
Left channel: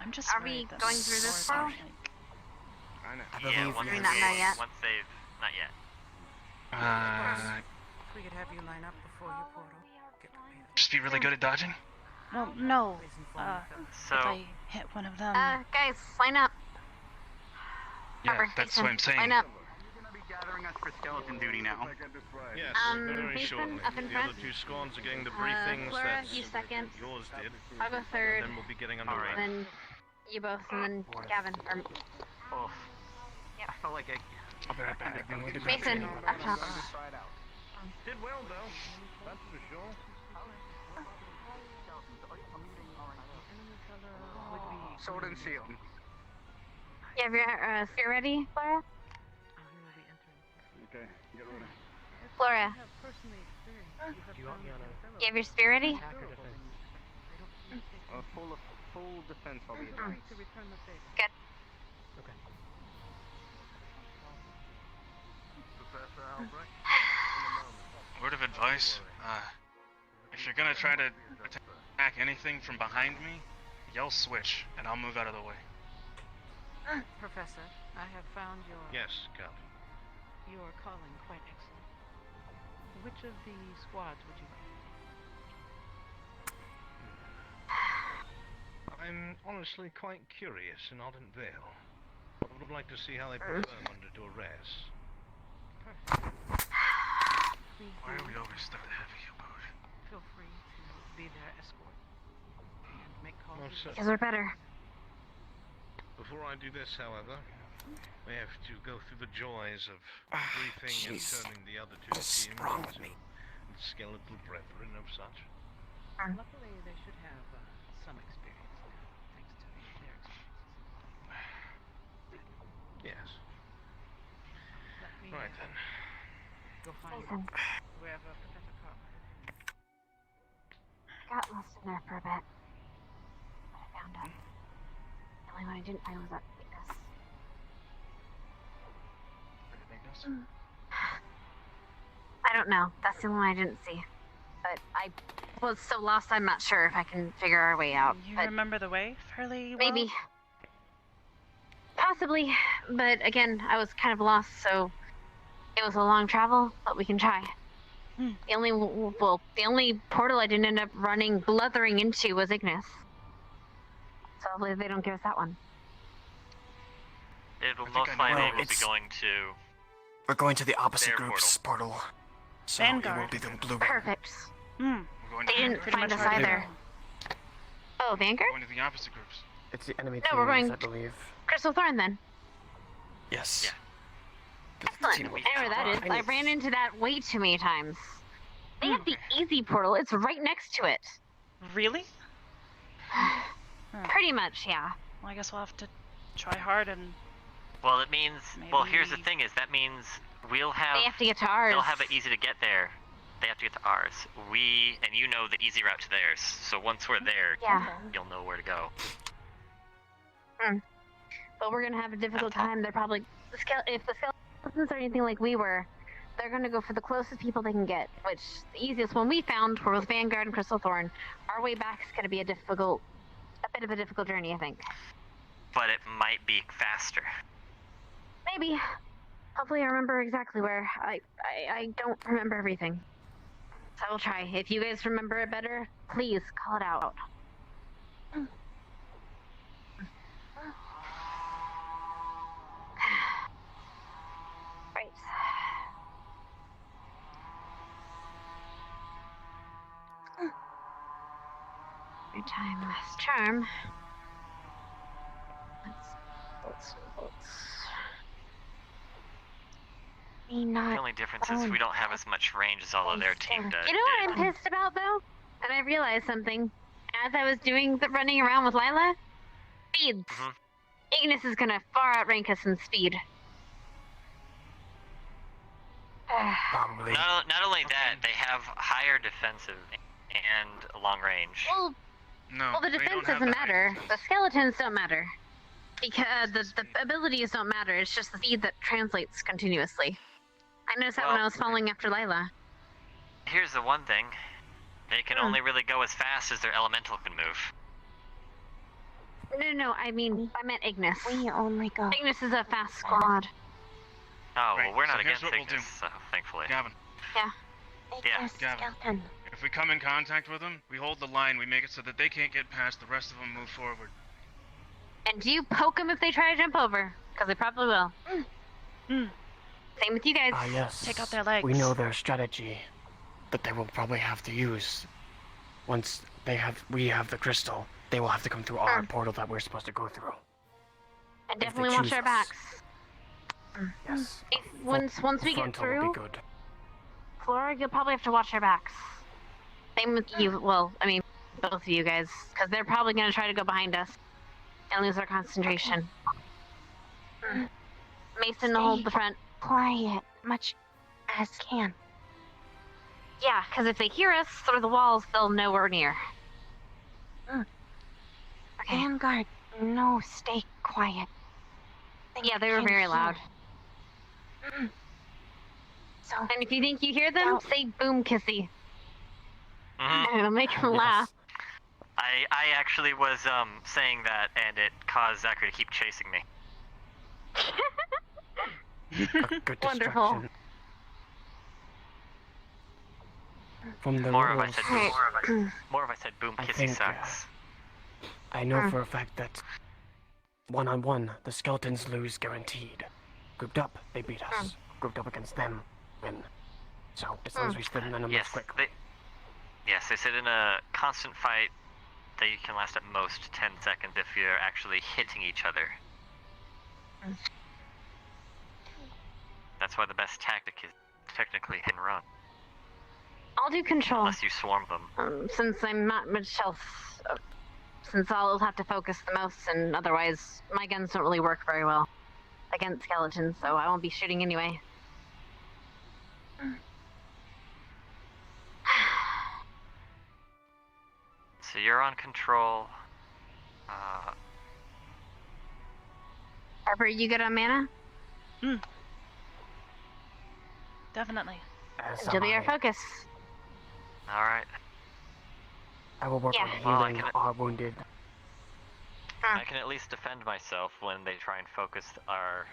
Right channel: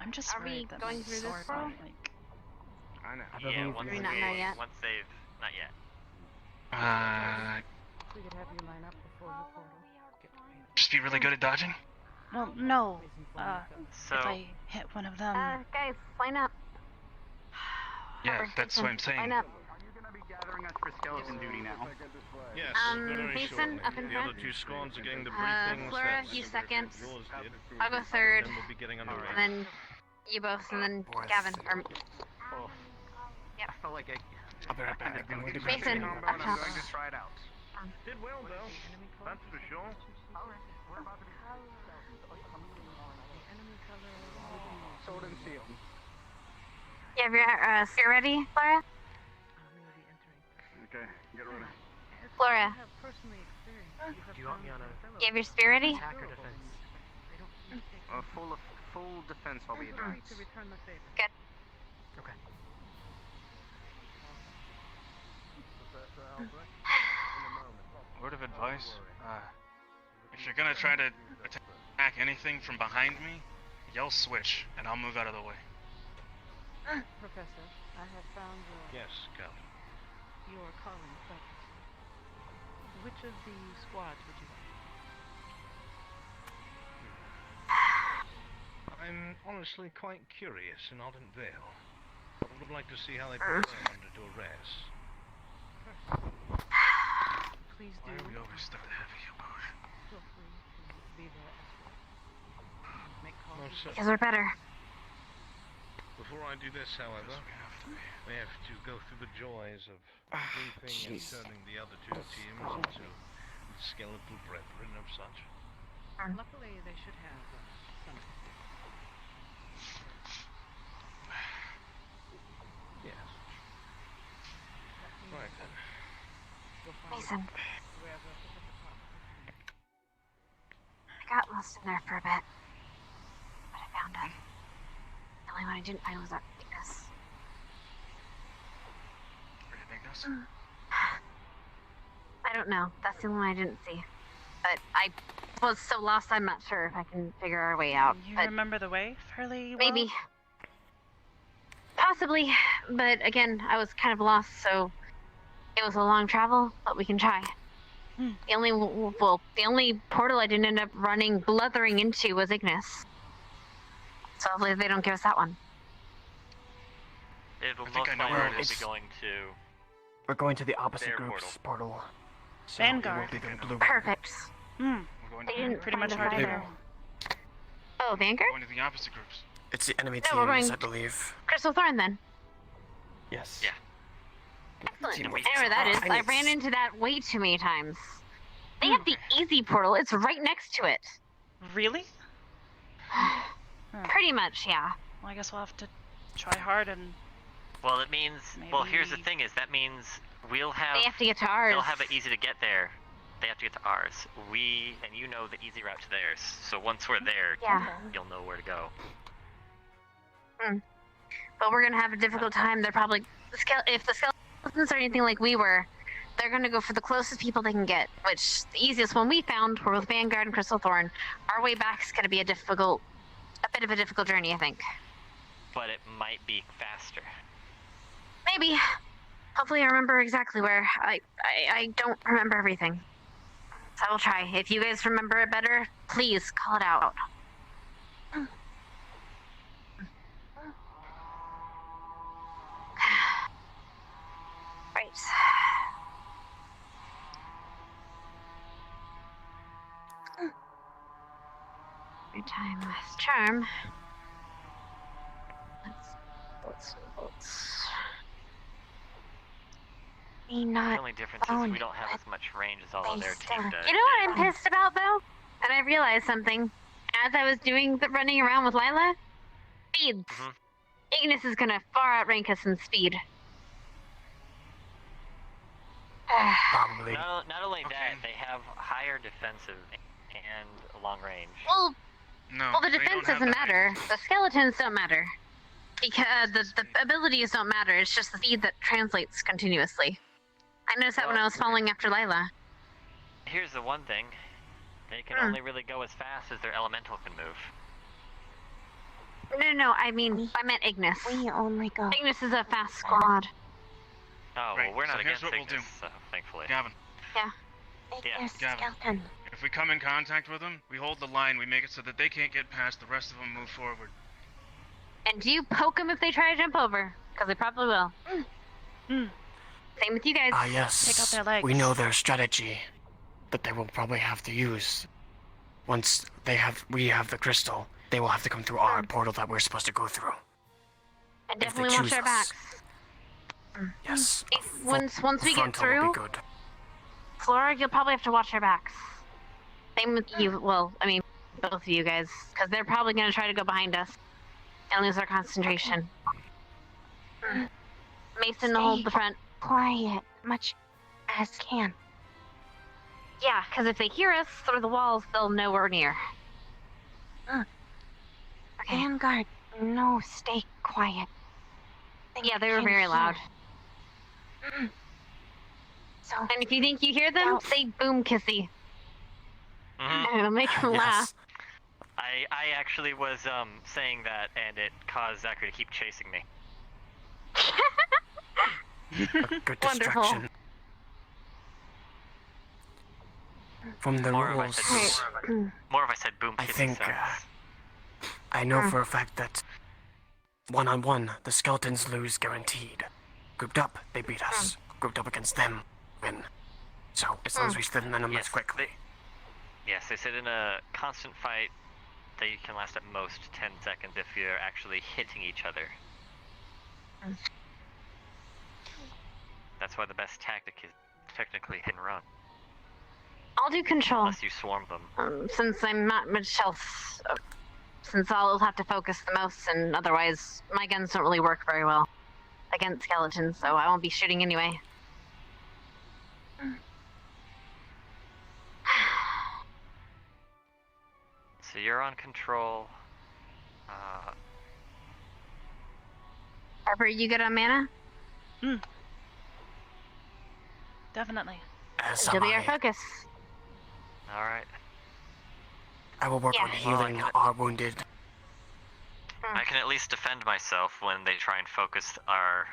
I'm just Are we worried that going my through this sword's world? not, like, I know. I Yeah, believe once you. Not know yet. Once they've, not yet. We could have you line up before your portal. Get to paint. Just be really good at dodging? well, no. So, If I hit one of them. Guys, line up. Yeah, Pepper, that's Jason, what I'm saying. Line up. Gathering us for skeleton duty now. Yes, very Mason, shortly. up in The other front. two squads are getting the briefings Flora, that you second. yours did. I'll go third. And then we'll be getting underway. And then you both, and then Gavin. Or, I felt like I'll be right back. Mason, up top. Did well though, that's for sure. Sword and shield. You have your spear ready, Flora? Okay, get ready. Flora. You have your spear ready? Full defense will be advanced. Good. Word of advice, If you're gonna try to attack anything from behind me, yell switch, and I'll move out of the way. Professor, I have found Yes, Captain. your calling quite excellent. Which of the squads would you like to take? I'm honestly quite curious in Ardent Vale. I would like to see how they perform under duress. Please do. Why are we always stuck to heavy? Feel free to be their escort and make calls. Most Because we're better. Before I do this, however, we have to go through the joys of briefing and turning the other two teams into the skeletal brethren of such. Luckily, they should have some experience. Yes. Right then. You'll find Mason. wherever Professor Parker has been. I got lost in there for a bit. But I found it. The only one I didn't find was that weakness. I don't know. That's the one I didn't see. But I was so lost, I'm not sure if I can figure our way out. You but remember the way fairly well? maybe. Possibly. But again, I was kind of lost, so it was a long travel, but we can try. The only portal I didn't end up blethering into was Ignis. So hopefully they don't give us that one. It'll most likely be going to. We're going to the opposite group's portal. So Vanguard. It will be the blue. Perfect. They didn't pretty much find us hard either. Oh, Vanguard? Going to the opposite groups. It's the enemy No, we're teams, going I believe. Crystal Thorn then. Yes. Yeah. Excellent. Team I know where that is. I Ignis. ran into that way too many times. They have the easy portal. It's right next to it. Really? Pretty much, yeah. Well, I guess we'll have to try hard and. Well, it means. Well, here's the Maybe- thing: is that means we'll have. They have to get to ours. They'll have it easy to get there. They have to get to ours. And you know the easy route to theirs. So once we're there, Yeah. you'll know where to go. But we're gonna have a difficult time. They're probably if the skeletons are anything like we were, they're gonna go for the closest people they can get. Which the easiest one we found were with Vanguard and Crystal Thorn. Our way back is gonna be a bit of a difficult journey, I think. But it might be faster. Maybe. Hopefully, I remember exactly where. I don't remember everything. So I will try. If you guys remember it better, please call it out. Right. Every time with charm. Let's me not. The only difference is we don't have as much range as all of their team does. You know what I'm pissed about though? And I realized something. As I was doing the running around with Lila, speeds. Ignis is gonna far outrank us in speed. Probably. Not only that, they have higher defensive and long range. Well, the defense doesn't matter. The skeletons don't matter. Because the abilities don't matter. It's just the speed that translates continuously. I noticed that when I was following after Lila. Here's the one thing. They can only really go as fast as their elemental can move. No, I meant Ignis. We only go. Ignis is a fast squad. Oh, Right, well, we're not so here's against what we'll Ignis, do. so thankfully. Gavin. Yeah. Yeah. Gavin. If we come in contact with them, we hold the line, we make it so that they can't get past, the rest of them move forward. And do you poke them if they try to jump over? Because they probably will. Same with you guys. Yes. Take out their legs. We know their strategy, but they will probably have to use. Once we have the crystal, they will have to come through our portal that we're supposed to go through. And definitely watch our backs. Yes. Once we get Frontal will through, be good. Flora, you'll probably have to watch our backs. Same with you. Well, I mean, both of you guys, because they're probably going to try to go behind us and lose our concentration. Mason, hold the front. Quiet, much as can. Yeah, because if they hear us through the walls, they'll know we're near. Okay. Vanguard, no, stay quiet. Yeah, they were very loud. So, and if you think you hear them, say boom kissy. It'll make him laugh. I actually was saying that, and it caused Zachary to keep chasing me. Good Wonderful. distraction. From the More of I rules, said more of I said boom I kissy think sounds. I know for a fact that one-on-one, the skeletons lose guaranteed. Grouped up, they beat us. Grouped up against them, win. So as long as we split them Yes, quick. Yes, they said in a constant fight, they can last at most 10 seconds if you're actually hitting each other. That's why the best tactic is technically hit and run. I'll do control. Unless you swarm them. Since I'm not much else, since I'll have to focus the most, and otherwise my guns don't really work very well against skeletons, so I won't be shooting anyway. So you're on control. Arbor, you good on mana? Definitely. She'll be our focus. Alright. I will work Yeah. on healing our wounded. I can at least defend myself when they try and focus our...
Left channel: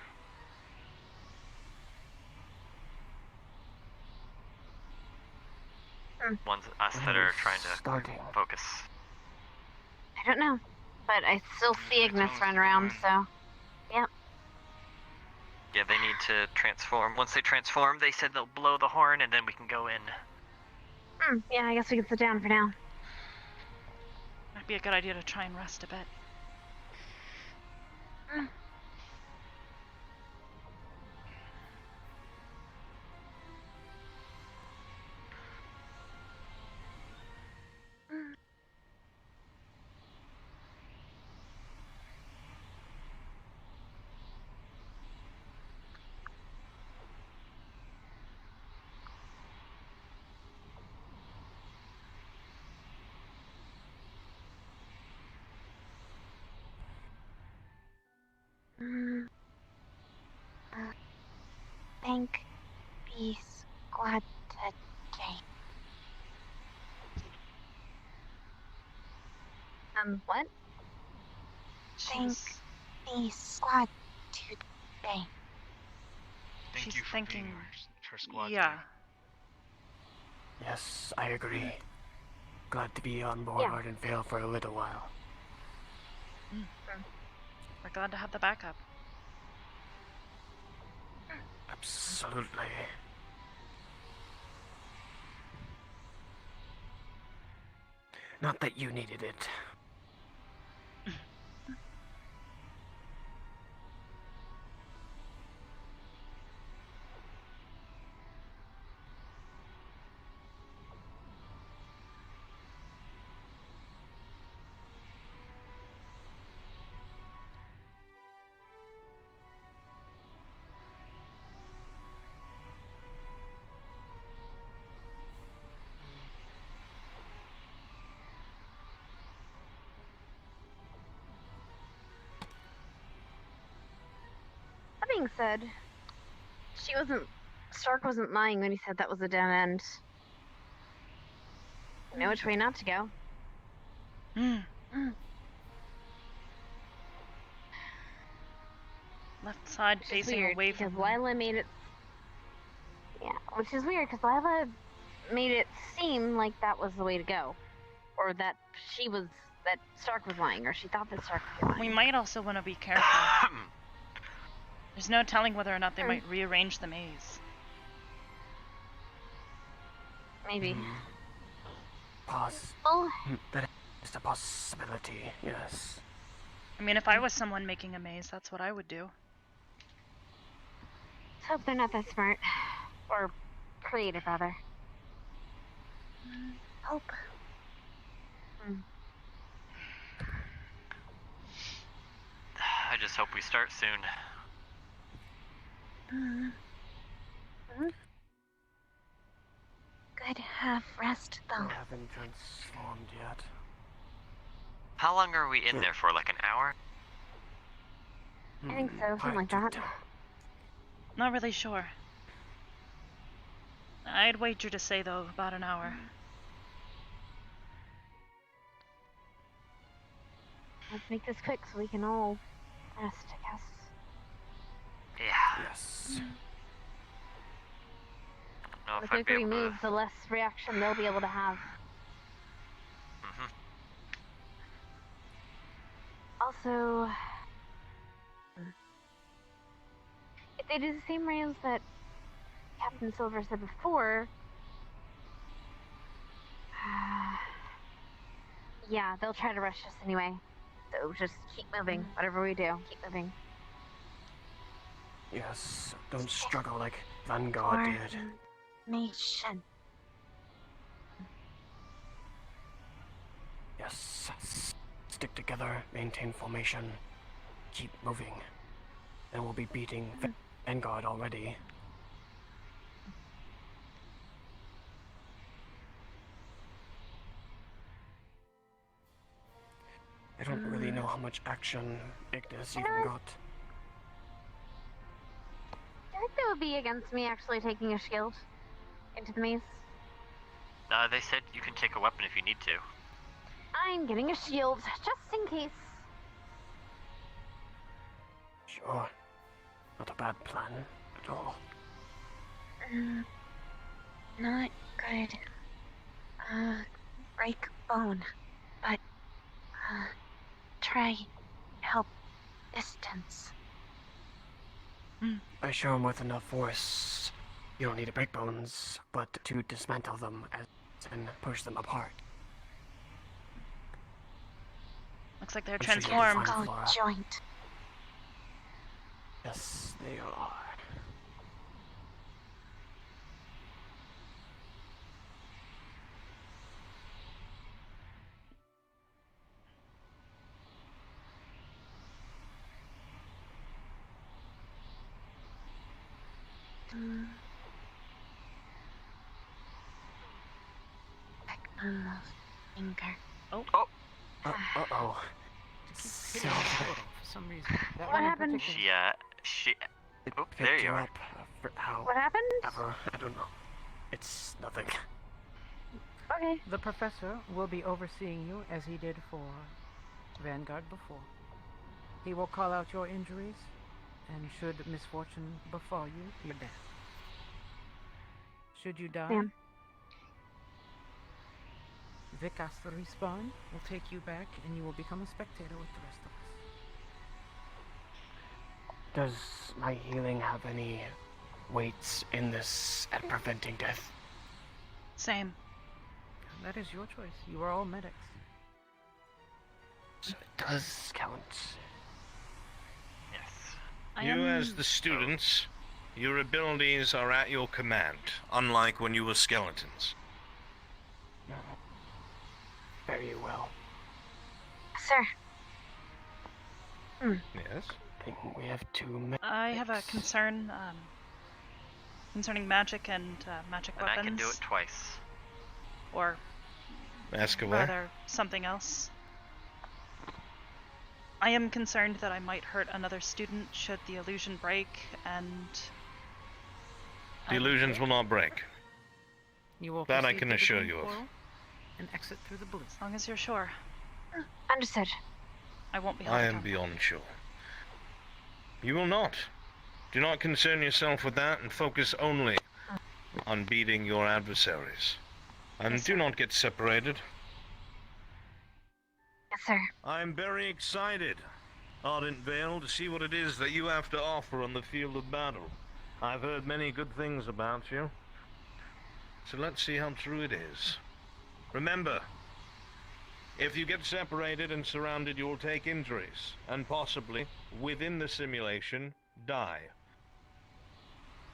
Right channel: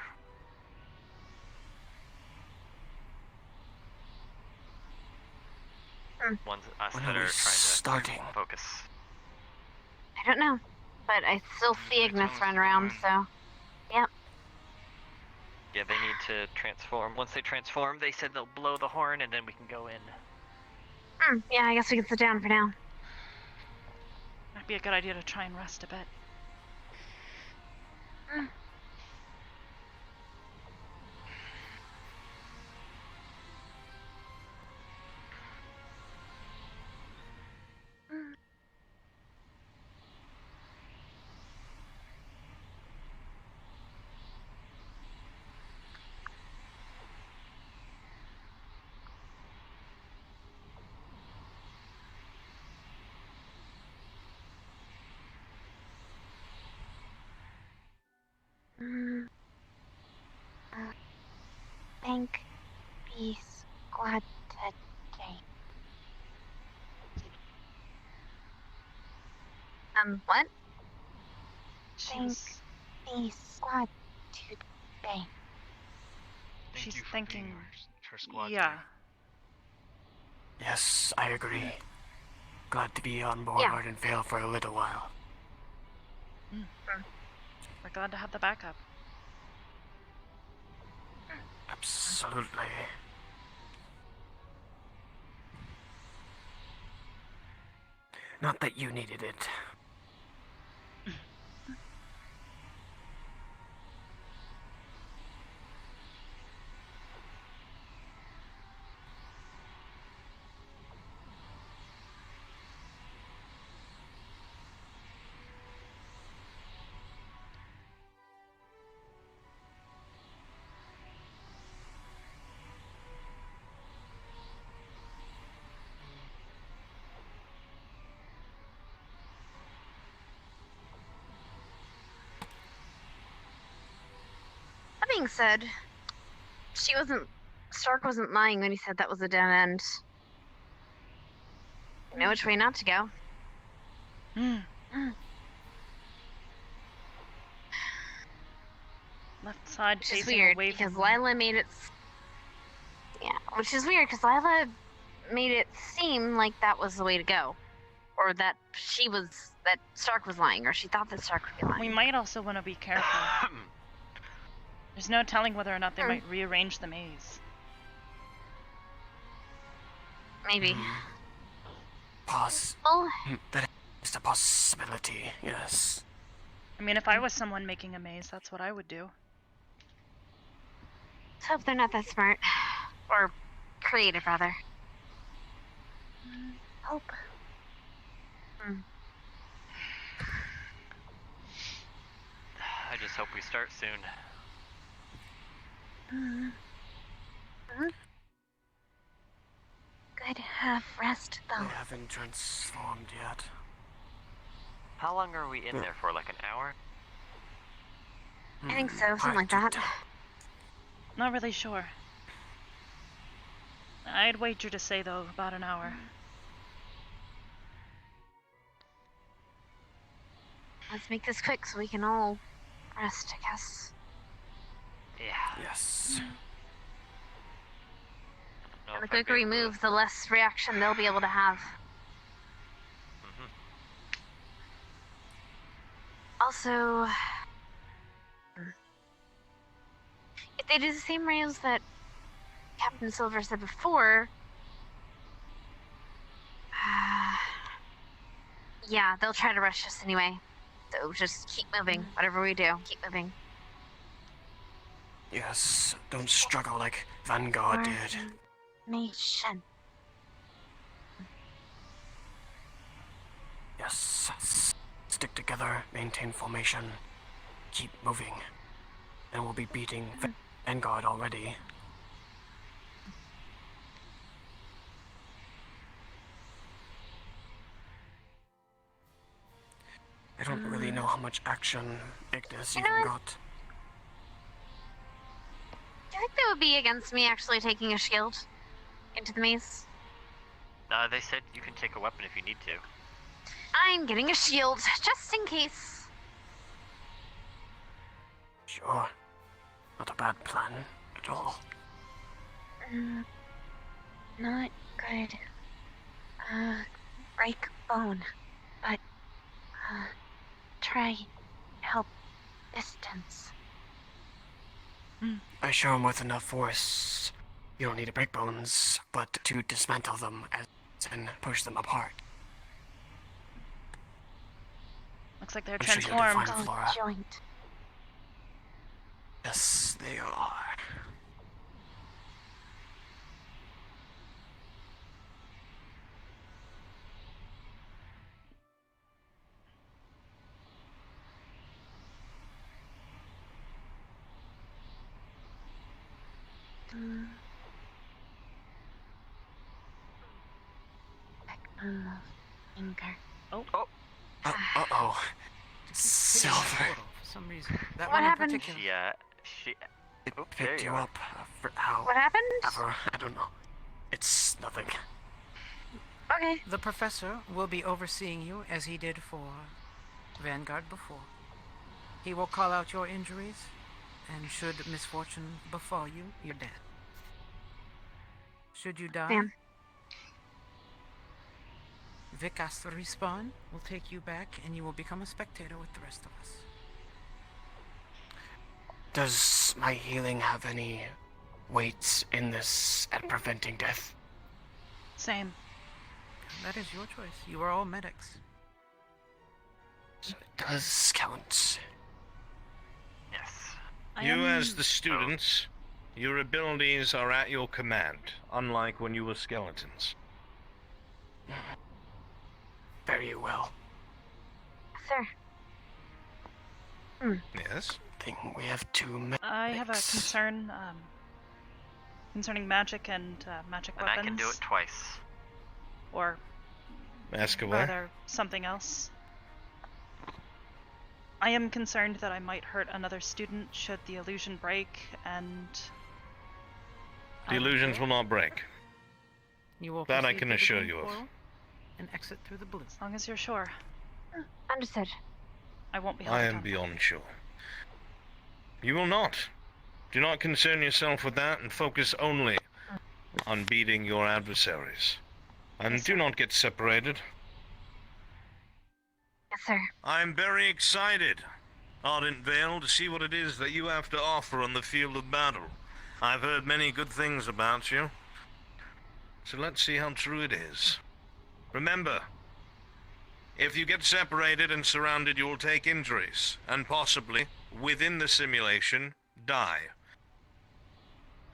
ones us that are trying to focus. I don't know, but I still see Ignis run around, so yep. Yeah, they need to transform. Once they transform, they said they'll blow the horn and then we can go in. Yeah, I guess we can sit down for now. Might be a good idea to try and rest a bit. Thank be squad today. What? Thank be squad today. She's thinking. Her squad. Yeah. Yes, I agree. Glad to be on board and fail for a little while. We're glad to have the backup. Absolutely. Not that you needed it. That being said, Stark wasn't lying when he said that was a dead end. You know which way not to go. Left side Which is facing weird, away because from. Lila made it. Yeah, which is weird because Lila made it seem like that was the way to go, or that Stark was lying, or she thought that Stark would be lying. We might also want to be careful. There's no telling whether or not they might rearrange the maze. Maybe. That is a possibility, yes. I mean, if I was someone making a maze, that's what I would do. Let's hope they're not that smart. Or creative, rather. Hope. I just hope we start soon. Good have rest though. I haven't transformed yet. How long are we in there for? Like an hour? I think so, something like that. Not really sure. I'd wager to say, though, about an hour. let's make this quick so we can all rest, I guess. Yeah. Yes. The quicker we move, the less reaction they'll be able to have. Also, if they do the same rails that Captain Silver said before, yeah, they'll try to rush us anyway. So just keep moving. Whatever we do, keep moving. Yes, don't struggle like Vanguard did. Nation. Yes. Stick together, maintain formation, keep moving. And we'll be beating Vanguard already. I don't really know how much action Ignis even got. Do you think they would be against me actually taking a shield into the maze? They said you can take a weapon if you need to. I'm getting a shield, just in case. Sure. Not a bad plan at all. Not good. Break bone. But, try help distance. I show him with enough force. You don't need to break bones, but to dismantle them and push them apart. Looks like they're I'm sure you'll be transformed. fine, Flora. Joint. Yes, they are. Finger. Oh. Uh-oh. Silver. Silver. For some reason. That What one in happened? particular. She. Oh, there Picked you you are. up for how What happened? ever. I don't know. It's nothing. Okay. The professor will be overseeing you as he did for Vanguard before. He will call out your injuries, and should misfortune befall you, you're dead. Should you die, Damn. Vic asks to respawn, will take you back, and you will become a spectator with the rest of us. Does my healing have any weight in this at preventing death? Same. That is your choice. You are all medics. So it does count. Yes. You, as the students, your abilities are at your command, unlike when you were skeletons. Very well. Sir. Yes? I think we have two I have a concern concerning magic and magic And weapons. I can do it twice. Or Ask away. rather something else. I am concerned that I might hurt another student should the illusion break, and The illusions will not break. You will That I proceed can to the assure green you of. portal and exit through the blue. as long as you're sure, Understood. I won't be held I am accountable. beyond sure. You will not. Do not concern yourself with that and focus only on beating your adversaries. And Yes, do sir. not get separated. Yes, sir. I'm very excited, Ardent Vale, to see what it is that you have to offer on the field of battle. I've heard many good things about you. So let's see how true it is. Remember, if you get separated and surrounded, you will take injuries, and possibly, within the simulation, die.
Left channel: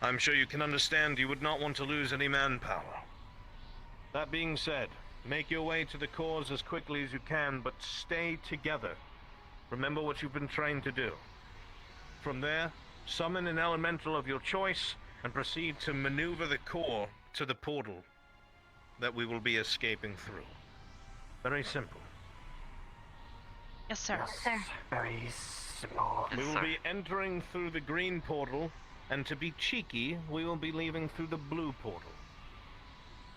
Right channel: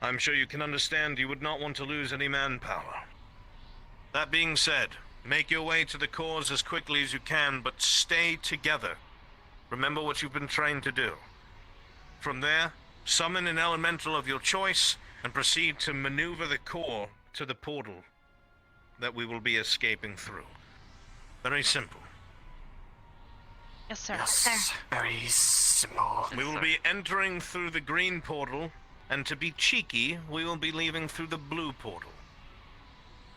I'm sure you can understand you would not want to lose any manpower. That being said, make your way to the cores as quickly as you can, but stay together. Remember what you've been trained to do. From there, summon an elemental of your choice and proceed to maneuver the core to the portal that we will be escaping through. Very simple. Yes, sir. Yes, very simple. We will be entering through the green portal, and to be cheeky, we will be leaving through the blue portal.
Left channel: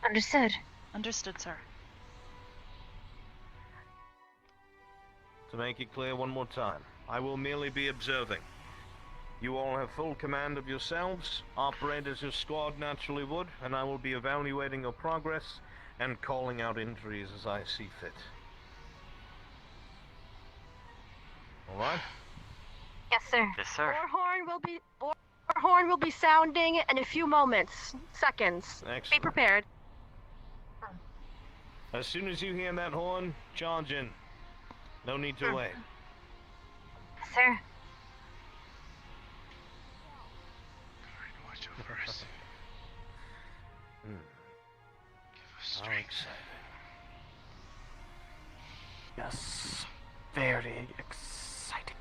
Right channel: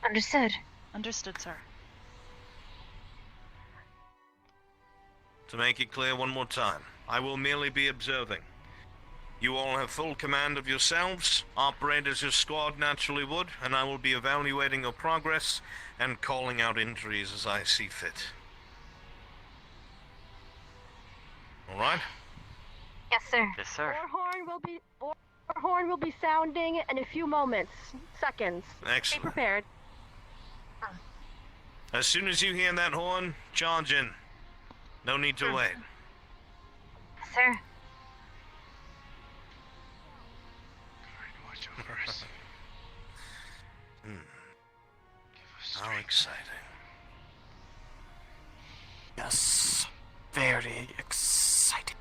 Understood. Understood, sir. To make it clear one more time, I will merely be observing. You all have full command of yourselves, operate as your squad naturally would, and I will be evaluating your progress and calling out injuries as I see fit. Alright? Yes, sir. Yes, sir. Our horn will be sounding in a few moments, seconds. Excellent. Be prepared. As soon as you hear that horn, charge in. No need to wait. Yes, sir. How exciting. Yes, very exciting.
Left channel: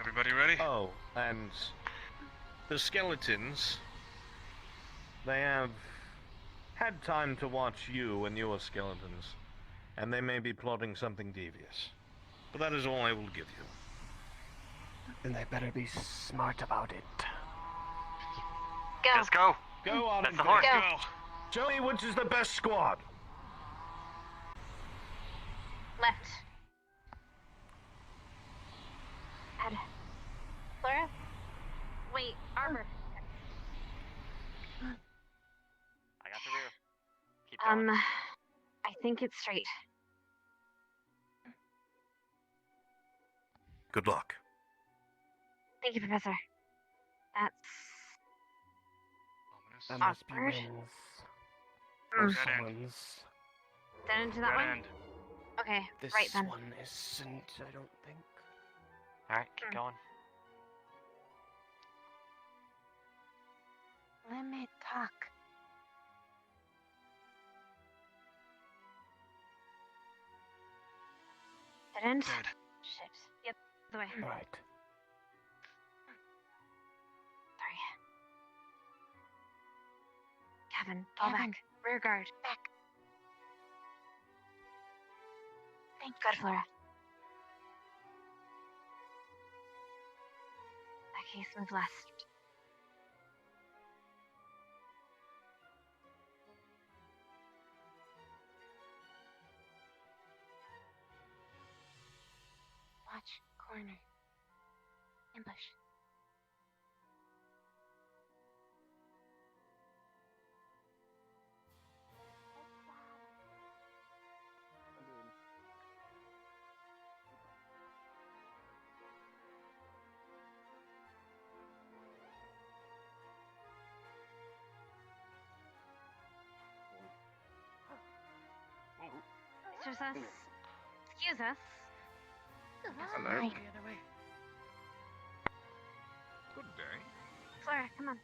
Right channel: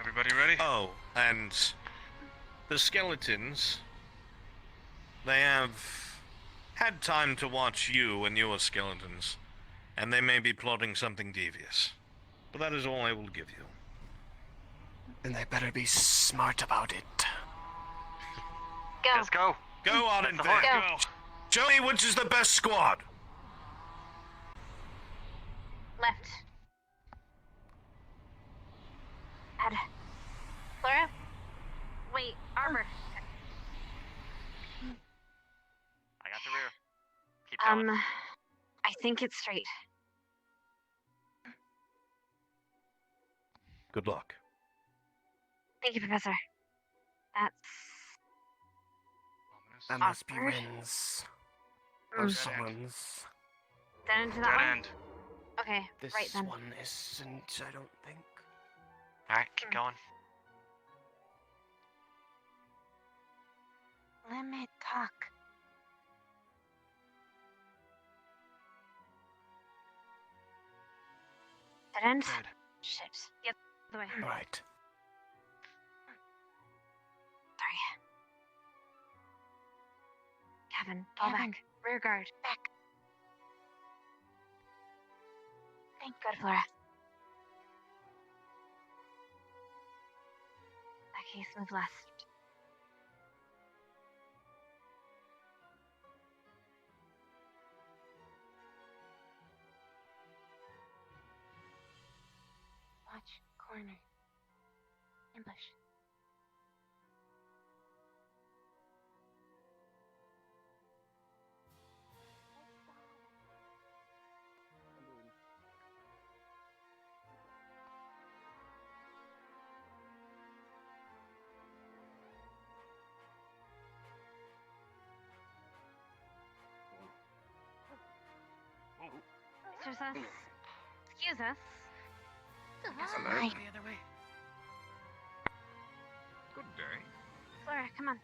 Everybody ready? Oh, and the skeletons, they have had time to watch you and your skeletons, and they may be plotting something devious. But that is all I will give you. And they better be smart about it. Go. Let's go. Go on and the horn. go. Joey, which is the best squad? Left. Ed. Flora? Wait, Arbor. I got the rear. Keep going. I think it's straight. Good luck. Thank you, Professor. That's MSP awkward. wins. Mm. Also wins. Dead into that one? Okay, This right then. one isn't, I don't think. Alright, keep going. Limit talk. Dead end? Dead. Shit. Yep, the way. Alright. Sorry. Gavin, fall Gavin. back. Rear guard. Back. Thank Good, Flora. That case, move left. Watch corner. Ambush. Excuse us. Excuse us. Hello. Right. The other way. Good day. Flora, come on.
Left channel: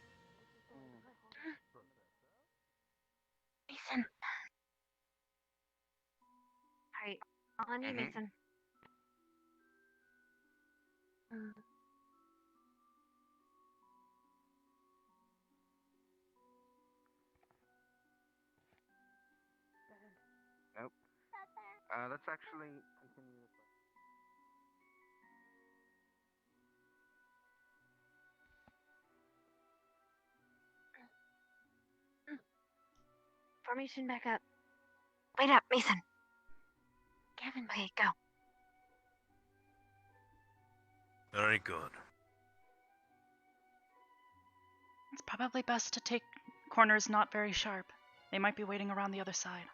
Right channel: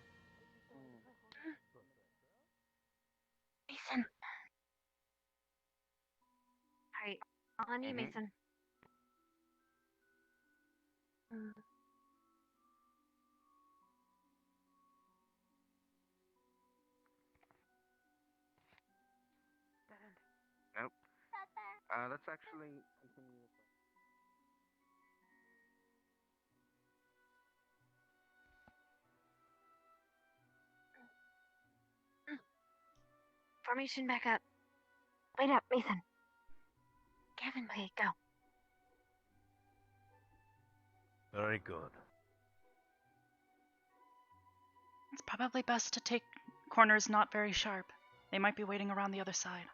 Mason. Alright, on you, Mason. Nope. Let's actually continue. Formation back up. Wait up, Mason. Gavin, okay, go. Very good. It's probably best to take corners not very sharp. They might be waiting around the other side.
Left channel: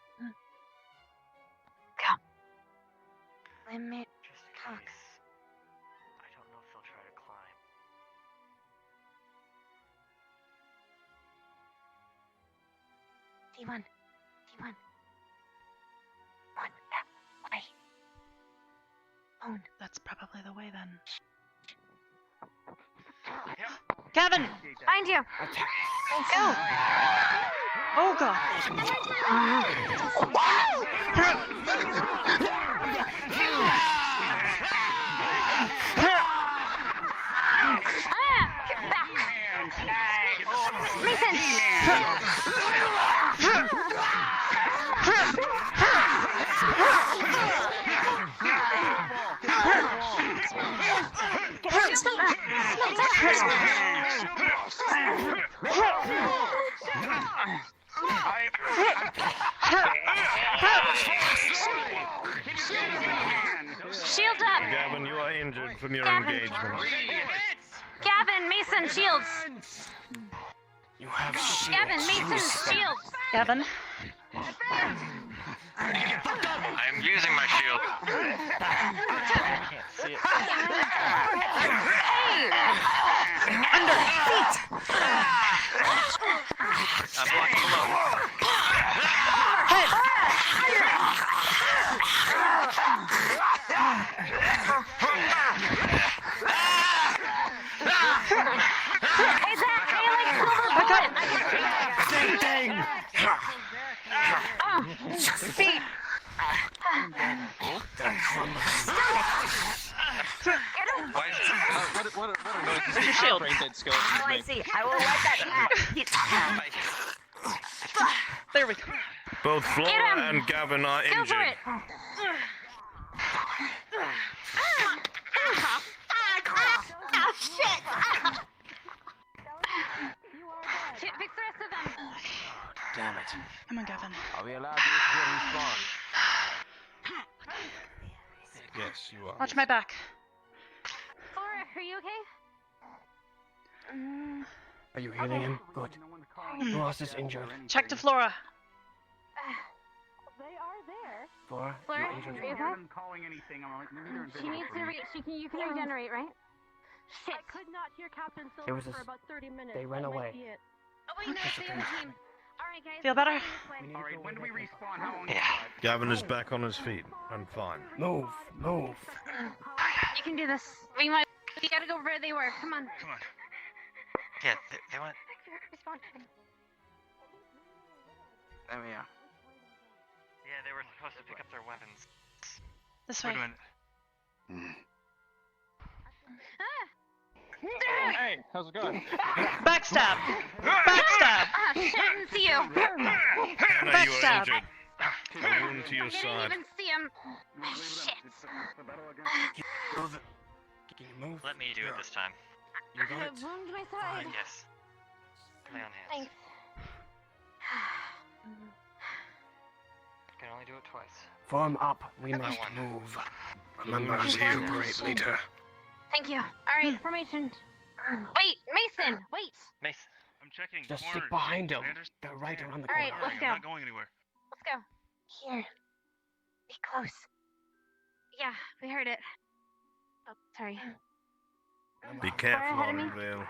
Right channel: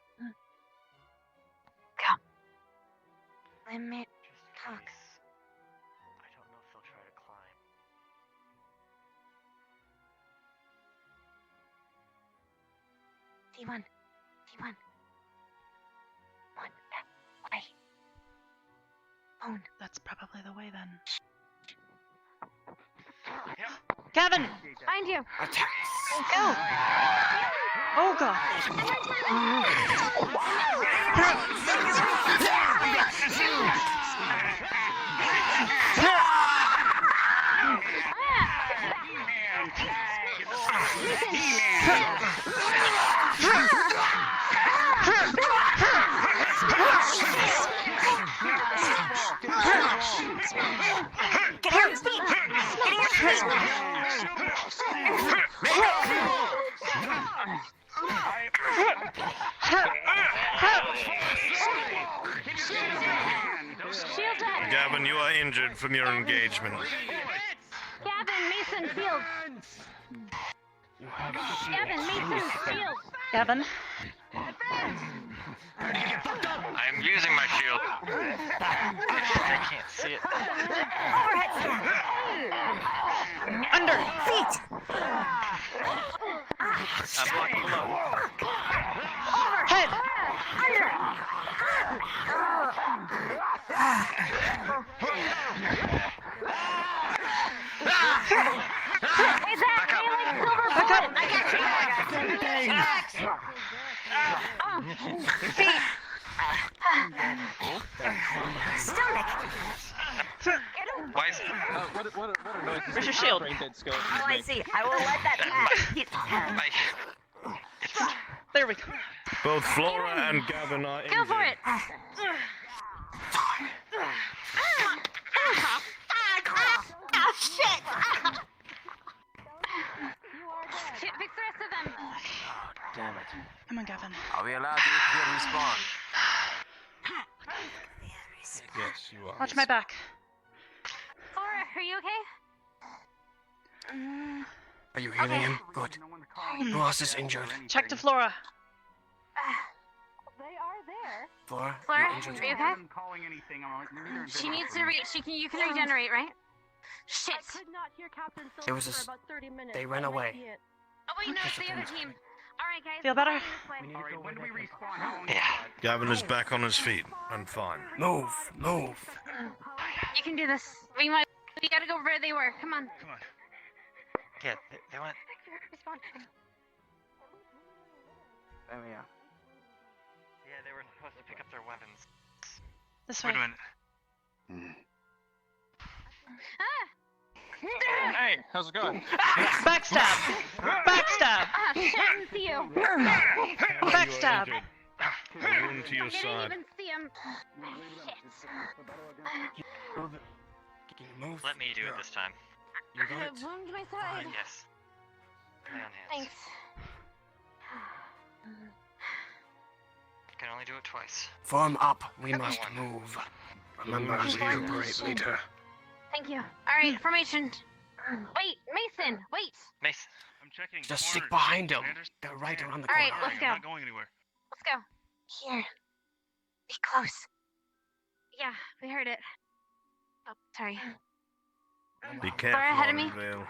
Go. Limit talk. I don't know if they'll try to climb. C1. C1. One. Way. Phone. That's probably the way then. Yep. Gavin! Find you. Go. Oh god! injured from your engagement. Gavin, Mason, shields. You have Gavin, Mason, shields. Gavin. I'm using my shield. I can't see it. Under. Feet. I'm blocked below. Head. Hey, Zach, can you like silver bullet? Feet. Why is it? What are noises? Where's your shield? Oh, I see. I will let that pass. There we go. Both Flora and Gavin are Go injured. for it. Oh, shit. Fix the rest of them. Damn it. Come on, Gavin. Are we allowed to respawn? Yes, you are. Watch my back. Flora, are you okay? Are you healing him? Good. Who else is injured? Check to Flora. They are there. Flora, Flora, you're are injured. you okay? She needs to you can regenerate, right? Shit. I could not hear Captain There was Silver a for about 30 minutes. they ran That might away. be it. Oh wait, no, it's the other team. Alright guys. Feel better? Alright, when do we respawn? How long? Gavin is back on his feet and fine. Move, move. You can do this. We gotta go where they were. Come on. Come on. Yeah, they want. Respond. There we are. Yeah, they were supposed to pick up their weapons. This way. Hey, how's it going? Backstab. Backstab. Ah, shit, I didn't see you. Backstab. A wound to your I didn't side. even see him. Shit. Can you move? Let me do it this time. You I got have it. a wound to my side. Yes. Lay on hands. Thanks. Can only do it twice. Form up. We must move. Remember to recuperate later. Thank you. Alright, formation. Wait, Mason, wait. Mason. I'm checking. Just corners. stick behind him. Sanders? They're right around the Alright, corner. let's go. I'm not going anywhere. Let's go. Here. Be close. Yeah, we heard it. Oh, sorry. Be Far careful ahead of on me. Vale.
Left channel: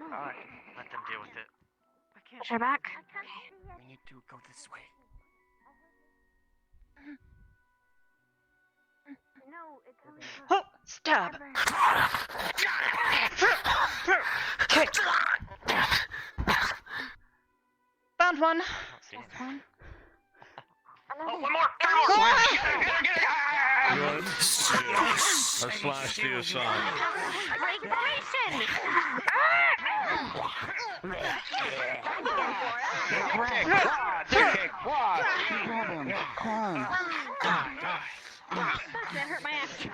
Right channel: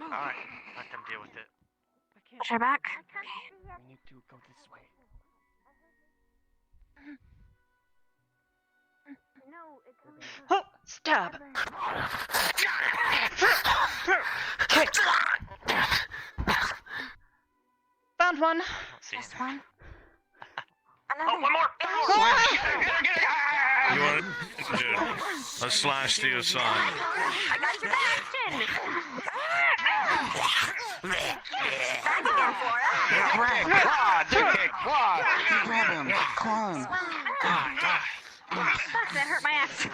Alright. Let them deal with it. Watch our back. We need to go this way. No, it's coming from... Oh, stab. Kick. Found one. Just one. Oh, one more! A slash to your side. That hurt my ass.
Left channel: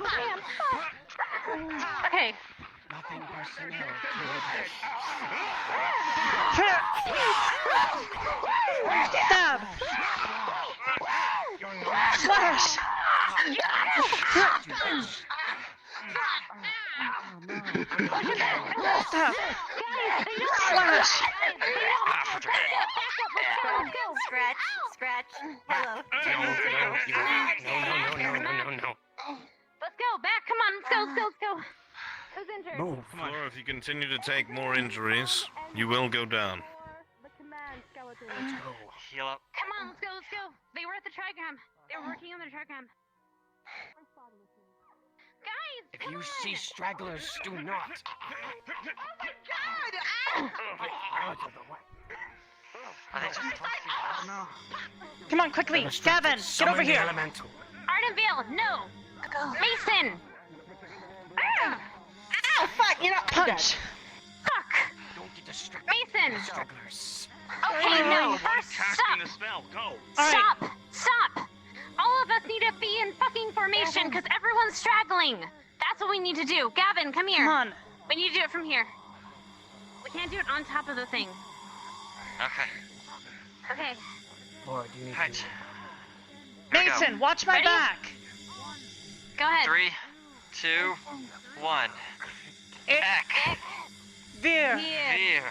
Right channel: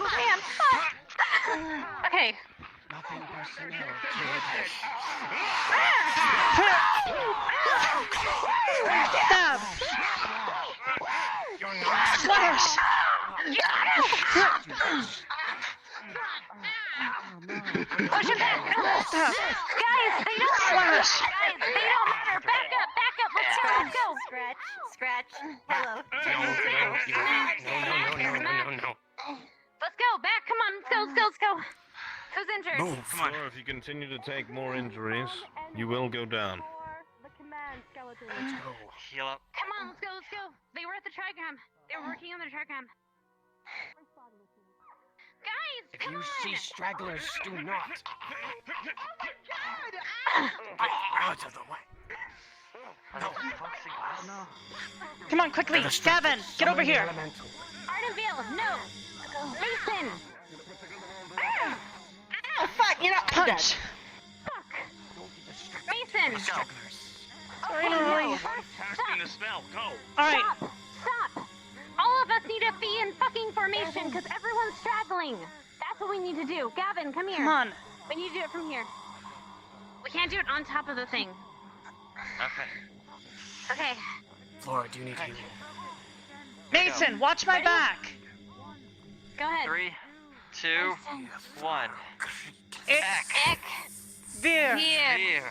Okay. Nothing personnel. Stab. Slash. Stab. Guys, they don't Slash. Back up. Let's go. Scratch. Hello. No. Let's go. Back. Come on. Let's go. Who's injured? Move. Flora, if you continue to take more injuries, you will go down. The command skeleton. Let's go. Heal up. Come on. Let's go. They were at the trigram. They were working on the trigram. Guys, If come you on. see stragglers, do not. Out of the way. Come on, quickly. Gavin, get over here. Ardenville, no. Mason. Oh, fuck, you're not Punch. Fuck. Mason. Stragglers. Okay, Really? no. First, Casting the spell. Go. All right. Stop. All of us need to be in fucking formation because everyone's straggling. That's what we need to do. Gavin, come here. Come on. We need to do it from here. We can't do it on top of the thing. Okay. Okay. Flora, do you need healing? Mason, watch my back. Go ahead. 3, 2, 1. Ick. Veer. Here.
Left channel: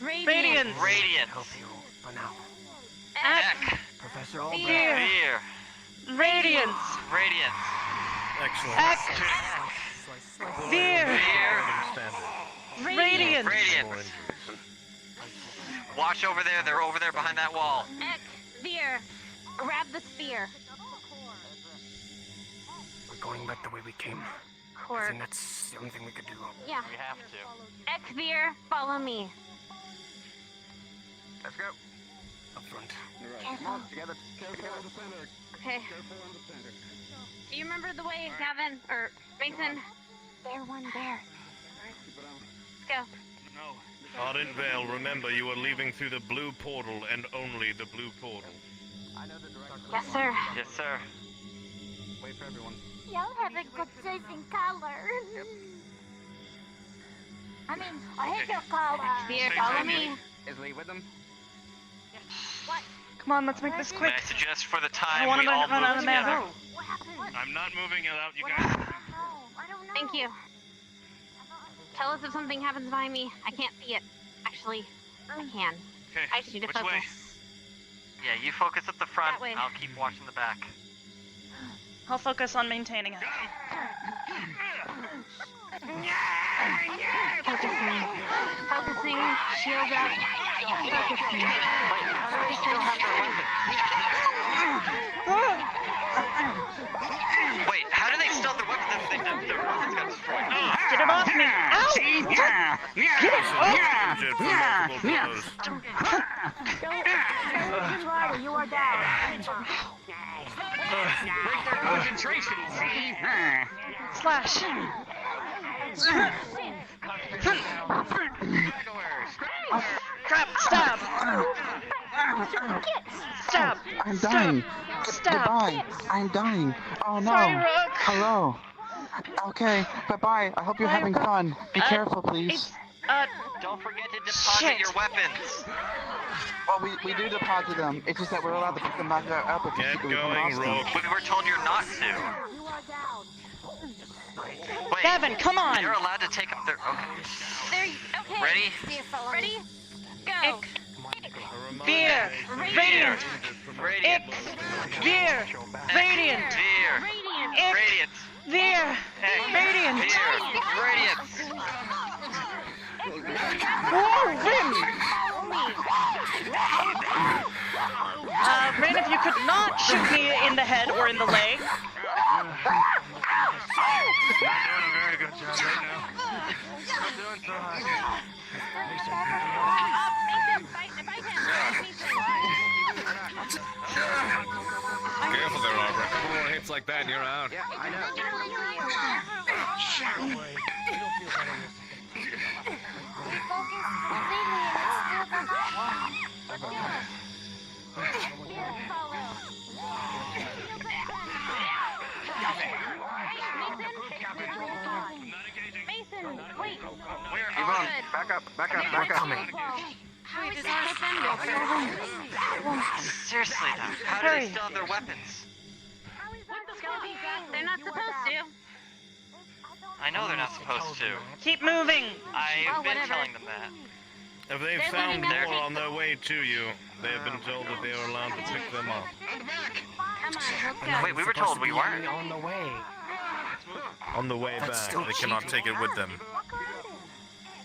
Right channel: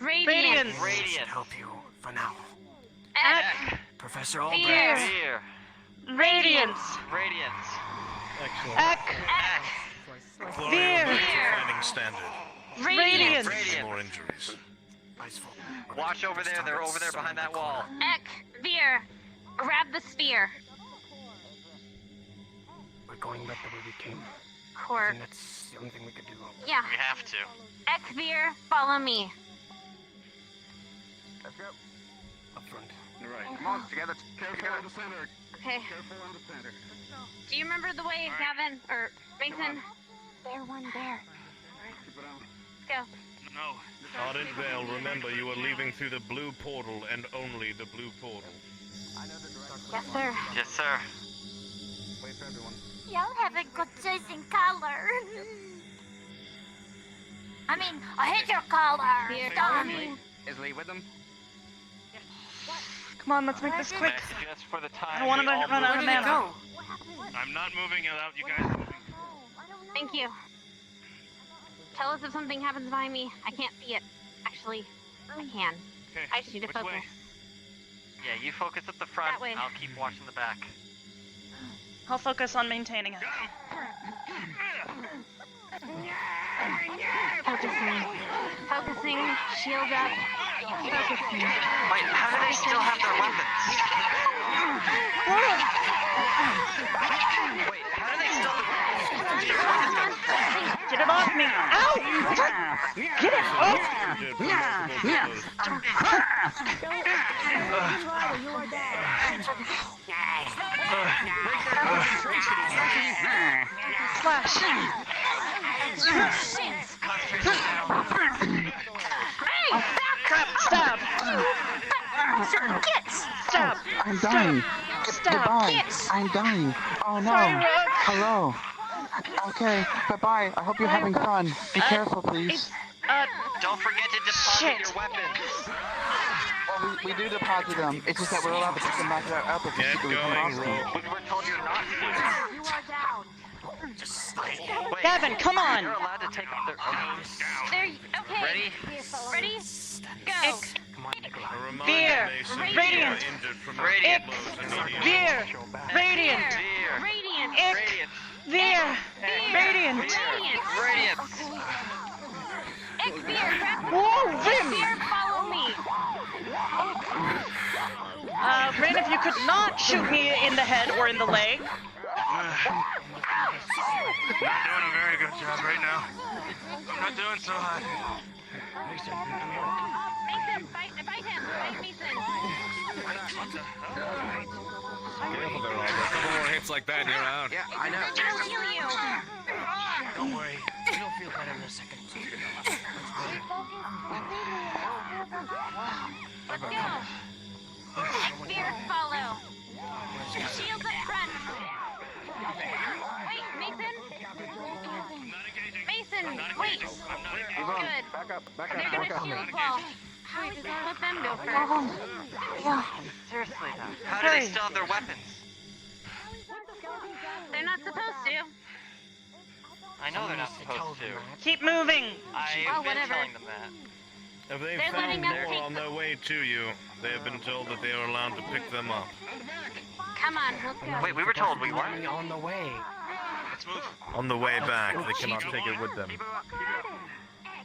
Radiance. Radiance. For now. Ek. Professor Veer. Veer. Radiance. Radiance. Excellent. Ek. Veer. Radiance. Radiance. Watch over there. They're over there behind that wall. Ek, Veer, grab the spear. We're going back the way we came. I Cork. think that's the only thing we could do. Yeah. We have to. Ek, Veer, follow me. Let's go. Up front. Alright. Together. Careful on the center. Okay. Careful on the center. Do you remember the way, Gavin? Or Mason? There, one there. Go. No. Ardent Vale, remember you are leaving through the blue portal and only the blue portal. I know the direction. Yes, sir. Yes, sir. Wait for everyone. Y'all have a good choice in color. I mean, I hate your color. Veer, follow me. Is Lee with them? Come on, let's make this quick. I suggest for the time. I don't want to we all run out of move mana. I'm not moving without you guys. Thank you. Tell us if something happens behind me. I can't see it. Actually, I can. Okay. I just need to Which focus. way? Yeah, you focus at the front. That way. I'll keep watching the back. I'll focus on maintaining it. Focusing. Focusing. Shield up. Focusing. Wait, how do they still have the weapons if they touch their weapons got destroyed? Get it off me! Ow! Get it off! Injured from multiple blows. You are dead. Break their concentration. Slash. Crap! Stab! Stab! I'm dying. Stab! Goodbye. I'm dying. Oh no. Sorry, Rook. Hello. Okay. Bye-bye. I hope you're having fun. Be careful, please. Don't forget to deposit your weapons. Well, we do deposit them. It's just that we're allowed to pick them back up if we Get secretly come going, across them. We were told you're not to. Wait, Gavin, come on! You're allowed to take them. There. Okay. Ready? Ready? Go. Veer! Radiant! Ick! Veer! Radiant! Ick! Veer! Radiant! Radiant! Whoa, Rin! Rin, if you could not shoot me in the head or in the leg. Not doing a very good job right now. Not doing so hot. Mason, fight him. Fight Mason. Careful there, Arbor. A couple more hits like that and you're out. Yeah, I know. You. You'll feel better in a second. Veer, follow. Shield at front. Mason, wait. Good. Back up. They're gonna shield wall. How is that? Let them go first. Seriously, how do they still have their weapons? They're not supposed to. I know they're not supposed to. Keep moving! I've been whatever. telling them that. If they They're found letting us more take on their way to you, they have been told that they are allowed to pick them up. Come on, let's go. Wait, we were told we weren't. On the way. On the way back, they cannot take it with them.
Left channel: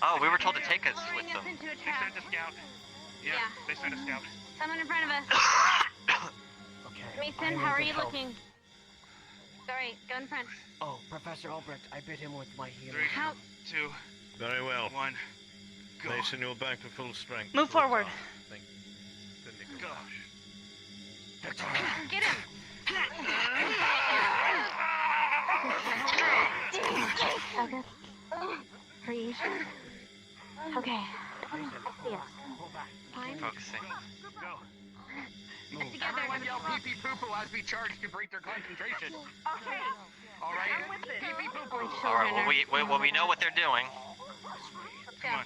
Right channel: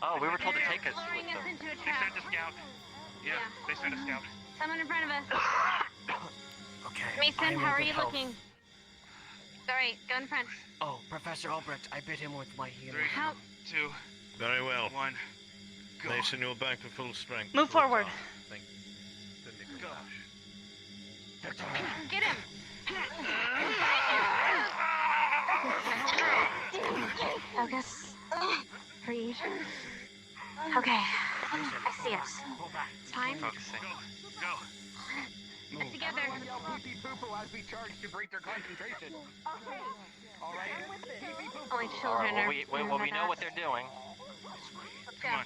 Oh, we were told to take us Luring with us them. into a They trap. sent a scout. Yeah, they sent a scout. Someone in front of us. Okay. Mason, I'm how are in you good health. looking? Alright, go in front. Oh, Professor Albrecht, I bit him with my heel. 3, How? 2, Very well. 1. Go. Mason, you're back to full strength. Move forward. Thank you. Get him! Focus. Breathe. Okay. I see us. Time. Focusing. Get together. Pee-pee poo-poo as we charge to break their concentration. All right. Pee-pee poo-poo. Only children are. Well, we know what they're doing. Let's Come go. on.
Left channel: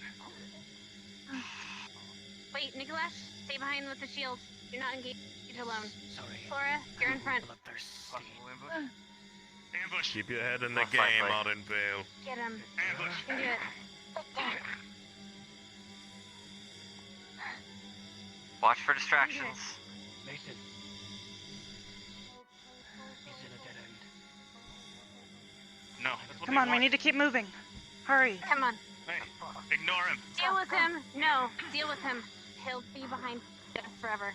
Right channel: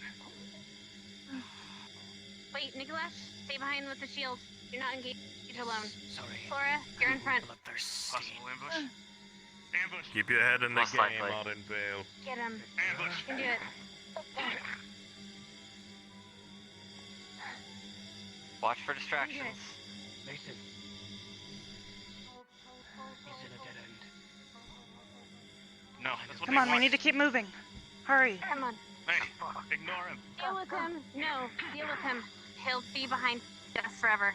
Wait, Nicholas, stay behind with the shield. Do not engage it alone. Sorry. Flora, you're in front. Bloodthirsty. Ambush. Keep your head in the Most game, likely. Ardenvale. Get him. Ambush. You can do it. Watch for distractions. Nathan. He's in a dead end. No, that's what Come they on, we want. need to keep moving. Hurry. Come on. Hey, ignore him. Deal with him. No, deal with him. He'll be behind us forever.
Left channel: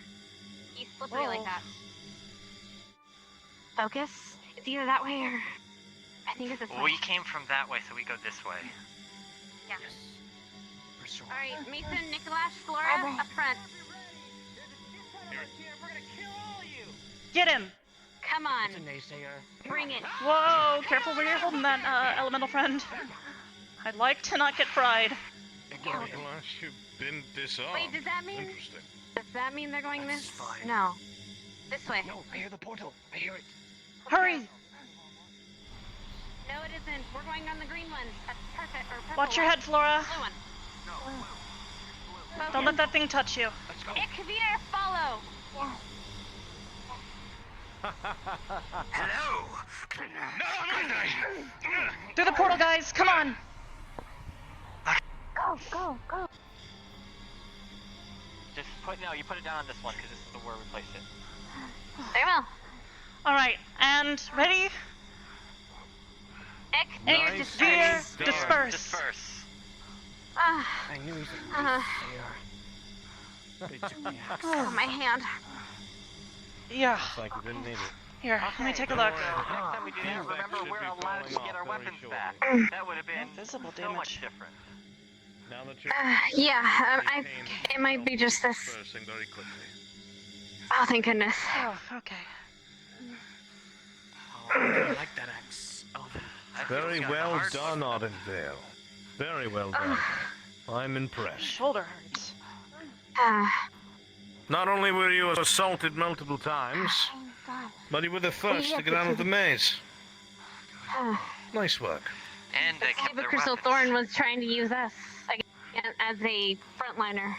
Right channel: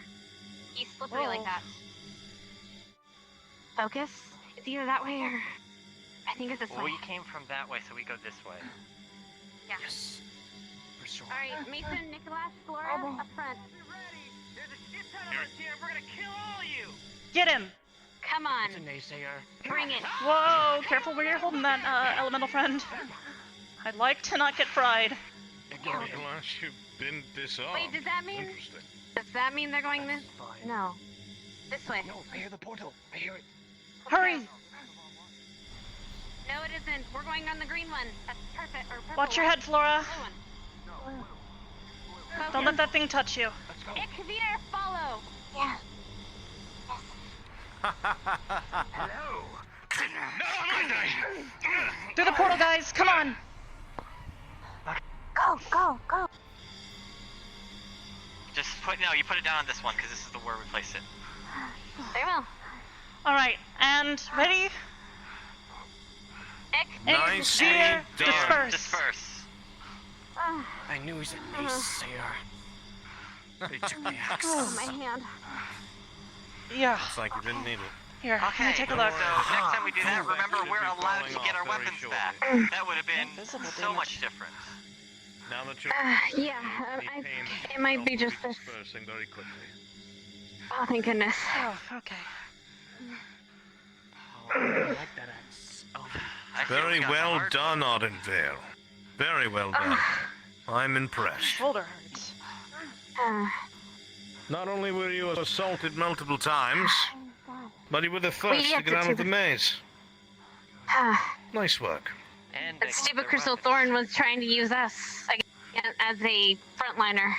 He's slippery like that. Focus. It's either that way or... I think it's this way. We came from that way, so we go this way. Yeah. Yes. For sure. Alright, Mason, Nicholas, Flora, up front. Get him. Come on. It's a naysayer. Bring it. Whoa, careful where you're holding that, elemental friend. I'd like to not get fried. Unless you've been disarmed. Wait, does that mean... Interesting. Does that mean they're going this? No. This way. No, I hear the portal. I hear it. Hurry. No, it isn't. We're going on the green one. That's perfect. Or purple Watch your one. head, Flora. Focus. Don't let that thing touch you. Kavita, follow. Yeah. Hello. No, I'm not dying. Through the portal, guys. Come on. Go. Just you put it down on this one, because this is the where we place it. Very well. All right, and ready? Nice. Sphere, Done. disperse. I knew he was a naysayer. They took the axe. Oh, my hand. Yeah. It's like you didn't need it. Here, let me take a look. Next time we do that, remember we're allowed to get our weapons back. That would have been Visible so damage. much different. Now that you're Yeah, it might be just this. dispersing very quickly. Oh, thank goodness. Oh, okay. Oh, I like that axe. Alvin. Very well done, Ardenvale. Very well done. I'm impressed. Shoulder hurts. Not only were you assaulted multiple times, but you were the first to get out of the maze. Nice work. And The stupid Crystal Thorn was trying to use us again as a frontliner.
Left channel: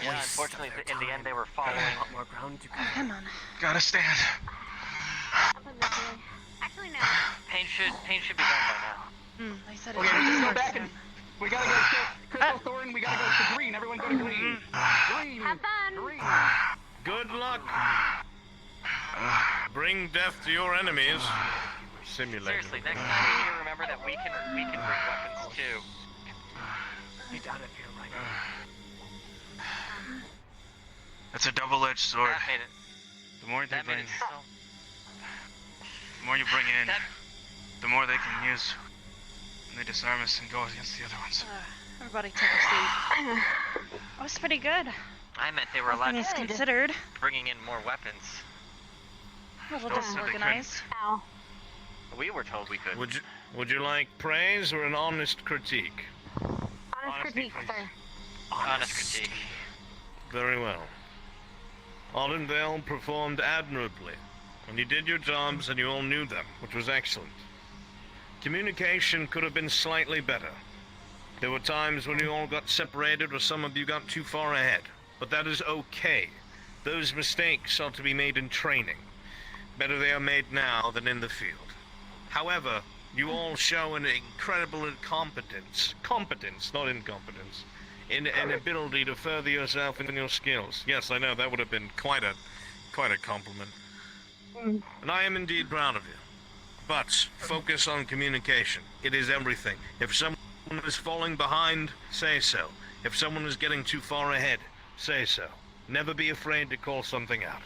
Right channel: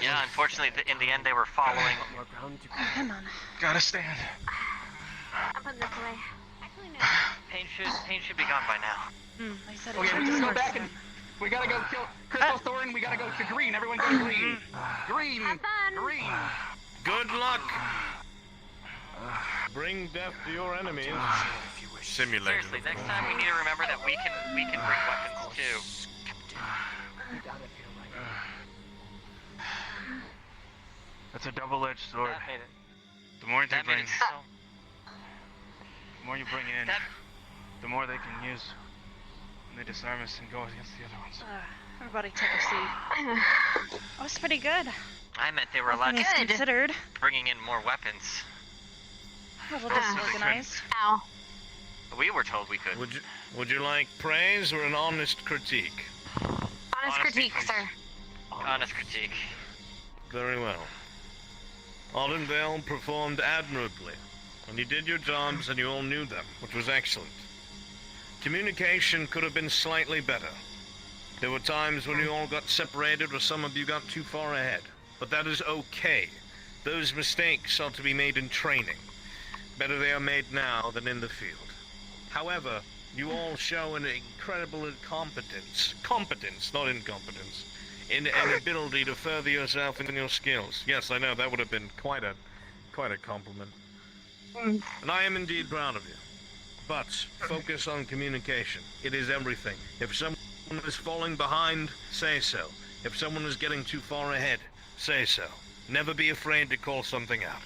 Yeah, unfortunately, in the end, they were following. More ground to Come on. Gotta stand. I'm putting this away. Actually, no. Pain should be gone by now. They said it Okay, should we just go disperse back and again. we gotta go kill Crystal Thorn. We gotta go to green. Everyone go to green. Green. Have fun. Green. Good luck. Bring death to your enemies. Simulator. Seriously, next time we need to remember that we can bring weapons too. You gotta feel like It's a double-edged sword. That made it. The more they That made bring, it so. the more you bring in, That the more they can use. And they disarm us and go against the other ones. Everybody take a seat. That was pretty good. I meant they were All allowed things to considered. bringing in more weapons. A little Don't say they disorganized. Ow. We were told we could. Would you like praise or an honest critique? Honest critique, sir. Honest critique. Very well. Ardenvale performed admirably, and you did your jobs and you all knew them, which was excellent. Communication could have been slightly better. There were times when you all got separated or some of you got too far ahead, but that is okay. Those mistakes are to be made in training. Better they are made now than in the field. However, you all show an incredible competence, not incompetence, in an ability to further yourself in your skills. Yes, I know, that would have been quite a compliment. And I am indeed proud of you. But focus on communication. It is everything. If someone is falling behind, say so. If someone is getting too far ahead, say so. Never be afraid to call something out.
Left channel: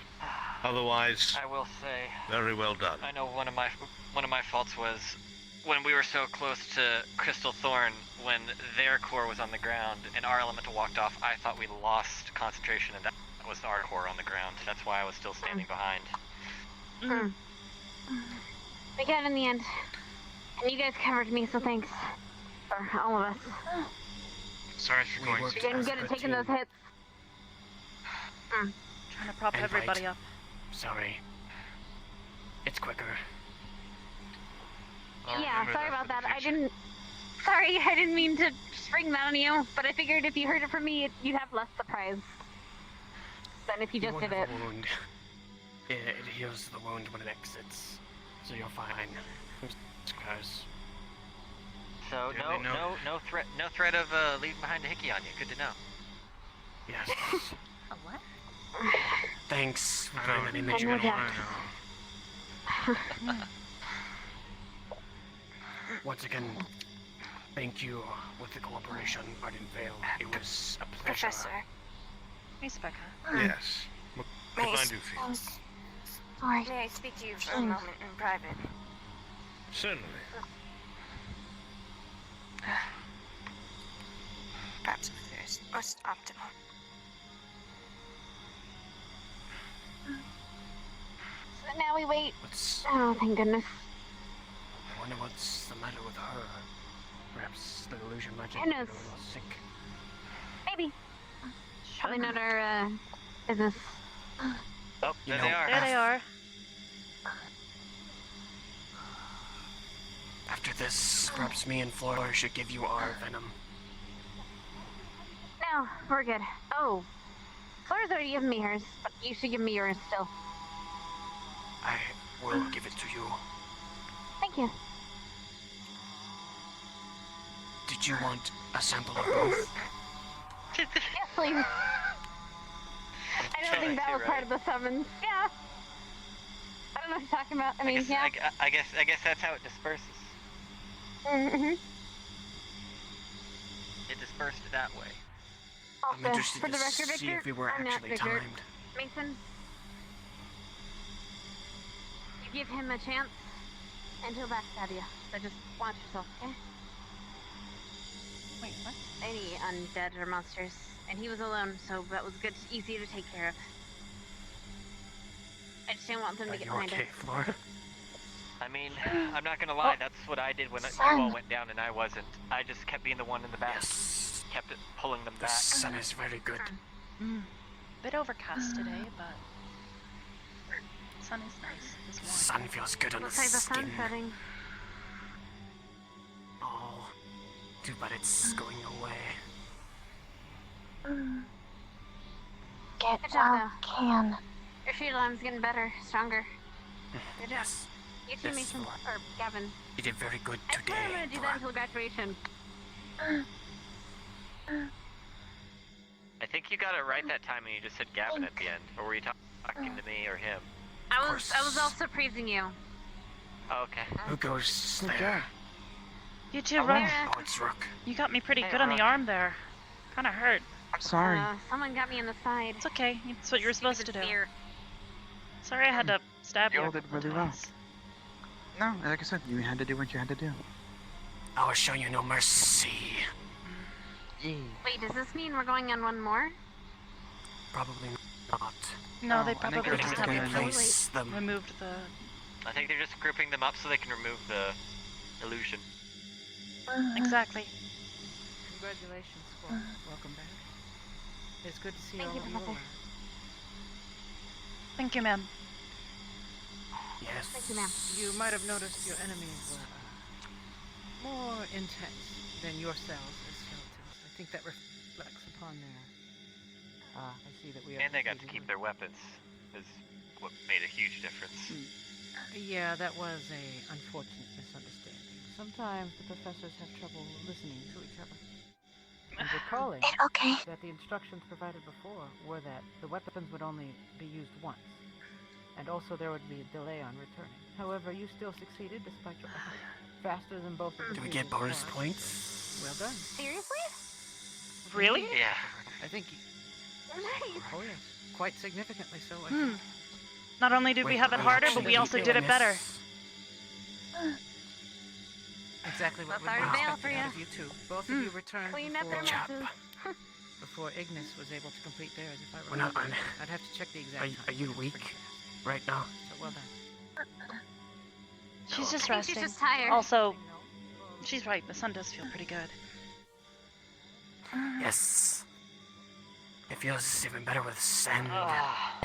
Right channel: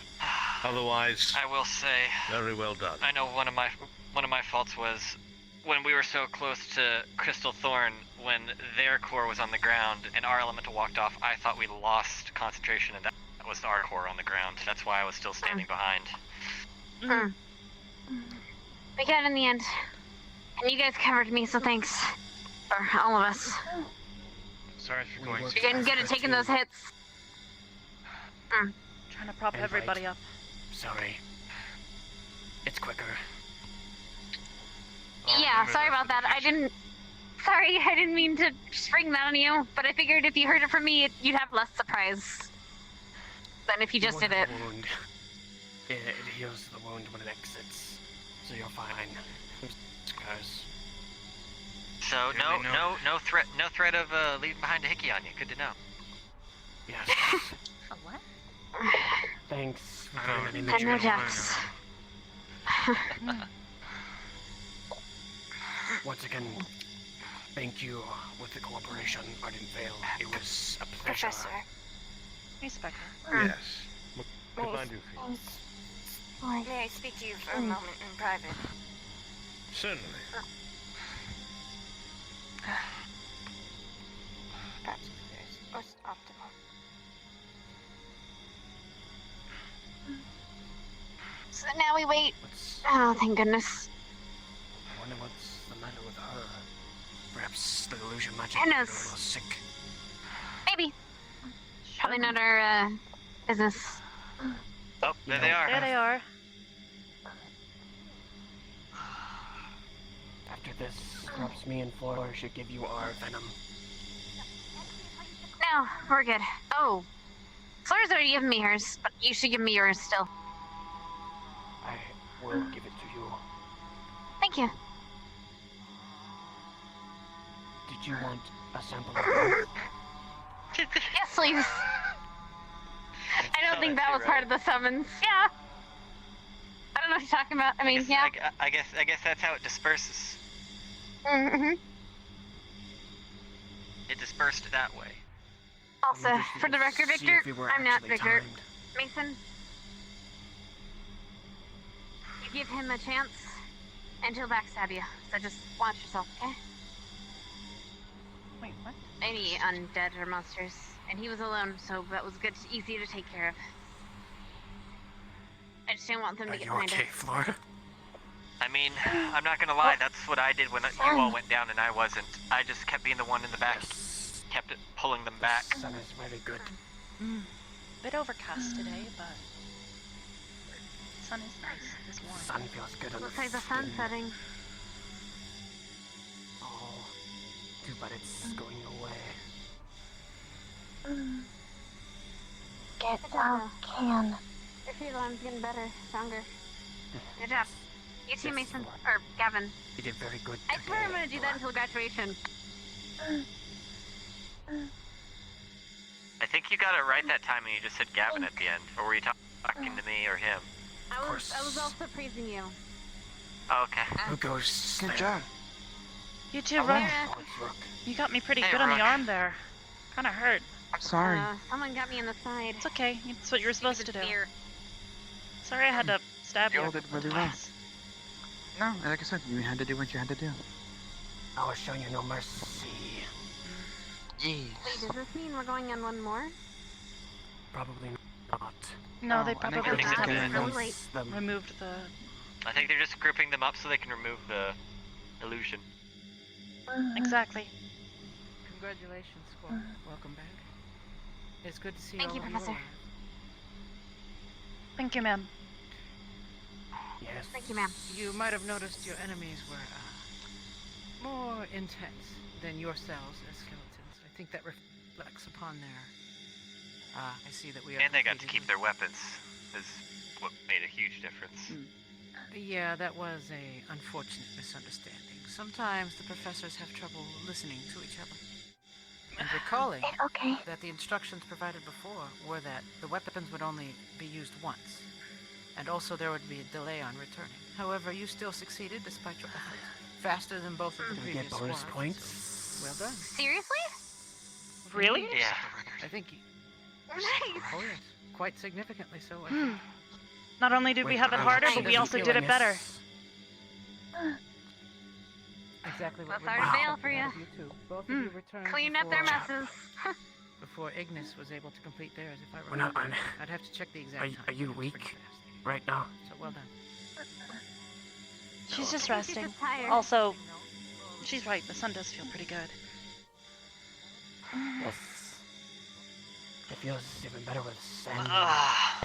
Otherwise, I will say, very well done. I know one of my faults was when we were so close to Crystal Thorn, when their core was on the ground and our elemental walked off, I thought we lost concentration, and that was our core on the ground. That's why I was still standing behind. We got it in the end. And you guys covered me, so thanks. For all of us. Sorry for going. You're getting good at taking those hits. Trying to prop everybody up. Sorry. It's quicker. Yeah, sorry about that. Sorry, I didn't mean to spring that on you, but I figured if you heard it from me, you'd have less surprise. than if you just won't did have it. a wound. It heals the wound when it exits, so you're fine. Scars. So no threat of leaving behind a hickey on you. Good to know. Yes. A what? Thanks for I putting don't that in the even journal. wanna know. Once again, thank you with the cooperation. I didn't fail. It was a pleasure. Professor. Hey, Specca. Yes. What can I do for you? May I speak to you for a moment in private? Certainly. Perhaps it's most optimal. So now we wait. Oh, thank goodness. I wonder what's the matter with her. Perhaps the illusion magic Who made her a knows? little sick. Maybe. Probably not our business. Oh, there they are. There they are. After this, perhaps me and Flora should give you our venom. No, we're good. Oh, Flora's already given me hers, but you should give me yours still. I will give it to you. Thank you. Did you want a sample of both? Yes, please. I don't think that was part of the summons. Yeah. I don't know what you're talking about. I mean, yeah. I guess that's how it disperses. Mm-hmm. It dispersed that way. Also, for the record, Victor, I'm not Victor. Mason, you give him a chance, and he'll backstab you. So just watch yourself, okay? Wait, what? Any undead or monsters, and he was alone, so that was good, easy to take care of. I just didn't want them to get behind us. Flora? I mean, I'm not gonna lie, that's what I did when you all went down and I wasn't. I just kept being the one in the back. Kept it pulling them back. The sun is very good. Bit overcast today, but sun is nice. It's warm. Sun feels good on Looks the like the skin. sun's setting. Oh, too bad it's going away. Good job, though. Your shield arm's getting better, stronger. Good job. You too, Mason. Or Gavin. You did very good I today. swear I'm gonna do that until graduation. I think you got it right that time when you just said Gavin at the end. Or were you talking to me or him? I was also praising you. Okay. Who goes? Good job. You too, Rook. Rook. You got me pretty good on the arm there. Kinda hurt. I'm sorry. Someone got me in the side. It's okay. It's what you were supposed to do. Spear. Sorry I had to stab you. You all did really well. No, like I said, you had to do what you had to do. I will show you no mercy. Yes. Wait, does this mean we're going on one more? Probably not. No, they I think probably we're just just gonna haven't removed the... I think they're just grouping them up so they can remove the illusion. Exactly. Congratulations, squad. Welcome back. It's good to see Thank all you, of you Professor. alive. Thank you, ma'am. Yes. Thank you, ma'am. You might have noticed your enemies were more intense than yourselves as skeletons. I think that reflects upon their... I see that we have... And they got to keep their weapons. Is what made a huge difference. Yeah, that was a unfortunate misunderstanding. Sometimes the professors have trouble listening to each other. And recalling that the instructions provided before were that the weapons would only be used once, and also there would be a delay on returning. However, you still succeeded despite your efforts. Faster than both of the Do we previous get bonus squads. points? Well done. Seriously? Really? Yeah. I think... Nice. Oh, yes. Quite significantly so, I think. Not only did we have it harder, but we also did it better. Exactly what Both are to we bail for expected you. out of you two. Both of you returned Clean up before, their messes. before Ignis was able to complete theirs, if I We're not remember. on- I'd have to check the exact time. Are you It's weak pretty fast. right now? So well done. She's just She's resting. just tired. Also, she's right. The sun does feel pretty good. Yes. It feels even better with sand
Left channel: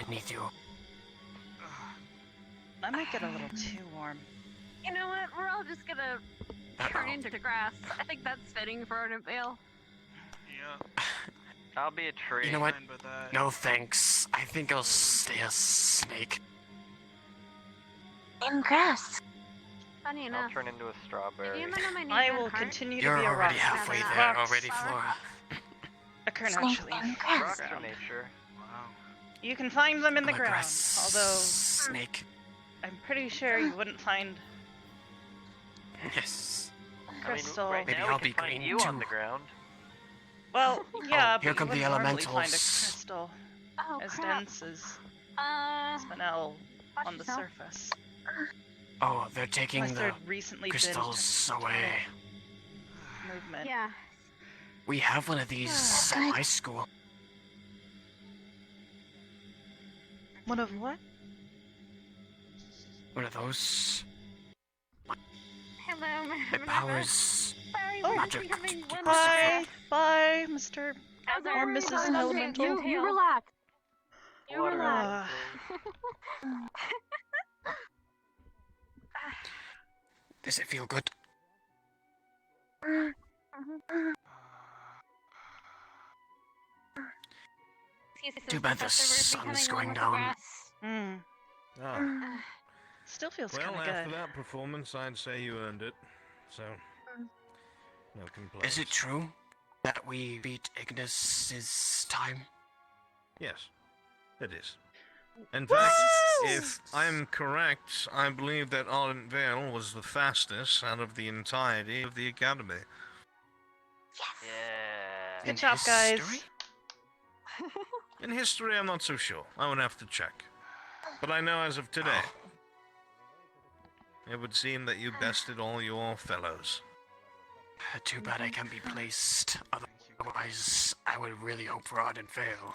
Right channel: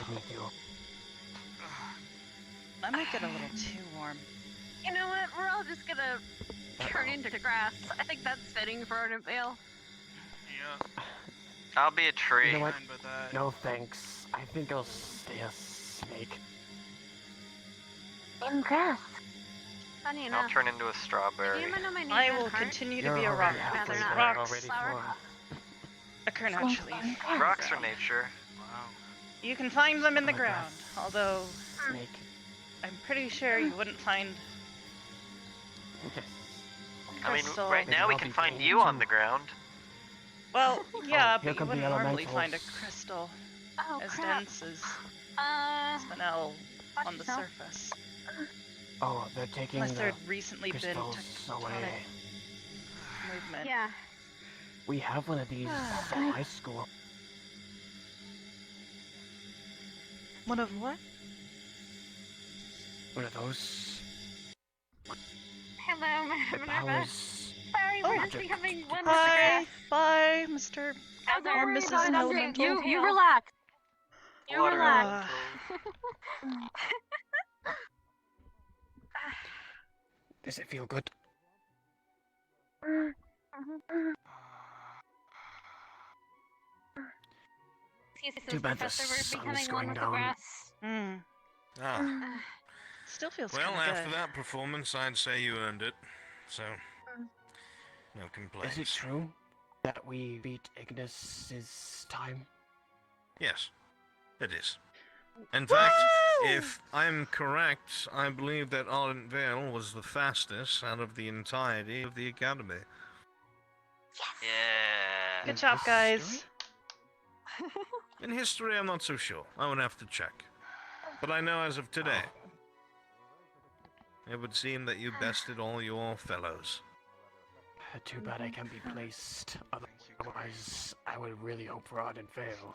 beneath you. That might get a little too warm. You know what? We're all just gonna turn into grass. I think that's fitting for Ardent Vale. Yeah. I'll be a tree. You know what? Fine with that. No thanks. I think I'll stay a snake. In grass. Funny I'll enough. turn into a strawberry. You know my name I is will Heart? continue to You're be a already rock. halfway because there rocks already, Flora. occur naturally. Rocks So, are nature. Wow. you can find them in the I'm a ground, grass although snake. I'm pretty sure you wouldn't find Yes. crystal. I mean, right Maybe now we I'll can be find green, you on too. the ground. Well, yeah, Here but you come the wouldn't normally find a elementals. crystal Oh, as crap. dense as Uh, spinel watch on the yourself. surface. Oh, they're taking Unless the there'd recently been crystals away. tectonic movement. yeah. We have one of these at my school. One of what? One of those. Hello, It Minerva. powers Sorry, Oh. we're becoming one. Bye, bye, Mr. Oh, don't or worry Mrs. about it. Elemental. You relax. You Water relax. Does it feel good? Too bad the Professor, we're becoming sun's one going with the down. grass. Mm. Ah. Still feels Well, kind of after good. that performance, I'd say you earned it. So, no complaints. Is it true that we beat Ignis's time? Yes, it is. In fact, if I'm correct, I believe that Ardent Vale was the fastest out of the entirety of the Academy. Yeah. Good job, guys. In history, I'm not so sure. I would have to check. But I know as of today, it would seem that you bested all your fellows. Too bad I can't be placed. Otherwise, I would really hope for Ardent Vale.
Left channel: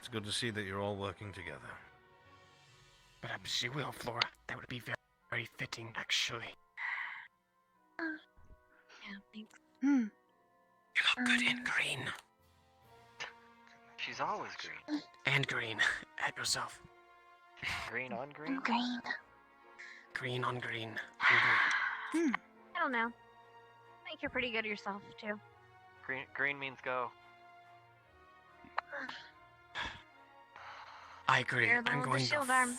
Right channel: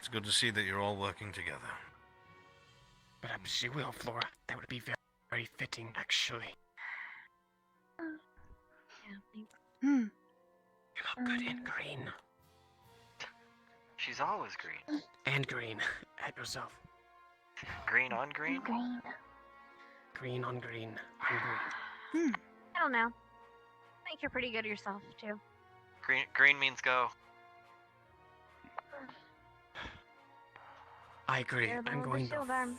It's good to see that you're all working together. Perhaps you will, Flora. That would be very, very fitting, actually. Yeah, thanks. Hmm. You look good in green. She's always green. And green. At yourself. Green on green? Green. Green on green. And green. I don't know. I think you're pretty good yourself, too. Green means go. I agree. You're the I'm one with going the to shield arm.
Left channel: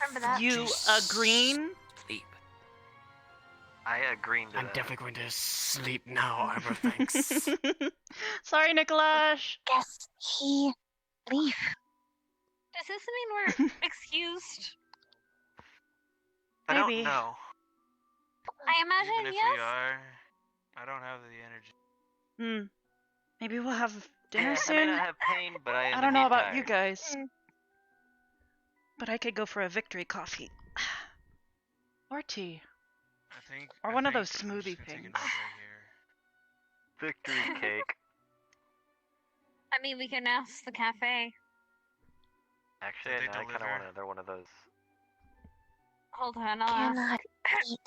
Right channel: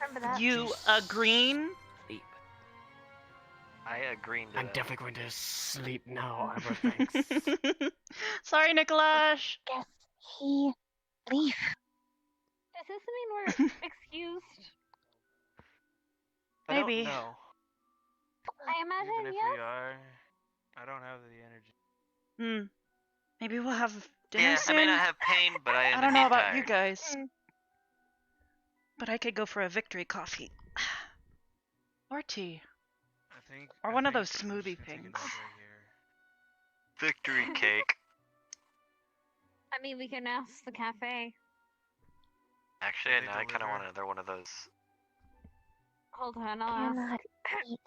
Remember that? You agree? sleep. I agree to I'm that. definitely going to sleep now, Arbor. Thanks. Sorry, Nikolaj. Guess he leave. Does this mean we're excused? I don't Maybe. know. I imagine Even if yes. we are, I don't have the energy. Hmm. Maybe we'll have dinner Yeah, soon. I may not have pain, but I am I don't know indeed about you tired. guys, but I could go for a victory coffee. Or tea. Or one of those smoothie things. Victory cake. I mean, we can ask the cafe. Actually, Did they I kind of deliver? want another one of those. Hold on, I'll ask. Cannot eat.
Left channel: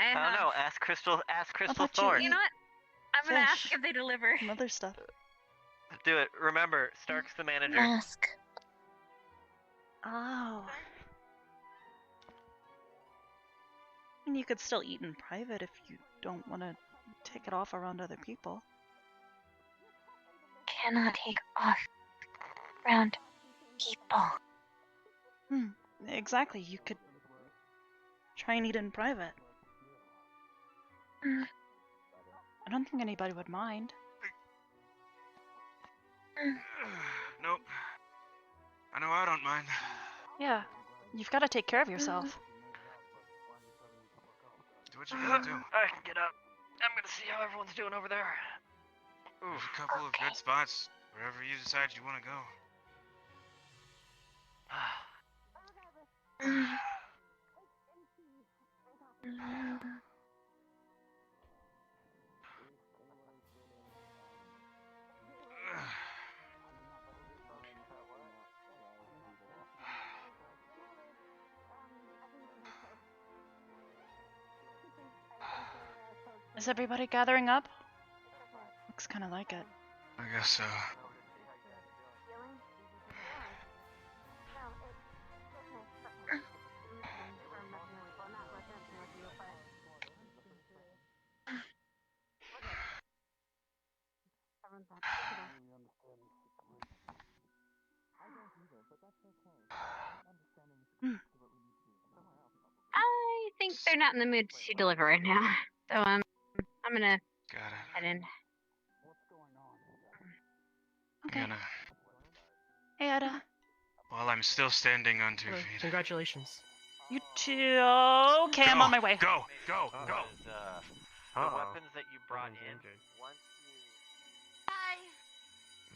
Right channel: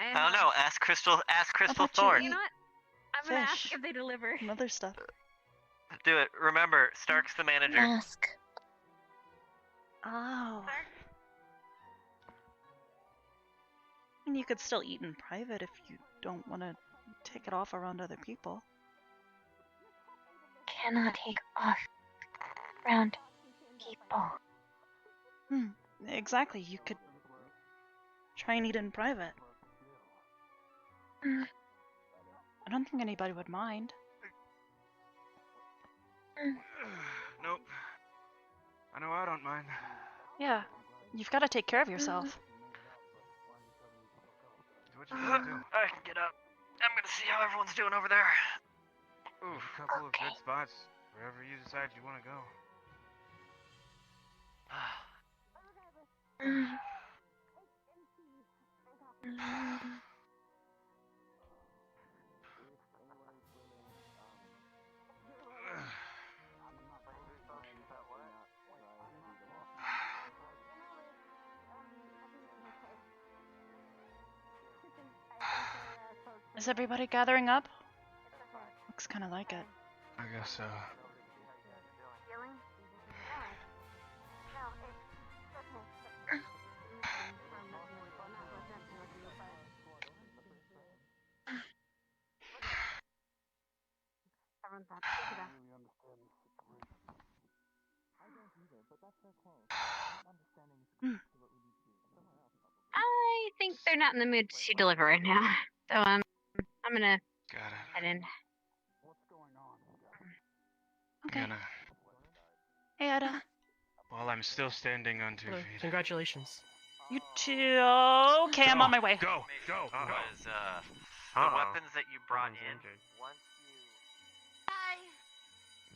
I don't know. Ask Crystal. Ask Crystal let you Thorn. You know what? I'm gonna ask Fish. if they deliver. And other stuff. Do it. Remember, Stark's the manager. Ask. Oh. And you could still eat in private if you don't want to take it off around other people. Cannot take off around people. Exactly. You could try and eat in private. I don't think anybody would mind. Nope. I know I don't mind. Yeah. You've got to take care of yourself. Do what you gotta do. I can get up. I'm gonna see how everyone's doing over there. There's a couple of good spots wherever you decide you want to go. Is everybody gathering up? Looks kind of like it. I guess so. I think they're not in the mood to deliver right now. So I'm gonna head in. Okay. Hannah, Hey, Ada. while I'm still standing on 2 Hello. feet. Congratulations. You too. Okay, I'm on my way. Go. Was, the weapons that you brought in. Hi.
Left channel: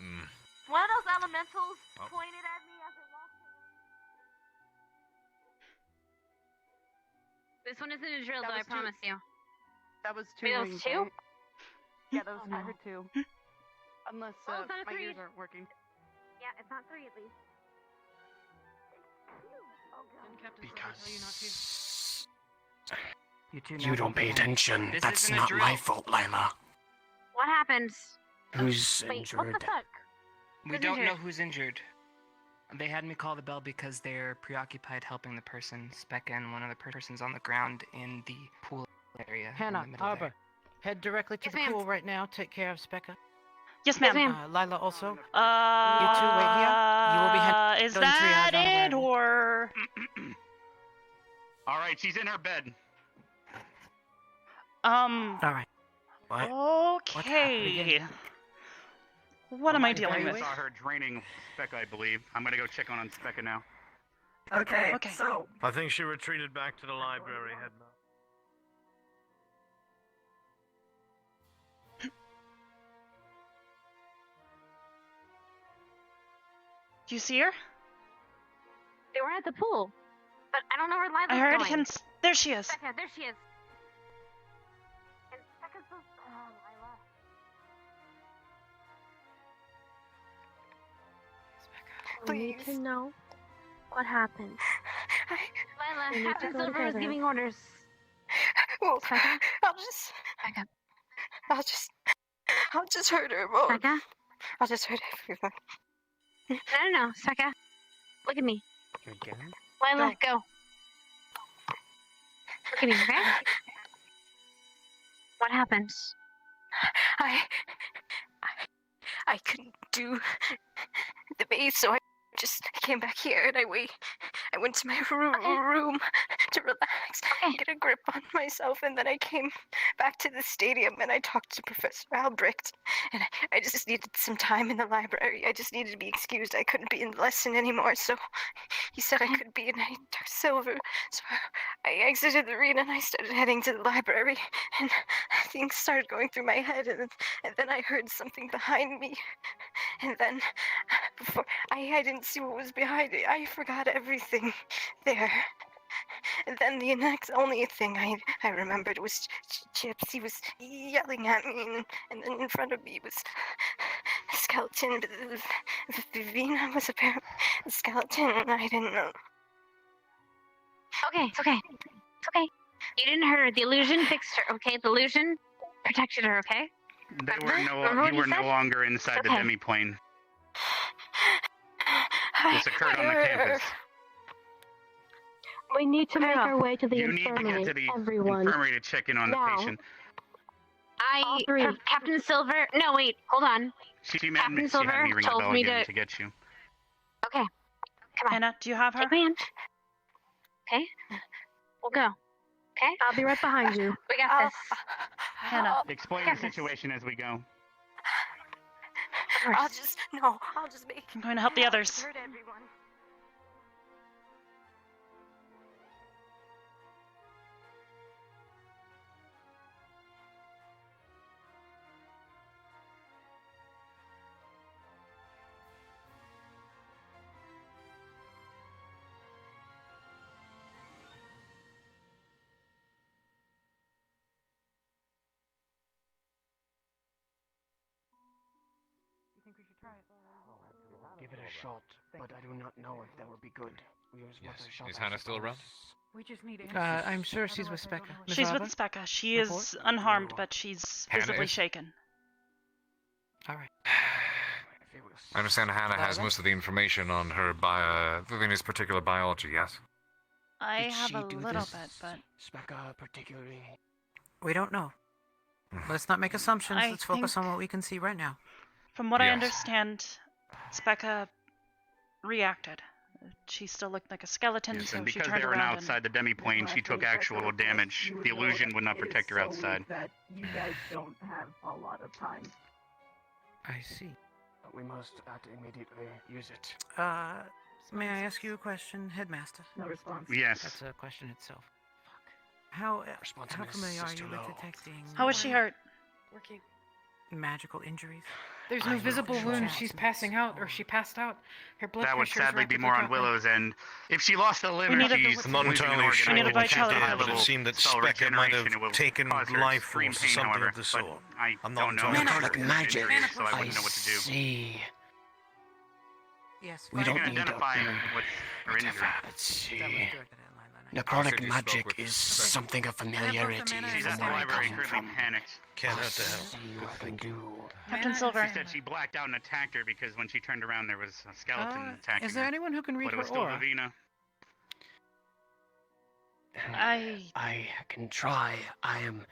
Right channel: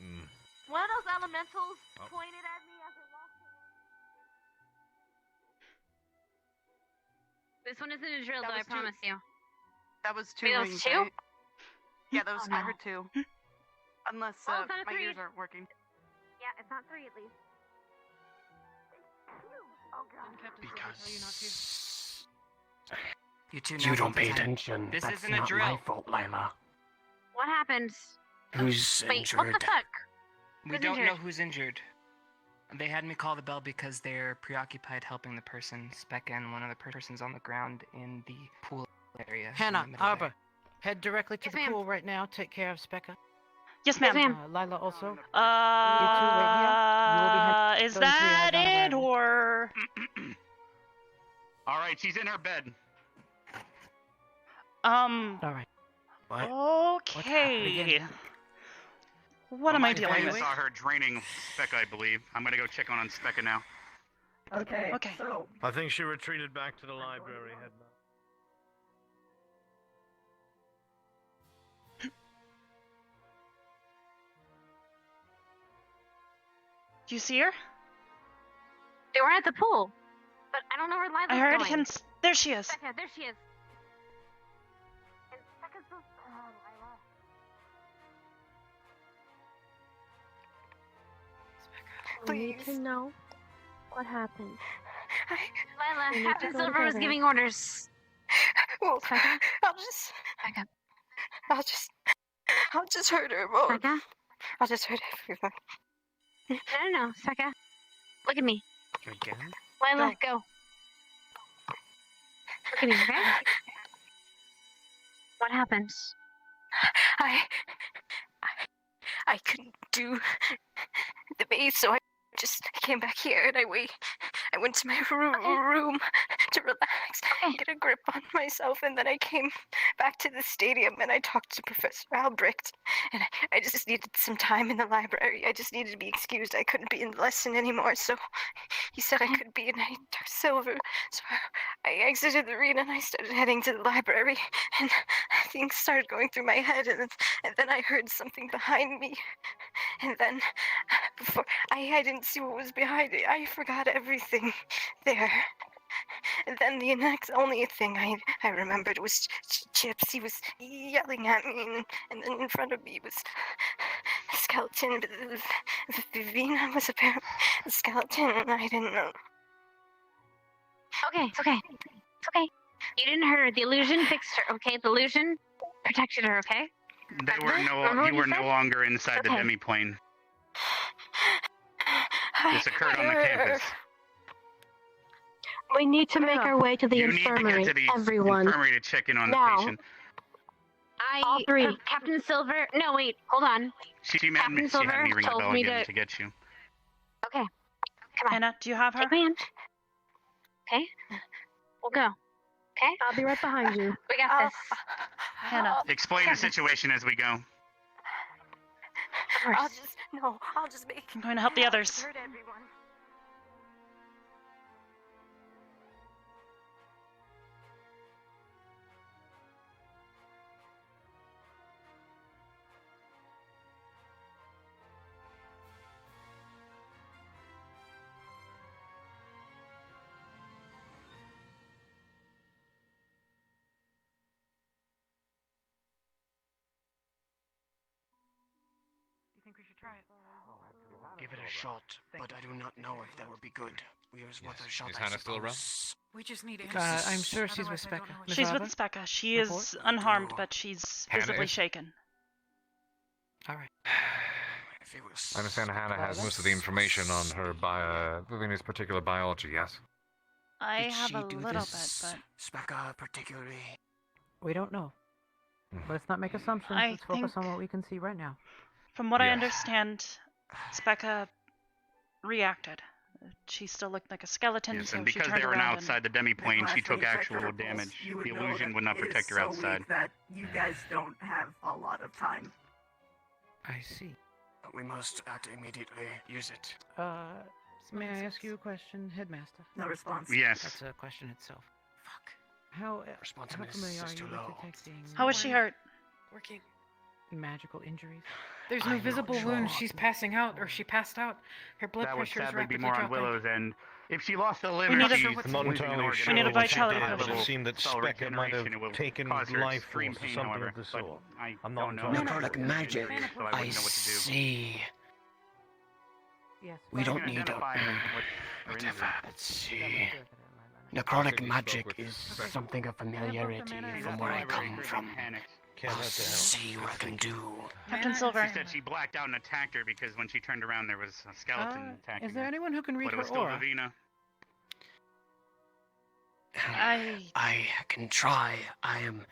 Mm. One of those elementals pointed at me as it walked away. This one isn't a drill, That though, I was two. promise you. That was two Wait, that was rings, two? right? Yeah, that was. Oh, no. I heard two. Unless Oh, it's not my three. ears aren't working. Yeah, it's not three at least. Didn't Captain Silver Because tell you not to? You two You don't pay attention. This That's isn't a not drill. my fault, Lila. What happened? Who's Wait, injured? what the fuck? We Who's don't know injured? who's injured. They had me call the bell because they're preoccupied helping the person, Specca, and one other person's on the ground in the pool area. in Hannah, the middle there. Arbor, head directly to Yes, the ma'am. pool right now. Take care of Specca. Yes, ma'am. Lila also. You two wait here. Is that it, or? All right, she's in her bed. All right. Okay. What am I dealing I with? saw her draining Specca, I believe. I'm gonna go check on Specca now. Okay. So I think she retreated back to the library, Headmaster. Do you see her? They were at the pool. But I don't know where Lila's I heard going. him. There she is. Becca, there she is. And Becca's so... Lila. We need to know what happened. We Lila, need to Captain go Silver is together. giving orders. Well, Becca? I'll just hurt her more. Becca? I'll just hurt everyone. No, Becca. Look at me. You again? Lila, go. Look at me, okay? What happens? I couldn't do the base, so I just came back here and I went to my room to relax and get a grip on myself, and then I came back to the stadium and I talked to Professor Albrecht, and I just needed some time in the library. I just needed to be excused. I couldn't be in the lesson anymore, so he said I could be, and I talked to Silver. So I exited the arena and I started heading to the library, and things started going through my head, and then I heard something behind me, and then before I didn't see what was behind it. I forgot everything there. And then the only thing I remembered was Chips. He was yelling at me, and then in front of me was a skeleton. But Vivina was apparently a skeleton, and I didn't know. Okay, it's okay. It's okay. You didn't hurt her. The illusion fixed her, okay? The illusion protected her, okay? You were no longer inside the Okay. demiplane. This occurred on the campus. We need to make our way to the You need to infirmary, get to the everyone. infirmary to check in on the Now. patient. All three. Captain Silver. No, wait. Hold on. She had Captain me Silver ring the told bell me again to... to get you. Okay. Come on. Hannah, do you have her? Take my hand. Okay. We'll go. Okay? I'll be right behind you. We got this. Hannah. Explain the situation as we go. I'll just make. I'm going to help the others. Hurt everyone. Give it a shot, but I do not know if that would be good. Is Hannah still around? We just need I'm sure she's with Specca. Miss She's Arbor? with Specca. She Report? is unharmed, but she's Hannah visibly is? shaken. All right. I understand Hannah has most of the information on her Vivina's particular biology, yes? I Did have she a do little this? bit, but Specca particularly. We don't know. Let's not make assumptions. I Let's focus think- on what we can see right now. from what I Yes. understand, Specca reacted She still looked like a skeleton, Yes, so and she because turned they were around outside the demi-plane, she took actual damage. The illusion would not protect her outside. That you guys don't have a lot of time. I see. We must act immediately. Use it. May I ask you a question, Headmaster? No response. Yes. That's a question itself. How familiar are you with detecting... How was she hurt? Working. Magical injuries? There's no visible wound. She's passing out, or she passed out. Her blood That would pressure is sadly be rapidly more on dropping. Willow's end. If she lost a limb, We need a- she's I'm not losing an entirely organ. sure We need a what you vitality did, but potion. it seemed that Cell Spectre might regeneration, it will have taken cause her life extreme force or pain, something however, of the but sort. I'm not don't know. entirely Like sure. magic. So I wouldn't know what to do. See. Yes. We don't can need a... identify with her injury. Let's see. Necrotic magic is something of familiarity from where I come from. Can't I'll have to help. see what I can do. Captain Silver. She said she blacked out and attacked her because when she turned around, there was a skeleton attacking Is there her. anyone who can read But it her was still aura? Ravina. I can try. I am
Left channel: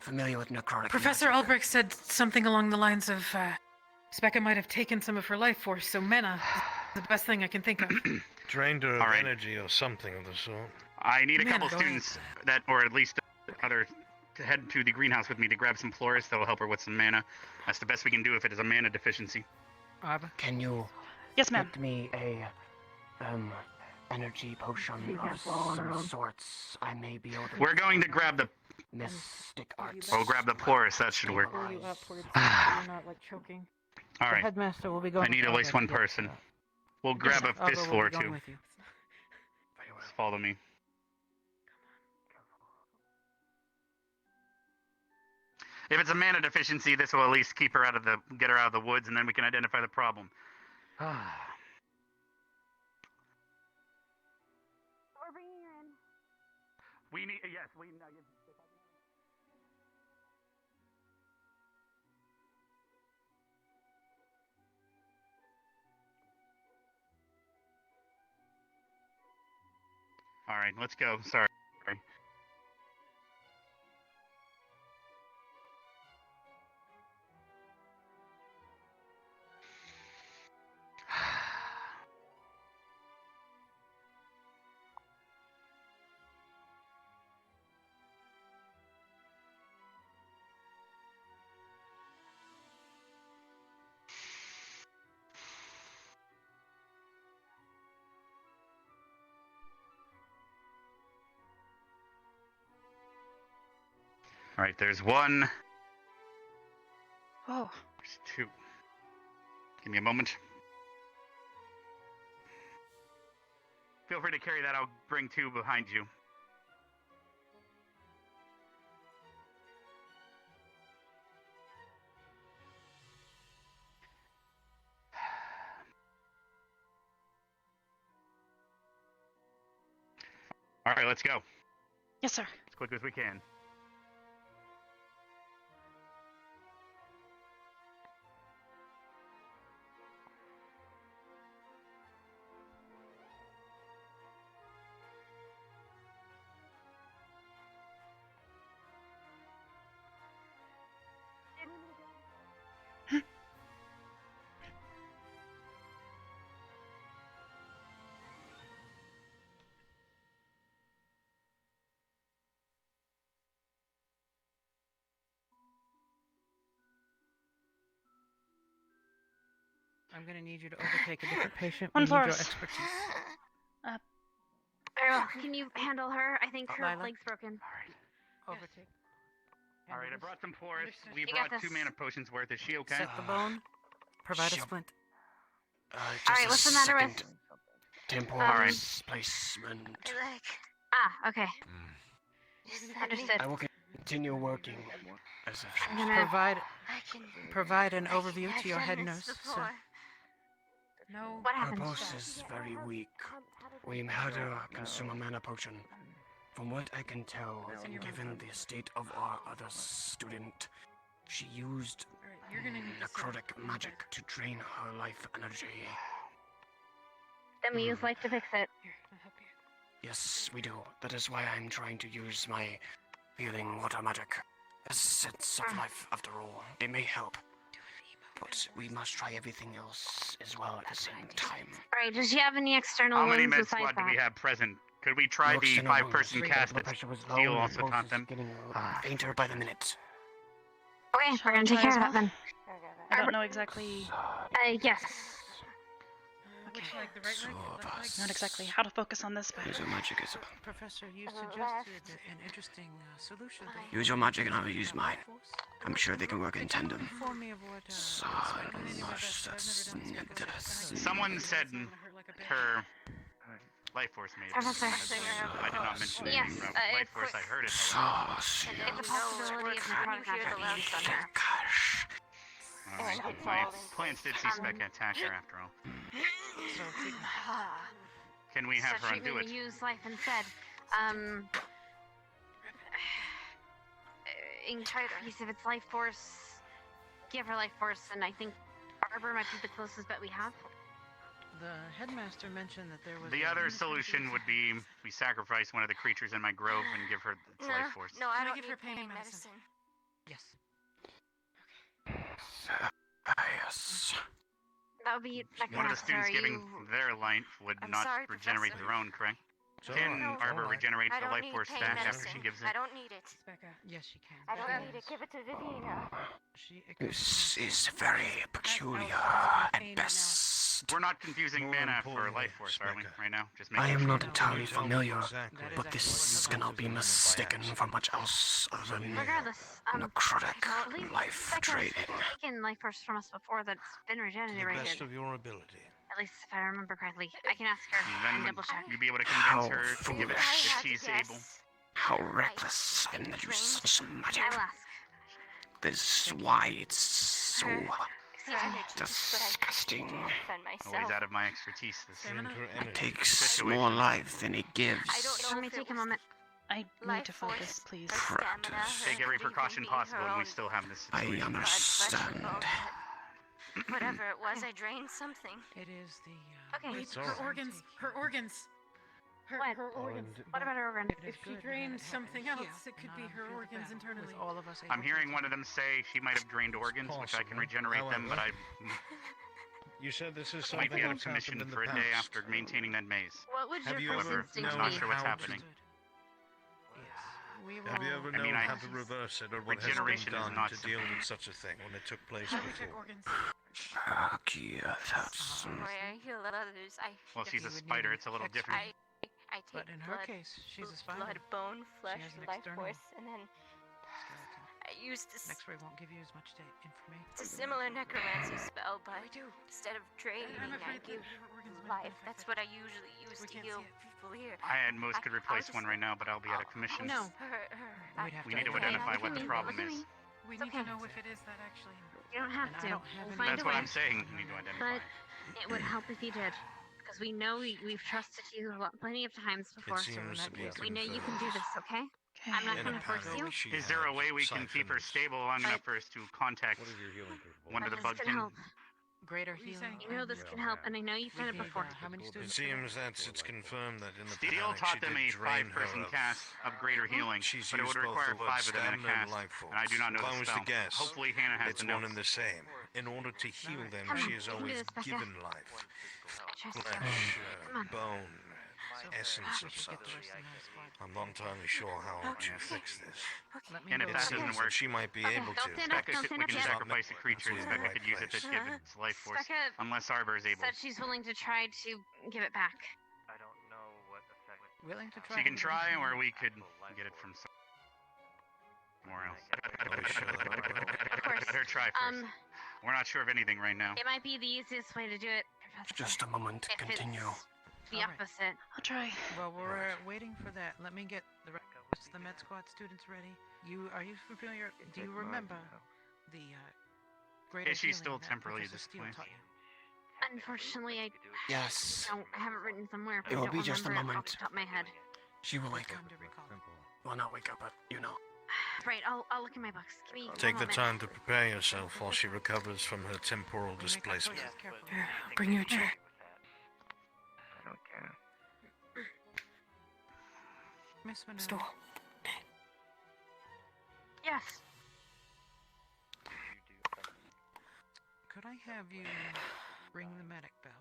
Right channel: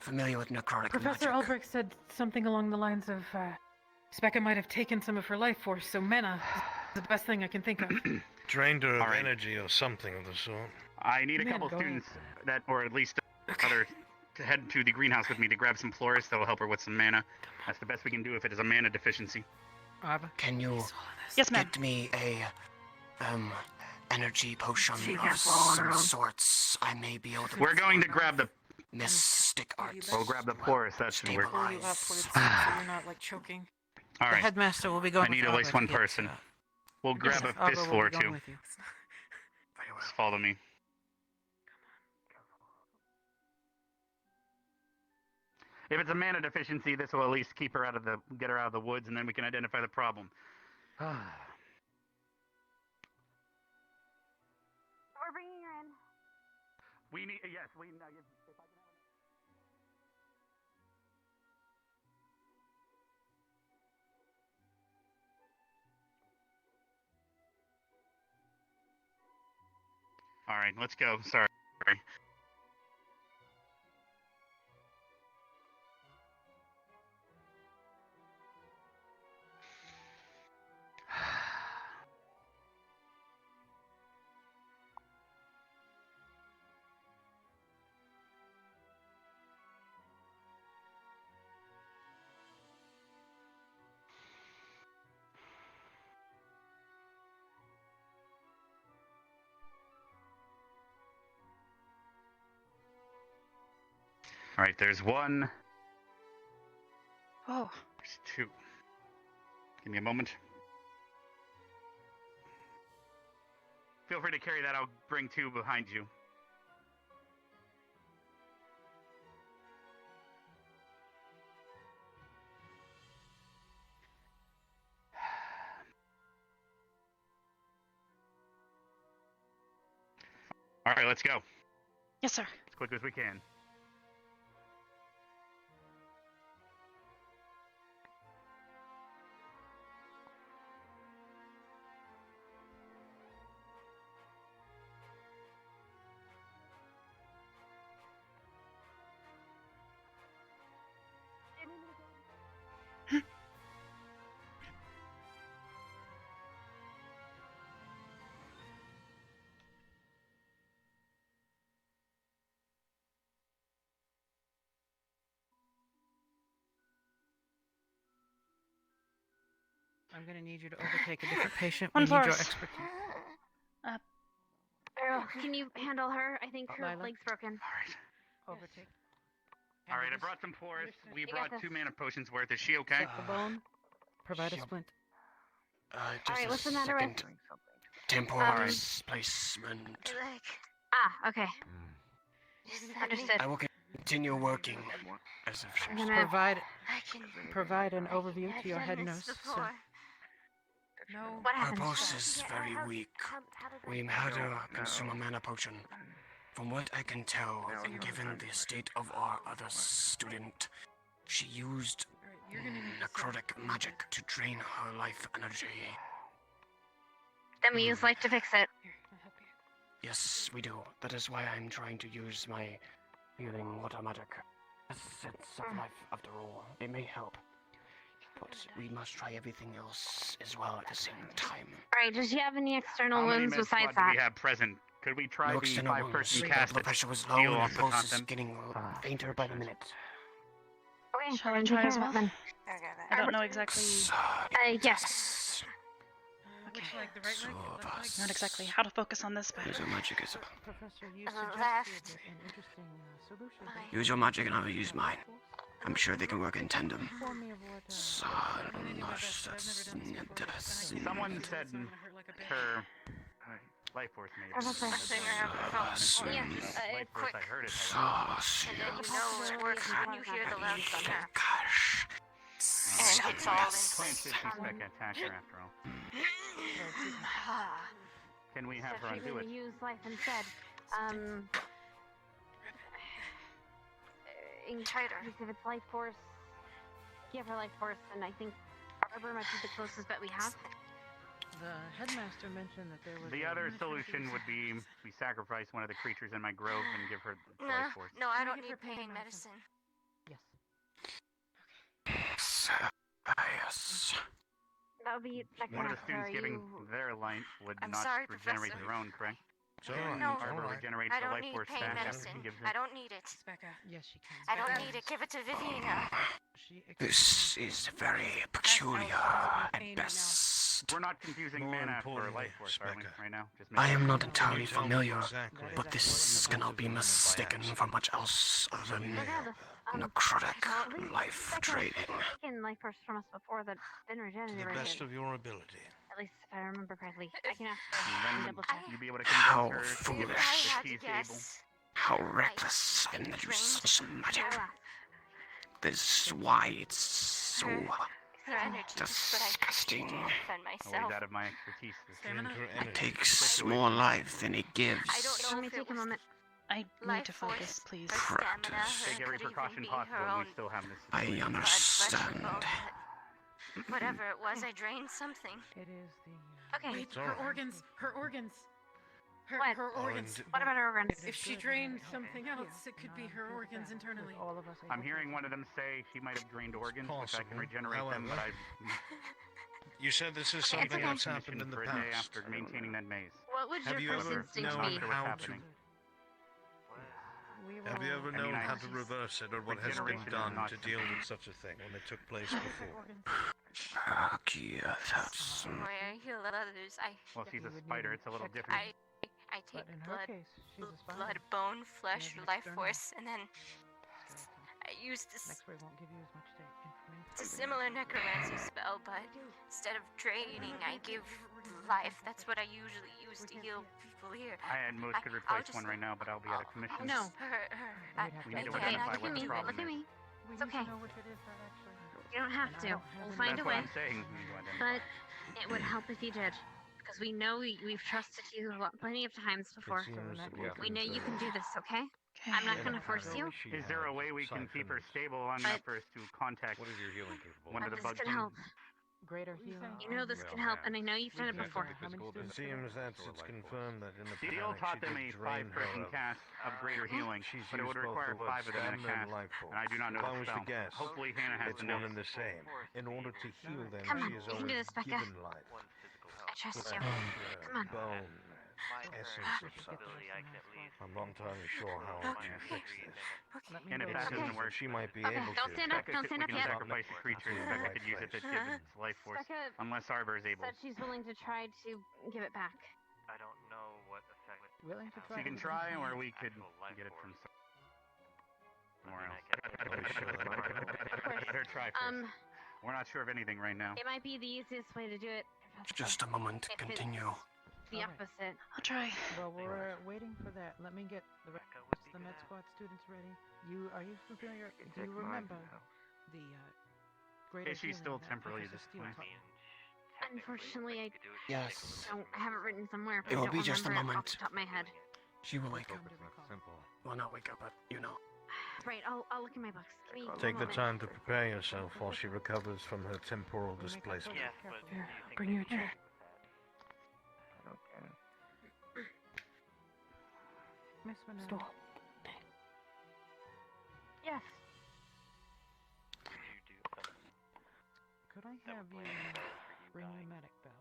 familiar with necrotic Professor magic. Albrecht said something along the lines of, Spectre might have taken some of her life force, so Mena is the best thing I can think of. Drained her of All right. energy or something of the sort. I need a couple students that, or at least other, to head to the greenhouse with me to grab some florists that will help her with some mana. That's the best we can do if it is a mana deficiency. Can you Yes, ma'am. get me a energy potion of some sorts? I may be able to... We're going to grab the... Mystic arts. We'll grab the florist, that should work. Pull you upwards so you're not, like, choking. All The right. Headmaster will be going I need with at least Albrecht one to get, person. We'll grab Yes, a Arbor fist will floor be going too. with you. Just follow me. If it's a mana deficiency, this will at least keep her get her out of the woods, and then we can identify the problem. We're bringing her in. We need, yes, we. All right, let's go. Sorry. All right, there's one. Oh. There's two. Give me a moment. Feel free to carry that. I'll bring two behind you. All right, let's go. Yes, sir. As quick as we can. I'm going to need you to overtake a different patient. One We need your Florist. expertise. Errol, can you handle her? I think her Lila? leg's broken. Overtake. All right, I brought some florists. We You got brought 2 this. mana potions worth. Is she okay? Set the bone. Provide a Sure. splint. Just Alright, a what's the matter with... second. Temporal placement. Ah, okay. Understood. I will continue working as if I'm gonna... Provide an overview to your head nurse, sir. No. What Her happened? pulse is very weak. We had her consume a mana potion. From what I can tell, and given the state of our other student, she used necrotic magic to drain her life energy. Then we use light to fix it. Yes, we do. That is why I'm trying to use my healing water magic. Essence of life, after all. It may help. but we must try everything else as well at the same time. Alright, does she have any external How many wounds med besides squad do we that? have present? Could we try No the external 5-person wounds. cast The at pressure was low steel and also pulse taught is them? getting fainter by the minute. Okay, Shall we're I gonna try take as care well? of that then. I don't know exactly. Yes. Which leg? The right leg? Left leg? Not exactly how to focus on this, but Use your magic, Isabel. Professor, you Left. suggested an interesting solution. Use your magic and I'll use mine. I'm sure they can work in tandem. Someone said her life force made it. Professor. I did not mention Yes, life force. I heard it. And then you know it works when you hear the loud snap. It's all Plants did see spectacular after all. Can we have So her undo treatment it? to use life instead. Increase of its life force. Give her life force, and I think Arbor might be the closest bet we have. The headmaster mentioned that there was The other solution would be we sacrifice one of the creatures in my grove and give her its life force. No, I don't need pain medicine. Yes. Yes. That would be One of the students giving their life would I'm not sorry, regenerate Professor. their own, correct? It's all Can right, it's all Arbor right. regenerate I the don't life need force pain back after medicine. she gives it? I don't need it. Yes, she can. I don't need it. Give it to Viviana. This is very peculiar at best. We're not confusing More mana for importantly, life force, are we, right now? Just I am making not sure. entirely familiar, Exactly. but this cannot be mistaken for much else other than Regardless, necrotic life draining. taken life force from us before that's been To the regenerated. best of your ability. At least if I remember correctly. I can ask her And and then double check. you'd be able to How convince her to give it foolish. if she's able. How reckless and that you such magic. This is why it's so Her energy disgusting. defend myself. Always out of my expertise. This It takes more life than it gives. I don't know Let me if it take a was moment. I need life to focus, force, please. or stamina, Practice. or Take it every could even precaution be possible, her and we own still have this. I blood, flesh, and understand. bones. Whatever it was, I drained something. It is the. Okay. Wait, It's all her right. organs. Her organs. Her What? organs. What about her organs? If she drained something else, it could be her organs internally. All of us I'm hearing one of them say she might have drained organs, which I can Possible. regenerate them, but However, I You said this is can't something get that's permission happened in the for a day past. after maintaining that maze. What would Have your you first ever instinct I'm known not be? sure what's how happening. Have you ever I mean, known I- how to reverse it, or what has been Regeneration is done not to deal simple. with such a thing when it took place before? That's Where I heal others, Well, she's a spider. It's a little different. I take But in her blood, case, she's a spider. blood, bone, flesh, has an life external force, and then I use this. X-ray won't give you as much information. It's a similar necromancy spell, but instead of draining, I give life. That's what I usually use to heal people here. And most could replace one right now, but I'll be out of commission. No. We need to Okay, identify look what at the me, problem look at is. me. We It's need okay. to know if it is that actually. You don't have to. We'll find That's a what way. I'm saying. We need to identify. But it would help if you did. Because we know we've trusted you plenty of times before. seems We know you can do this, okay? Okay. I'm not going to force you. Is there a way we can keep her stable long enough for us to contact one of the This bug can help. Greater healing. You know this can help, and I know you've done it before. It seems that it's confirmed that in the Steel panic taught she them did a drain her 5-person of. cast of greater healing, She's but it used would both require the word 5 of them in a stamina and cast, life force. and I do not know If I the was to spell. guess, Hopefully Hannah has it's the one notes. and the same. In order to heal them, Come on, she has you can do always this, Becca. given life. I trust you. Flesh, Come on. bone, essence of such. I'm not entirely sure how to fix this. And if It that doesn't seems work, that she might be Okay, able don't to. stand up, Becca don't could- stand we up can yet. sacrifice a creature so Becca could use it to give it its life force, Becca unless Arbor is able. said she's willing to try to give it back. I don't know what effect. Willing to try. She can to try, give it or we back. could get it from somewhere else. course. Let her try first. We're not sure of anything right now. It might be the easiest way to do it, Professor. just a moment. If it's Continue. the Alright. opposite. I'll try. Well, we're waiting for that. Let me get the rest of the med squad students ready. Are you familiar? Do you remember the greater Is she healing still that temporarily Professor Steele displaced? taught you? Unfortunately, I Yes. I have it written somewhere, but It I will don't be just a remember it off moment. the top of my head. She will wake up. Time to recall. Well, not wake up, but you know. Right, I'll look in my books. Give me Take one the moment. time to prepare yourself while she recovers from her temporal displacement. Here, bring your chair. Miss Winona. Stool. Yes. have you ring the medic bell.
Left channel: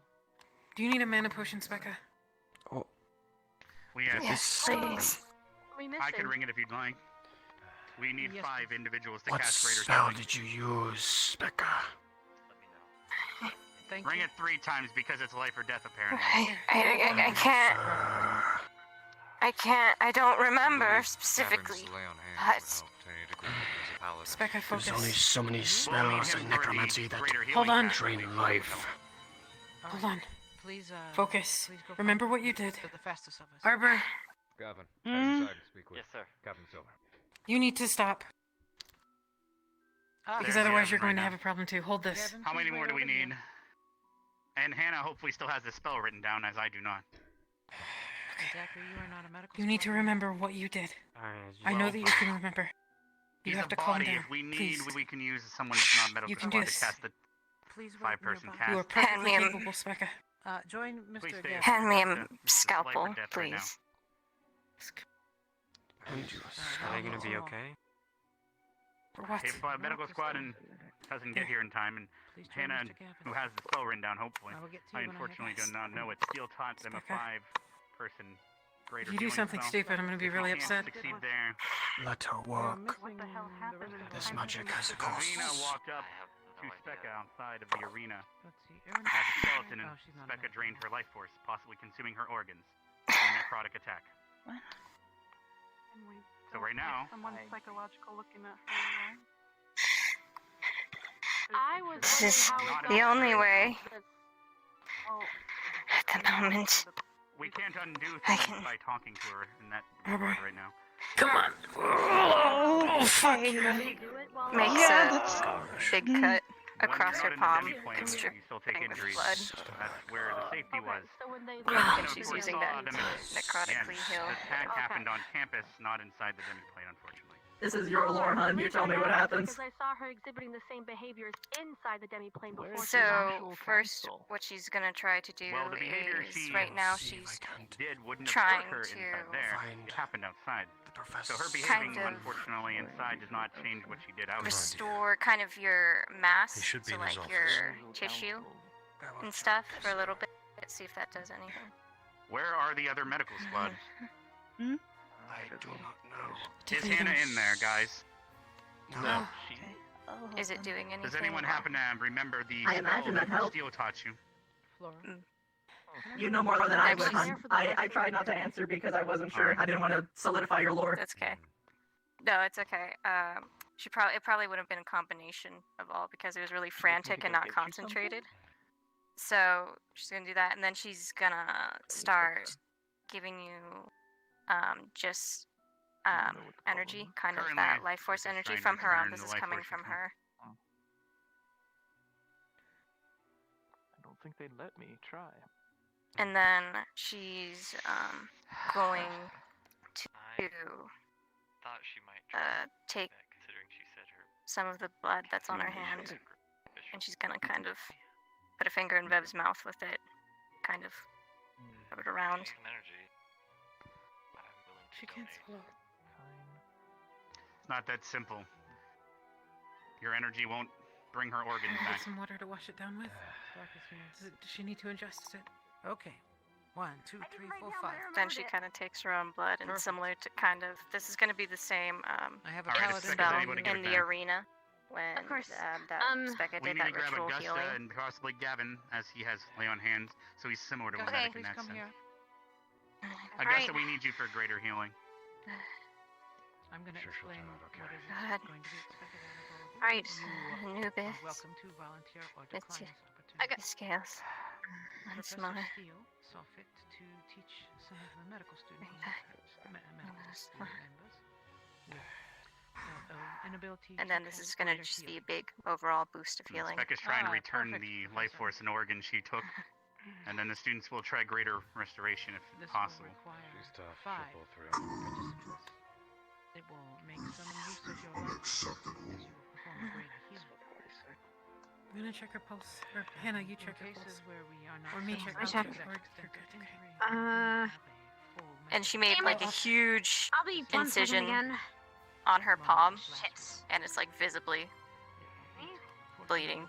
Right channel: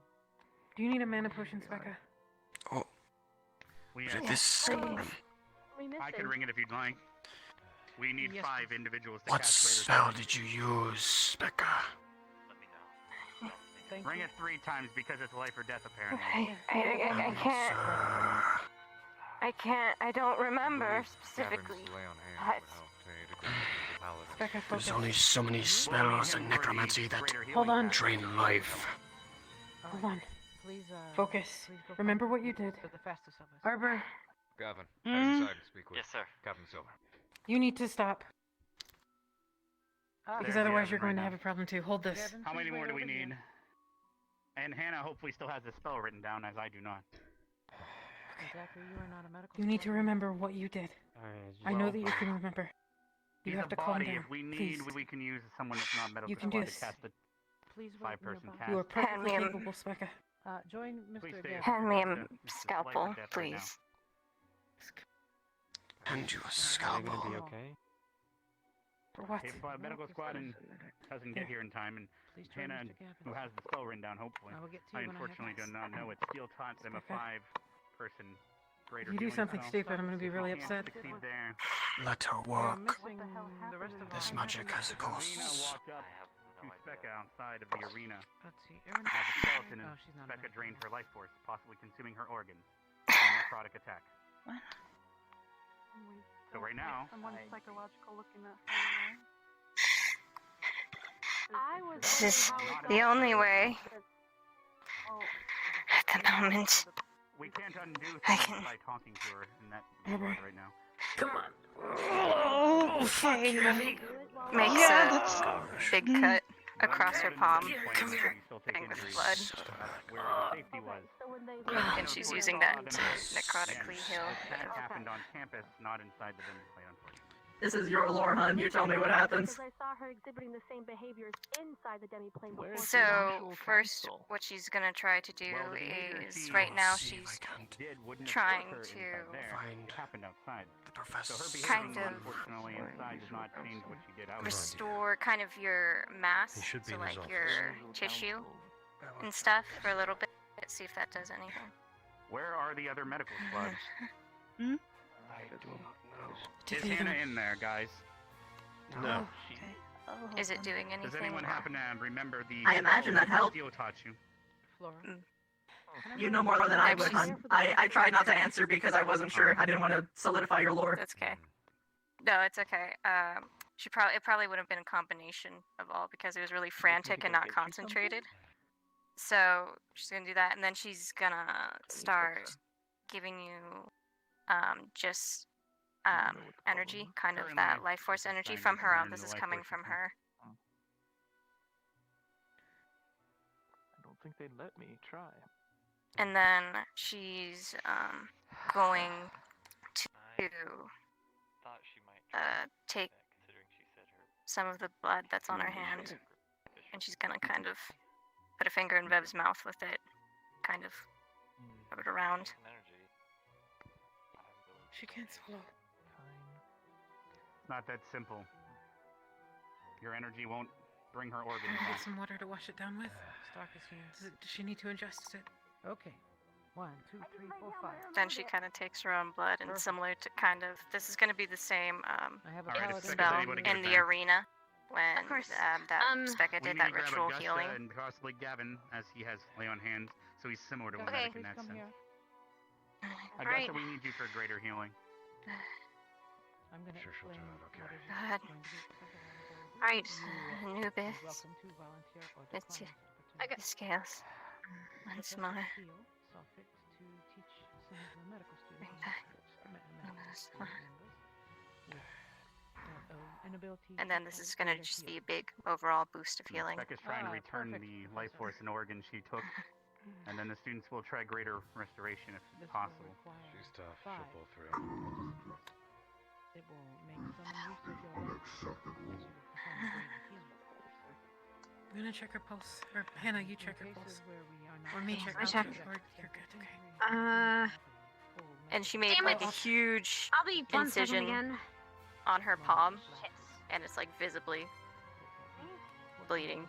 Do you need a mana potion, Specca? We Yes, please. I can ring it if you'd like. We need 5 individuals to What cast greater spell healing. did you use, Becca? Ring it 3 times because it's life or death, apparently. I can't. I can't. I don't remember specifically. But Specca, focus. There's only so many spells in necromancy that Hold on. drain life. Hold on. Please, focus. Remember what you did. Arbor, Gavin, Mm. outside to speak with. Yes, sir. Captain Silver. you need to stop. Because otherwise you're going to have a problem too. Hold this. How many more do we need? And Hannah hopefully still has the spell written down, as I do not. You need to remember what you did. I know that you can remember. You He's have a to calm body. down. If we need, Please. we can use someone that's not medical You can do squad this. to cast the 5-person cast. You are perfectly Hand me a- capable, Specca. Join Please Mr. stay Gavin. Hand me a This is scalpel, life or death right now. please. And you Are you gonna be okay? What? If medical squad doesn't get here in time, and Please join Hannah, Mr. Gavin. who has the spell written down, hopefully. I will get to I you when I have unfortunately do this. not know it. Steel taught them a Specca. 5-person greater If you do healing something spell. stupid, I'm going to be If we really can't upset. succeed there. let her We are work. missing the rest of This the magic has a cost. Xena walked up to Specca outside of the arena. Let's see. Erin. As a skeleton, Oh, and she's not Specca a drained her life force, possibly consuming her organs. In a necrotic attack. So right now, Someone psychological looking at I was This is the only way. At the moment. we can't undo I things can- by talking to her in that Arbor. regard right now. Come on. Oh, okay. Makes a big cut across her palm, dripping with blood. That's where the safety was. And she's using that to necrotically heal. The attack happened on campus, not inside the demi-plane, unfortunately. This is your lore, hun. You tell me what happens. Because I saw her exhibiting the same behaviors inside the demi-plane before. So, first, what she's gonna try to do Well, the behavior is, she right now, she's wouldn't have trying struck her to inside there. It happened outside. So her kind behaving, of unfortunately, inside does not change what she did outside. restore kind of your mass, He should be so in his like office. your tissue and stuff for a little bit. See if that does anything. Where are the other medical squad? I do not know. Is Hannah in there, guys? No. Okay. Is it doing anything? Does anyone happen to remember the I imagine that helped. Steel taught you? Flora. You know more than I would, hun. I tried not to answer because I wasn't sure. I didn't want to solidify your lore. That's okay. No, it's okay. It probably would have been a combination of all because it was really frantic and not concentrated. So she's gonna do that, and then she's gonna start giving you just energy, kind of that life force energy from her own. This is coming from her. I don't think they'd let me try. And then she's going to take some of the blood that's on her hand, and she's gonna kind of put a finger in Vev's mouth with it, kind of rub it around. She can't swallow. It's not that simple. Your energy won't bring her organs Can I back. get some water to wash it down with? Stock is here. Does she need to ingest it? Okay. 1, 2, 3, 4, 5. Then she kind of takes her own blood, and similar to kind of, this is going to be the same have a paladin. spell Anybody give in it the back? arena when Of course. that Specca We did need that to grab ritual Augusta healing. and possibly Gavin, as he has lay on hands, so he's similar to a Okay. medic in that sense. Augusta, we need you for greater healing. I'm gonna Sure she'll turn out okay. Go ahead. Alright, Anubis. Welcome to volunteer or Let's decline see. this opportunity. Scales. Once more. Feel saw fit to teach some of the medical students inability And then this is going to just be a big overall boost of healing. Becca's trying to return the life force and organs she took, and then the students will try greater restoration if possible. She's tough. She'll pull through. It will make some use of your perform greater healing. I'm gonna check her pulse. Or Hannah, you check her pulse. Or me check. I I'll check. Or you're good. Okay. And she made Damn like it. a huge I'll be 1 second incision again. on her palm, and it's like visibly bleeding.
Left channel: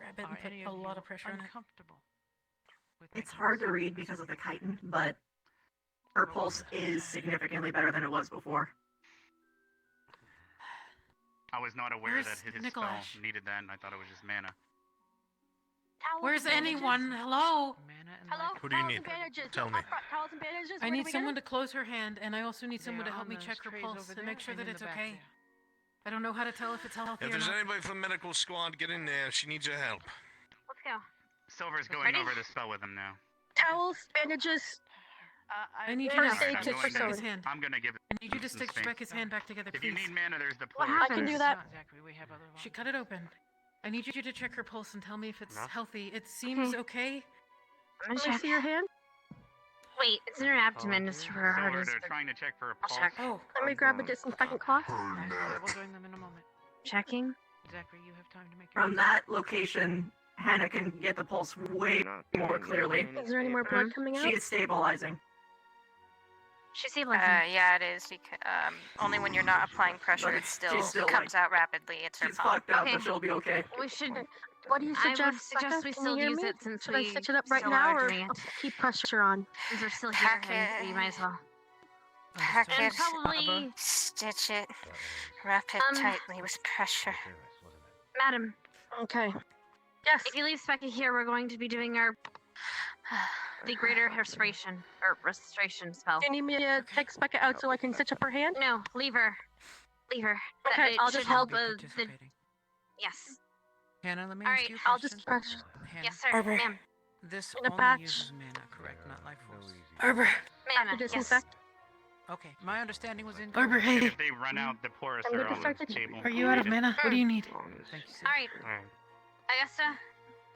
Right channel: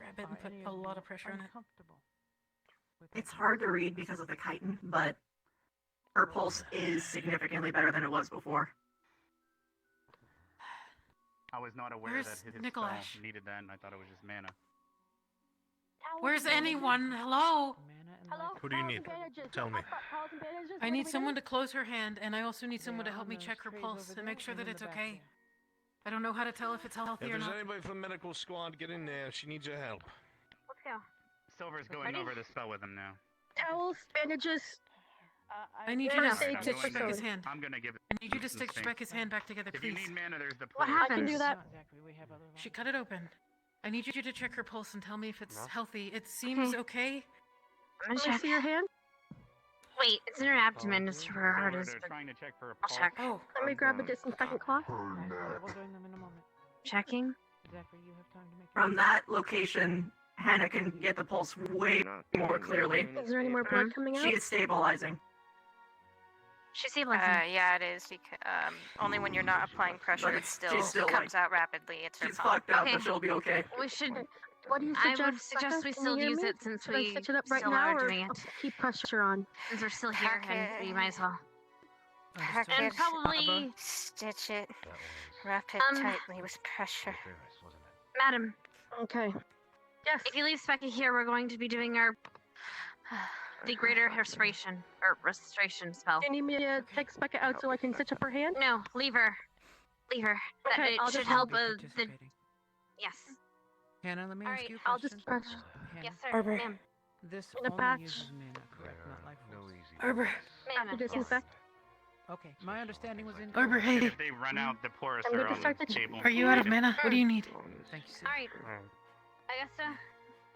grab it and put a lot of pressure on it. It's hard to read because of the chitin, but her pulse is significantly better than it was before. I was not aware Where's that his Nikolaj? spell needed that, and I thought it was just mana. Where's anyone? Hello? Who do you need? Tell me. I need someone to close her hand, and I also need someone to help me check her pulse and make sure that it's okay. I don't know how to tell if it's healthy If or there's not. anybody from the medical squad, get in there. She needs your help. Let's go. Silver's going over the spell with him now. Towels, bandages. I need you to First aid kit for stick his Sword. hand. I'm gonna give it. I need you to stick his hand back together, If you please. need mana, there's the What pulse. I can do that. She cut it open. I need you to check her pulse and tell me if it's healthy. It seems okay. I'm gonna Can I check. see your hand? Wait, it's in her abdomen. It's where her heart Silver, is. they're trying to check for a I'll pulse. check. Oh, Let me grab a disinfectant cloth. Checking. From that location, Hannah can get the pulse way more clearly. Is there any more blood coming out? She is stabilizing. She's stabilizing. Yeah, it is. Only when you're not applying pressure, But it still, she's still, comes out rapidly. It's her She's fault. fucked up, Okay. but she'll be okay. We should. What do you I suggest? would suggest Becca? we Can still you hear use me? it since Should I we stitch it up right still now, are or doing I'll it. keep pressure on? Since we're still here, Pack and it. we might as well. Pack And it. probably, Stitch it. Wrap it tightly with pressure. madam, Okay. Yes. if you leave Specky here, we're going to be doing our the greater restoration spell. Do you need me to take Becca out so I can stitch up her hand? No, leave her. Leave her. That Okay, it I'll should just help. help. The yes. Hannah, let me All ask right, you a I'll question. just press. Yes, sir, Arbor. ma'am. This In a only patch. uses mana, correct? Not life force. Arbor. Ma'am. To disinfect. Okay, my understanding was in. Arbor, hey. If they run out, the porous I'm are gonna on start the the table. Are you out of mana? What do you need? Thank you, All right, Augusta,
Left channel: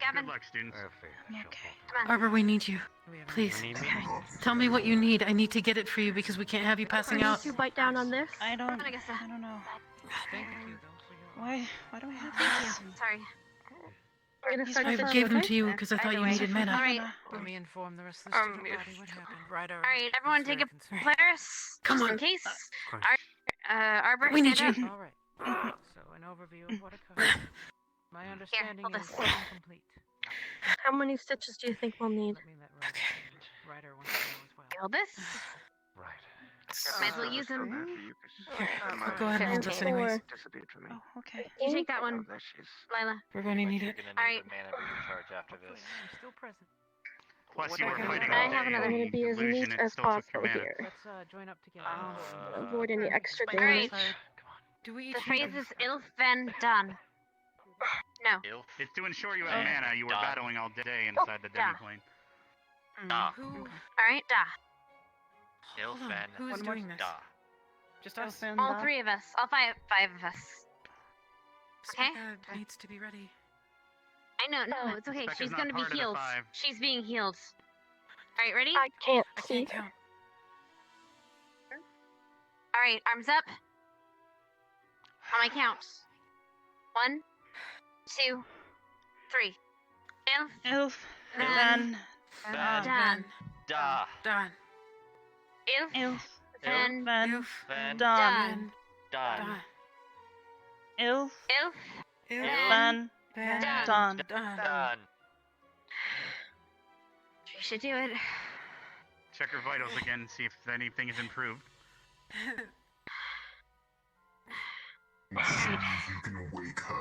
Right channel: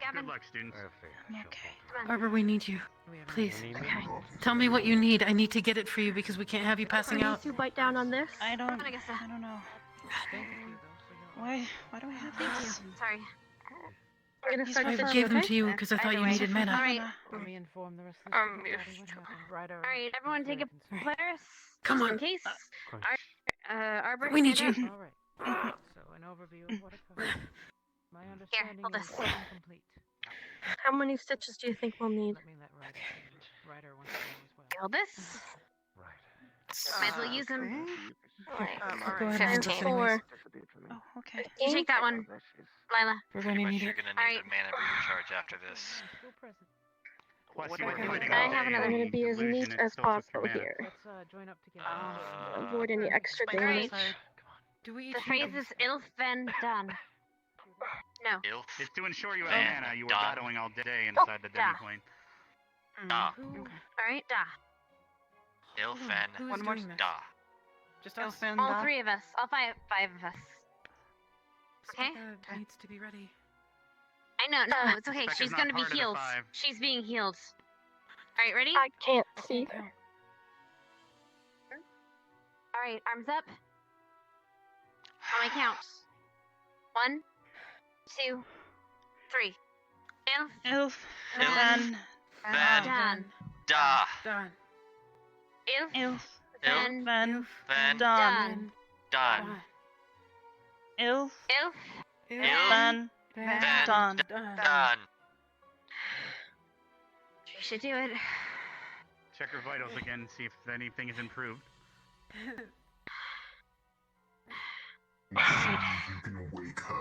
Gavin. Good luck, students. Okay. Come on. Arbor, we need you. Please. Okay. Tell me what you need. I need to get it for you because we can't have you passing I need out. to bite down on this. I don't Augusta. know. Why do I have these? Sorry. I'm gonna start I stitching. gave them Okay? to you because I thought you needed mana. All right. Let me inform the rest of the the student students what happened. Right, All right, everyone, take a Polaris. Come just on. in case. Arbor, We need stand you. up. All right. So, an overview of what occurred. My understanding hold is this. incomplete. How many stitches do you think we'll need? Let me let Ryder wants to know as well. Hold this. Might as well use them. Go ahead and hold this 15. anyways. Oh, okay. You take that one, Lila. We're going to need it. You're gonna All need right. the mana recharge after this. Plus, you were Okay. fighting I all have day another. and I'm gonna be as illusion, neat it as still took your possible mana. here. Let's join up together. Avoid any extra All right. damage. Do we The phrase is "ilf ben done." No. Ilf. It's to ensure you have mana. You were Done. battling all day inside the yeah. demi-plane. Da. All right, da. Ilfen. Who's doing this? Da. Just us. All three of us. All five of us. Okay. Becca needs to be ready. I know. No, it's okay. Becca's She's not gonna be part of the healed. five. She's being healed. All right, ready? I can't I see. can't count. All right, arms up. On my counts. 1, 2, 3. Ilf. Then. Van. Done. Da. Done. Ilf. Ilf. Then. Van. Then. Done. Done. Ilf. Ilf. Van. Done. Done. Done. We should do it. Check your vitals again, see if anything is improved.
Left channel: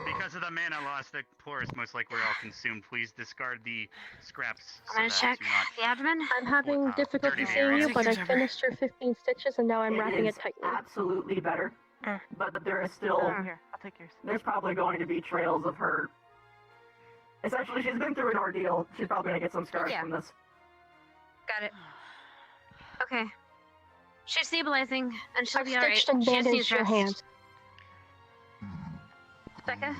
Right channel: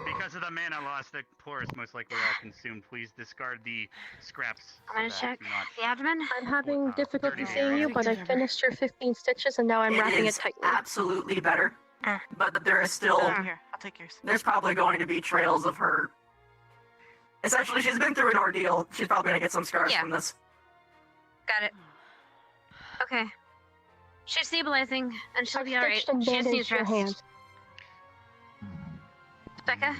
Because of the mana loss, the porous most likely all consumed. Please discard the scraps. I'm gonna so that check do not- the abdomen. I'm having difficulty Dirty seeing you, Take but I yours over. finished your 15 stitches and now I'm It wrapping it is tightly. absolutely better. But there is still, Here, I'll take yours. there's probably going to be trails of her. Essentially, she's been through an ordeal. She's probably going to get some scars Yeah. from this. Got it. Okay. She's stabilizing, and she'll I've be alright. stitched and She just needs bandaged your rest. hands. Becca?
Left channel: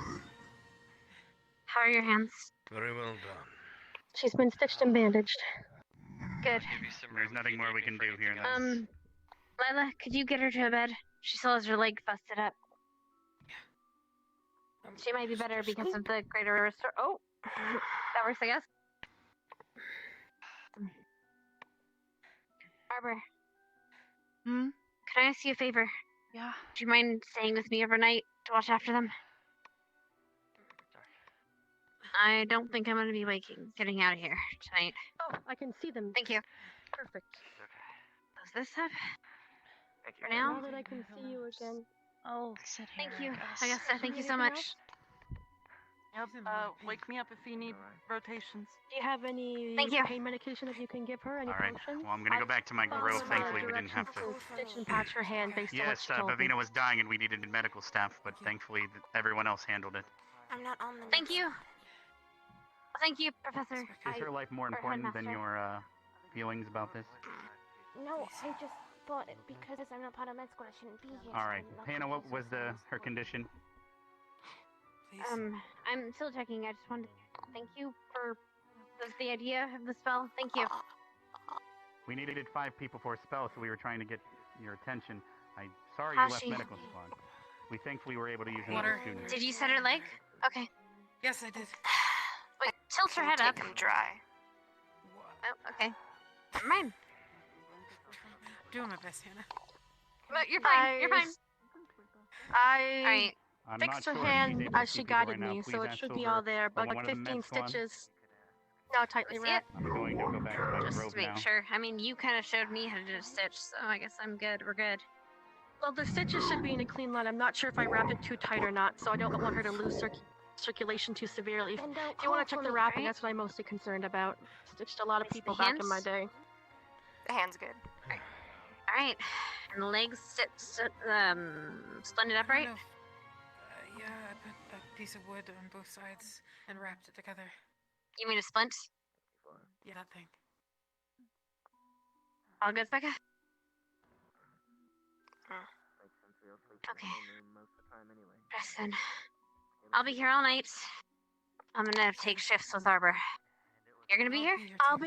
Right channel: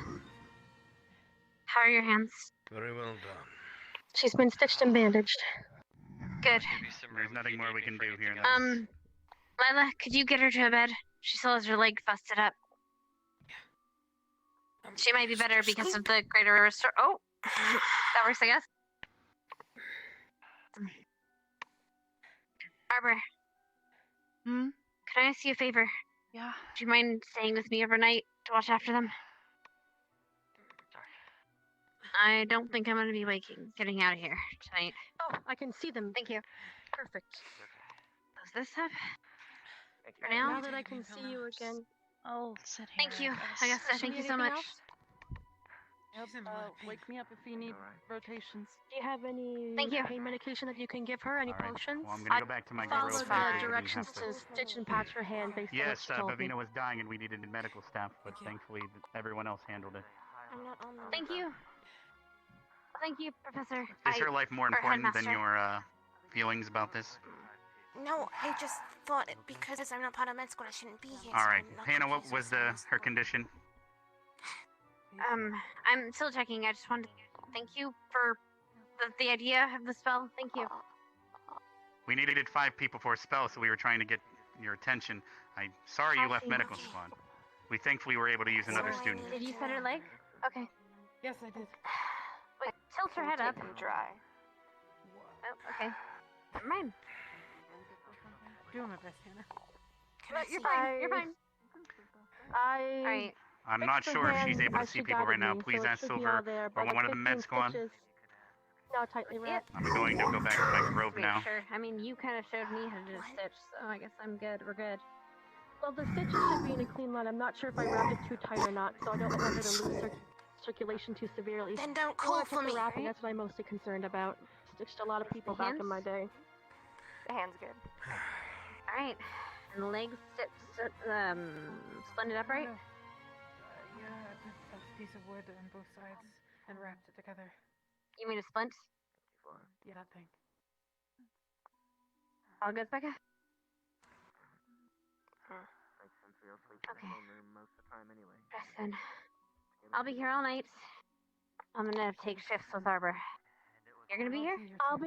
How are your hands? Very well done. She's been stitched and bandaged. Good. Give you some There's room if nothing you more need we me can for do here. anything else. Lila, could you get her to a bed? She still has her leg busted up. She might be better because of the greater restore. Oh! That works, I guess. Arbor. Hmm? Could I ask you a favor? Yeah. Do you mind staying with me overnight to watch after them? I don't think I'm gonna be getting out of here tonight. Oh, I can see them. Thank you. Perfect. Does this have? Thank For now? Now that I can see you again. I'll sit here. Thank you. I guess. Thank you so much. Yep, wake me up if you need rotations. Do you have any Thank you. pain medication that you can give her? Any All right. potions? Well, I'm gonna go back to my Follow grill. the Thankfully, we didn't directions have to. to stitch and patch her hand based on what Yes, she told me. Bavina was dying and we needed medical staff, but thankfully everyone else handled it. I'm not on the Thank you. Thank you, Professor. Is your life more or important than Headmaster. your feelings about this? No, I just thought it because I'm not part of med school, I shouldn't be here. All right, so I'm not Hannah, what confused was with her condition? I'm still checking. I just wanted to thank you for the idea of the spell. Thank you. We needed 5 people for a spell, so we were trying to get your attention. I'm sorry you left Hashi. medical squad. We thankfully were able to use another student. Did you set her leg? Okay. Yes, I did. Wait, tilt her head up. Take 'em dry. Oh, okay. Never mind. Doing my best, Hannah. You're fine. You're fine. I I'm fixed not her sure if hand she's able to as see she people guided right now. me, Please so it ask should be Silver all there, or but one of the 15 med squad. stitches now tightly wrapped. I'm going to go back to my Just robe to make now. sure. I mean, you kind of showed me how to do a stitch, so I guess I'm good. We're good. Well, the stitches should be in a clean line. I'm not sure if I wrapped it too tight or not, so I don't want her to lose circulation too severely. Then don't You call want to for check the me, wrapping? right? That's what I'm mostly concerned about. Stitched a lot of people The back in my hands? day. The hand's good. All right. And the legs splendid upright. Yeah, I put a piece of wood on both sides and wrapped it together. You mean a splint? Yeah, that thing. All good, Becca? Okay. Rest then. I'll be here all night. I'm gonna take shifts with Arbor. You're gonna be here? I'll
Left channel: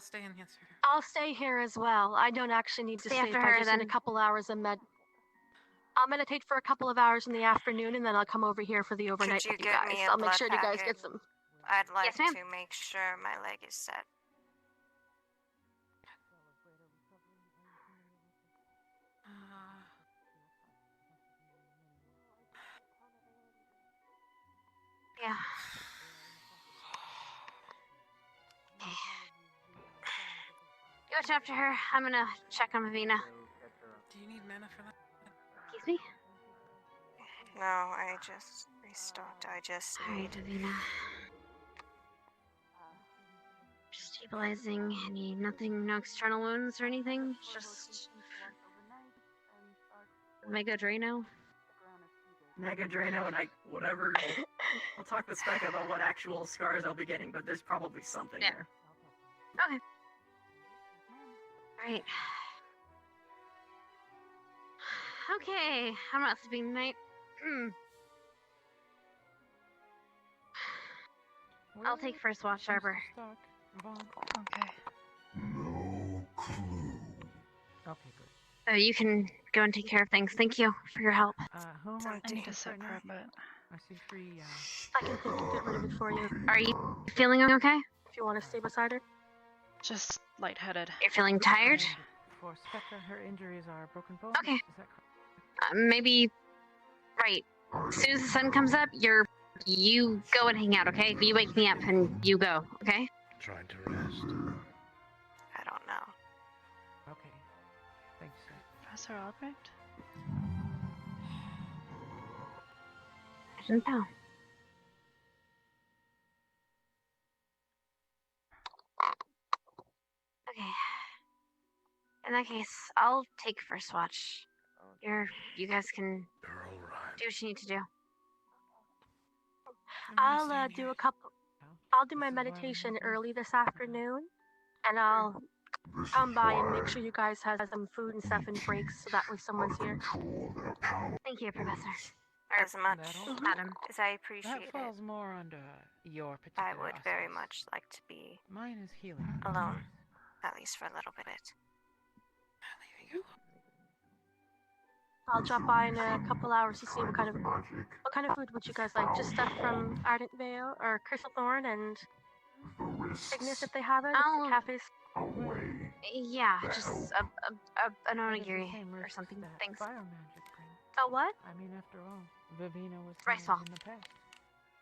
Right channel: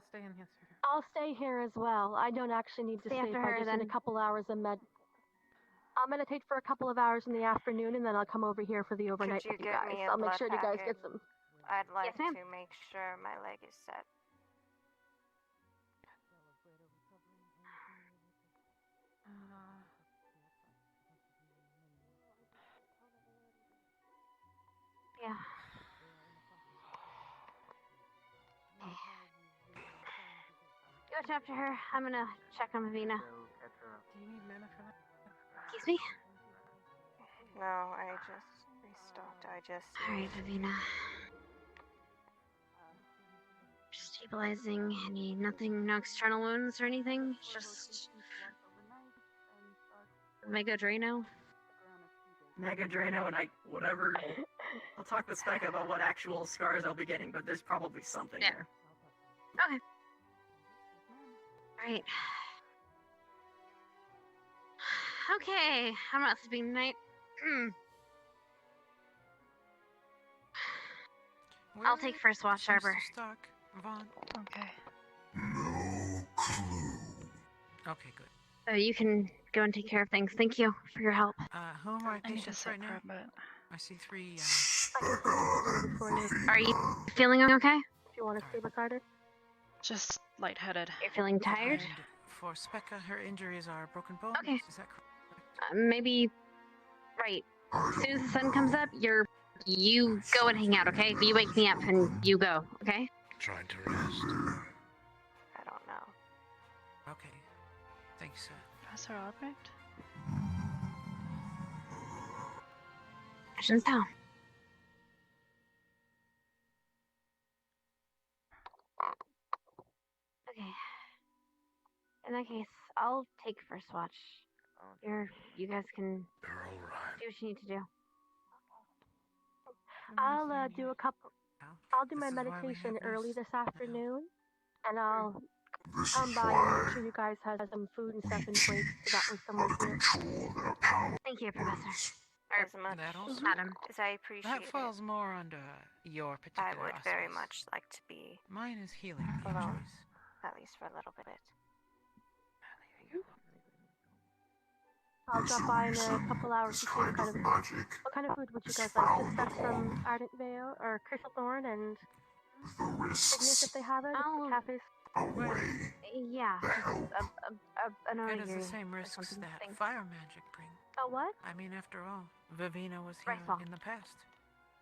stay in here. Sir. I'll stay here as well. I don't actually need to Stay stay after if her, I just need then. a couple hours of I'll meditate for a couple of hours in the afternoon, and then I'll come over here for the overnight Could you with you get guys. me a I'll make blood sure you guys packet? get some. I'd like Yes, ma'am. to make sure my leg is set. Yeah. You watch after her. I'm gonna check on Mavina. Do you need mana for that? Excuse me? No, I just restocked. I just Alright, Mavina. Just stabilizing. Nothing, no external wounds or anything? Just Mega Drano? Mega Drano and whatever. I'll talk with Specca about what actual scars I'll be getting, but there's probably something there. Okay. Alright. Okay, I'm not sleeping tonight. I'll take first watch, Arbor. Okay. Okay, good. So you can go and take care of things. Thank you for your help. Who am I need to sit for a bit. I see 3. I can put it before you. Are you feeling okay? If you want to stay beside her. Just lightheaded. You're feeling tired? For Specca, her injuries are broken bones. Okay. Is that correct? Maybe. Right. As soon as the sun comes up, you go and hang out, okay? You wake me up and you go, okay? Trying to rest. I don't know. Okay. Thanks, sir. Professor Albrecht? Actions down. Okay. In that case, I'll take first watch. You guys can You're all right. do what you need to do. I'll do my meditation early this afternoon, and I'll come by and make sure you guys have some food and stuff in breaks, so that way someone's here. Thank you, Professor. As much, Madam. as I appreciate That it, falls more under your particular I would very auspice. much like to be Mine is healing. alone, at least for a little bit. I'll drop by in a couple hours to see what kind of food would you guys like? Just stuff from Ardent Vale or Crystal Thorn and Ignis if they have it. Oh. Cafes. Yeah, just an That is onigiri the same or risks something. that Thanks. fire magic brings. A what? I mean, after all, Vivina was Rice healing ball. in the past.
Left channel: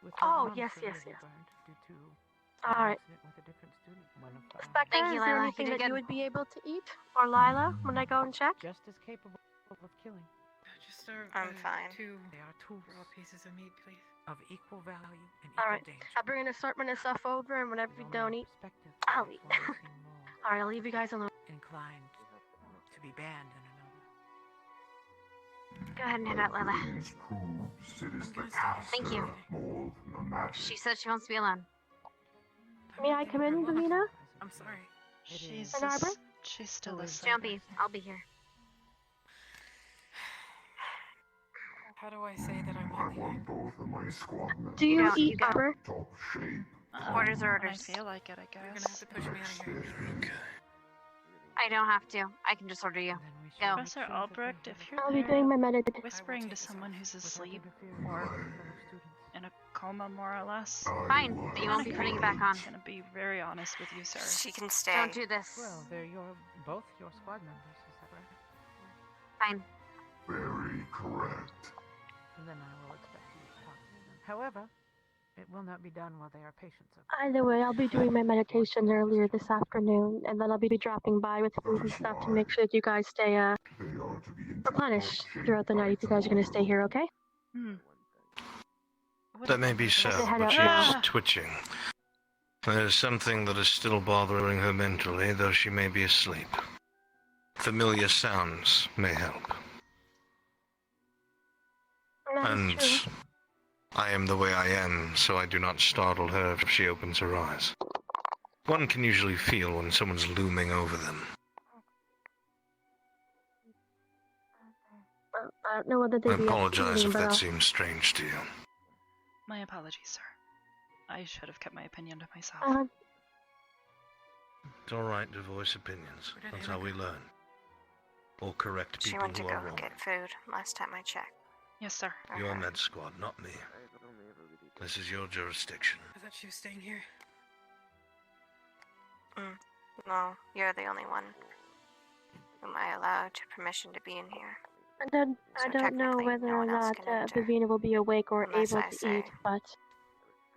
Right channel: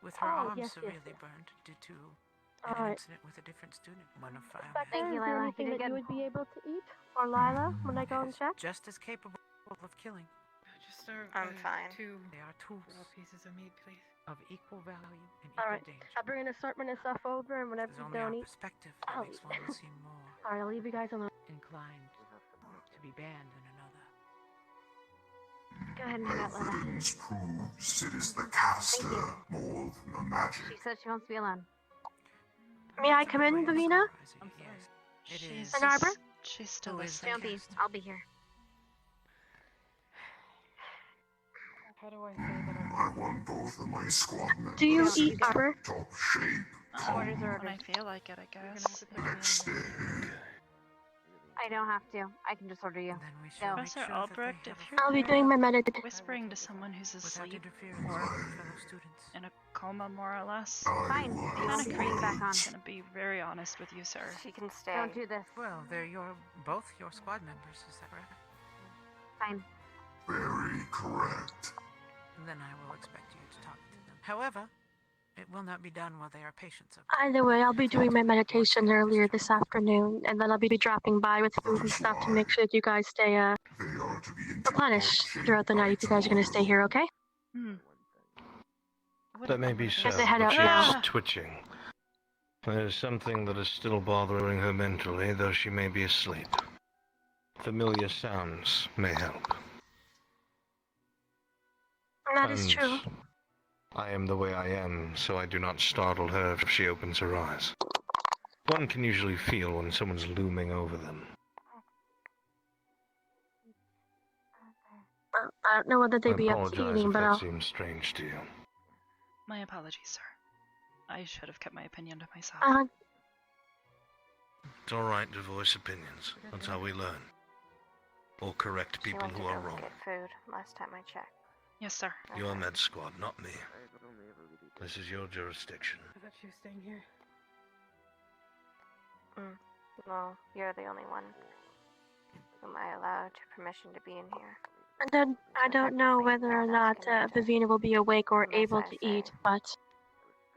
with her Oh, arm yes, severely yes. burned due to All an right. incident with a different student. One of Spectre, Thank you, is there Lila. anything You did that you good. would be able to eat? Or Lila, when I go and check? just as capable of killing. Just serve I'm fine. two They are tools little pieces of meat, please. of equal value and All equal right. danger. I'll bring an assortment of stuff over, and whenever It's you only don't our eat, perspective I'll makes eat. one seem more All right, I'll leave you guys alone. inclined to be banned than another. Go ahead and hit that, Lila. Proves it is the Thank caster you. more than the magic. She said she wants to be alone. May I come in, Davina? I'm sorry. She's Ann Arbor? she's still asleep. Don't be. I'll be here. How do I say that I'm I want both of my squad members Do you Don't eat, you get- Arbor? top shape. Orders are When I orders. feel like it, I guess. Next day. I don't have to. I can just order you. Go. Professor Albrecht, if you're I'll be there, doing my meditation. whispering to someone who's asleep or in a coma, more or less. Fine. You Kind won't of be creepy. bringing back on. I'm gonna be very honest with you, sir. She can stay. Don't do this. Well, they're both your squad members, is that correct? Fine. Very correct. And then I will expect you to talk to them. However, it will not be done while they are patients of. Either way, I'll be doing my meditation earlier this afternoon, and then I'll be dropping by with food and stuff to make sure that you guys stay They are to be in replenished throughout the night if you guys are going to stay here, okay? That may be so, As I head but out she now. is twitching. There's something that is still bothering her mentally, though she may be asleep. Familiar sounds may help. That is And true. I am the way I am, so I do not startle her if she opens her eyes. One can usually feel when someone's looming over them. I don't know whether I they'd be up to apologize eating, if but that I'll... seems strange to you. My apologies, sir. I should have kept my opinion to myself. It's alright to voice opinions. That's how we learn. Or correct She people went to who go are wrong. get food last time I checked. Yes, sir. You're Med Squad, not me. This is your jurisdiction. I thought she was staying here. No, you're the only one whom I allowed permission to be in here. I don't know whether or not Vivina will be awake or Unless able I to say. eat, but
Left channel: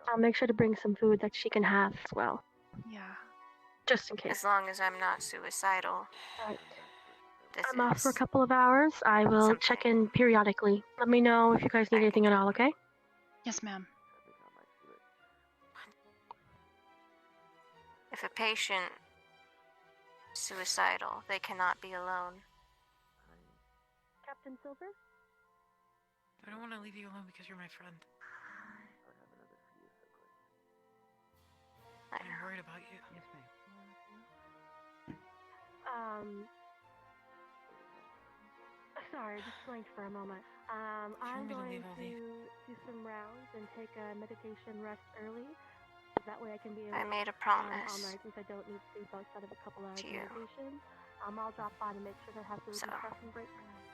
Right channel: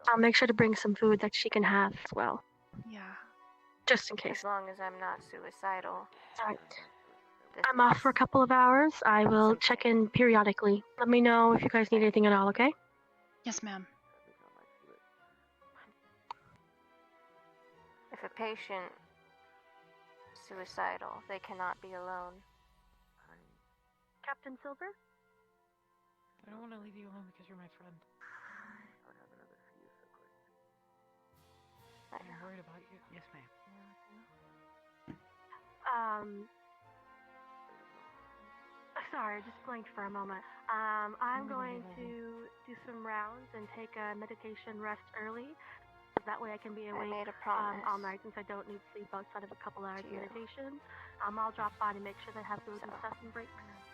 I'll make sure to bring some food that she can have as well, Yeah. just in case. As long as I'm not suicidal. Alright. This I'm off for a is couple of hours. I will check in periodically. Let me know if you guys need anything at all, okay? Yes, ma'am. If a patient is suicidal, they cannot be alone. Captain Silver? I don't want to leave you alone because you're my friend. I'm worried about you. Yes, ma'am. Sorry, I just blanked for a moment. I'm going to do some rounds and take a meditation rest early. That way I can be awake I made a promise all night since I don't need sleep outside of a couple hours of you. meditation. I'll drop by to make sure they have food and stuff and break my night.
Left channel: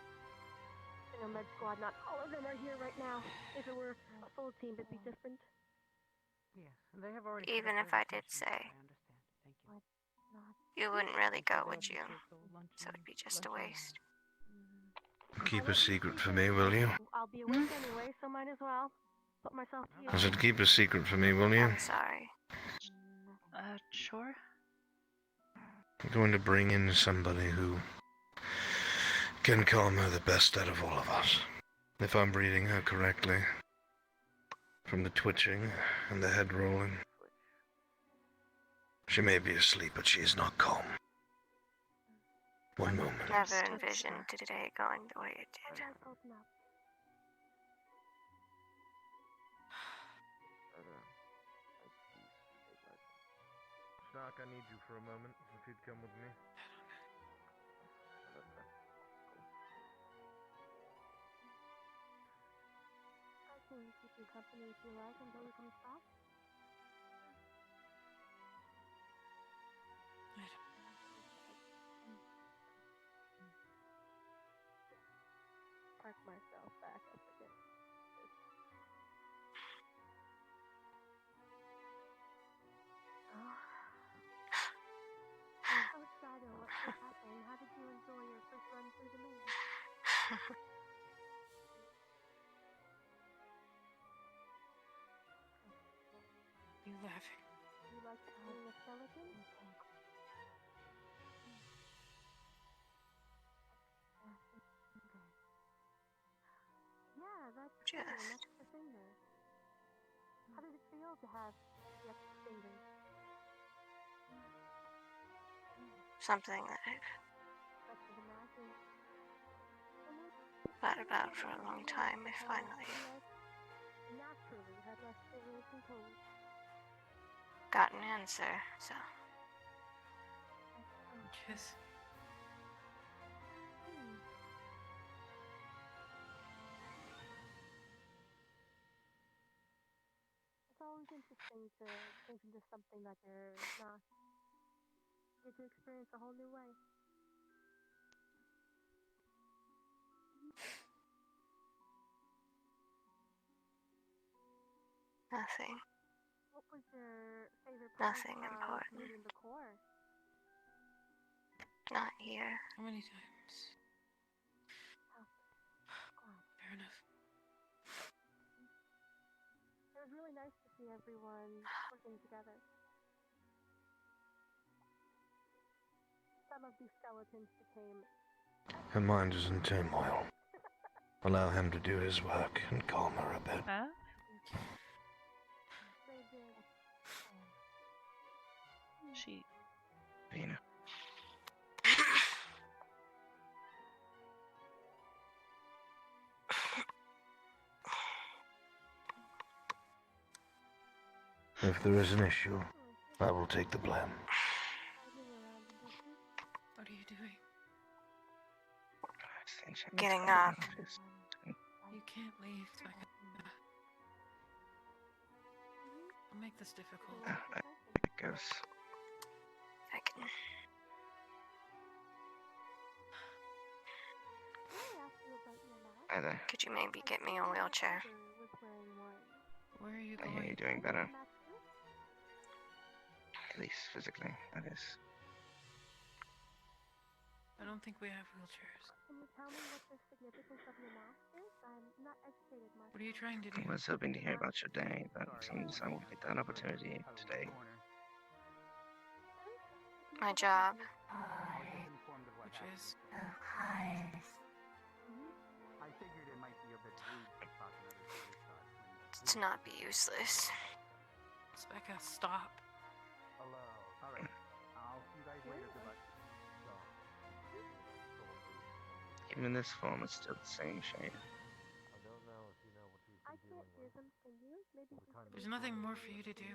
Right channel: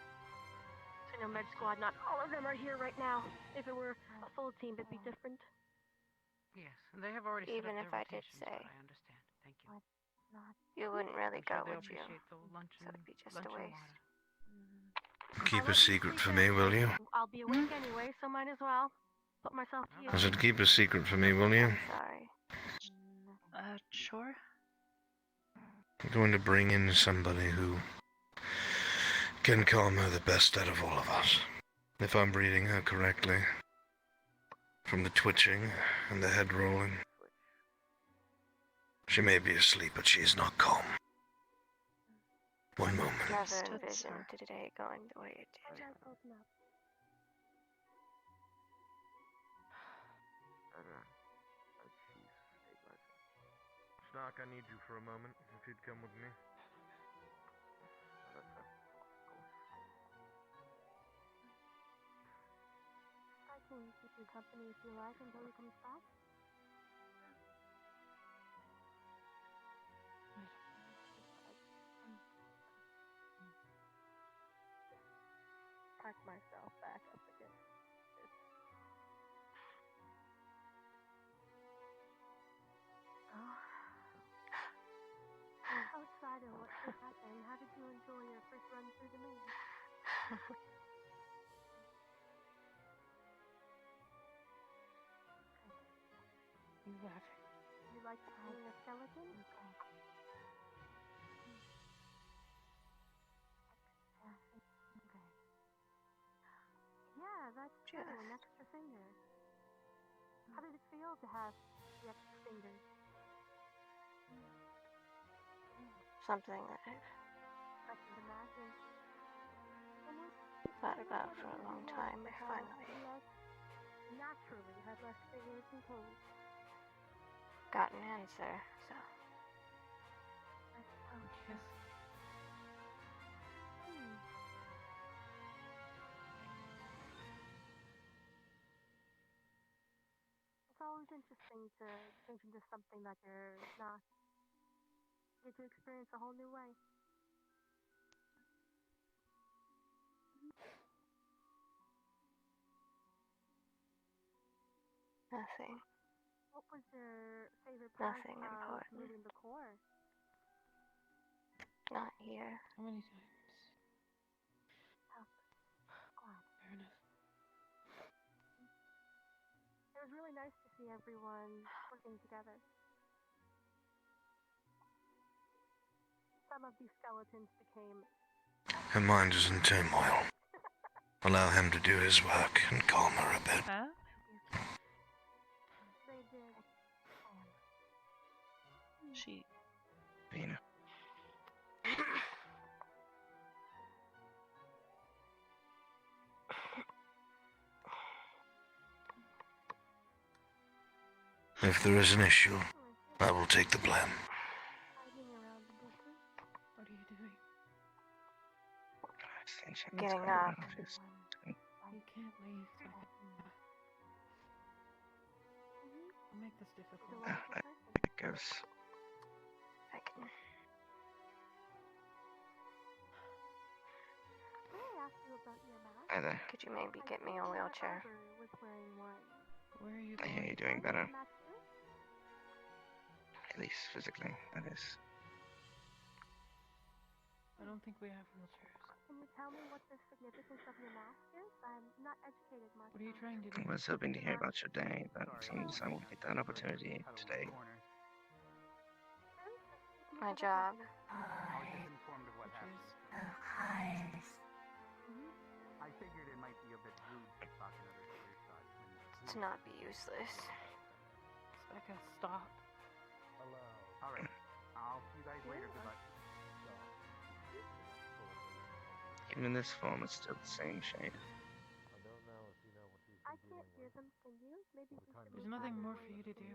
So no Med Squad, not all of them are here right now. If it were a full team, it'd be different. Yes, and they have already. Even if I did say, you wouldn't really go, would you? So it'd be just a waste. Keep a secret for me, will you? I'll be awake anyway, so might as well put myself to I use. said keep a secret for me, will you? Sorry. Sure. I'm going to bring in somebody who can calm her the best out of all of us. If I'm reading her correctly. From the twitching and the head rolling. She may be asleep, but she is not calm. One moment. Never envisioned today going the way it did. Snark, I need you for a moment, if you'd come with me. I can keep you company if you like until he comes back. Park myself back up again. Outside of what just happened, how did you enjoy your first run through the maze? you laughing? You like playing a skeleton? Yeah, that's true, and that's the finger. How did it feel to have the extra fingers? Something that I've I can imagine. thought about for a long time. I finally Naturally had less fingers and toes. got an answer, so. Just It's always interesting to change into something that you're not. Get to experience a whole new way. Nothing. What was your favorite part Nothing of important. moving the core? Not here. how many times? Fair enough. It was really nice to see everyone working together. Some of these skeletons became. Her mind is in turmoil. Allow him to do his work and calm her a bit. Huh? They did. She. Vina. If there is an issue, I will take the blame. What are you doing? Getting up. You can't leave. I'll make this difficult. It goes. I can. Hi there. Could you maybe get me a wheelchair? Where are you I going? hear you're doing better. At least physically, that is. I don't think we have wheelchairs. Can you tell me what the significance of your mask is? I'm not educated much. What are you trying to I do? was hoping to hear about your day, but it seems I won't get that opportunity today. My job. Which is. I figured it might be a bit rude to talk another serious thought when To not be useless. Becca, stop. Hello. Alright. I'll see you guys later. Good luck. Even in this form, it's still the same shade. I don't know if you know what he's I been can't dealing hear with. them. Can you? Maybe There's nothing more for you to do.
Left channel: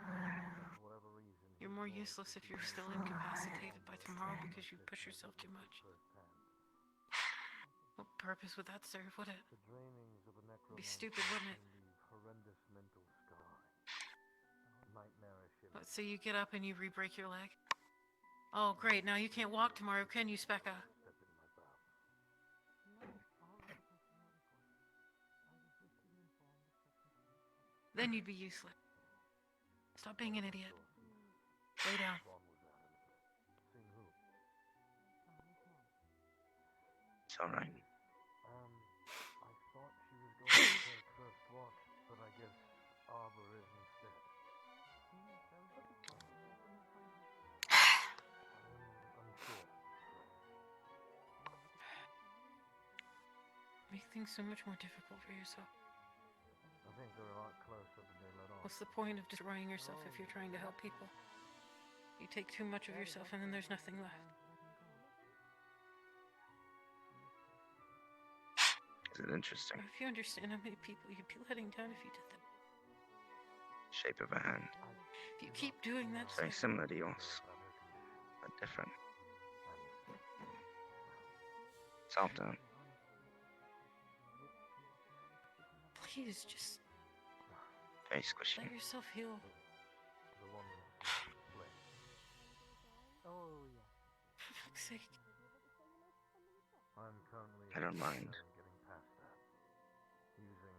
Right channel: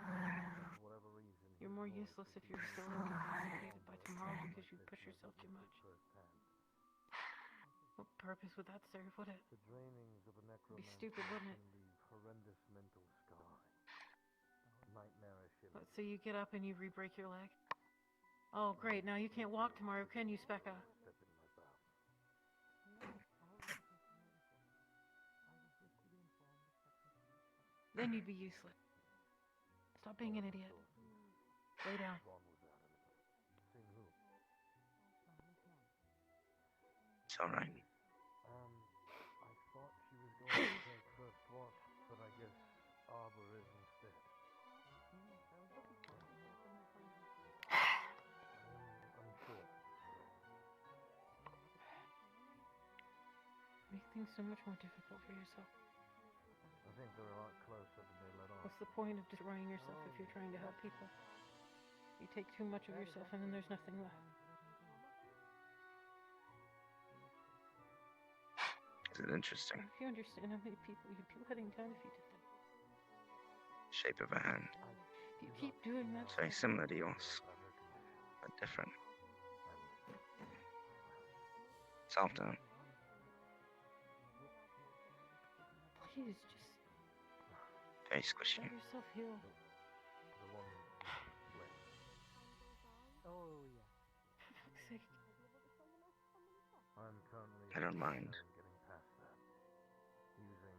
For whatever reason, You're more useless if you're still incapacitated by tomorrow because you push yourself too much. What purpose would that serve, would it? The drainings of a It'd be necromancer stupid, wouldn't it? can leave horrendous mental scarring. Nightmarish Let's say you get up and you re-break your leg. Oh, great, now you can't walk tomorrow, can you, Specca? Then you'd be useless. Stop being an idiot. Lay down. It's alright. I thought she was going to take first watch, but I guess Arbor is instead. I'm sure. Make things so much more difficult for yourself. I think they're a lot closer than they let on. What's the point of destroying yourself if you're trying to help people? You take too much of yourself and then there's nothing left. Is it interesting? If you understand how many people you'd be letting down if you did that. Shape of a hand. If you keep doing that, It's very similar to yours, but different. Soft down. please just Very squishy. let yourself heal. The one split. Oh, yeah. For fuck's sake. I'm currently I don't mind. getting past that. Using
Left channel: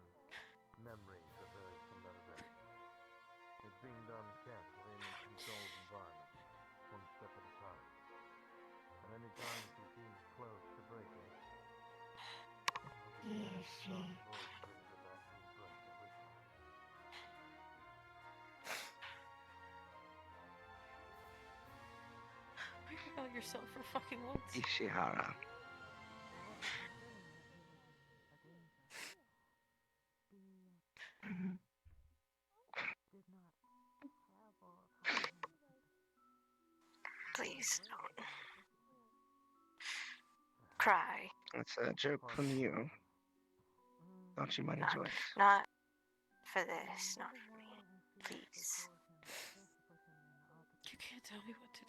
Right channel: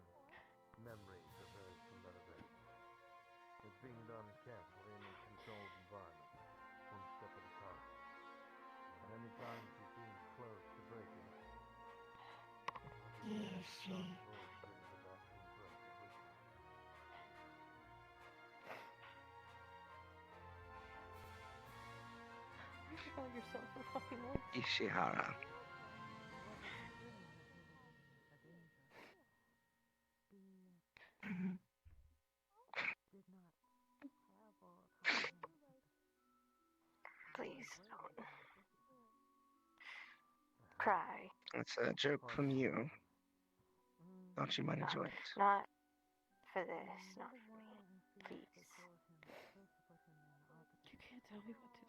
memories of very similar events. It's being done carefully in a controlled environment, one step at a time. And any time she seems close to breaking, Is she? yourself for fucking once. Ishihara. Please don't cry. It's a joke from you. Thought you might enjoy it. Not for this, not for me. Please. You can't tell me what to do.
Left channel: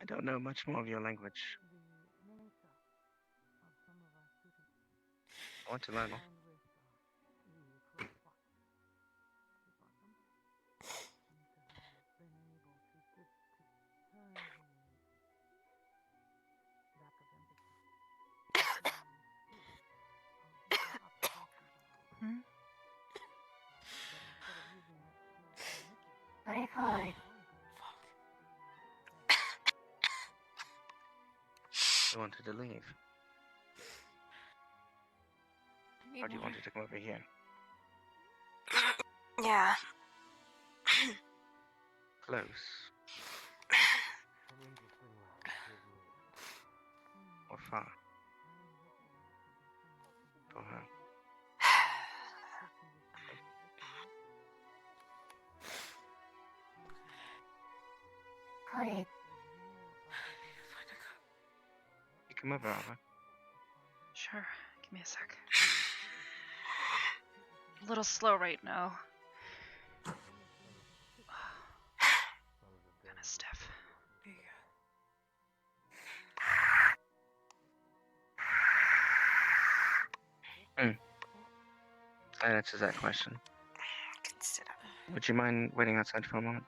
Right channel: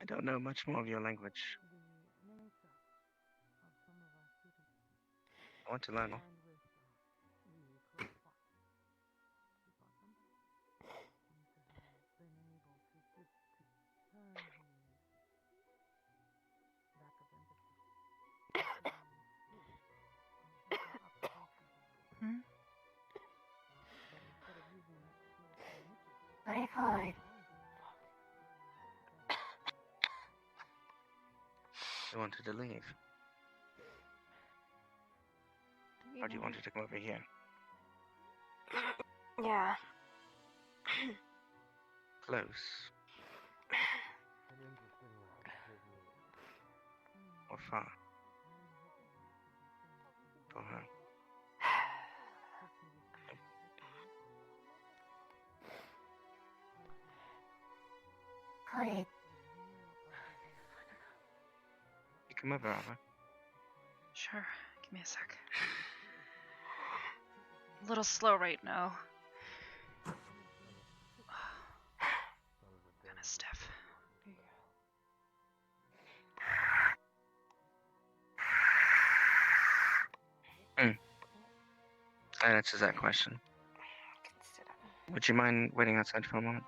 I don't know much more of your language. I want to learn more. Very hard. You wanted to leave. Or do you want her to come over here? Yeah. Close. Or far? For her. Got it. You come over, Arbor. Sure. Give me a sec. A little slow right now. Kind of stiff. That answers that question. Consider. Would you mind waiting outside for a moment?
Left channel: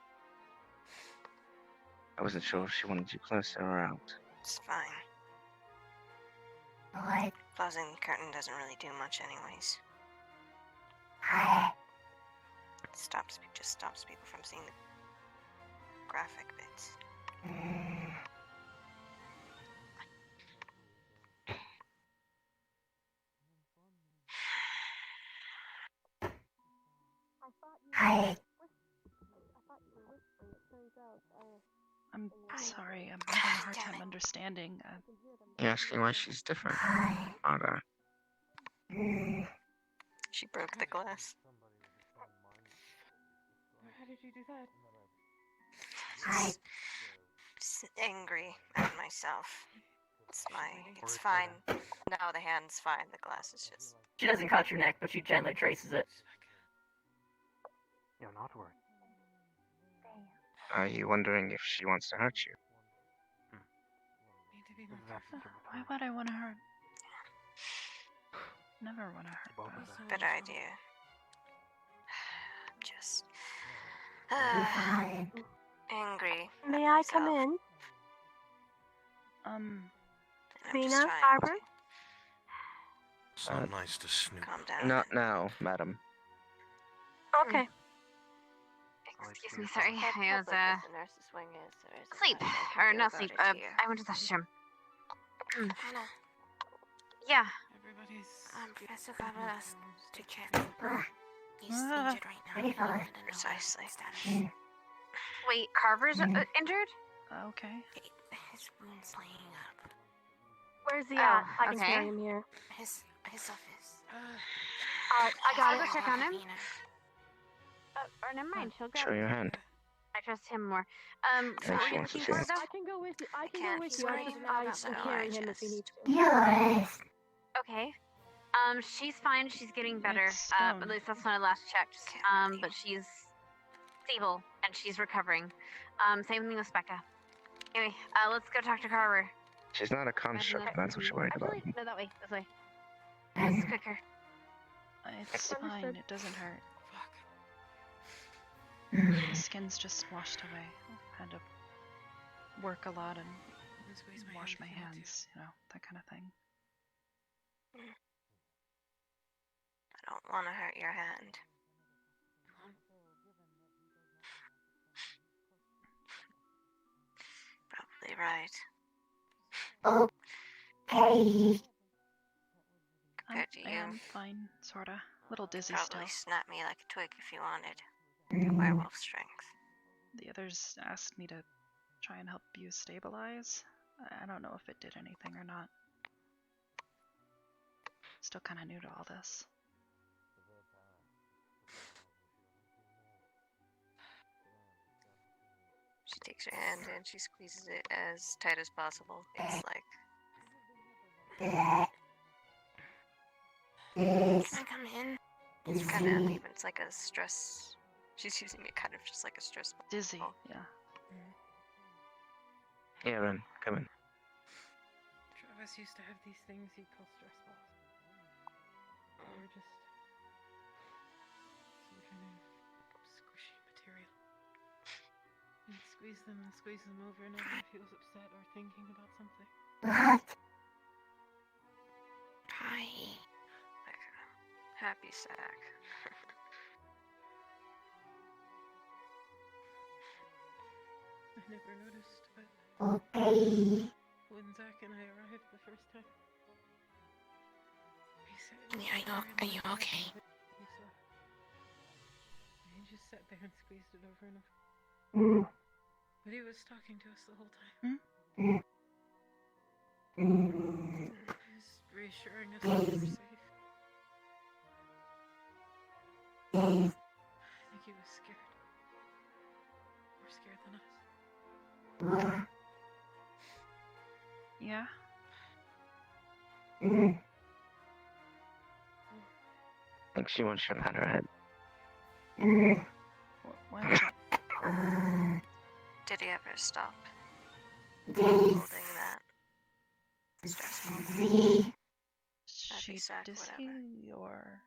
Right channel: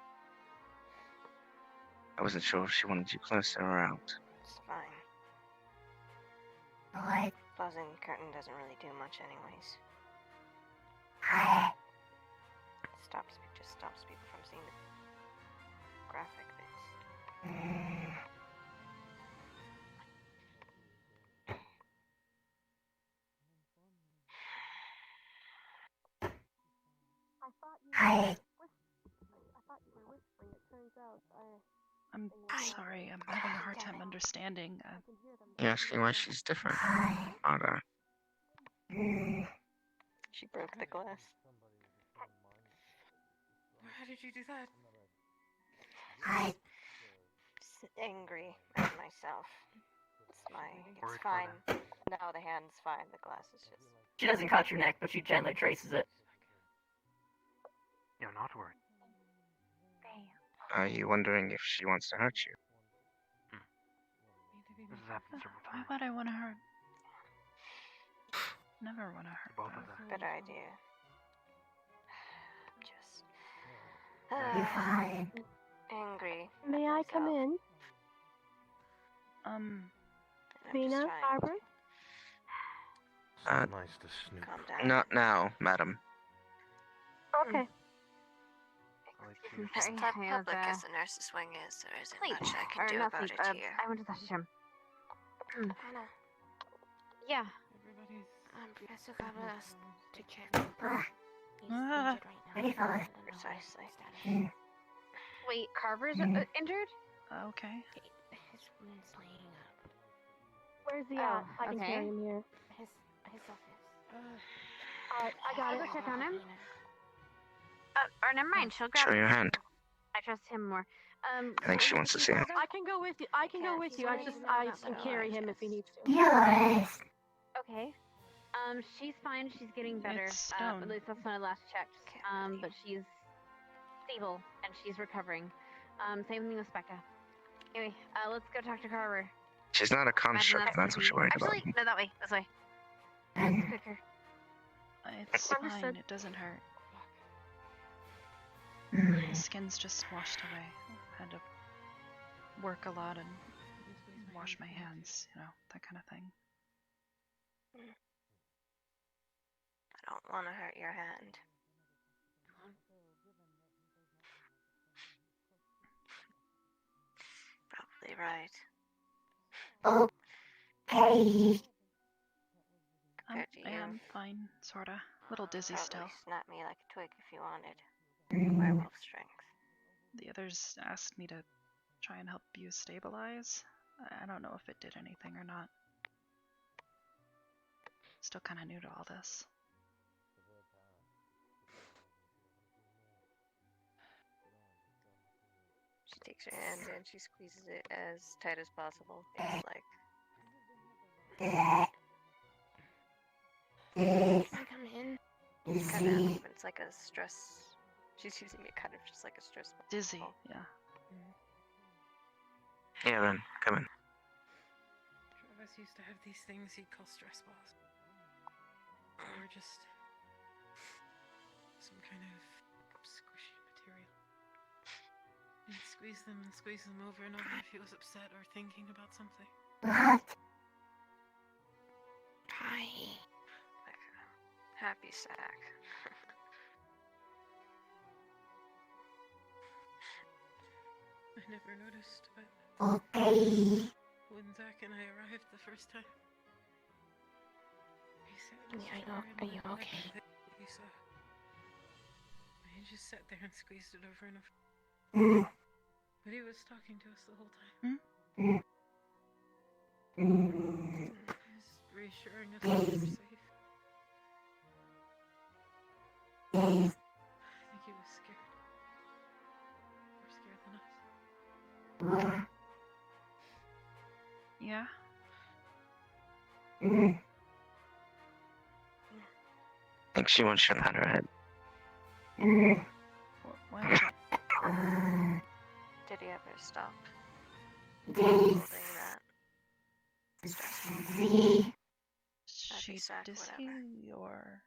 I wasn't sure if she wanted you closer or out. It's fine. What? Closing the curtain doesn't really do much anyways. Just stops people from seeing the graphic bits. Hi. I'm sorry, I'm having a hard time understanding. You're asking why she's different? Arbor. She broke the glass. Why did you do that? Just angry at myself. It's fine. Now the hand's fine. The glass is just. She doesn't cut your neck, but she gently traces it. You're not worried. Are you wondering if she wants to hurt you? Why would I want to hurt? Never want to hurt them. Better idea. Just. Be fine. Angry. May I come in? Lena, Arbor? So nice to snoop. Not now, madam. Okay. Excuse me, sorry. I was, as the nurse's wing is, there isn't sleep. much I Or can do not about sleep. it here. I went to the restroom. Hannah, Yeah. Everybody's. Professor Fabulous to check. He's injured right now. Precisely. Wait, Carver's injured? Okay. His wound's laying up. Where's he at? I can carry him here. His office. Alright, I got I'll it. go check on him. Or never mind, she'll grab Show your hand. I trust him more. I think she wants to see it. I can go with you. I can go with you. I can carry him if you need to. Yes. Okay. She's fine. She's getting better. It's At stone. least that's when I last checked. But she's stable and she's recovering. Same thing with Becca. Anyway, let's go talk to Carver. She's not a construct, that's what you're worried about. Actually, no, that way. This way. It's quicker. It's fine. It doesn't hurt. The skin's just washed away. I had to work a lot and wash my hands, that kind of thing. I don't want to hurt your hand. Probably right. Okay. I am fine, sorta. Little dizzy still. Probably snap me like a twig if you wanted. Werewolf strength. The others asked me to try and help you stabilize. I don't know if it did anything or not. Still kind of new to all this. She takes her hand and she squeezes it as tight as possible. It's like. Can I come in? It's kind of. It's like a stress. She's using it kind of just like a stress. Dizzy, yeah. Yeah, Ren, come in. Travis used to have these things he'd call stress balls. They were just some kind of squishy material. He'd squeeze them over and over if he was upset or thinking about something. Hi. Like a happy sack. I never noticed, but when Zach and I arrived the first time, he said, Are you okay? He just sat there and squeezed it over and over. But he was talking to us the whole time. He was reassuring us that we were safe. I think he was scared. More scared than us. Yeah? I think she wants you to pat her head. What? Did he ever stop? Holding that? She dizzy or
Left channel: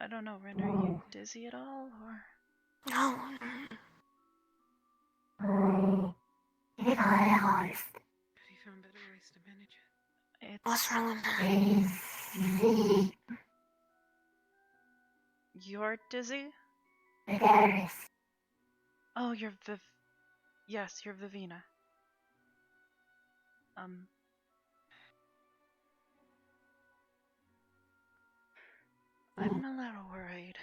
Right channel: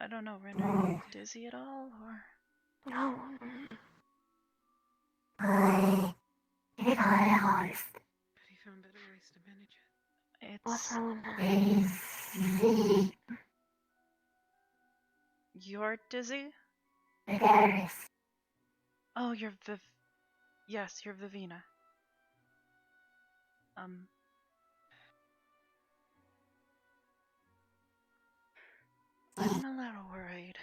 I don't know, Ren, are you dizzy at all or? No. Have you found better ways to manage it? What's wrong with that? You're dizzy? Oh, you're Yes, you're Vivina. I'm a little worried.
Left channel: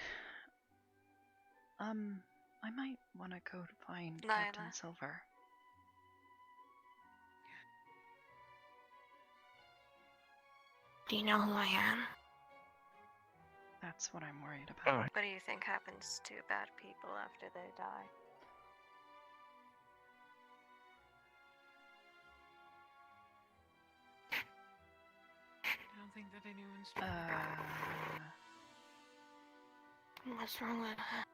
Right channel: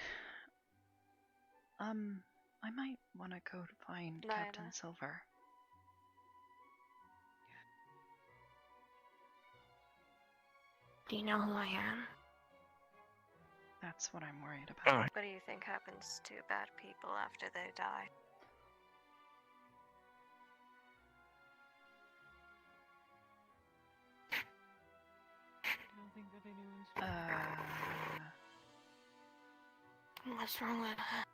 I might want to go find Captain Silver. Do you know who I am? That's what I'm worried about. What do you think happens to bad people after they die? I don't think that anyone's. What's wrong with her?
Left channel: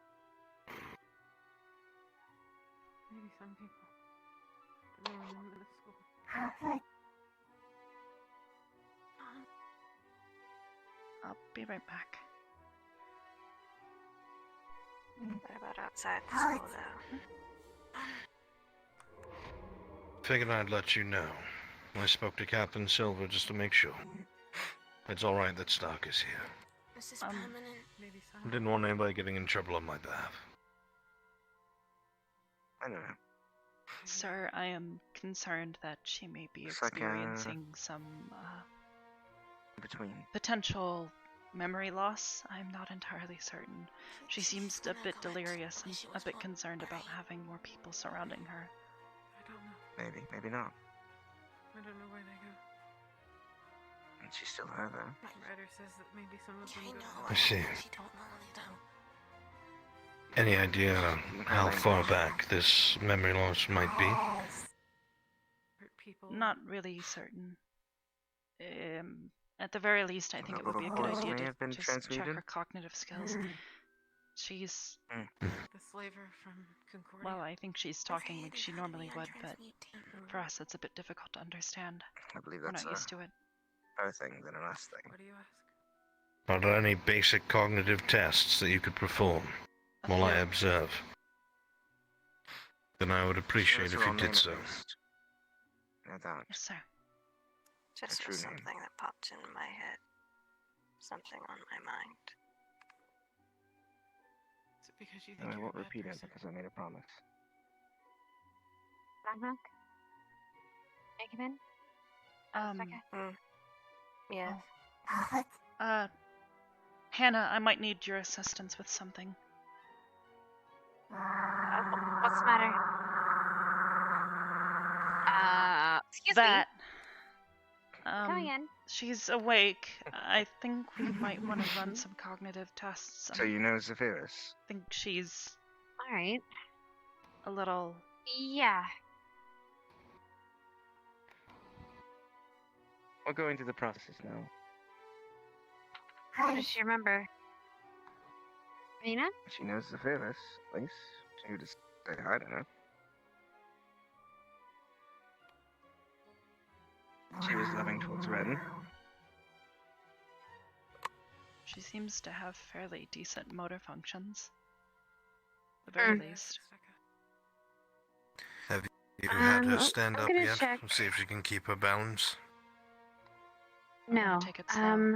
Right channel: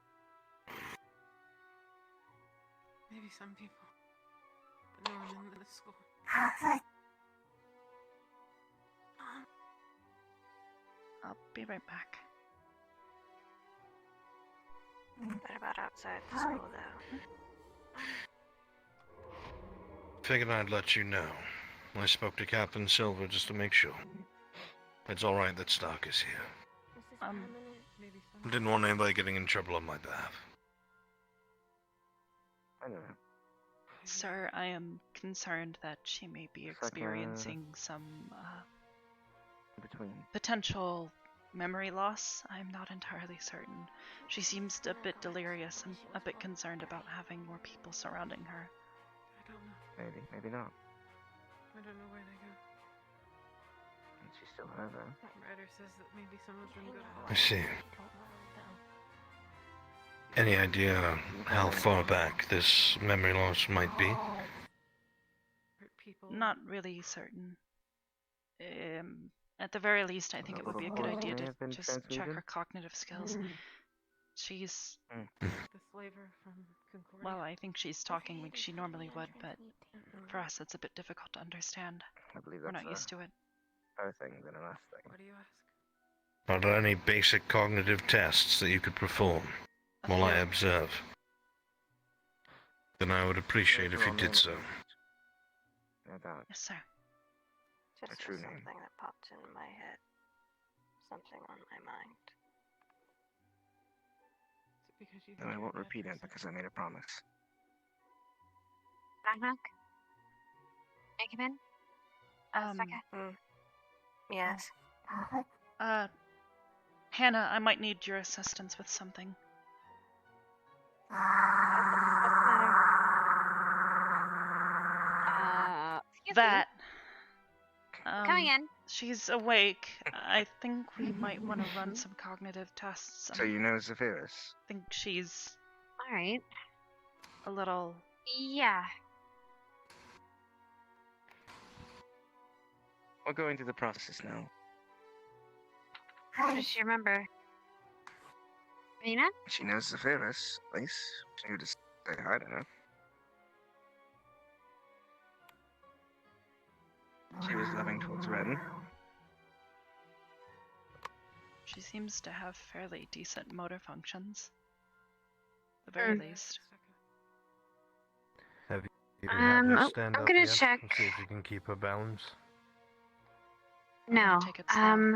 Maybe some people. But no one in the school. I'll be right back. What about outside the school, though? Figured I'd let you know. I spoke to Captain Silver just to make sure. It's alright that Stark is here. Is this permanent? Maybe some. Didn't want anybody getting in trouble on my behalf. I don't know. Sir, I am concerned that she may be experiencing some between potential memory loss. I'm not entirely certain. She seems a bit delirious and a bit concerned about having more people surrounding her. I don't know. Maybe not. I don't know where they go. And she's still her though. Ryder says that maybe some of them go to I see. Any idea how far back this memory loss might be? Not really certain. At the very least, I think it would be a good idea to just check her cognitive skills. She's... The slaver from Concordia. Well, I think she's talking like she normally would, but for us it's a bit difficult to understand. I believe We're that's not used to it. Her thing than an us thing. What do you ask? Are there any basic cognitive tests that you could perform while I observe? Then I would appreciate if you did so. Yes, sir. Just was something that popped into my head. Something on my mind. Is it because you And think I you're won't a bad repeat it person? because I made a promise. Knock. Can I come in? Yes. Hannah, I might need your assistance with something. What's the matter? that. Coming in. She's awake. I think we might want to run some cognitive tests. So you know Zephyrus? I think she's All right. a little. Yeah. We'll go into the process now. How does she remember? Rena? She knows Zephyrus, at least. She would just say hi to her. She was loving towards Ren. She seems to have fairly decent motor functions. At the very least. Have you had her I'm stand up gonna yet? check. See if she can keep her balance. No. Take it slow.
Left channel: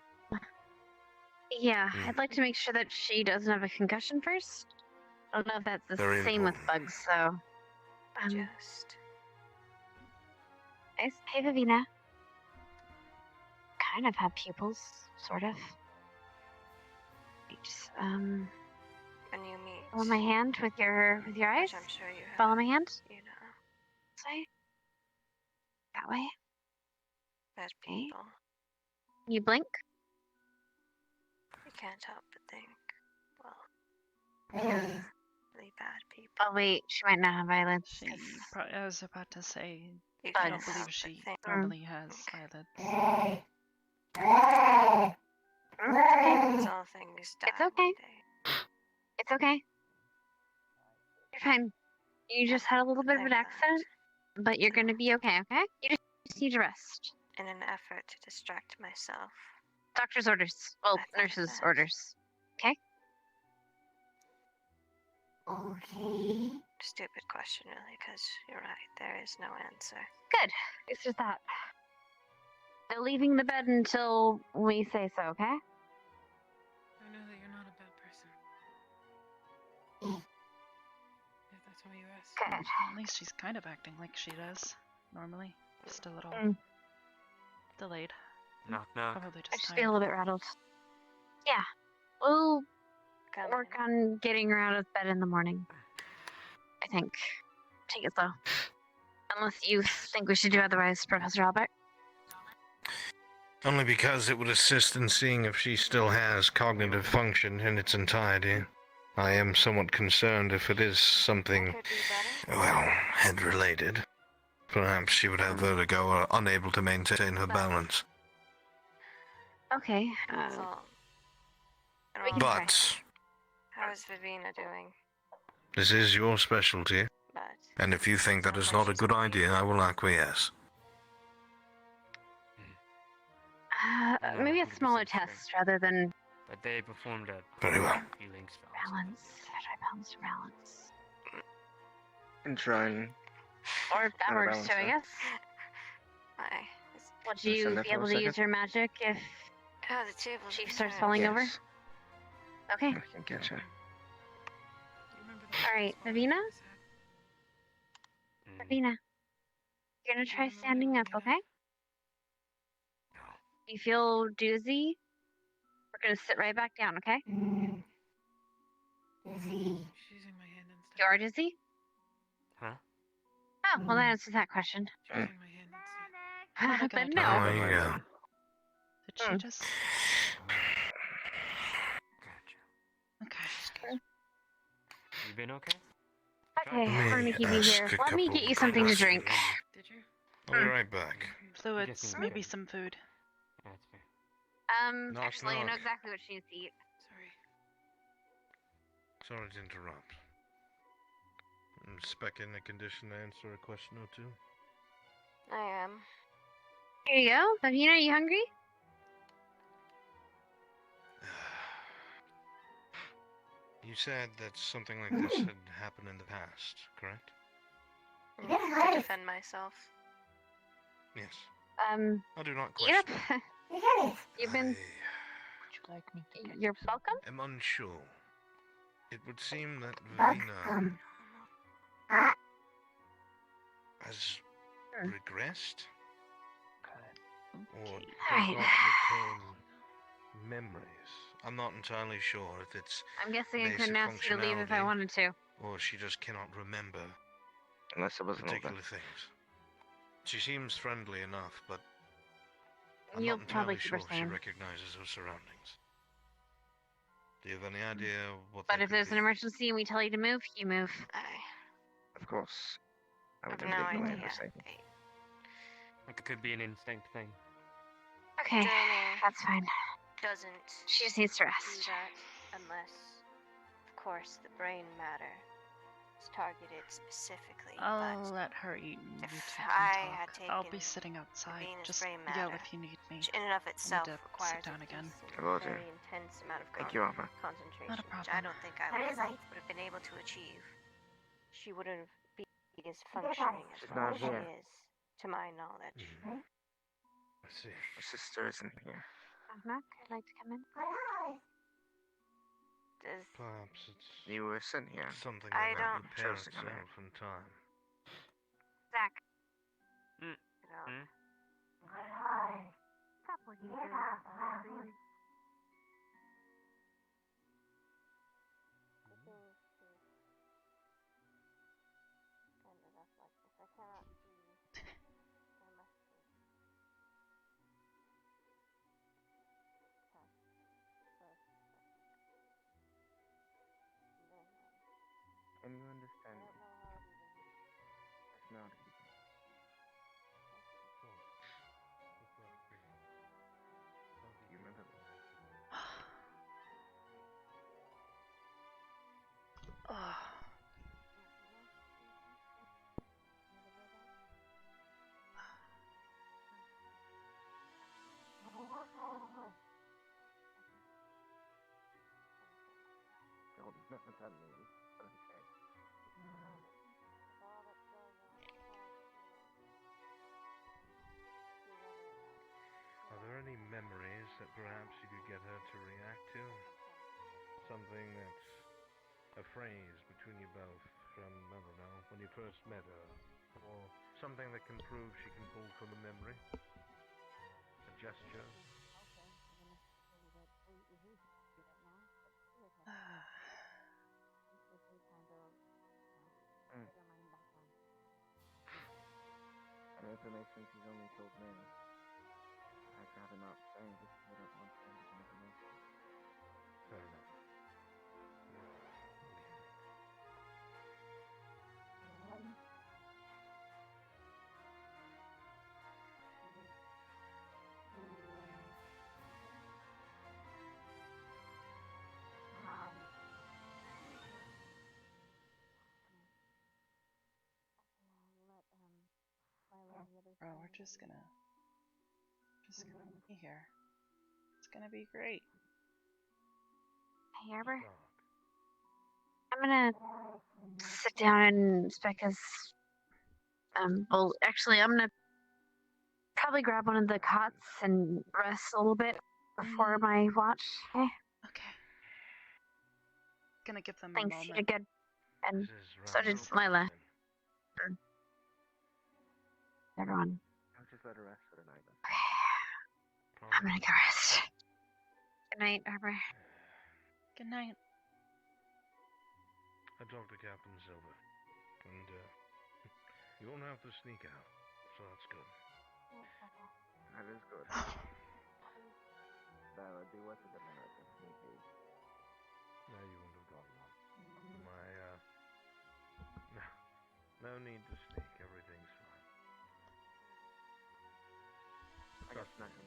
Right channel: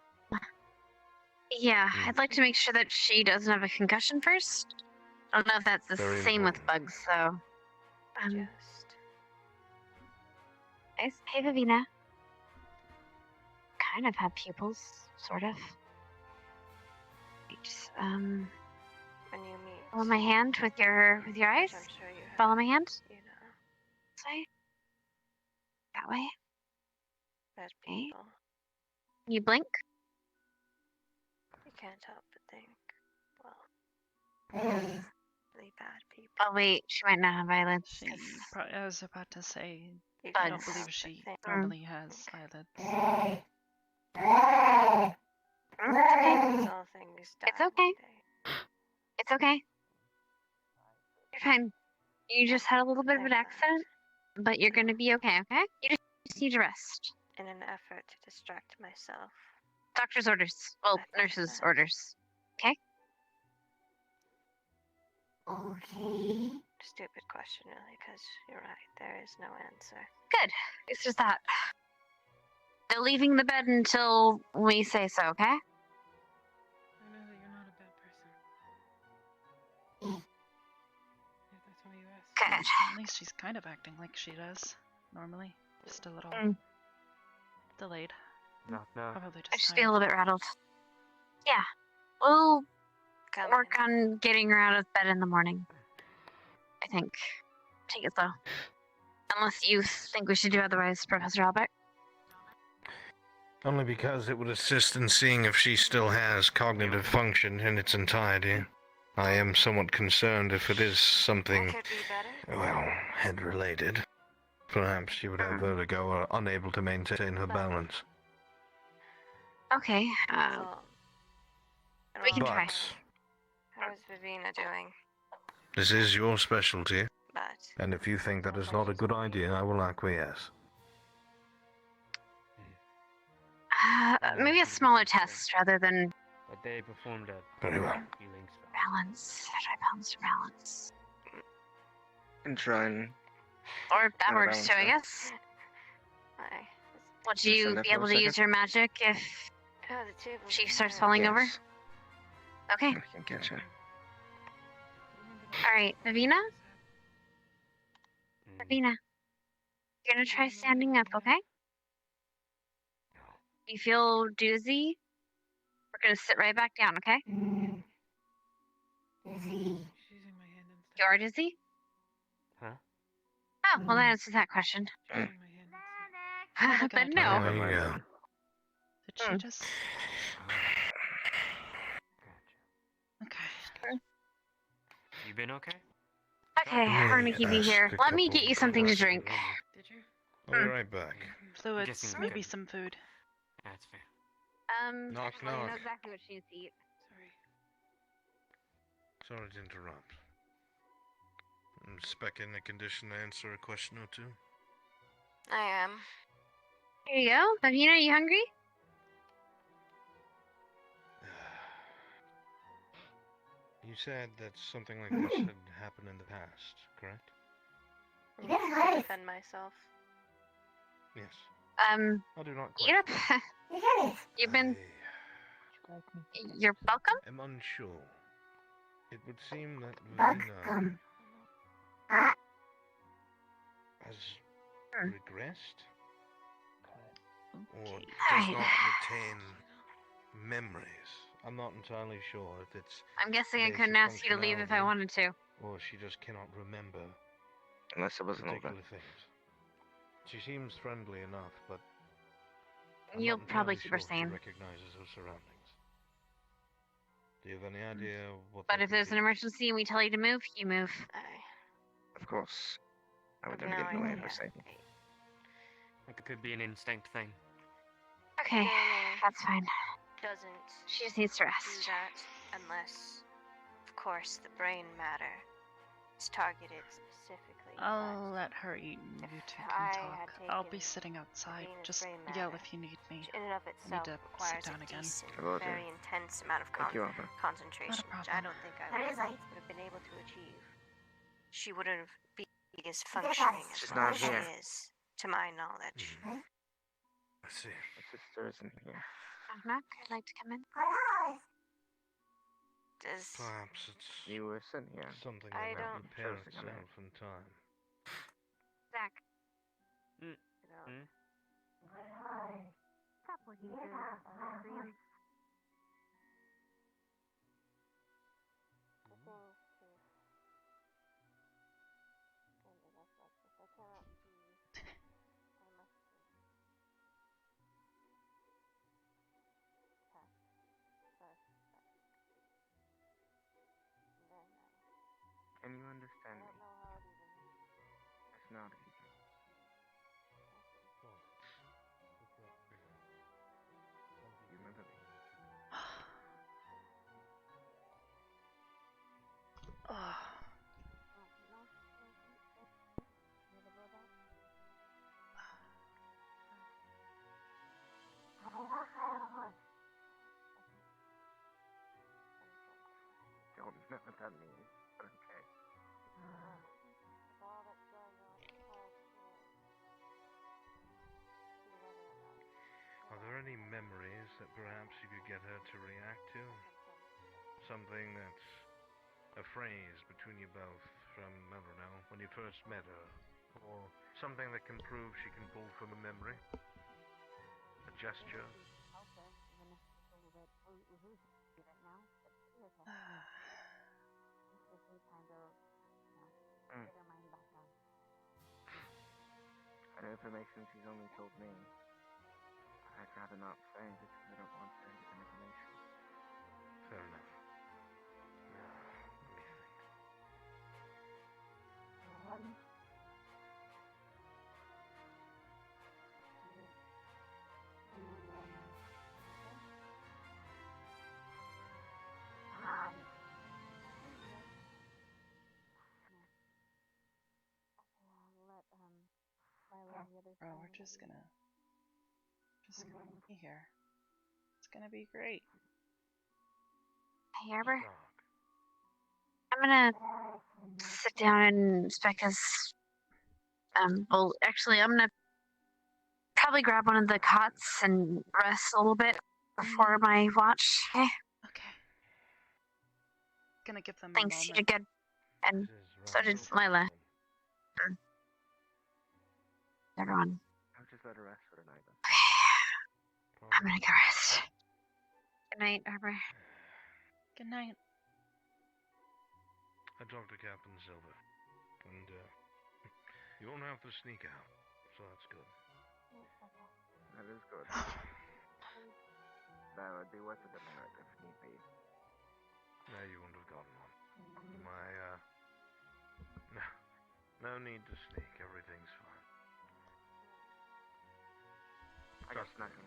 Yeah, I'd like to make sure that she doesn't have a concussion first. I don't know if that's the Very same with bugs, so. Hey, Vivina. Kind of have pupils, sort of. Just, When you meet, follow my hand with your eyes. I'm sure you have, Follow my hand. you know, This way. That way. bad Okay. people. You blink. You can't help but think, well, really bad people. Oh wait, she might not have eyelids. I was about to say, You I can't don't help believe but she think. normally has eyelids. All things die It's okay. It's okay. You're fine. You just had a little bit of an accident, but you're gonna be okay, okay? You just need to rest. in an effort to distract myself. Doctor's orders. Well, nurse's orders. Okay? Okay. Stupid question, really, because you're right, there is no answer. Good. It's just that. They're leaving the bed until we say so, okay? I know that you're not a bad person. If that's what you ask. Good. At least she's kind of acting like she does normally. Just a little delayed. Knock, knock. Probably I just just feel a tired. little bit rattled. Yeah. We'll work on getting her out of bed in the morning. I think. Take it slow. Unless you think we should do otherwise, Professor Albert. Only because it would assist in seeing if she still has cognitive function in its entirety. I am somewhat concerned if it is something, well, head-related. Perhaps she would have vertigo or unable to maintain her balance. Okay. We can try. But How is Vivina doing? this is your specialty, But and if you think that is not a good idea, I will acquiesce. Maybe a smaller test rather than But they performed a Very well. healing spell. balance. Try balance or balance. And try and Or that Not a works too, I balance, guess. I. Would Can I you stand there be for a able to second? use your magic if Oh, the table. she starts falling over? Yes. Okay. I can catch her. Alright, Vivina? Vivina. You're gonna try standing up, okay? You feel doozy? We're gonna sit right back down, okay? Dizzy. You are dizzy? Huh? Oh, well that answers that question. But no. Oh, yeah. Did she just... Okay. You been okay? Okay, we're gonna keep you here. Let me get you something to drink. Did you? I'll be right back. Fluids, guessing maybe okay. some food. That's fair. Knock, Actually, you know knock. exactly what she needs to eat. Sorry. Sorry to interrupt. I'm spec in a condition to answer a question or two. I am. Here you go. Vivina, are you hungry? You said that something like this had happened in the past, correct? To defend myself. Yes. I do not Yep. question. You've been. You're welcome. I'm unsure. It would seem that Vivina has regressed or does Alright. not retain memories. I'm not entirely sure if it's I'm guessing I basic couldn't ask you to leave if I functionality, wanted to. or she just cannot remember Unless it wasn't all that. particular things. She seems friendly enough, but I'm You'll not probably entirely keep sure her if she sane. recognizes her surroundings. Do you have any idea what But that if could there's be? an emergency and we tell you to move, you move. Of course. I would never No get in the way of her idea. safety. It could be an instinct thing. Okay, Journey that's fine. doesn't She just needs to do rest. that unless, of course, the brain matter is targeted specifically. I'll let her eat and you two can I talk. had I'll taken be sitting outside. Venus Just brain yell matter, if you need me. which in and of I itself need to requires sit down a again. decent, I will do. very intense amount of Thank you, Arbor. concentration, Not a which I problem. don't think I There would is light. have been able to achieve. She would have been as functioning as She's well not as she here. is, to my knowledge. I see. My sister isn't here. Knock, I'd like to come in. Does Perhaps it's You were sent here. something I that will don't repair chose to come itself in time. Zach. Stop looking through the screen. Can you understand me? If not, you can. You remember me? Ugh. You'll never tell me. Okay. Are there any memories that perhaps you could get her to react to? Something that's a phrase between you both from, I don't know, when you first met her? Or something that can prove she can pull from a memory? A gesture? An information she's only told me. I'd rather not say because I don't want her to get information. Fair enough. Bro, we're just gonna be here. It's gonna be great. Hey, Arbor. I'm gonna sit down and because well, actually, I'm gonna probably grab one of the cots and rest a little bit before my watch. Okay. Okay. Gonna give them Thanks, a you moment. did good. And so did Lila. Everyone. I'll just let her rest for the night then. I'm gonna go rest. Good night, Arbor. Good night. I talked to Captain Silver, and you won't have to sneak out, so that's good. That is good. That would be worth it if need be. No, you wouldn't have gotten one. No need to sneak, everything's fine. I guess nothing.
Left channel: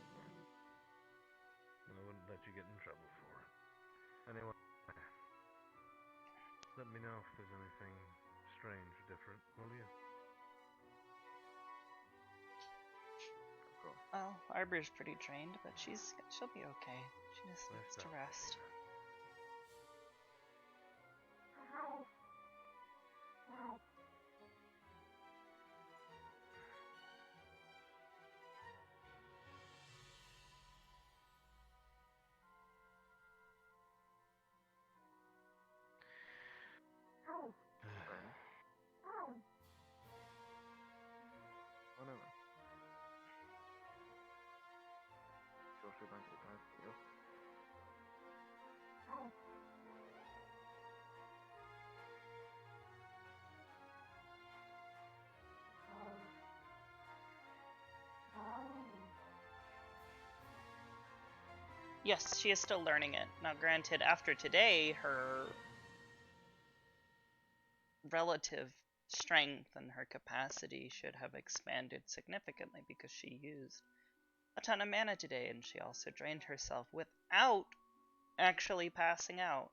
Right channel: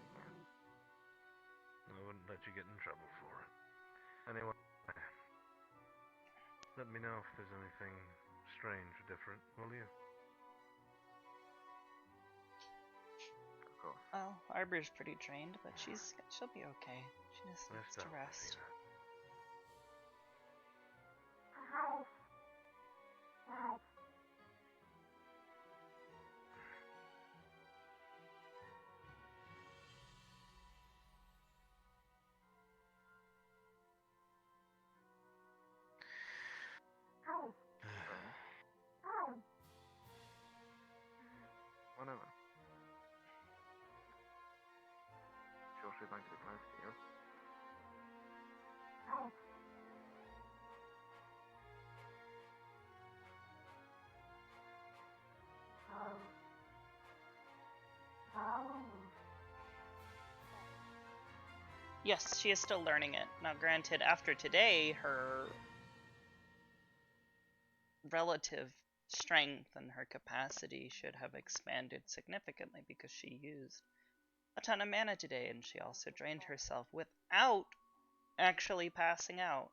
I wouldn't let you get in trouble for it. Anyway, let me know if there's anything strange or different, will you? Cool. Well, Arbor's pretty trained, but she'll be okay. She just needs to rest. Whatever. Sure she'd like to talk to you. Yes, she is still learning it. Now, granted, after today, her relative strength and her capacity should have expanded significantly because she used a ton of mana today, and she also drained herself without actually passing out.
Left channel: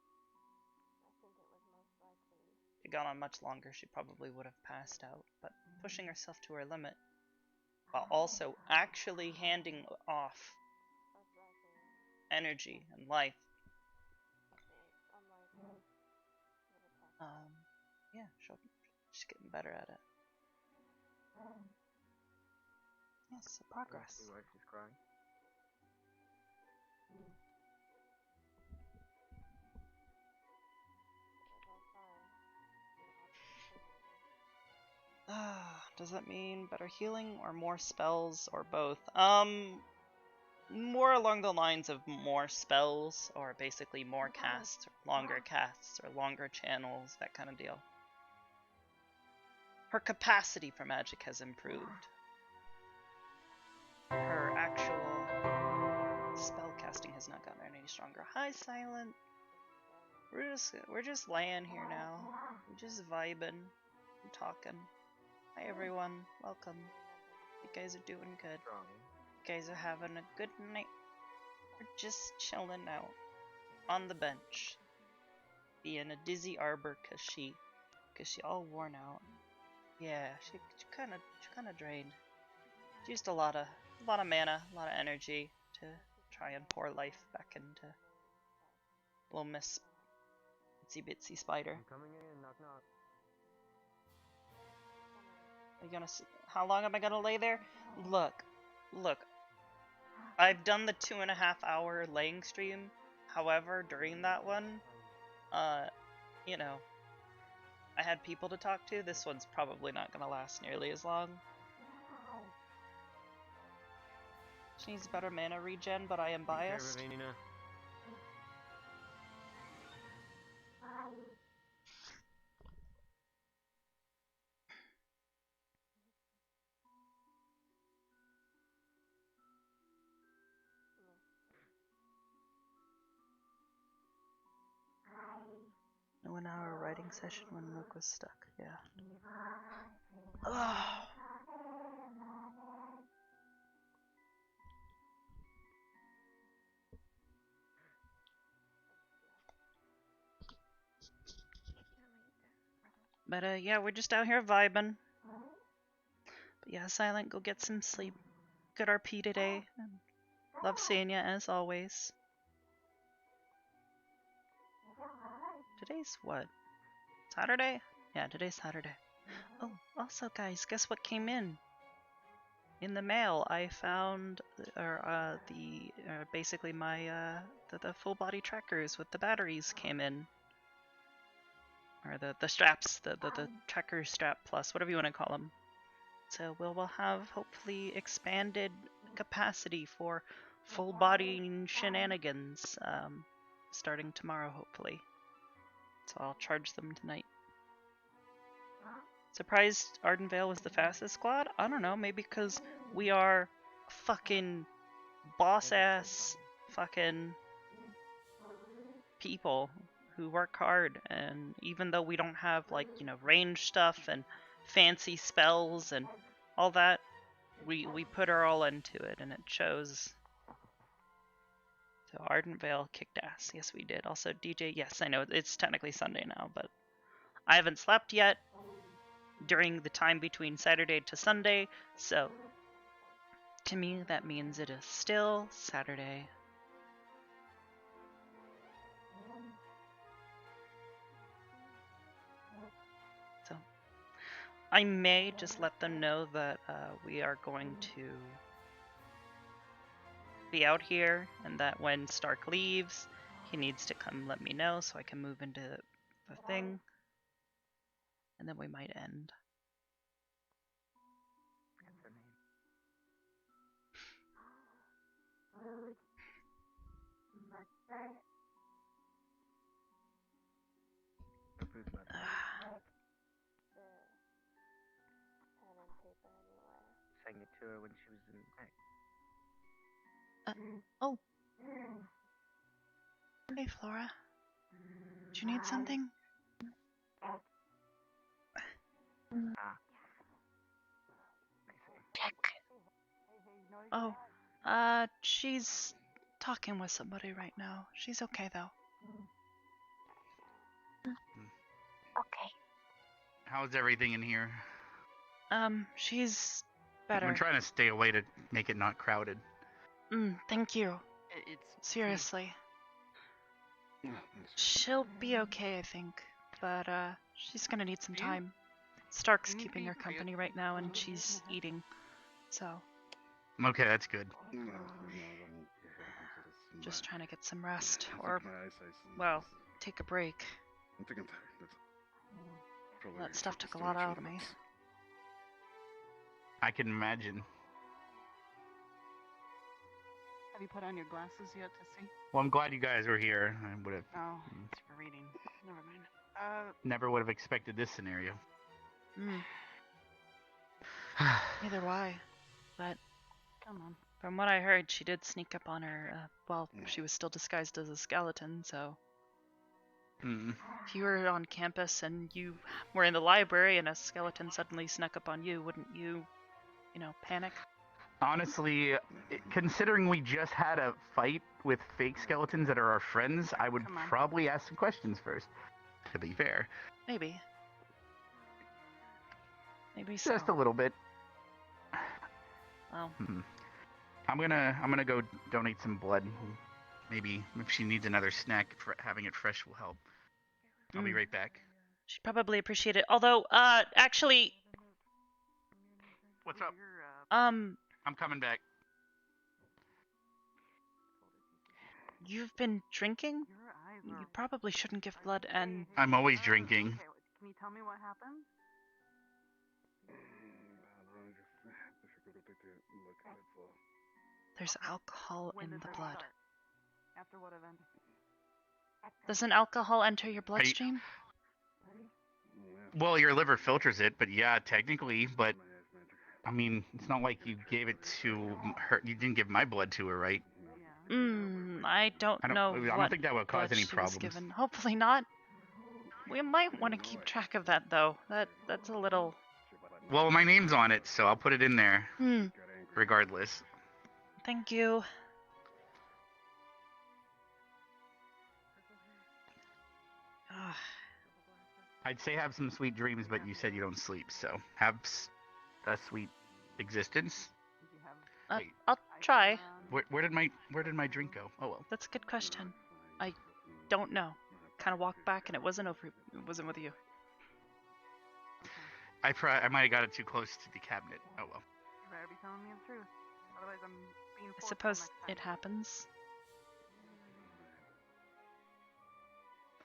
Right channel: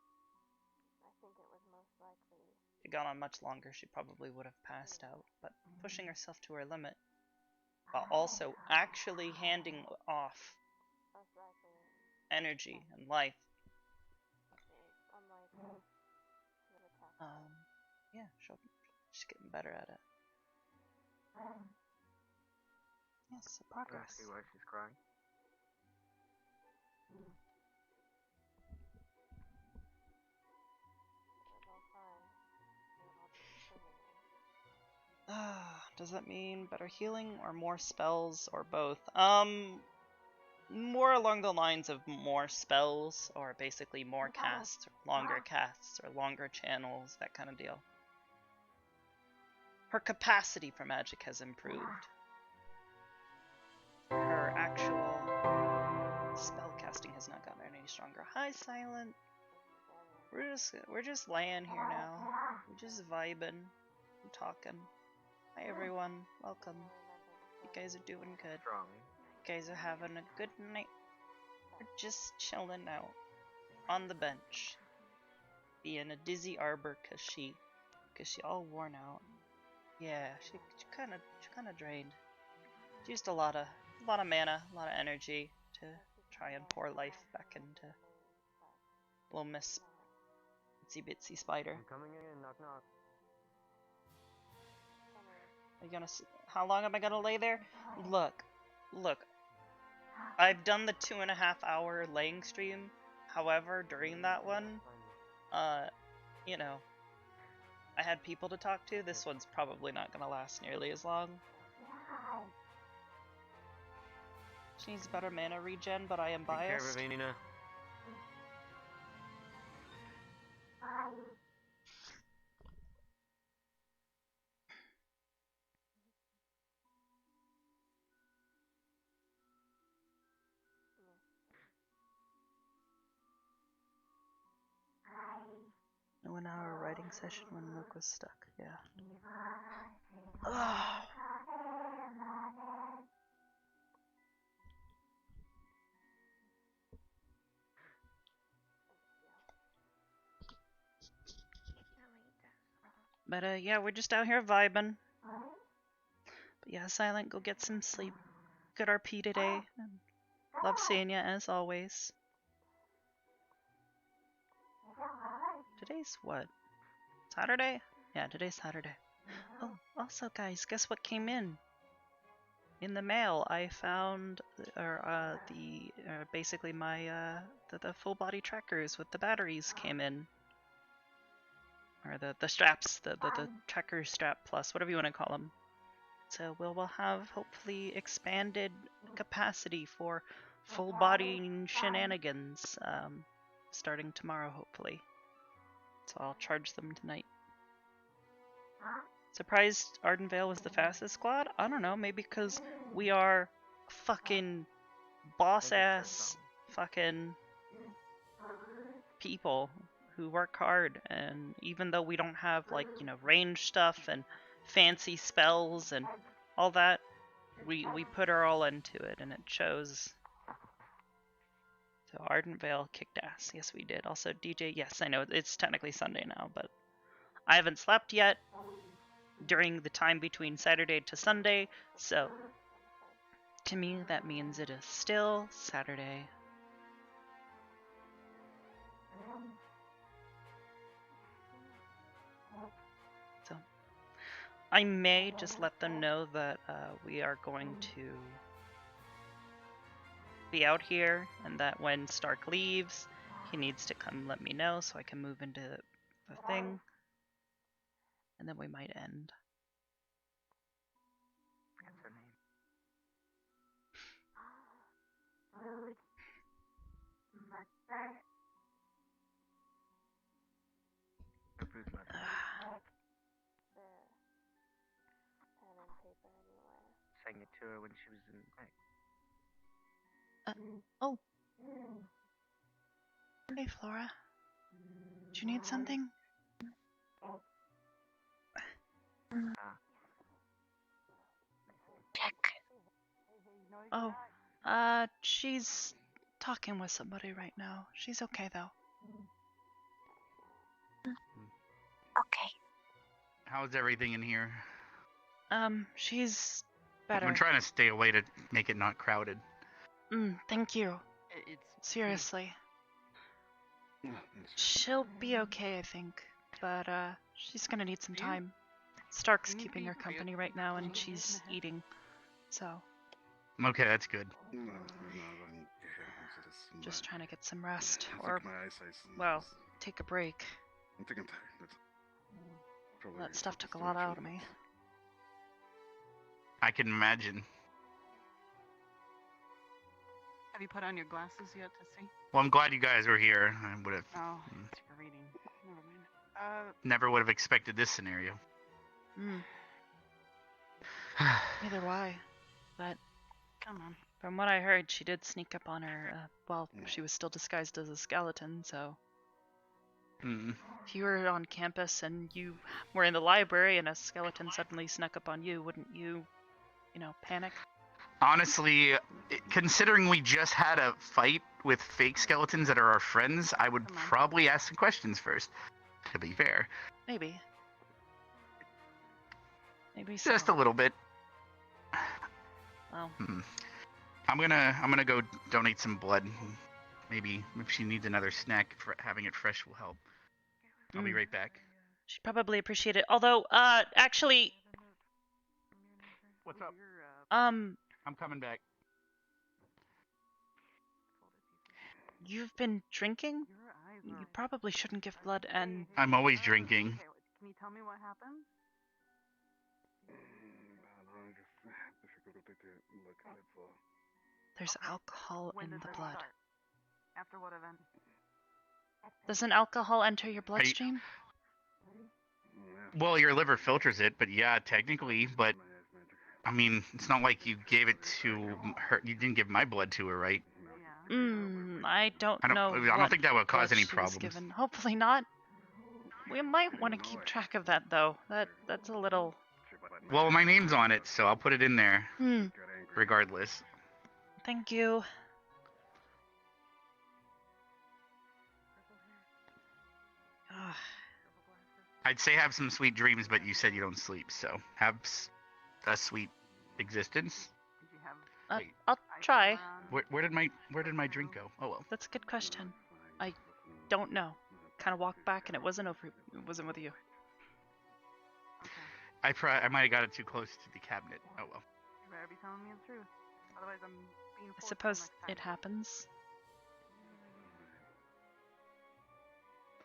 If she'd gone on much longer, she probably would have passed out, but pushing herself to her limit while also actually handing off energy and life. Yeah, she's getting better at it. Yes, progress. See why she's crying. Does that mean better healing or more spells or both? More along the lines of more spells, or basically more casts, or longer channels, that kind of deal. Her capacity for magic has improved. Her actual spell casting has not gotten any stronger. Hi, Silent. We're just laying here now. We're just vibing and talking. Hi everyone, welcome. You guys are doing good. You guys are having a good night. We're just chilling out on the bench, being a dizzy Arbor cause she all worn out. Yeah, she kind of drained. She used a lot of mana, a lot of energy to try and pour life back into little Miss Itsy Bitsy Spider. I'm coming in, knock knock. Are you gonna? How long am I gonna lay there? Look. I've done the 2.5 hour laying stream. However, during that one, you know, I had people to talk to. This one's probably not gonna last nearly as long. She needs better mana regen, but I am biased. A 1 hour writing session when Nook was stuck, yeah. Ugh. But yeah, we're just out here vibing. But yeah, Silent, go get some sleep. Good RP today. Love seeing ya as always. Today's what? Saturday? Yeah, today's Saturday. Oh, also guys, guess what came in? In the mail, I found basically my the full body trackers with the batteries came in. Or the straps, the tracker strap plus, whatever you want to call them. So we'll have hopefully expanded capacity for full body shenanigans starting tomorrow, hopefully. So I'll charge them tonight. Surprised Ardenvale was the fastest squad? I don't know, maybe because we are fucking boss-ass fucking people who work hard, and even though we don't have, like, you know, range stuff and fancy spells and all that, we put our all into it, and it shows. So Ardenvale kicked ass. Yes, we did. Also, DJ, yes, I know it's technically Sunday now, but I haven't slept yet during the time between Saturday to Sunday, so to me that means it is still Saturday. So I may just let them know that we are going to be out here, and that when Stark leaves, he needs to come let me know so I can move into the thing, and then we might end. Sang it to her when she was in. Oh, Hey, Flora. Do you need something? Oh, she's talking with somebody right now. She's okay, though. Okay. How's everything in here? She's better. I'm trying to stay away to make it not crowded. Thank you. Seriously. She'll be okay, I think. But, she's gonna need some time. Stark's keeping her company right now, and she's eating. So. Okay, that's good. Just trying to get some rest. Or, well, take a break. That stuff took a lot out of me. I can imagine. Have you put on your glasses yet to see? Well, I'm glad you guys were here. I would have. Oh, it's for reading. Never mind. Never would have expected this scenario. Neither do I. But come on. From what I heard, she did sneak up on her. She was still disguised as a skeleton. So if you were on campus and you were in the library and a skeleton suddenly snuck up on you, wouldn't you, panic? Honestly, considering we just had a fight with fake skeletons that are our friends, I would probably ask some questions first. To be fair. Maybe so. Just a little bit. Well. I'm gonna go donate some blood. Maybe if she needs another snack, having it fresh will help. I'll be right back. She'd probably appreciate it. Although, actually. What's up? I'm coming back. You've been drinking? You probably shouldn't give blood and... I'm always drinking. Okay, can you tell me what happened? There's alcohol in the blood. After what event? Doesn't alcohol enter your bloodstream? Well, your liver filters it, but yeah, technically, but... I mean, it's not like you gave it to her. You didn't give my blood to her, right? I don't know. I don't think that would cause any problems. Given. Hopefully not. We might want to keep track of that, though. That's a little... Well, my name's on it, so I'll put it in there. Regardless. Thank you. I'd say have some sweet dreams, but you said you don't sleep, so have a sweet existence. I'll try. Where did my drink go? Oh well. That's a good question. I don't know. Kind of walked back and it wasn't with you. I might have got it too close to the cabinet. Oh well. You better be telling me the truth. Otherwise I'm being I suppose it happens.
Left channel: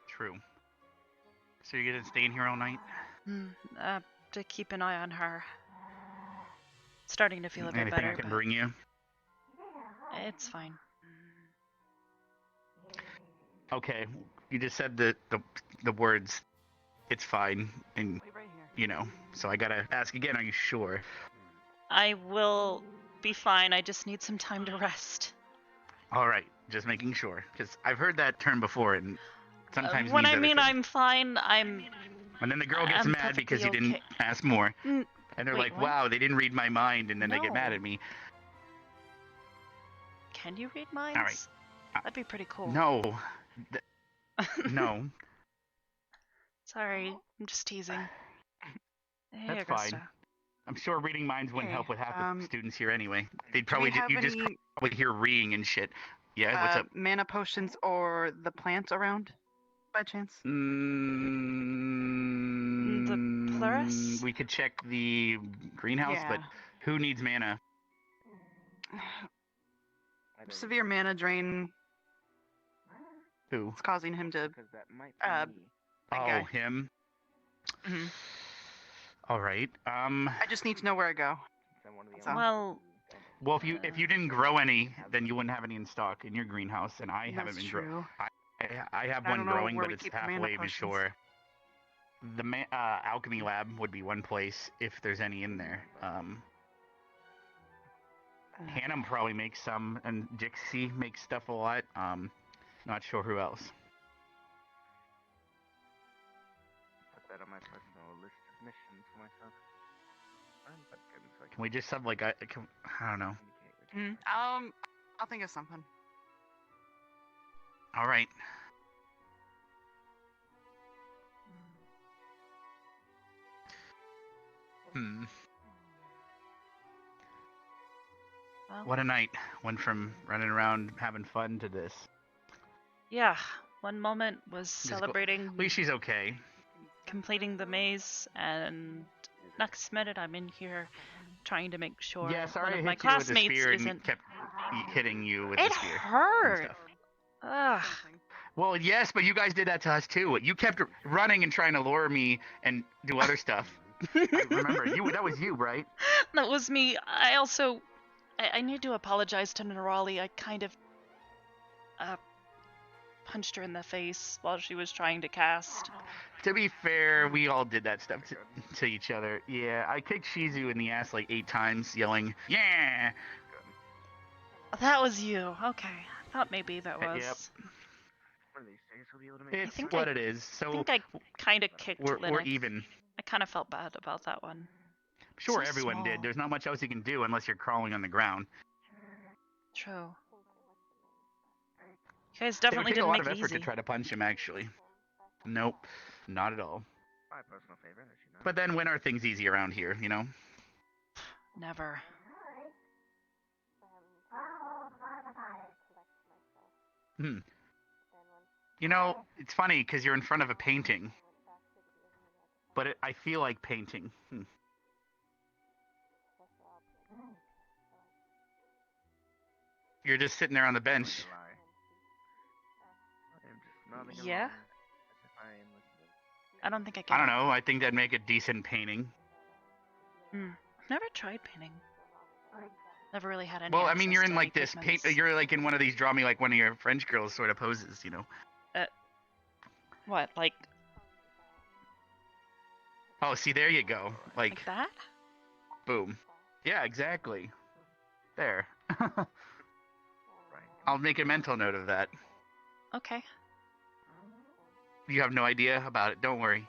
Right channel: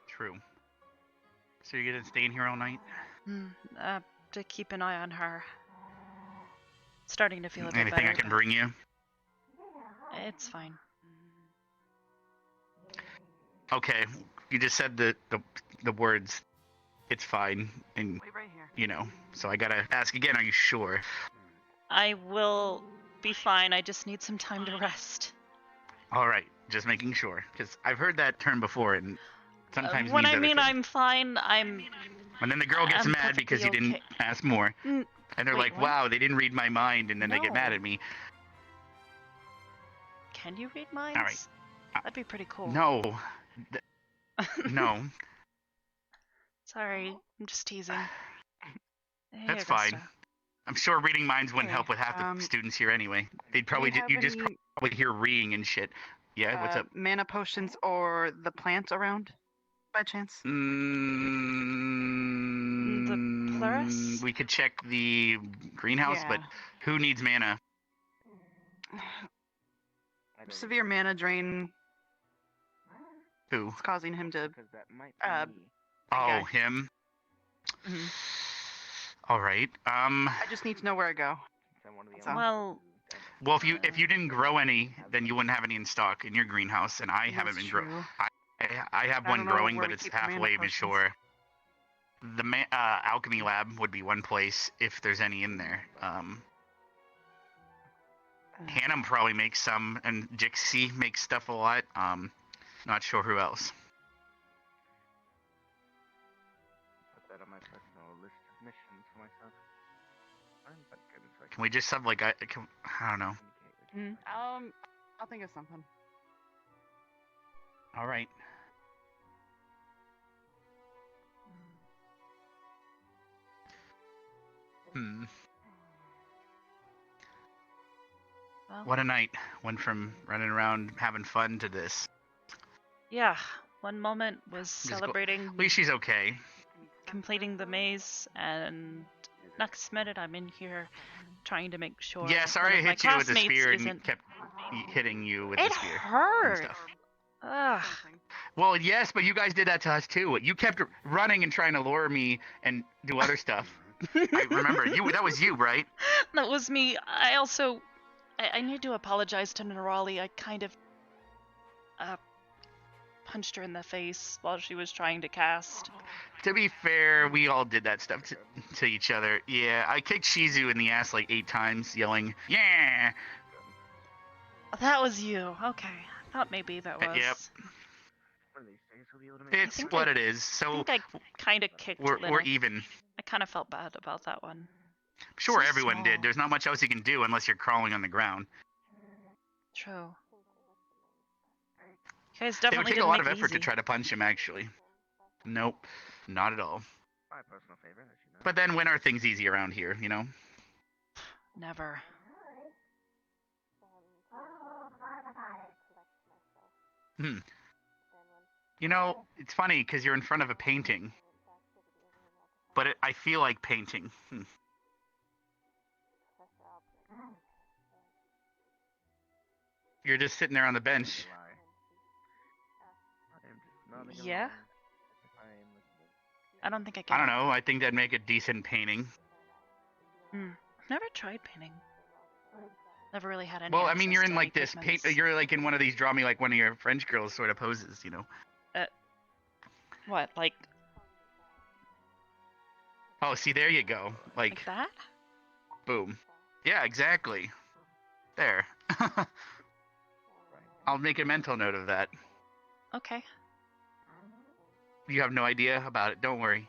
True. So you're gonna stay in here all night? To keep an eye on her. Starting to feel a bit Anything better. I can bring you? It's fine. Okay, you just said the words. It's fine, and so I gotta ask again. Are you sure? I will be fine. I just need some time to rest. All right, just making sure, because I've heard that term before, and sometimes when I mean I'm fine, And then the girl gets mad because you didn't ask more, and they're wait, like, what? "Wow, they didn't read my mind," and then they get mad No. at me. Can you read minds? All right. That'd be pretty cool. No. No. Sorry, I'm just teasing. Hey, That's Augusta. fine. I'm sure reading minds wouldn't help with half the students here anyway. They'd probably have you just any- probably hear reading and shit. Yeah, what's up? Mana potions or the plant around, by chance? The Plurus? We could check the greenhouse, but Yeah. who needs mana? Severe mana drain. Who? It's causing him to. Oh, guy. him. Mhm. All right. I just need to know where I go. That's all. Well, if you didn't grow any, then you wouldn't have any in stock in your greenhouse, and I haven't That's been true. I have I one don't know growing, where but we it's keep the mana halfway potions. mature. The alchemy lab would be one place if there's any in there. Hannah probably makes some, and Jixie makes stuff a lot. Not sure who else. Put that on my personal list of missions for myself. But goodness, I Can we just have like I don't know. I'll think of something. All right. Well, What a night. Went from running around having fun to this. yeah, one moment was celebrating. At least she's okay. Completing the maze, and next minute I'm in here trying to make sure Yeah, sorry one I of my hit you with the classmates spear isn't. and kept hitting you with It the spear. and hurt. stuff. Ugh. Well, yes, but you guys did that to us too. You kept running and trying to lure me and do other stuff. I remember you. That was you, right? That was me. I also, I need to apologize to Nerali. I kind of punched her in the face while she was trying to cast. To be fair, we all did that stuff to each other. Yeah, I kicked Shizu in the ass like 8 times, yelling, "Yeah!" That was you. Okay, I thought maybe that was. Yep. one of these days we'll be able to make It's what it is. So I think I kind of kicked we're Linux. even. I kind of felt bad about that one. Sure, So everyone small. did. There's not much else you can do unless you're crawling on the ground. True. You guys definitely it would take didn't a lot make of it effort easy. to try to punch him, actually. Nope, not at all. my personal favorite, as you know. But then when are things easy around here, you know? Never. You know, it's funny because you're in front of a painting. But I feel like painting. You're just sitting there on the bench. Yeah? I don't think I can. I don't know. I think that'd make a decent painting. I've never tried painting. Never really had any. Well, I mean, you're access in to like any this pigments. You're like in one of these draw me like one of your French girls sort of poses, you know. What, like? Oh, see, there you go. Like that? Boom. Yeah, exactly. There. I'll make a mental note of that. Okay. You have no idea about it. Don't worry.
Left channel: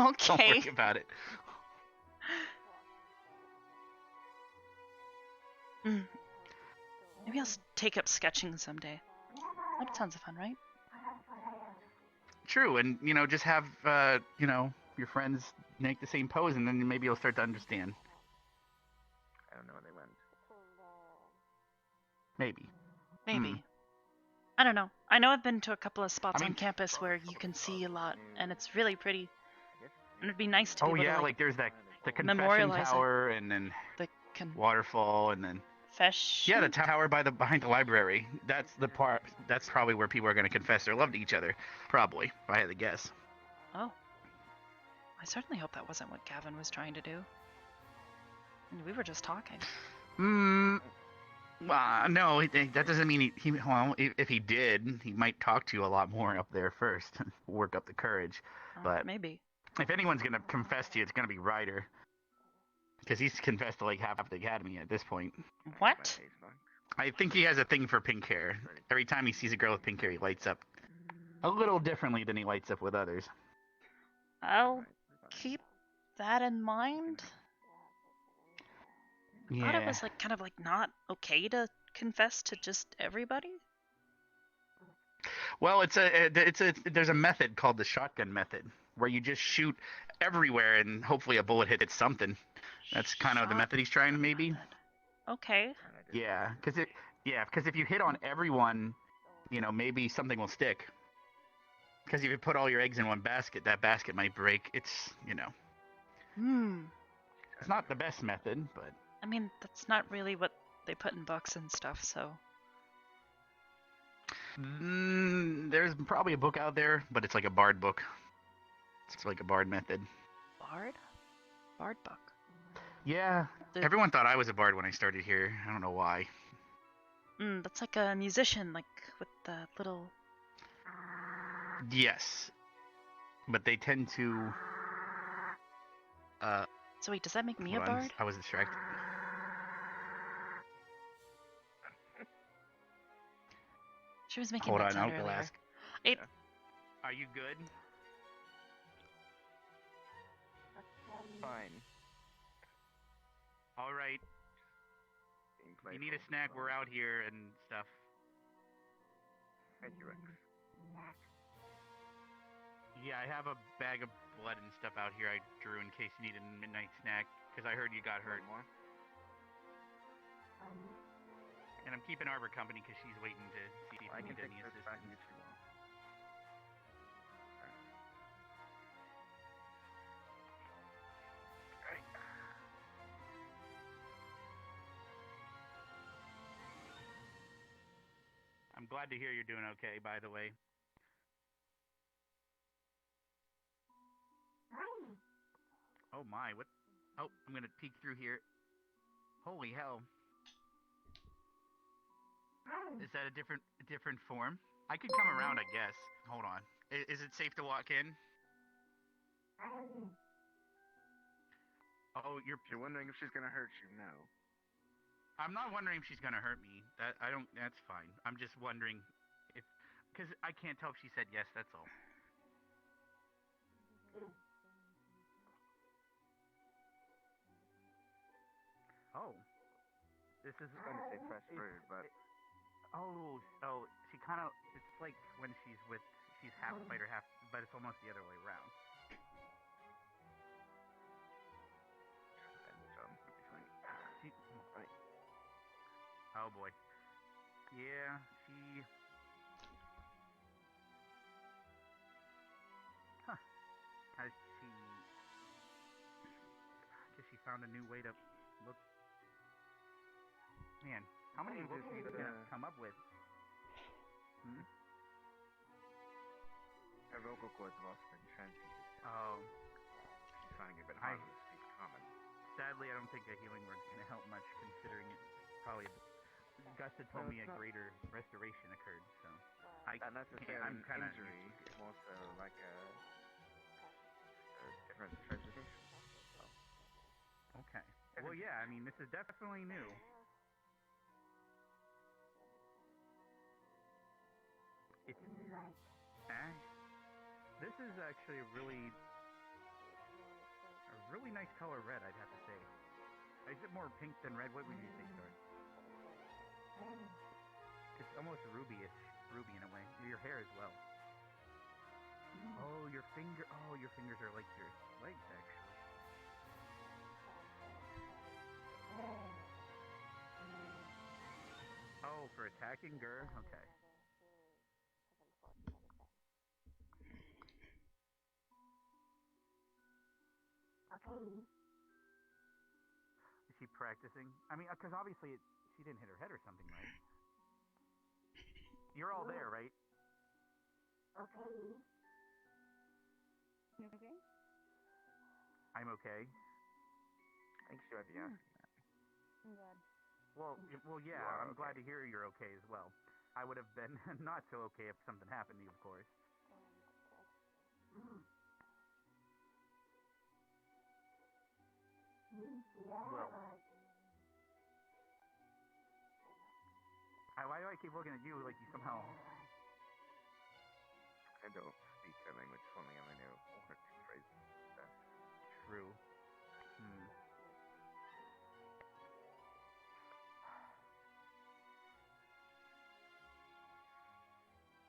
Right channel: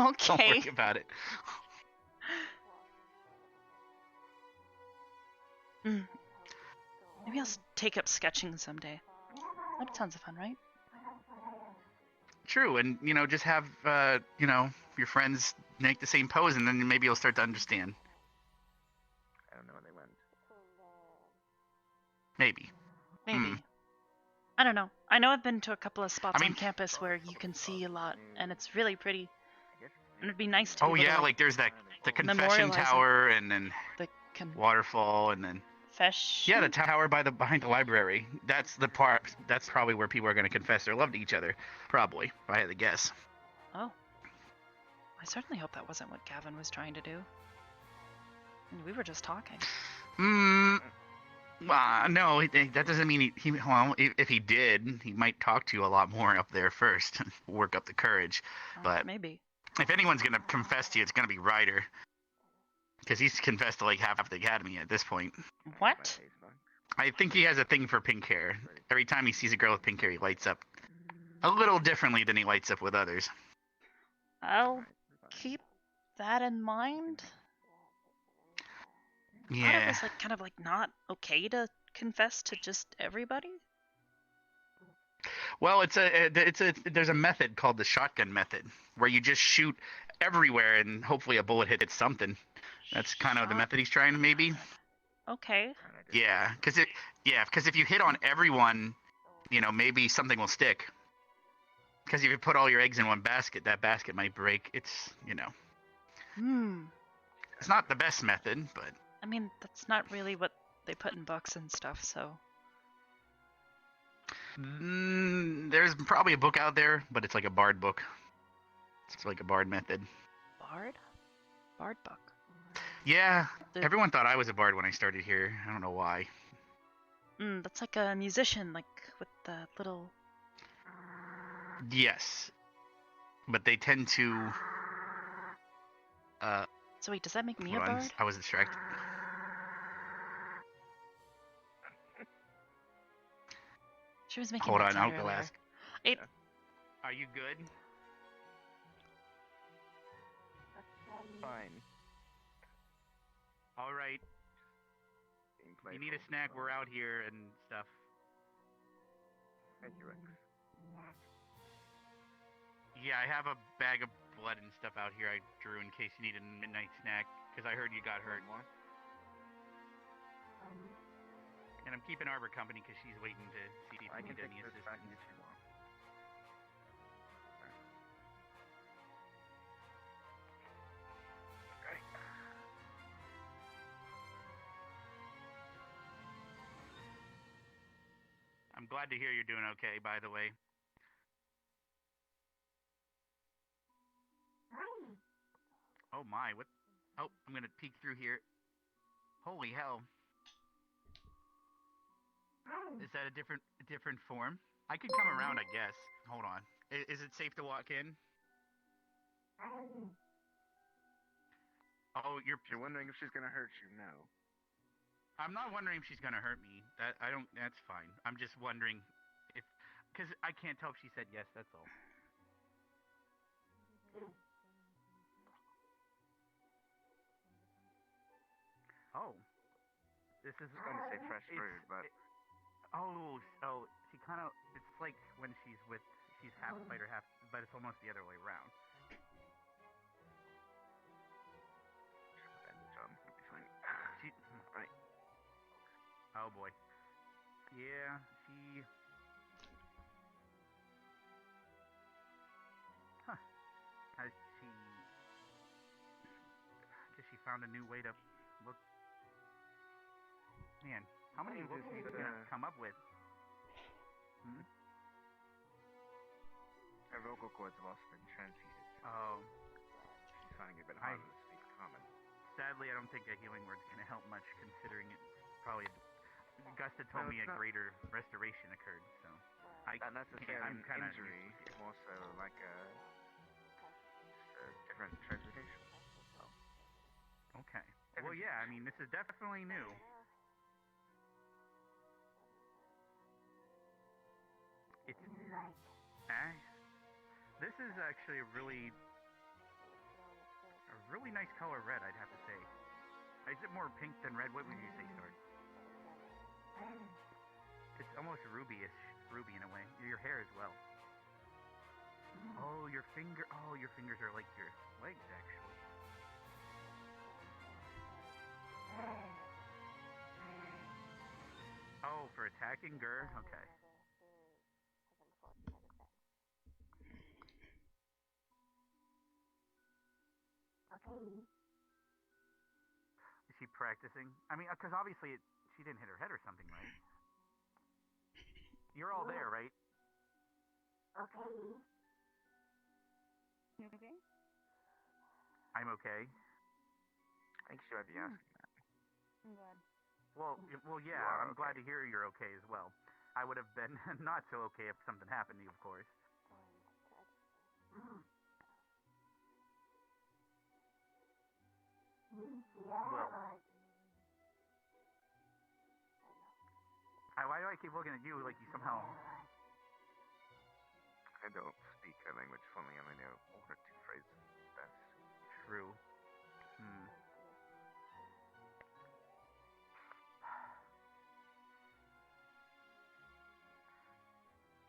Okay. Don't worry about it. Maybe I'll take up sketching someday. That sounds fun, right? True, and you know, just have you know, your friends make the same pose, and then maybe you'll start to understand. I don't know where they went. Maybe. Maybe. I don't know. I know I've been to a couple of spots on campus where you can see a lot, and it's really pretty. And it'd be nice to be able to, like there's the confession memorialize tower, and then the waterfall, and then yeah, the tower behind the library. That's the part. That's probably where people are going to confess their love to each other. Probably, if I had to guess. Oh. I certainly hope that wasn't what Gavin was trying to do. I mean, we were just talking. No, that doesn't mean he well, if he did, he might talk to you a lot more up there first, work up the courage. But maybe. If anyone's going to confess to you, it's going to be Ryder. Because he's confessed to like half of the academy at this point. What? I think he has a thing for pink hair. Every time he sees a girl with pink hair, he lights up a little differently than he lights up with others. I'll keep that in mind. I thought it was like kind of like not okay to confess to just everybody. Well, there's a method called the shotgun method where you just shoot everywhere and hopefully a bullet hits something. That's kind of the method he's trying, maybe. Okay. Yeah, because if you hit on everyone, you know, maybe something will stick. Because if you put all your eggs in one basket, that basket might break. It's, you know. It's not the best method, but. I mean, that's not really what they put in books and stuff, so. There's probably a book out there, but it's like a bard book. It's like a bard method. Bard? Bard book. Yeah, everyone thought I was a bard when I started here. I don't know why. That's like a musician, like with the little. Yes, but they tend to. So wait, does that make me a bard? I was distracted. She was making Hold that on, sound I'll go earlier. ask. It. Are you good? Fine. All right. You need a snack? We're out here and stuff. Thank you, Rex. Yeah, I have a bag of blood and stuff out here I drew in case you need a midnight snack, because I heard you got hurt. More? And I'm keeping Arbor company because she's waiting to see if I we can need take any this back and assistance. get you more. Alright. I'm glad to hear you're doing okay, by the way. Oh my, what? Oh, I'm gonna peek through here. Holy hell. Is that a different form? I could come around, I guess. Hold on. Is it safe to walk in? Oh, you're wondering if she's gonna hurt you? No. I'm not wondering if she's gonna hurt me. That's fine. I'm just wondering if, because I can't tell if she said yes, that's all. Oh. This is I was gonna say fresh fruit, but Oh, she kind of, it's like when she's half fighter, half, but it's almost the other way around. Oh boy. Yeah, she... Huh. Has she found a new way to look? Man, how many looks are you gonna come up with? Her vocal cords have also been transmuted. Oh. She's finding it a bit harder to speak common. Sadly, I don't think a healing word's gonna help much, considering probably Gusta told me a greater restoration occurred, so not necessarily I'm kind of injury, more so like a different transmutation. Okay. Well, yeah, I mean, this is definitely new. This is actually a really nice color red, I'd have to say. Is it more pink than red? What would you say, Sword? It's almost ruby in a way. Your hair as well. Oh, your fingers are like your legs, actually. Oh, for attacking Gur? Okay. Is she practicing? I mean, because obviously she didn't hit her head or something, right? You're all there, right? Okay. You okay? I'm okay. I think she might be asking that. I'm glad. Well, yeah, I'm glad to hear you're okay as well. I would have been not so okay if something happened to you, of course. Well, why do I keep looking at you like you somehow... I don't speak a language fluently. I only know one or two phrases. That's true.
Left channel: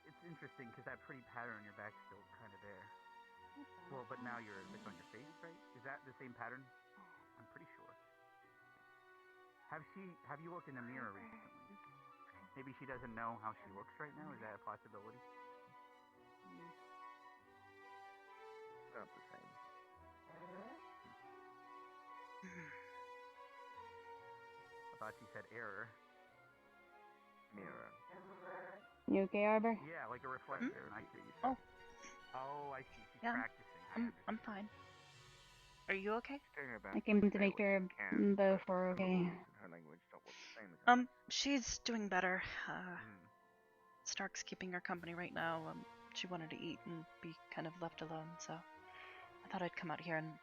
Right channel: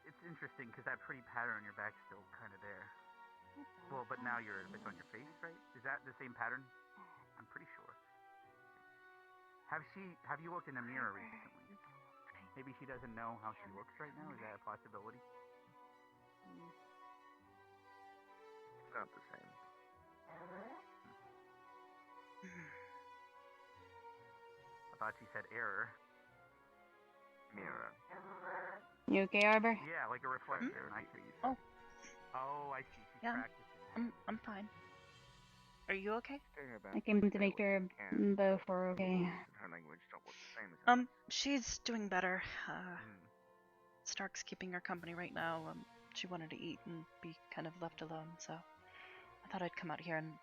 It's interesting because that pretty pattern on your back's still kind of there. Well, but now it's on your face, right? Is that the same pattern? I'm pretty sure. Have you looked in the mirror recently? Maybe she doesn't know how she looks right now? Is that a possibility? It's not the same. I thought she said error. Mirror. You okay, Arbor? Yeah, like a reflection. I see. Oh. Oh, I see. She's Yeah, practicing. I'm fine. Are you okay? I came to make sure both were okay. Her language don't look the same as She's doing better. Stark's keeping her company right now. She wanted to eat and be kind of left alone, so I thought I'd come out here and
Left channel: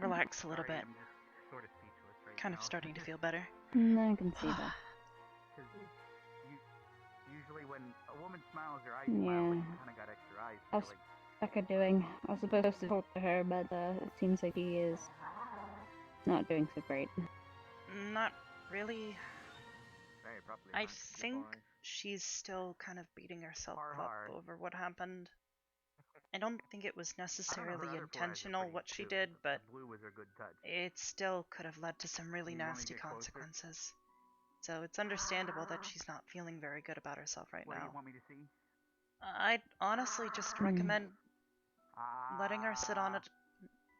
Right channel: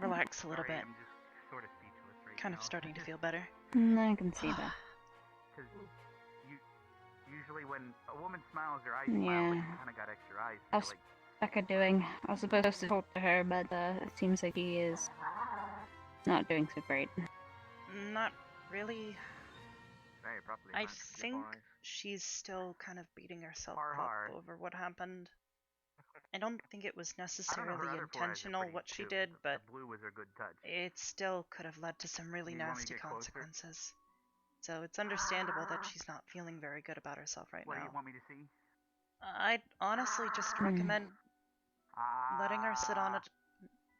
relax a little bit. I'm just sort of speechless right Kind now. of starting to feel better. I can see that. Because Usually when a woman smiles, her eyes Yeah. smile, but she kind of got extra eyes. So How's like, Becca doing? I was supposed to talk to her, but it seems like she is not doing so great. Not really. Very properly. I man. think Fine. she's still kind of beating herself up hard. over what happened. I don't think it was I don't know, necessarily her other four eyes are intentional pretty what she too. did, but The blue was her good touch. it still could have led to some really You want me to nasty get closer? consequences. So it's understandable that she's not feeling very good about herself right What do you now. want me to see? I'd honestly just recommend letting her sit on it.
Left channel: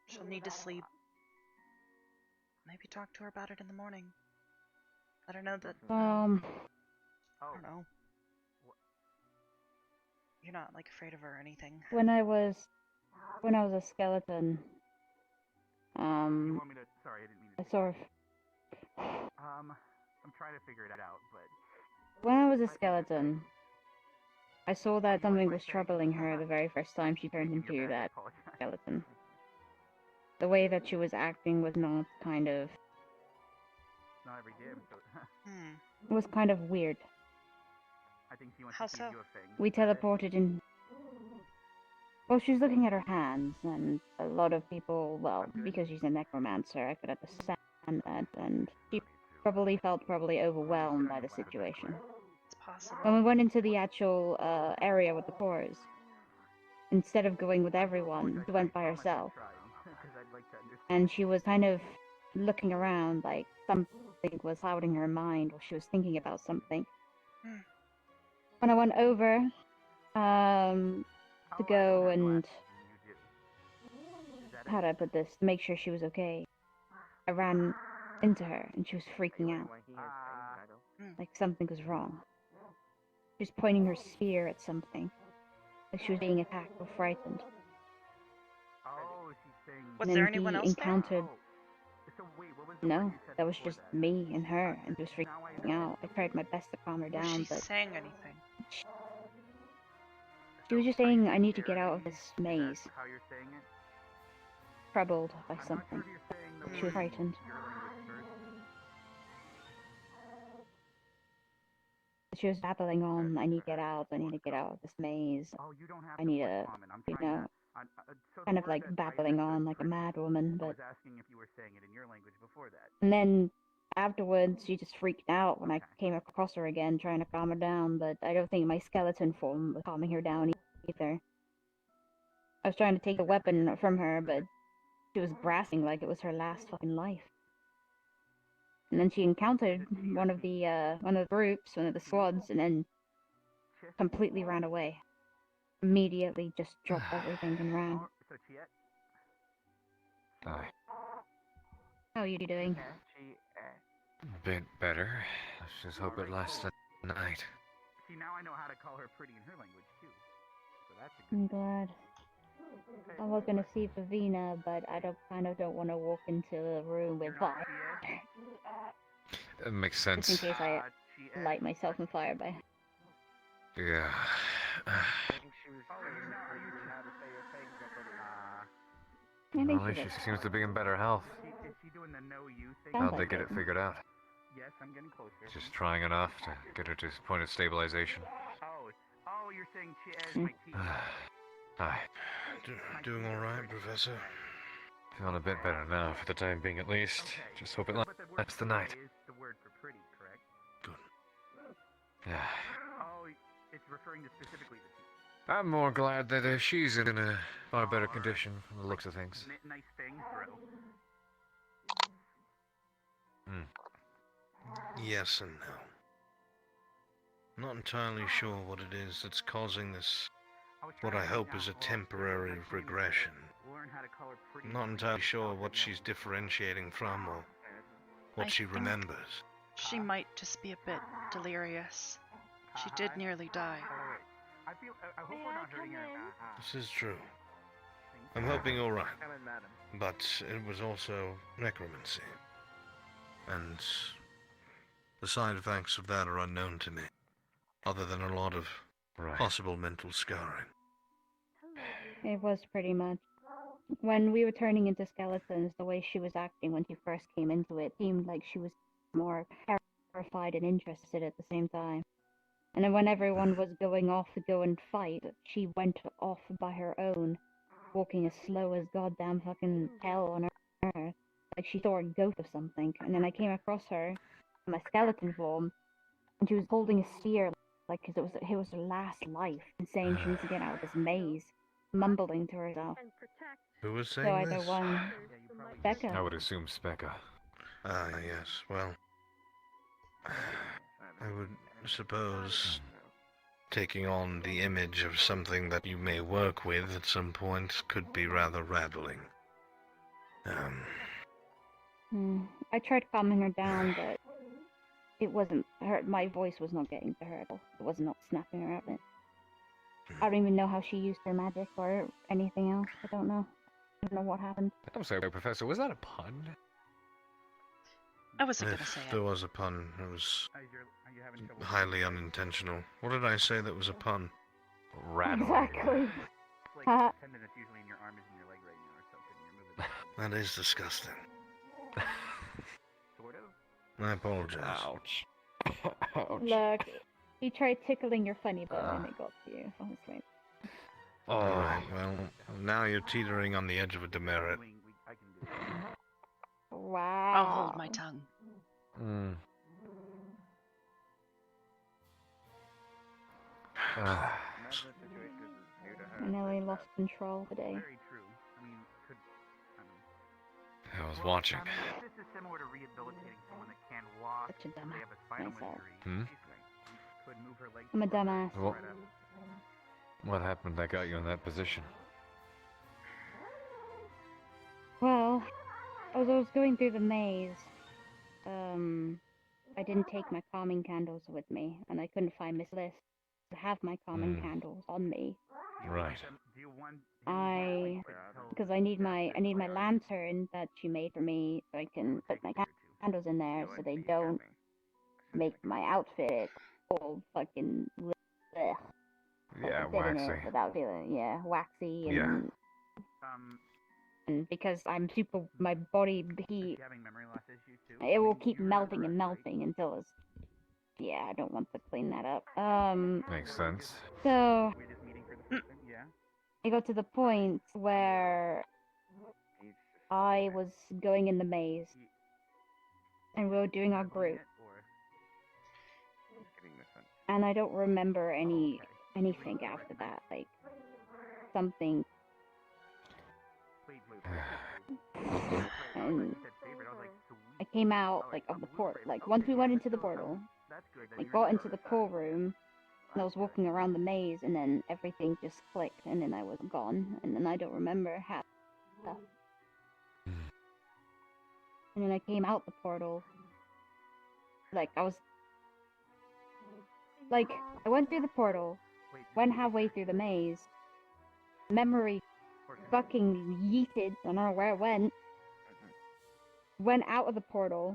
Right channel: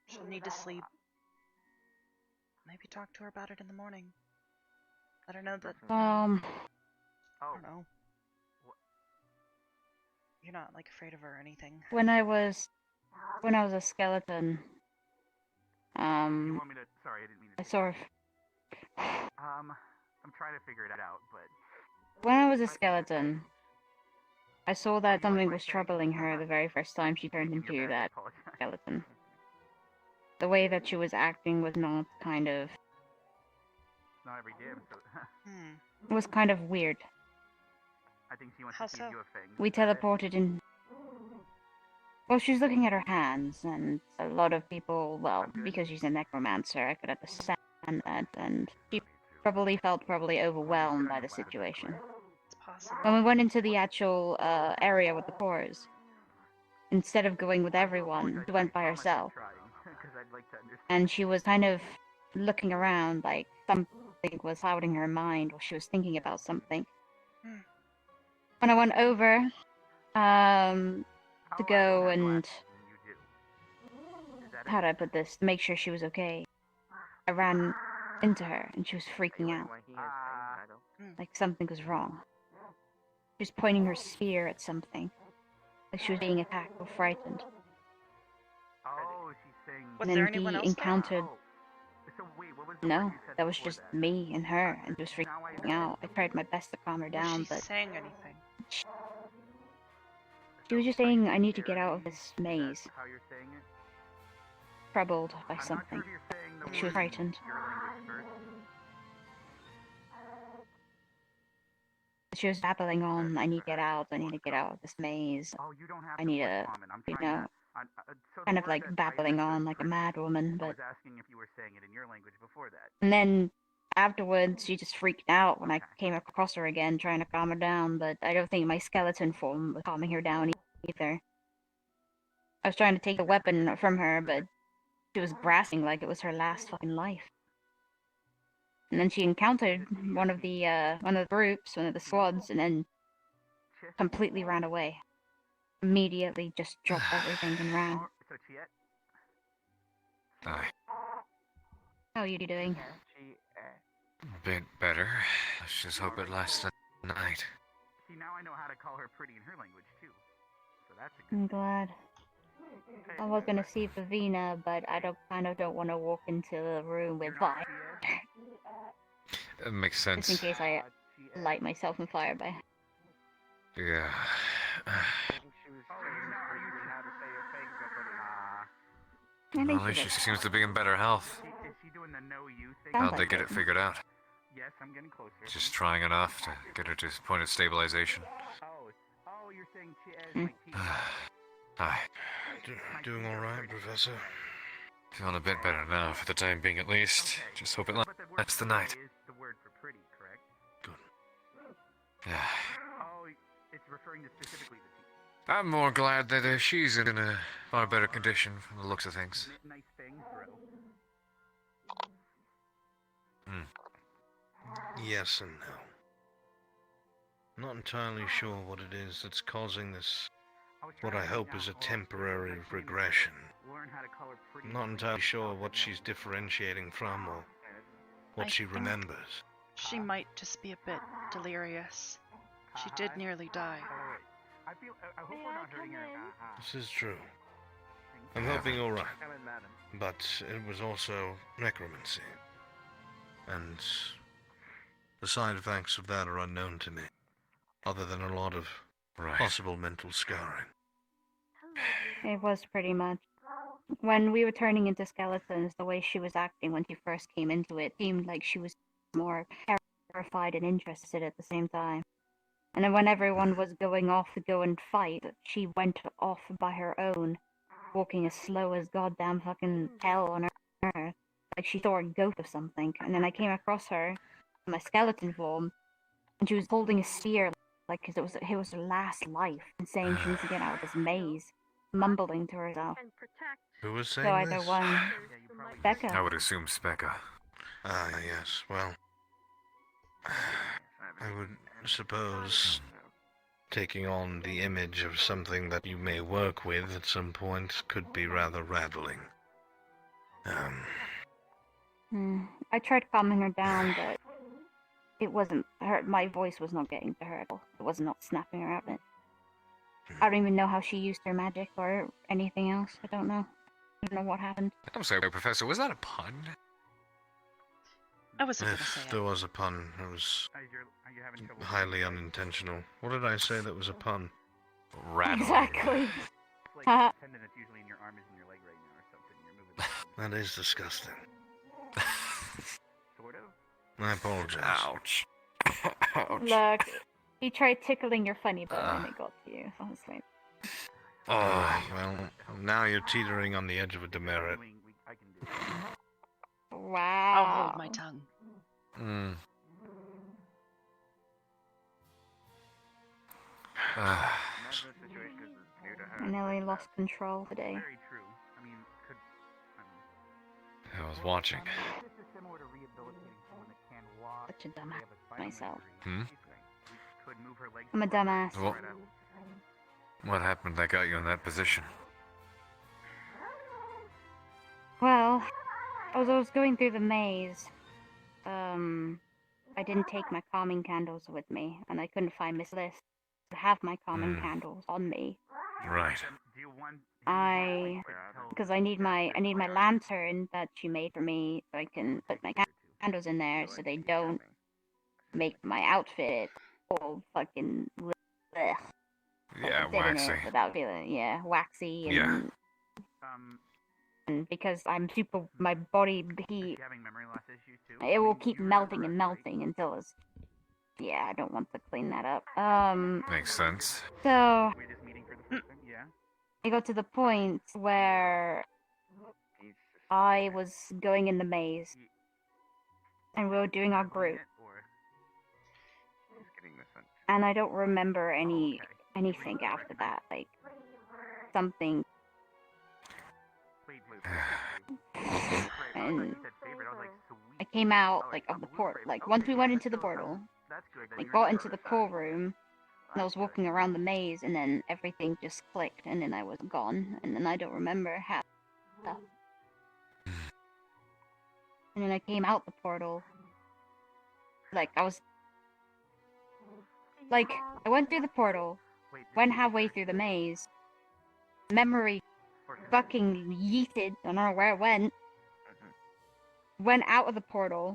She'll need to sleep. Maybe talk to her about it in the morning. Let her know that, I don't know. You're not, like, afraid of her or anything. When I was a skeleton, You want me to? Sorry, I didn't mean to. I sort of, I'm trying to figure it out, but when I was a skeleton, I saw that something was troubling her the very first time she turned into that skeleton. The way that she was acting was not kind of, not every day. So. it was kind of weird. I think she wants How to so? give you a thing. We teleported in. Well, she was looking at her hands, and a lot of people, well, because she's a necromancer, I could understand that, and she probably felt overwhelmed by the situation. It's possible. When we went into the actual area with the pores, instead of going with everyone, she went by herself. And she was kind of looking around like something was clouding her mind, or she was thinking about something. When I went over to go and, how do I put this, to make sure she was okay, I ran into her and she was freaking out. Like something was wrong. She was pointing her spear at something. Like she was being attacked or frightened. Oh, she's saying. Was And there then anyone he else encountered. So wait, what was the No, word you said that was before just me and her, and she was freaking out. I tried my best to calm her Was down, she but saying anything? she was just saying, "I need to get out of this maze." How you're saying it? Troubled by I'm not something. sure if you're saying the She was word frightened. your language first. She was babbling on, "I need to get out. I need to get out of this maze. Oh, you don't have I to need put to, common. I'm you trying know." to. So the Kind of word like that I babbling understood on like a mad woman, I but was asking if you were saying it in your language before that. and then afterwards she just freaked out when I came across her again trying to calm her down, but I don't think my skeleton form was calming her down either. I was trying to take the weapon from her, but she was grasping like it was her last fucking life. And then she encountered one of the groups, one of the squads, and then completely ran away. Immediately just dropped everything and ran. So Chiet? Aye. How are you doing? A bit better. Let's just hope it lasts the night. See, now I know how to call her pretty in her language too. So that's a good. I'm glad. I was gonna see Vivina, but I kind of don't want to walk into the room with fire. That makes Just in sense. case I light myself on fire by. Yeah. Well, at least she seems to be in better health. Is she doing the no you thing? How'd they get it figured out? Yes, I'm getting closer. Just trying enough to get her to a point of stabilization. Oh, you're saying Chiet like T. Hi. Doing all right, Professor? Feeling a bit better now, for the time being at least. Just hope it lasts the night. Is the word for pretty, correct? Yeah. Oh, it's referring to specifically the T. I'm more glad that she's in a far better condition from the looks of things. Nice thing, bro. Yes and no. Not entirely sure what it is that's causing this, what I hope is a temporary regression. Not entirely sure what she's differentiating from or what she remembers. She might just be a bit delirious. She did nearly die. I hope we're not hurting her. This is true. I'm hoping you're right. But it was also necromancy. And the side effects of that are unknown to me, other than a lot of possible mental scarring. It was pretty much. When we were turning into skeletons, the way she was acting when she first came into it seemed like she was more terrified and interested at the same time. And then when everyone was going off to go and fight, she went off by her own, walking as slow as goddamn fucking hell on earth. Like she saw a goat or something. And then I came across her in my skeleton form, and she was holding a spear, like, because it was her last life, and saying she needs to get out of this maze, mumbling to herself. Who was So saying either this? one, Becca. I would assume Specca. Ah, yes. Well, I would suppose taking on the image of something that you may work with at some point could be rather rattling. I tried calming her down, but it wasn't her. My voice was not getting to her at all. It was not snapping her out of it. I don't even know how she used her magic or anything else. I don't know. I don't know what happened. I'm sorry, Professor, was that a pun? I wasn't gonna say There it. was a pun. It was highly unintentional. What did I say that was a pun? Rattling. Exactly. Tendon that's usually in your arm is in your leg right now or something. You're moving. That is disgusting. Sort of. I apologize. Ouch. Look, he tried tickling your funny bone and it got to you. Honestly. Alright, well, now you're teetering on the edge of a demerit. Wow. I'll hold my tongue. I nearly lost control today. I was watching. Such a dumbass myself. Hmm? I'm a dumbass. What happened that got you in that position? Well, as I was going through the maze, I didn't take my calming candles with me, and I couldn't find Miss Liz to have my calming candles on me. Right. Because I need my lantern that she made for me, so I can put my candles in there so they don't make my outfit all fucking blech. Yeah, Sitting in waxy. it without feeling, waxy and and because I'm super, my body heat, it will keep melting and melting until it's, I don't want to clean that up. Makes sense. So, I got to the point where I was going in the maze, and we were doing our group, and I don't remember anything after that, like, something. And I came out, like, of the port, like, once we went into the portal, I got into the core room, and I was walking around the maze, and then everything just clicked, and then I was gone, and then I don't remember how. And then I came out the portal, like, I went through the portal, went halfway through the maze, memory fucking yeeted, I don't know where it went out of the portal,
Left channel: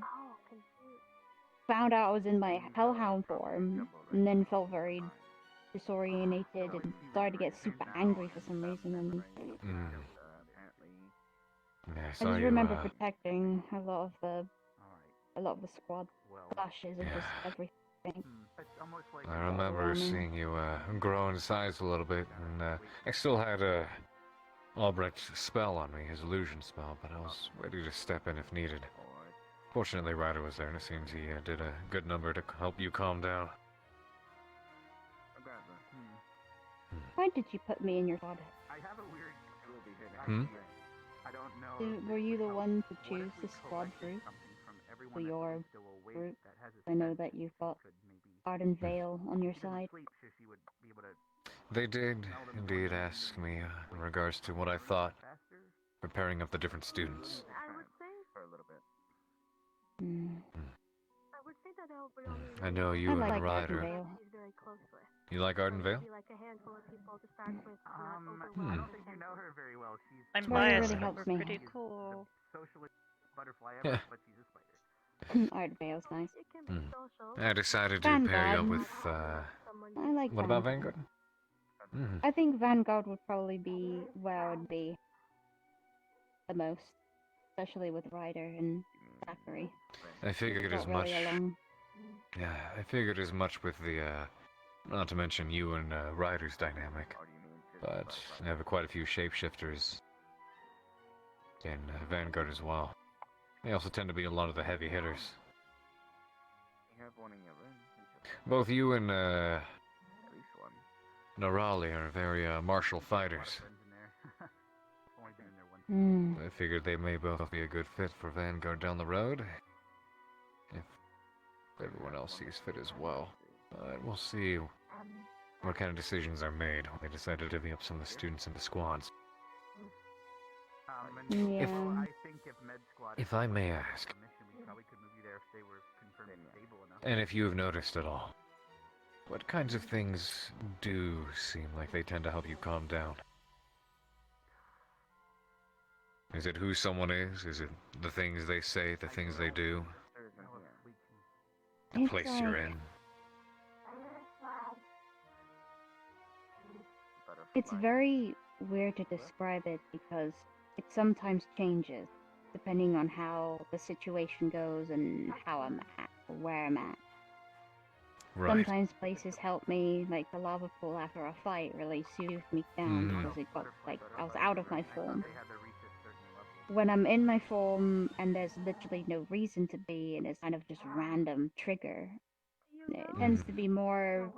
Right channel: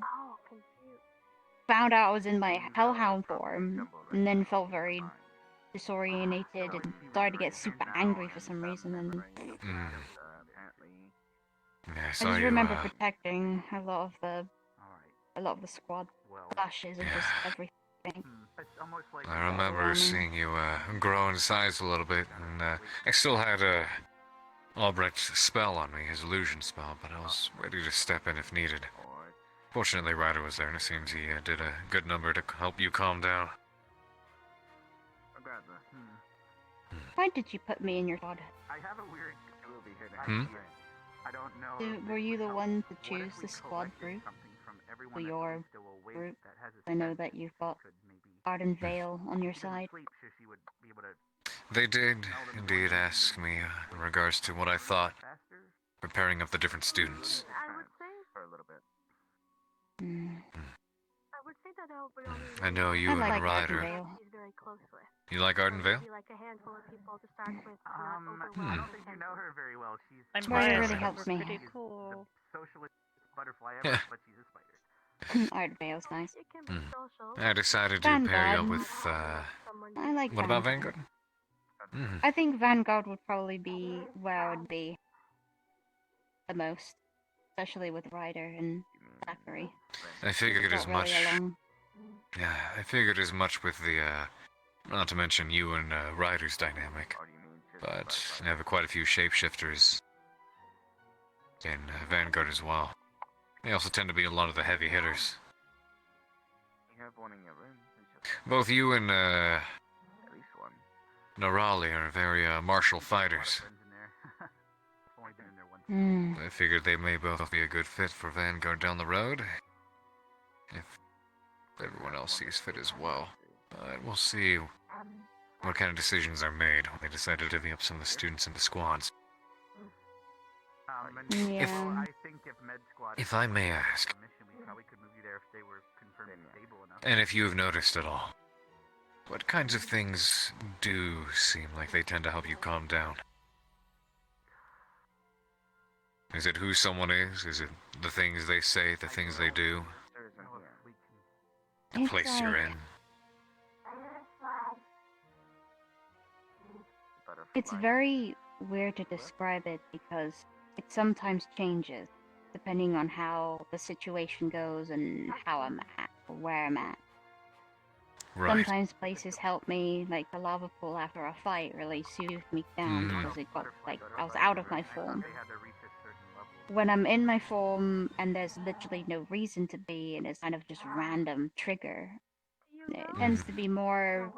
found out I was in my hellhound form, and then felt very disorientated and started to get super angry for some reason, and Yeah, I just remember protecting a lot of the squad flashes of just everything. I remember seeing you grow in size a little bit, and I still had Albrecht's spell on me, his illusion spell, but I was ready to step in if needed. Fortunately, Ryder was there, and it seems he did a good number to help you calm down. Why did you put me in your squad? Were you the one to choose the squad group for your group? I know that you've got Arden Vale on your side. They did indeed ask me in regards to what I thought, preparing up the different students. I know you and like Ryder. Arden Vale. You like Arden Vale? I don't think you know her very well. She's I'm Really biased, but helps we're me. pretty cool. socialist butterfly ever, but she's a spider. Arden Vale's nice. I decided to Vanguard. pair you up with, I like what about Vanguard. Vanguard? I think Vanguard would probably be where I would be the most, especially with Ryder and Zachary. I figured It's as not much. really alone. Yeah, I figured as much with the Not to mention you and Ryder's dynamic. But I have quite a few shapeshifters in Vanguard as well. They also tend to be a lot of the heavy hitters. You have one in your room. Both you and At least one. Narali are very martial fighters. I figured they may both be a good fit for Vanguard down the road. If everyone else sees fit as well. But we'll see what kind of decisions are made when they decide to divvy up some of the students into squads. Yeah. If I may ask, and if you have noticed at all, what kinds of things do seem like they tend to help you calm down? Is it who someone is? Is it the things they say, the things they do? The place you're in? It's very weird to describe it because it sometimes changes depending on how the situation goes and how I'm at or where I'm at. Right. Sometimes places help me, like the lava pool after a fight really soothed me down because it got like I was out of my form. When I'm in my form and there's literally no reason to be and it's kind of just random trigger, it tends to be more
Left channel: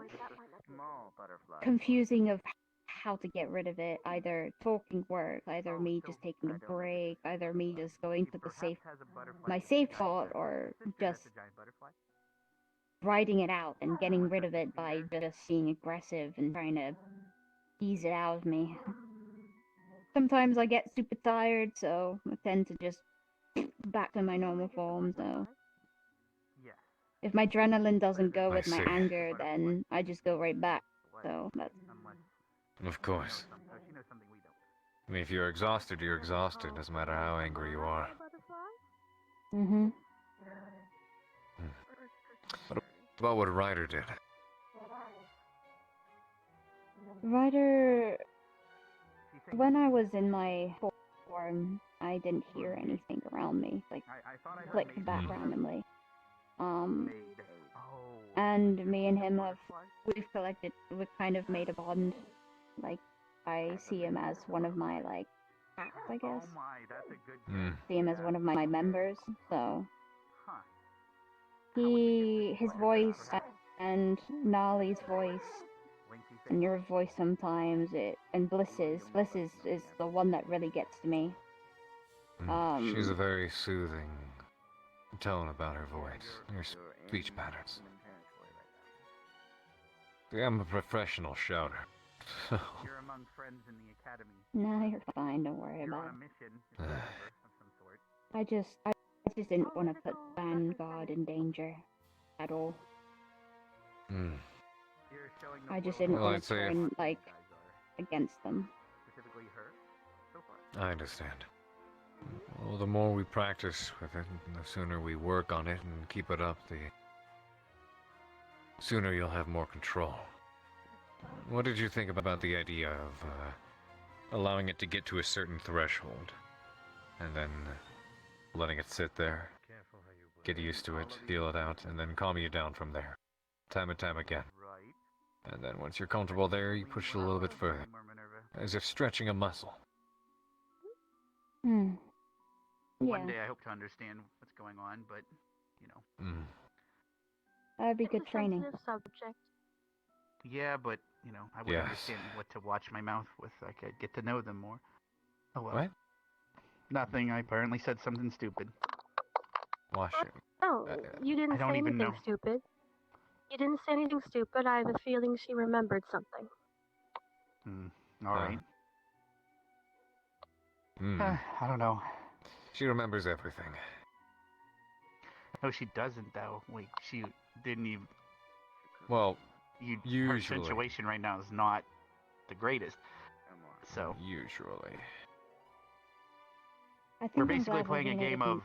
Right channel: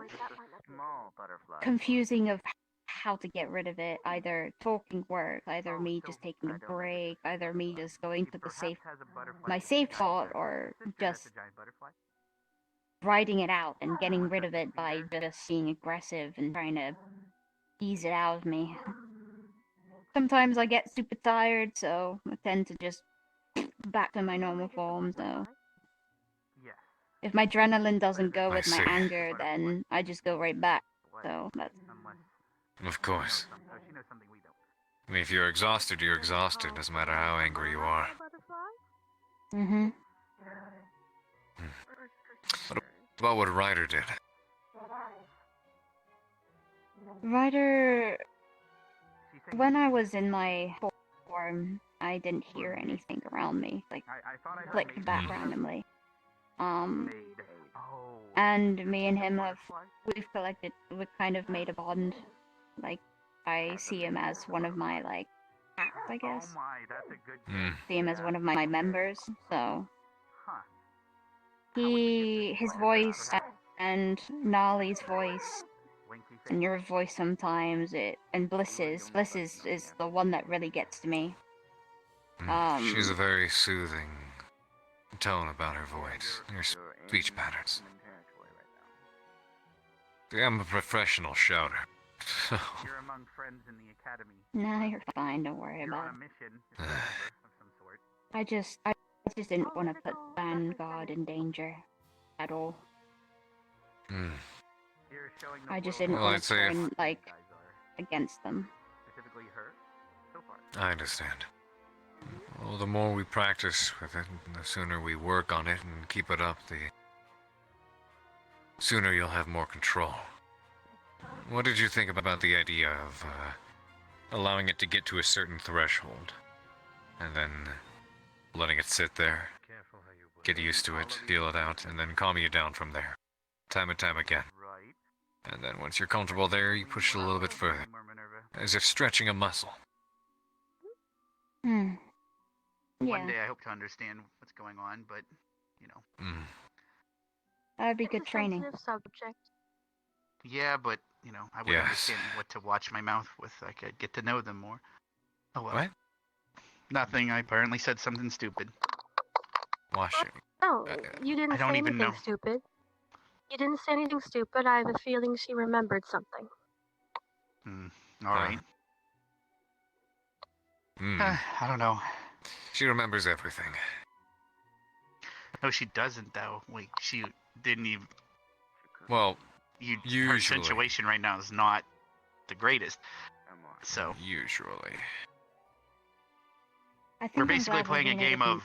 confusing of how to get rid of it. Either talking work, either me just taking a break, either me just going to the my safe thought, or just writing it out and getting rid of it by just being aggressive and trying to ease it out of me. Sometimes I get super tired, so I tend to just back to my normal form, so if my adrenaline doesn't go with my see. anger, then I just go right back. So that's Of course. I mean, if you're exhausted, you're exhausted. Doesn't matter how angry you are. What about what Ryder did? Ryder, when I was in my form, I didn't hear anything around me, like clicked back randomly. And me and him we've kind of made a bond. Like, I see him as one of my, like, cats, I guess. See him as one of my members, so his voice and Nolly's voice and your voice sometimes, and Bliss's is the one that really gets to me. She has a very soothing tone about her voice, her speech patterns. See, I'm a professional shouter. You're among friends in the academy. Nah, you're fine, don't worry about it. I just didn't want to put Vanguard in danger at all. I just didn't want to turn, like, against them. I understand. Well, the more we practice with it, the sooner we work on it and keep it up, the sooner you'll have more control. What did you think about the idea of allowing it to get to a certain threshold, and then letting it sit there, get used to it, feel it out, and then calm you down from there, time and time again? And then once you're comfortable there, you push it a little bit further, as if stretching a muscle. Yeah. One day I hope to understand what's going on, but, you know. That'd be good training. Subject. Yeah, but, you know, I would understand what to watch my mouth with. I could get to know them more. Oh, well. What? Nothing. I apparently said something stupid. Wash it. No, you didn't I don't say even anything know. stupid. You didn't say anything stupid. I have a feeling she remembered something. All right. I don't know. She remembers everything. No, she doesn't, though. Like, she didn't even... Well, her usually. situation right now is not the greatest. So... Usually. We're basically playing a game of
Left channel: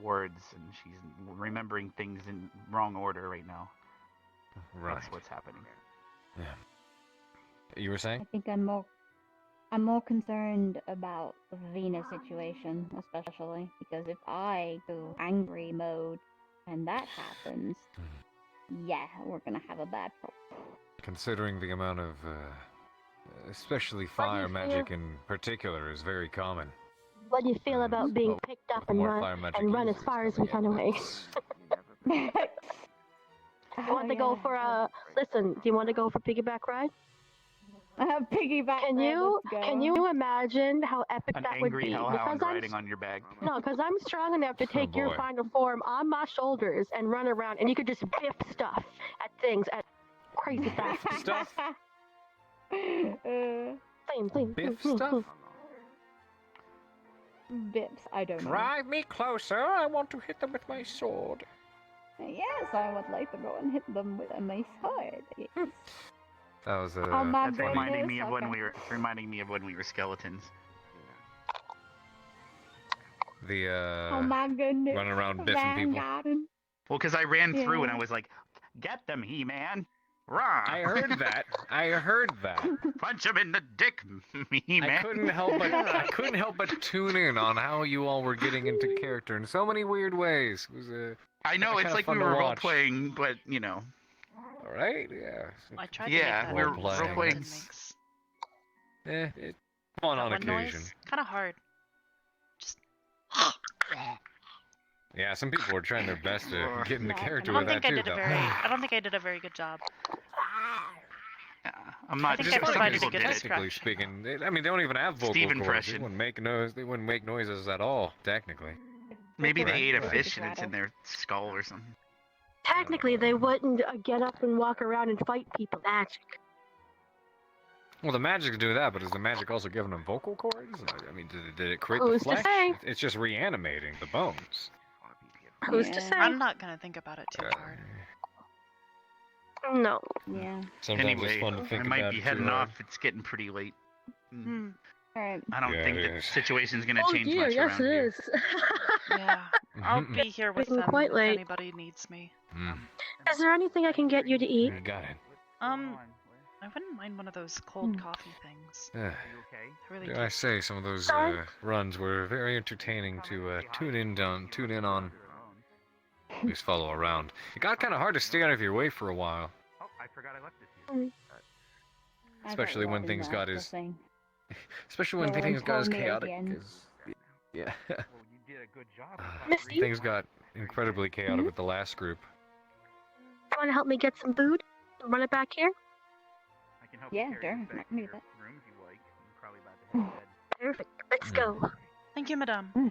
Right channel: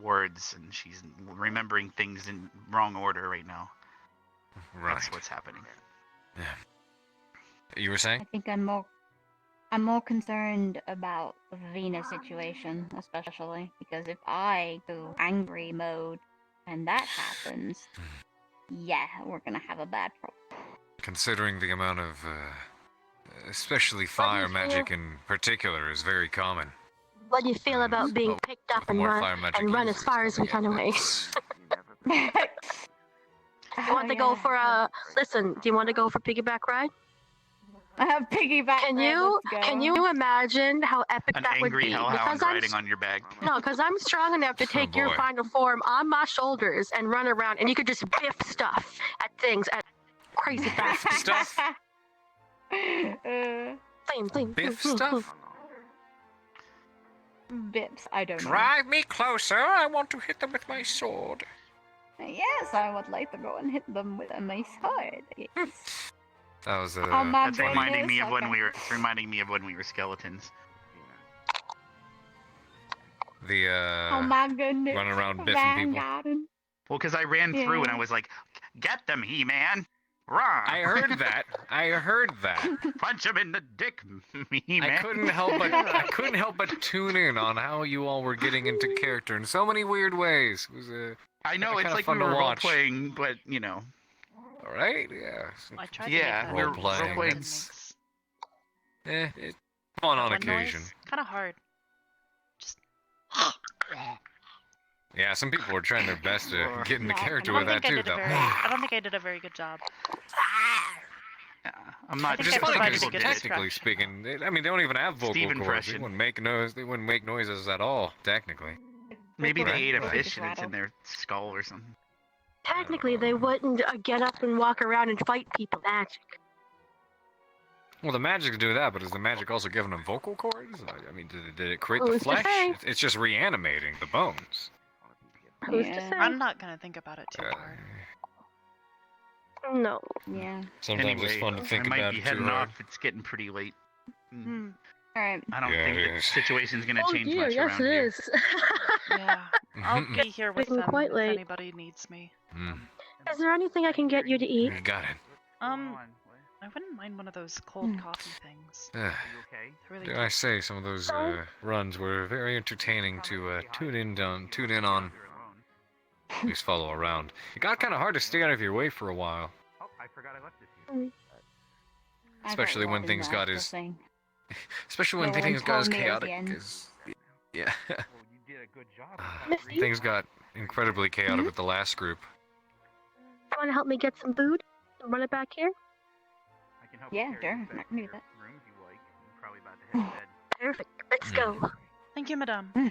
words, and she's remembering things in wrong order right now. Right. That's what's happening. Yeah. You were saying? I think I'm more concerned about the Venus situation, especially because if I go angry mode and that happens, yeah, we're gonna have a bad problem. considering the amount of, especially fire magic in particular is very common. What do you feel about being picked up and run as far as we can away? You want to go for a... Listen, do you want to go for piggyback ride? Piggyback Can you imagine how epic An that would angry be? hellhound riding on your back. No, because I'm strong enough to take your boy. final form on my shoulders and run around, and you could just biff stuff at things at crazy fast Stuff? Biff stuff? Bips, I don't know. Drive me closer. I want to hit them with my sword. Yes, I would like to go and hit them with my sword. Yes. That was Oh my That's reminding me goodness, of when okay. we were. It's reminding me of when we were skeletons. the, Oh my goodness. running around biffing people. Well, because I ran through and Yeah. I was like, "Get them, He-Man!" Rah! I heard that. I heard that. Punch him in the dick, He-Man. I couldn't help but tune in on how you all were getting into character in so many weird ways. It was I know kinda it's like fun we to were role watch. playing, but you know. All right, yeah. I tried to Yeah, make that we were noise. role playing. Fun That on one occasion. noise, kind of hard. Yeah, some people were trying their best to get into character I don't with think that I too, did a though. very. I don't think I did a very good job. I'm not. I think just I some provided a people good did it. Technically speaking, I mean, they don't even have vocal Steve cords. impression. They wouldn't make noises at all, technically. Maybe they Right. ate a fish and it's in their skull or something. Technically, they wouldn't get up and walk around and fight people. Magic. Well, the magic do that, but is the magic also giving them vocal cords? I mean, did it create the Who's to flesh? say? It's just reanimating the bones. Who's to say? I'm not gonna think about it too hard. No. Yeah. Sometimes Anyway, it's fun to think I might about be it heading too off. It's getting pretty late. Alright. I don't Yeah, think it the is. situation's gonna Oh change dear, much yes around it here. is. Yeah, I'll be here with Getting them quite if late. anybody needs me. Is there anything I can get you to eat? You got it. I wouldn't mind one of those cold coffee things. Yeah. I really Dare do. I say, some of those runs were very entertaining to tune in on. At least follow around. It got kind of hard to stay out of your way for a while, Oh, I forgot I left this here. especially when things got as especially when No one things got as told me chaotic again. as yeah. Well, you did a good job. Things got incredibly chaotic with the last group. You want to help me get some food? Run it back here? I can help Yeah, you carry sure. this back I can to do your that. rooms you like. You're probably about to head to bed. Perfect. Let's go. Thank you, madame. Did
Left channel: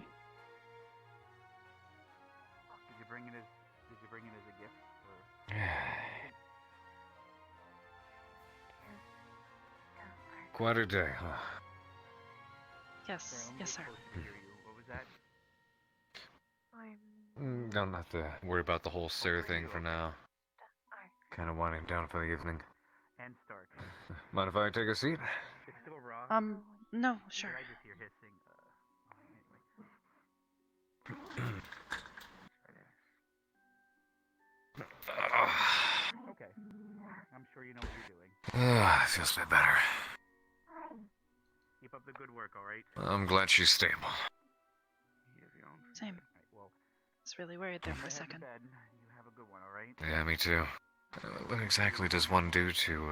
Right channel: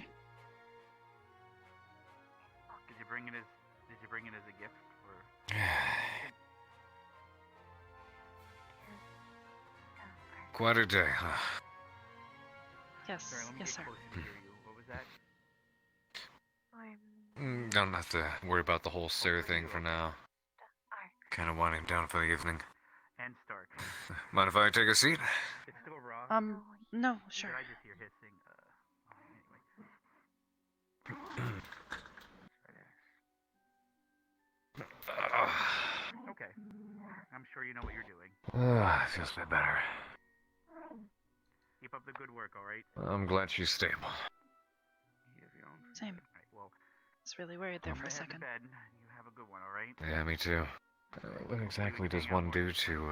you bring it as a gift? Or... Quite a day, huh? Yes, yes, sir. What was that? Don't have to worry about the whole Sarah thing for now. Kind of winding down for the evening. And Stark. Mind if I take a seat? It's still raw. No, sure. I just hear hissing. Okay. I'm sure you know what you're doing. Feels a bit better. Keep up the good work, alright? I'm glad she's stable. Same. Well, It's really worried there for a head to second. bed. You have a good one, alright? Yeah, me too. What exactly does one do to,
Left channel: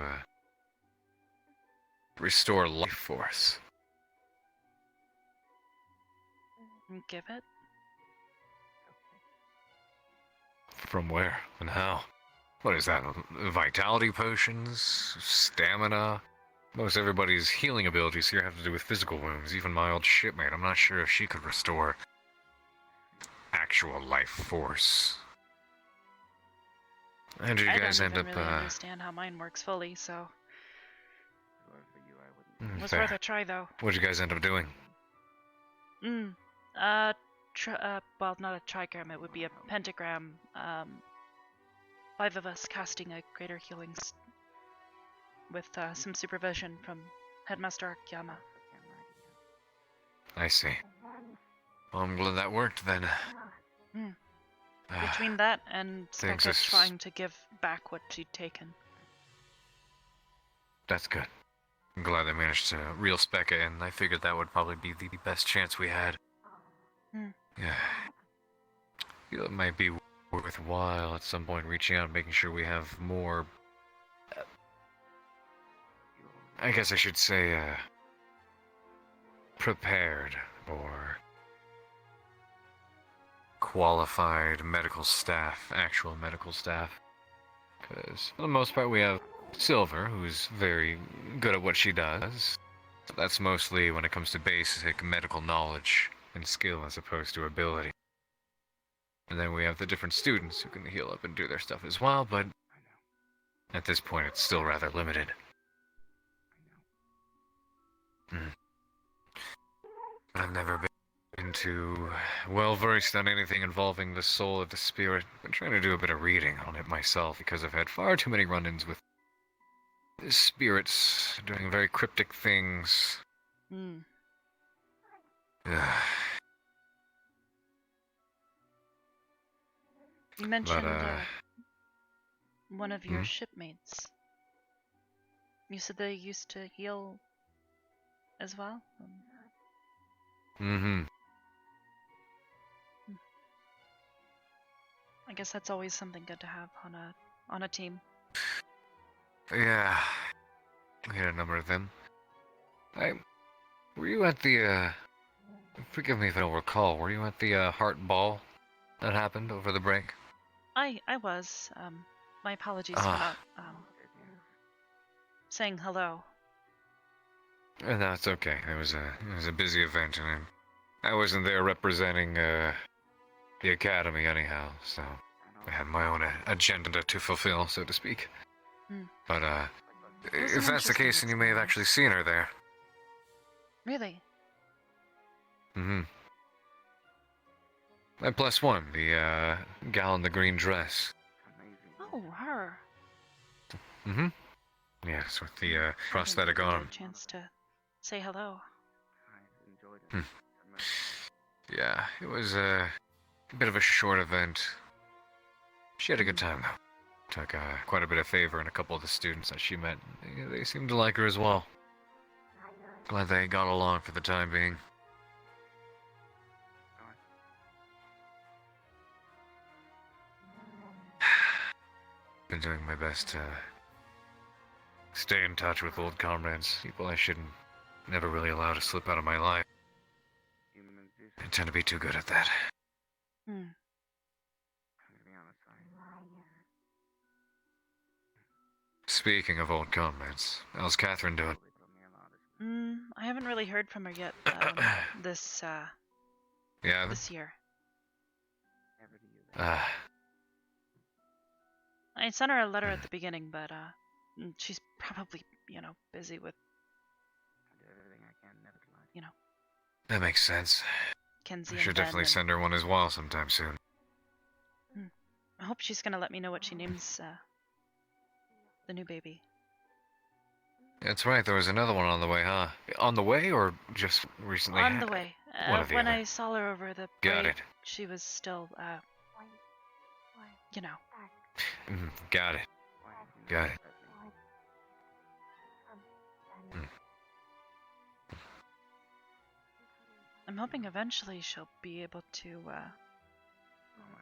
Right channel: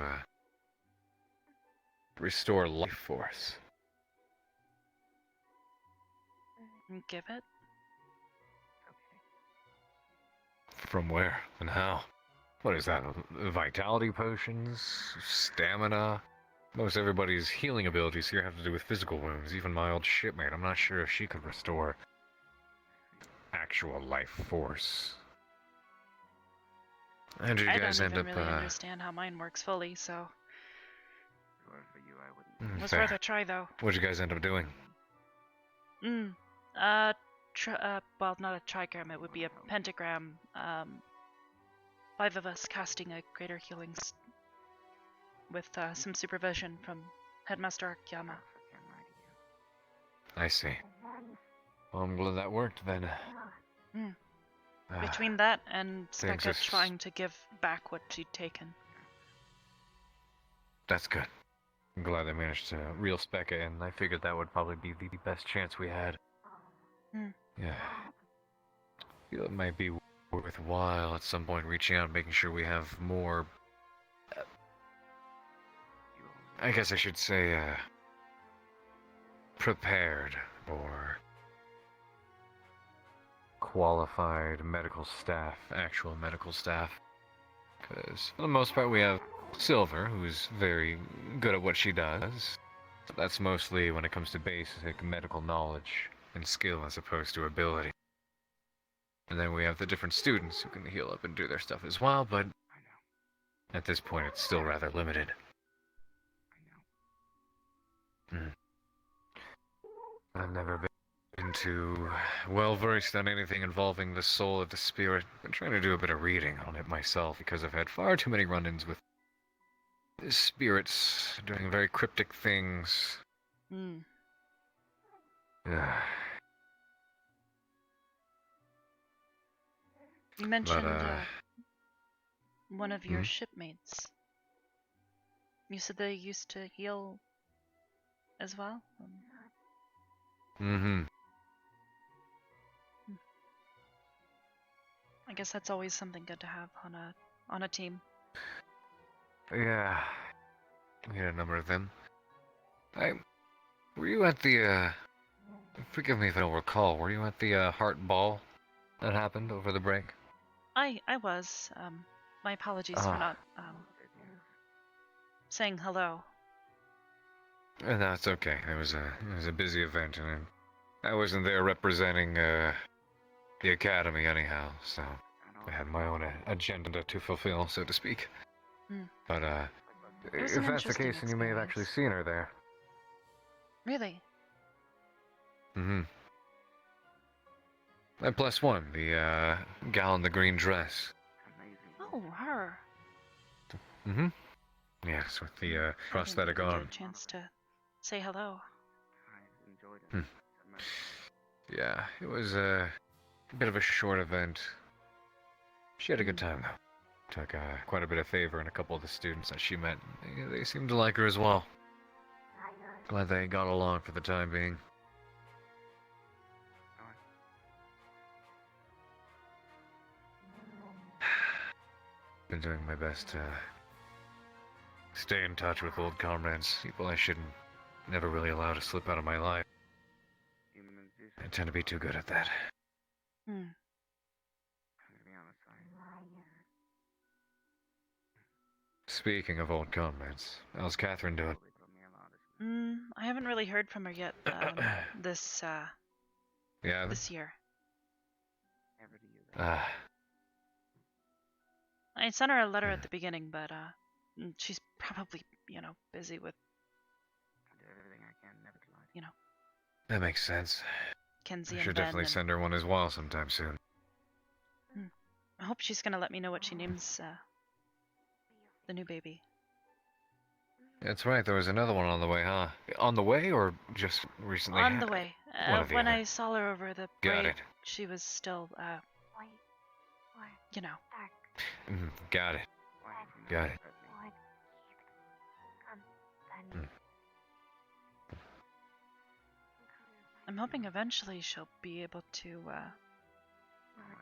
restore life force? Give it. From where and how? What is that? Vitality potions? Stamina? Most everybody's healing abilities here have to do with physical wounds. Even my old shipmate, I'm not sure if she could restore actual life force. And you I guys don't end even up, really understand how mine works fully, so it was fair. worth a try, though. What'd you guys end up doing? Well, not a trigram, it would be a pentagram. 5 of us casting a greater healing with some supervision from Headmaster Akiyama. I see. Well, I'm glad that worked then. Between that and Things Specca just- trying to give back what she'd taken. That's good. I'm glad they managed to reel Specca in. I figured that would probably be the best chance we had. Yeah. Feel it might be worthwhile at some point reaching out and making sure we have more I guess I should say, prepared or qualified medical staff, actual medical staff. Because for the most part we have Silver, who's very good at what she does. That's mostly when it comes to basic medical knowledge and skill as opposed to ability. And then we have the different students who can heal up and do their stuff as well, but at this point it's still rather limited. I've never been too well versed on anything involving the soul or the spirit. I've been trying to do a bit of reading on it myself because I've had far too many run-ins with spirits doing very cryptic things. Hmm. You mentioned one of your shipmates. You said they used to heal as well? I guess that's always something good to have on a team. Yeah. We had a number of them. Were you at the, forgive me if I don't recall, were you at the, Heart Ball that happened over the break? I was. My apologies for not, saying hello. No, it's okay. It was a busy event, and I wasn't there representing, the Academy anyhow, so I had my own agenda to fulfill, so to speak. But, if that's the case, then you may have actually seen her there. Really? That +1, the, gal in the green dress. Oh, her. Yes, with the, prosthetic I didn't arm. get a chance to say hello. Yeah, it was a bit of a short event. She had a good time, though. Took quite a bit of favor in a couple of the students that she met. They seemed to like her as well. Glad they got along for the time being. Been doing my best to stay in touch with old comrades, people I shouldn't never really allow to slip out of my life. I tend to be too good at that. Speaking of old comrades, how's Catherine doing? I haven't really heard from her yet, this year. I sent her a letter at the beginning, but, she's probably, busy with, That makes sense. Kenzie I and should Ben definitely and- send her one as well sometime soon. I hope she's gonna let me know what she names, the new baby. That's right, there was another one on the way, huh? On the way, or just recently? On the way. One or the When other. I saw her over the Got break, it. she was still, Got it. Got it. I'm hoping eventually she'll be able to,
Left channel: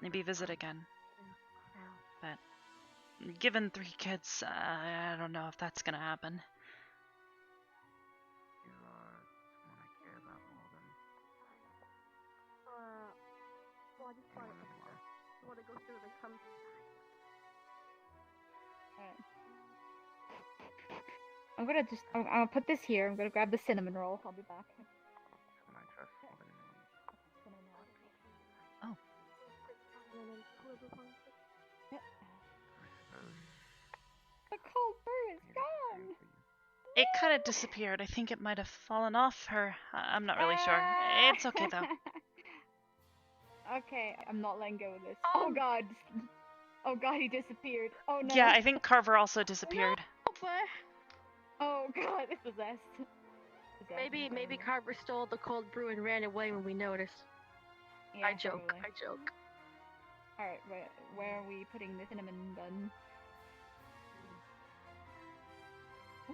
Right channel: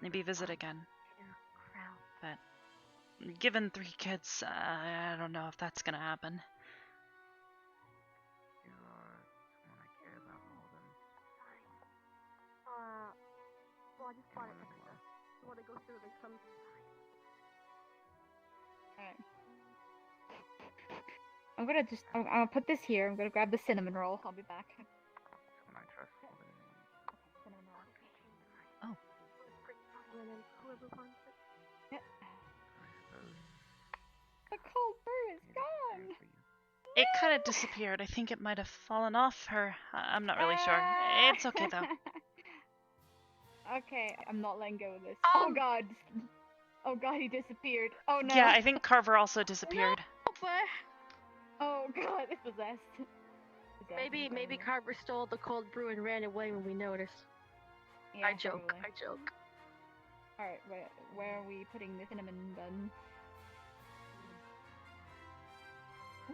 maybe visit again. But, given 3 kids, I don't know if that's gonna happen. I'll put this here. I'm gonna grab the cinnamon roll. I'll be back. Oh. The cold brew is gone. It kind of disappeared. I think it might have fallen off her. I'm not really sure. It's okay though. Okay, I'm not letting go of this. Oh god. Oh god, he disappeared. Oh no. Yeah, I think Carver also disappeared. Oh god, it's possessed. Maybe Carver stole the cold brew and ran away when we noticed. Yeah, I joke. probably. I joke. Alright, where are we putting the cinnamon bun?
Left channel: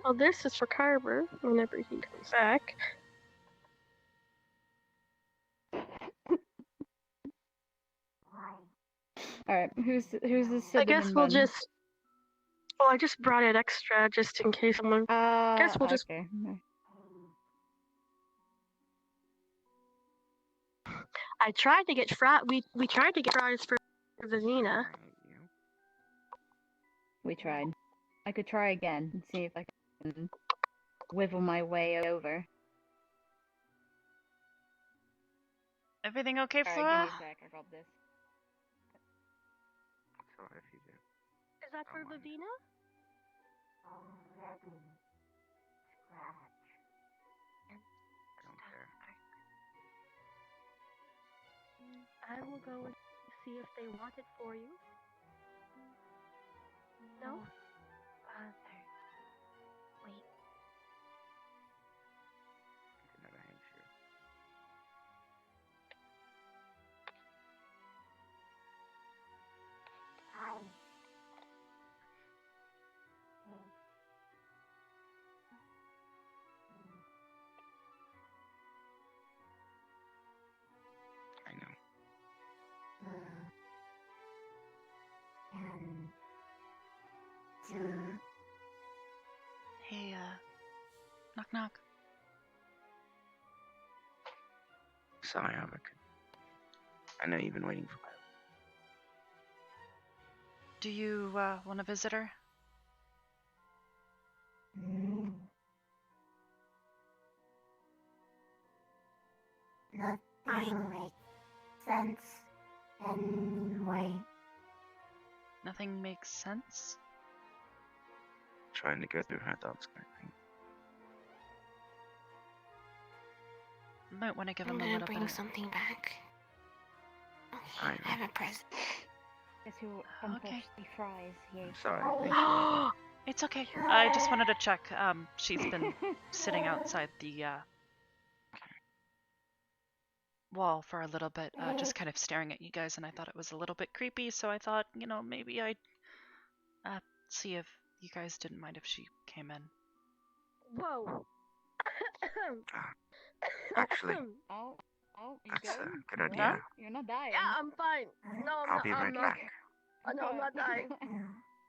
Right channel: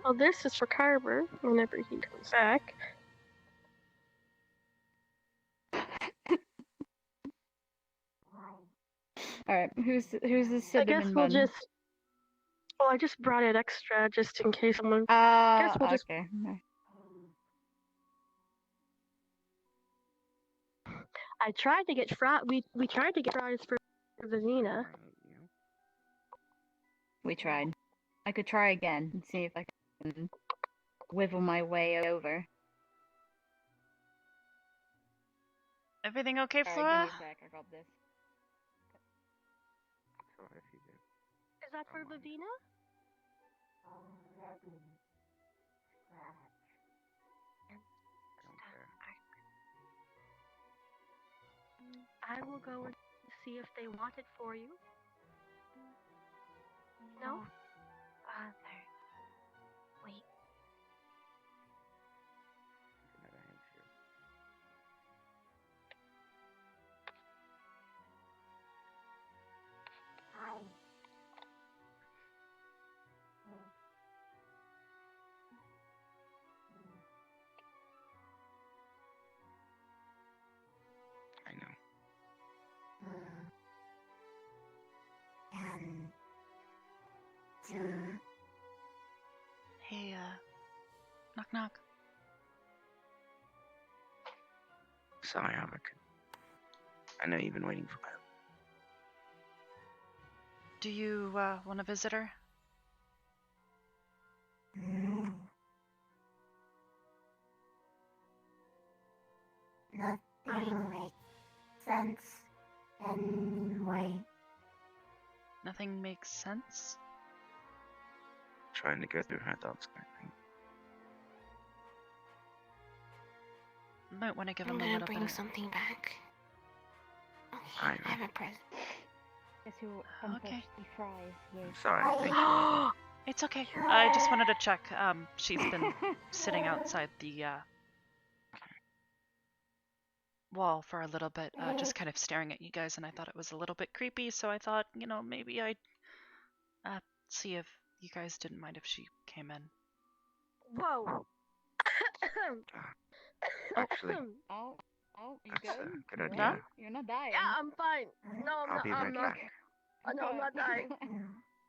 Well, this is for Carver whenever he comes back. Alright, who's the cinnamon I guess we'll bun? just. Well, I just brought it extra just in case someone. Guess we'll just. Okay. I tried to get we tried to get fries for Vizina. We tried. I could try again and see if I can wiggle my way over. Everything okay, Sorry, Flora? give me a sec. I got this. Is that for Vivina? I will go and see if they want it for you. No? Father. Wait. I know. Hey, knock knock. Sorry, Albert. I know you've been waiting for me. Do you, want a visitor? Nothing makes sense anyway. Nothing makes sense? Trying to go through her thoughts, I think. Might want to give I'm him a gonna little bring bit. something back. Okay, I I have a present. Guess who Okay. the fries? Yay. Sorry, thank you. It's okay. I just wanted to check. She's been sitting outside the wall for a little bit, just kind of staring at you guys, and I thought it was a little bit creepy, so I thought, maybe I'd see if you guys didn't mind if she came in. Whoa. Actually, Oh, you that's good? a good You idea. alright? You're not dying. Yeah, I'm fine. No, I'll be right I'm not. back. No, I'm not dying.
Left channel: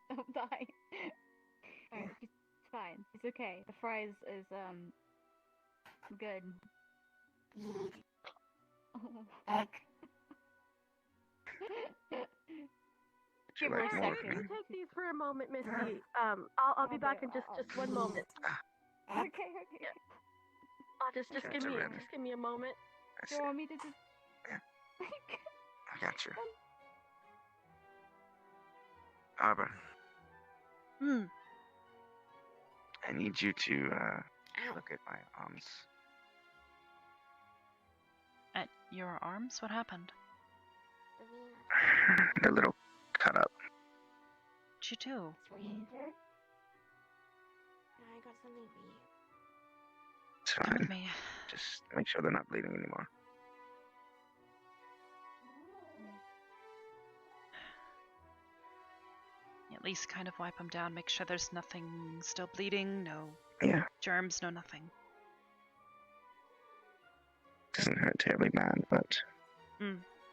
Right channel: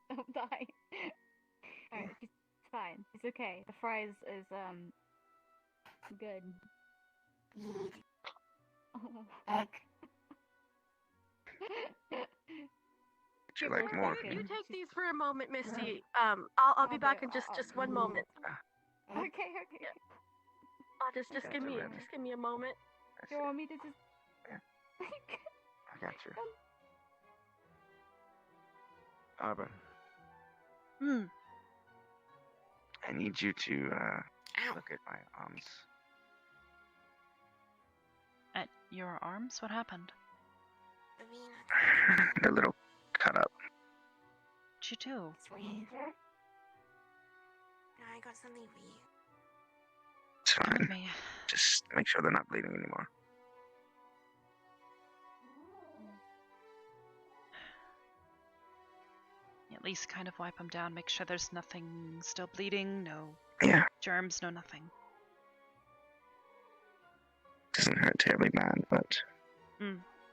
Don't die. Alright, it's fine. It's okay. The fries is good. Would you like more of me? You take these for a moment, Misty. I'll be back in just one moment. Okay. Yeah. Just give me a moment. Do you want me to just? I got you. Arbor, I need you to look at my arms. At your arms? What happened? They're a little cut up. What'd you do? I got something for you. It's Come with fine. me. Just make sure they're not bleeding anymore. At least kind of wipe them down, make sure there's nothing still bleeding, no germs, no nothing. Doesn't hurt terribly bad, but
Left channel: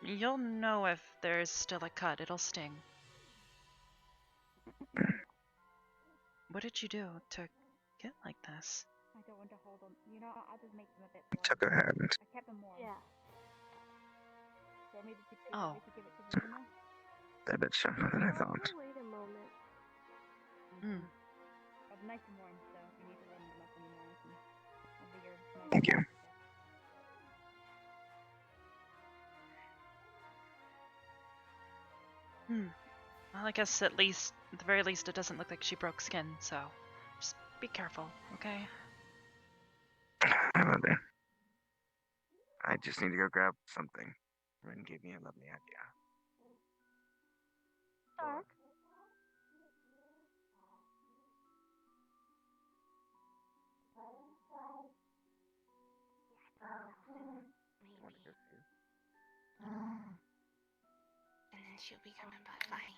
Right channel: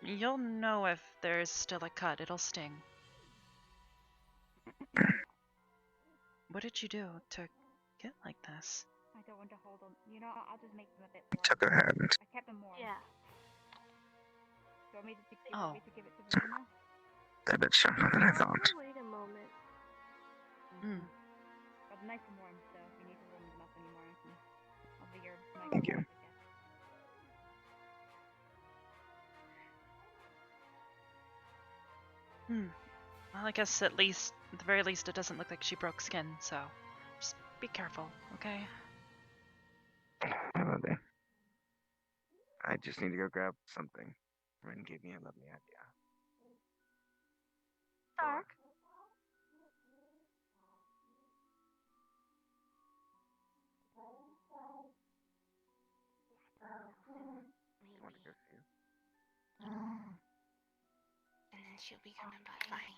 You'll know if there's still a cut, it'll sting. What did you do to get like this? I don't want to hold them. I'll just make them a bit. I took her hand. I kept them warm. Yeah. Do you want me to give Oh. it to Vina? They're a bit sharper than I thought. Wait a moment. But nice and warm, so if you need to warm them up anymore, you can. It'll be your nice Thank you. Well, I guess at the very least, it doesn't look like she broke skin, so just be careful, okay? I will do. I just need to go grab something. Ren gave me a lovely idea. Dark. And then she'll be coming by fine.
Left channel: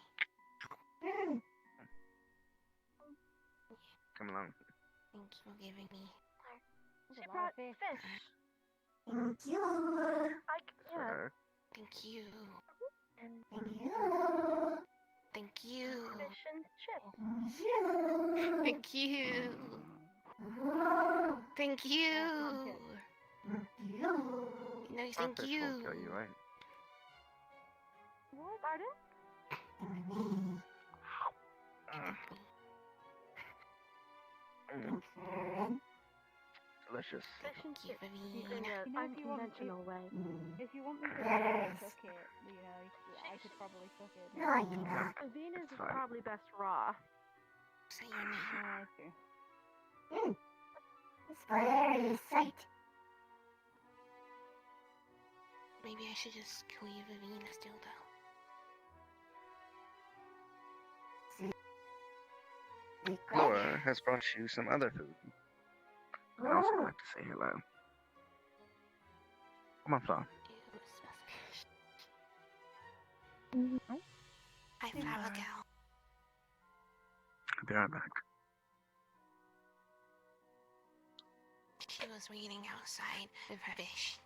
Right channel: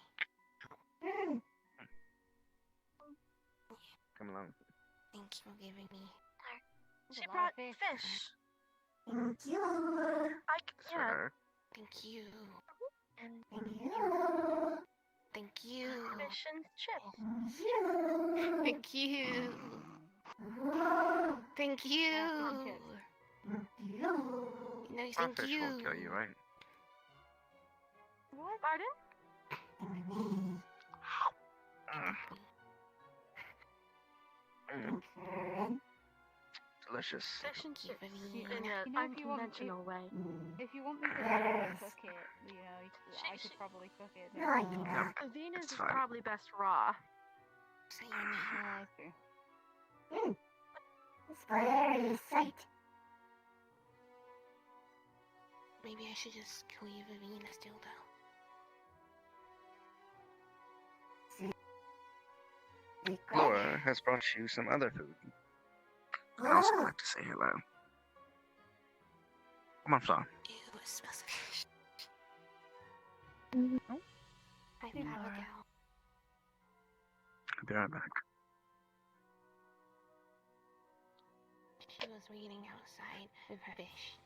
Come along. Thank you for giving me. She brought fish. Thank you. Yeah. Sure. Thank you. Thank you. Mission chip. Thank you. Thank you. No, thank Fish you. won't kill you, right? What? Pardon? Delicious. Mission chip in Vavina. an unconventional way. If you want me to cook it, I could probably cook it. Venus is probably best raw. Say your name. Scary sight. Maybe I should just kill you, Vavina, still though. Laura has brought you some other food. I also like to say hello. Come on, Flo. Ew, it smells fishy. Oh. Hi, Abigail. I'll be right back. She was waiting outside with her fish.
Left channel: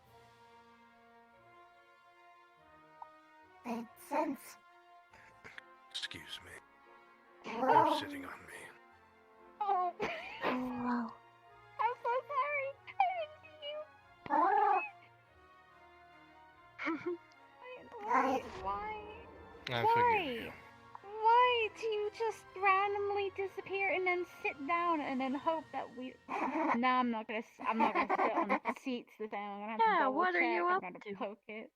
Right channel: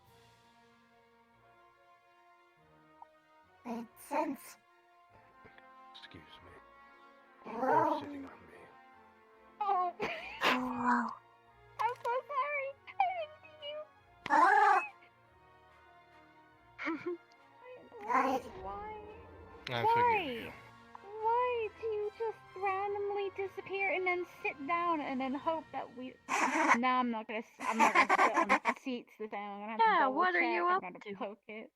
Makes sense. Excuse me. You're sitting on me. Oh. I'm so sorry. I didn't see you. Why? I forgive you. Why do you just randomly disappear and then sit down and then hope that we? No, I'm not gonna sit on the seats this time. I'm gonna have to double what are check. you I'm up gonna to? poke it.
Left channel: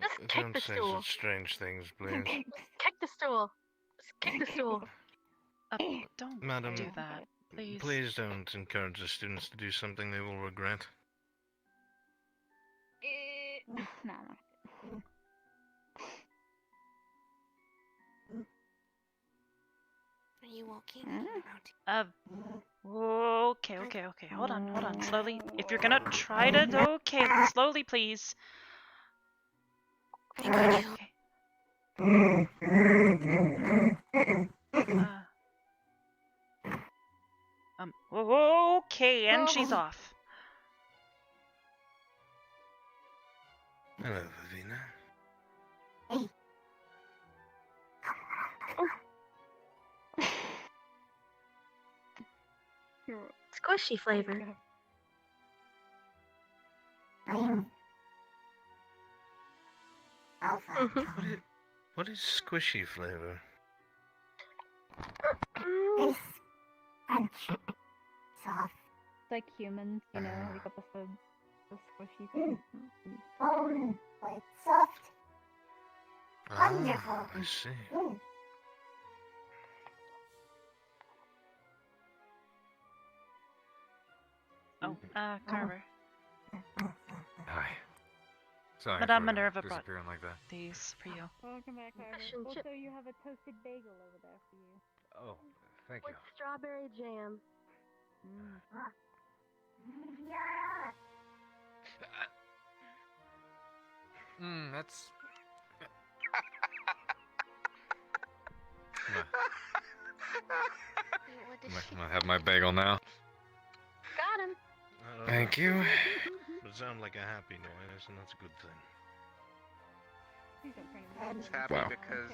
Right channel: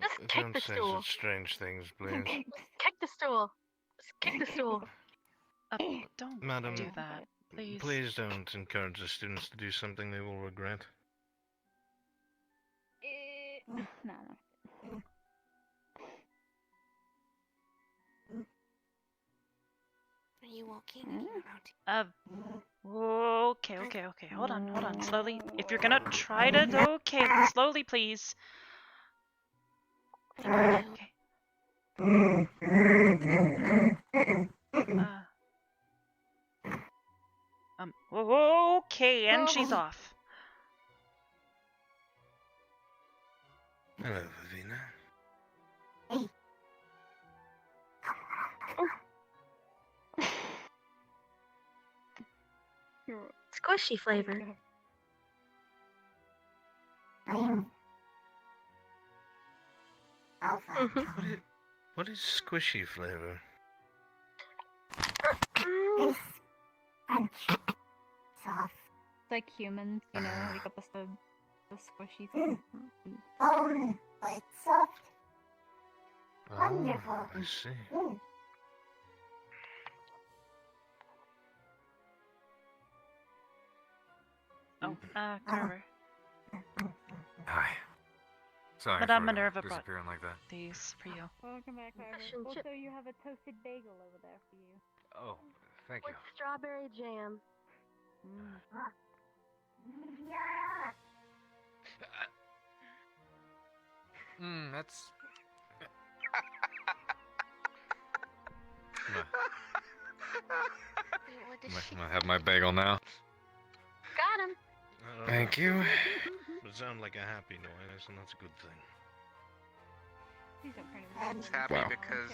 Just kick Don't the say stool. such strange things, please. Kick the stool. Just kick the stool. Don't Madam, do that, please. Please don't encourage the students to do something they will regret. No. Are you walking? Okay. Hold on. Slowly. If you're gonna try to, okay, slowly, please. Okay. Okay, and she's off. Hello, Vavina. Squishy flavor. What is squishy flavor? Soft. It's like humans, you know, we got the squishy thing. Bone, but soft. Wonderful. I see. Oh, Carver. Hi. Sorry Madame for Minerva brought disappearing like that. these for you. Welcome back, Carver. Mission Also, chip. you have a toasted bagel over there for you. Oh, thank you. With strawberry jam. That's... I'm gonna have my bagel now. Got him. Thank you. But it sounds like a happy noise, and that's a good thing. It's happy because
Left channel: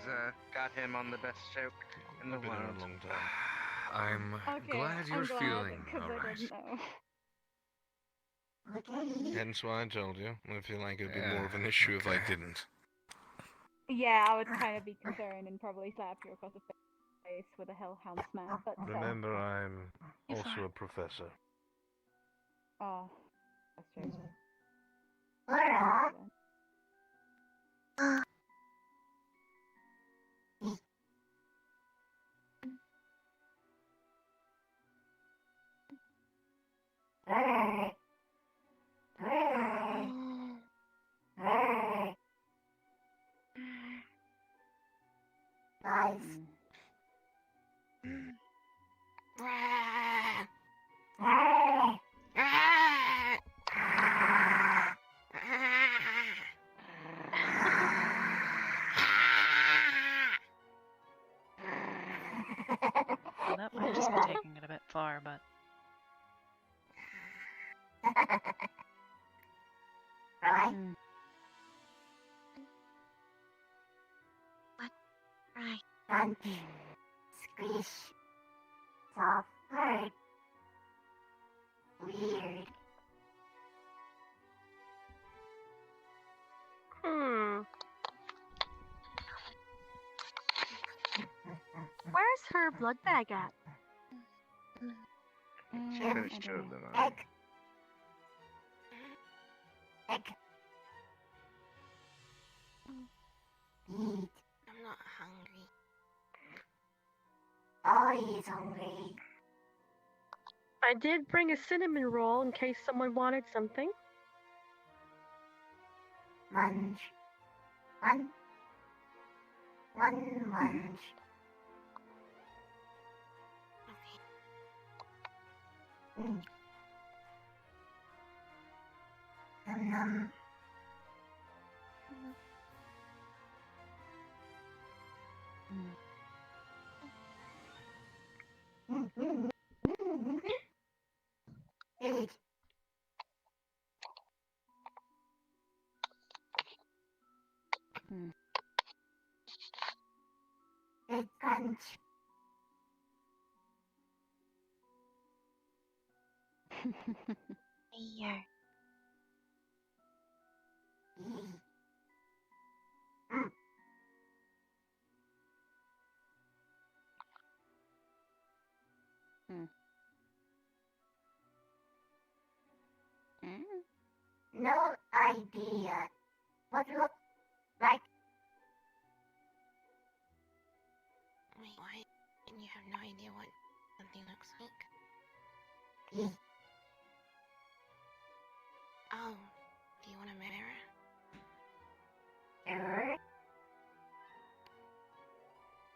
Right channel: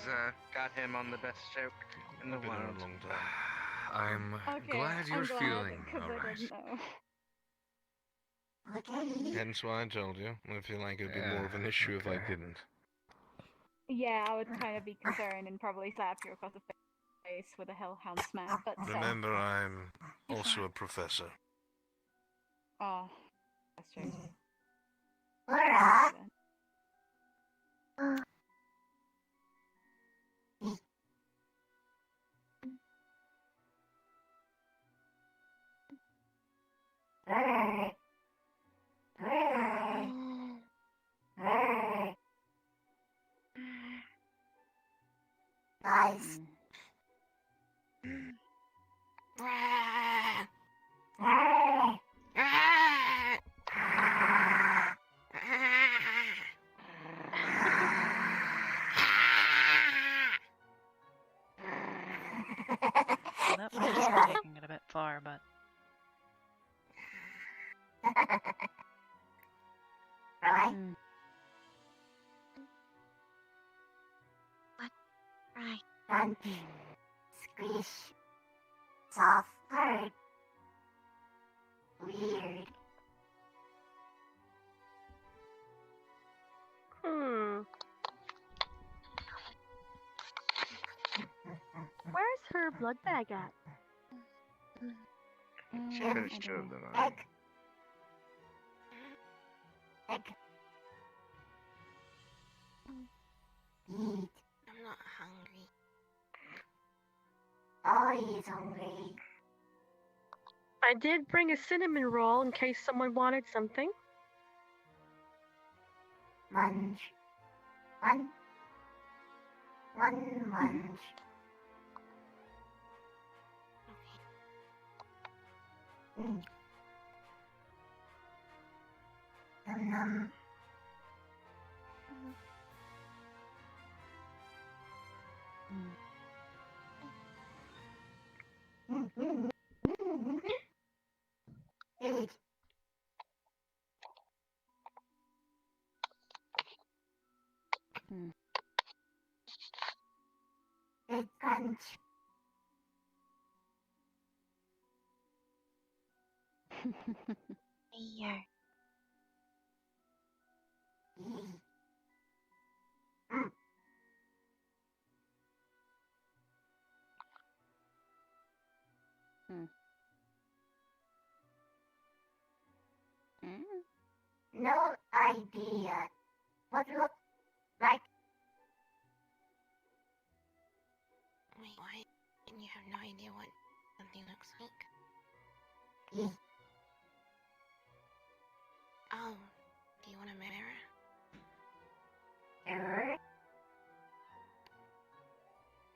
got him on the best joke in the I've been here world. a long time. I'm glad you're feeling alright. Hence why I told you. I feel like it'd be more of an issue if I didn't. Yeah, I would kind of be concerned and probably slap you across the face with a hellhound smack. But Remember, I'm also a professor. Oh, that's true. Nice. Weird. Where's her blood bag at? There's two of them on. Eat. I'm not hungry. Oh, he's hungry. I did bring a cinnamon roll in case someone wanted something. Munch. Munch. Num. Eat. Eat crunch. Here. No idea. What look like? Wait, why? And you have no idea what something looks like? Oh, do you want a mirror? Error?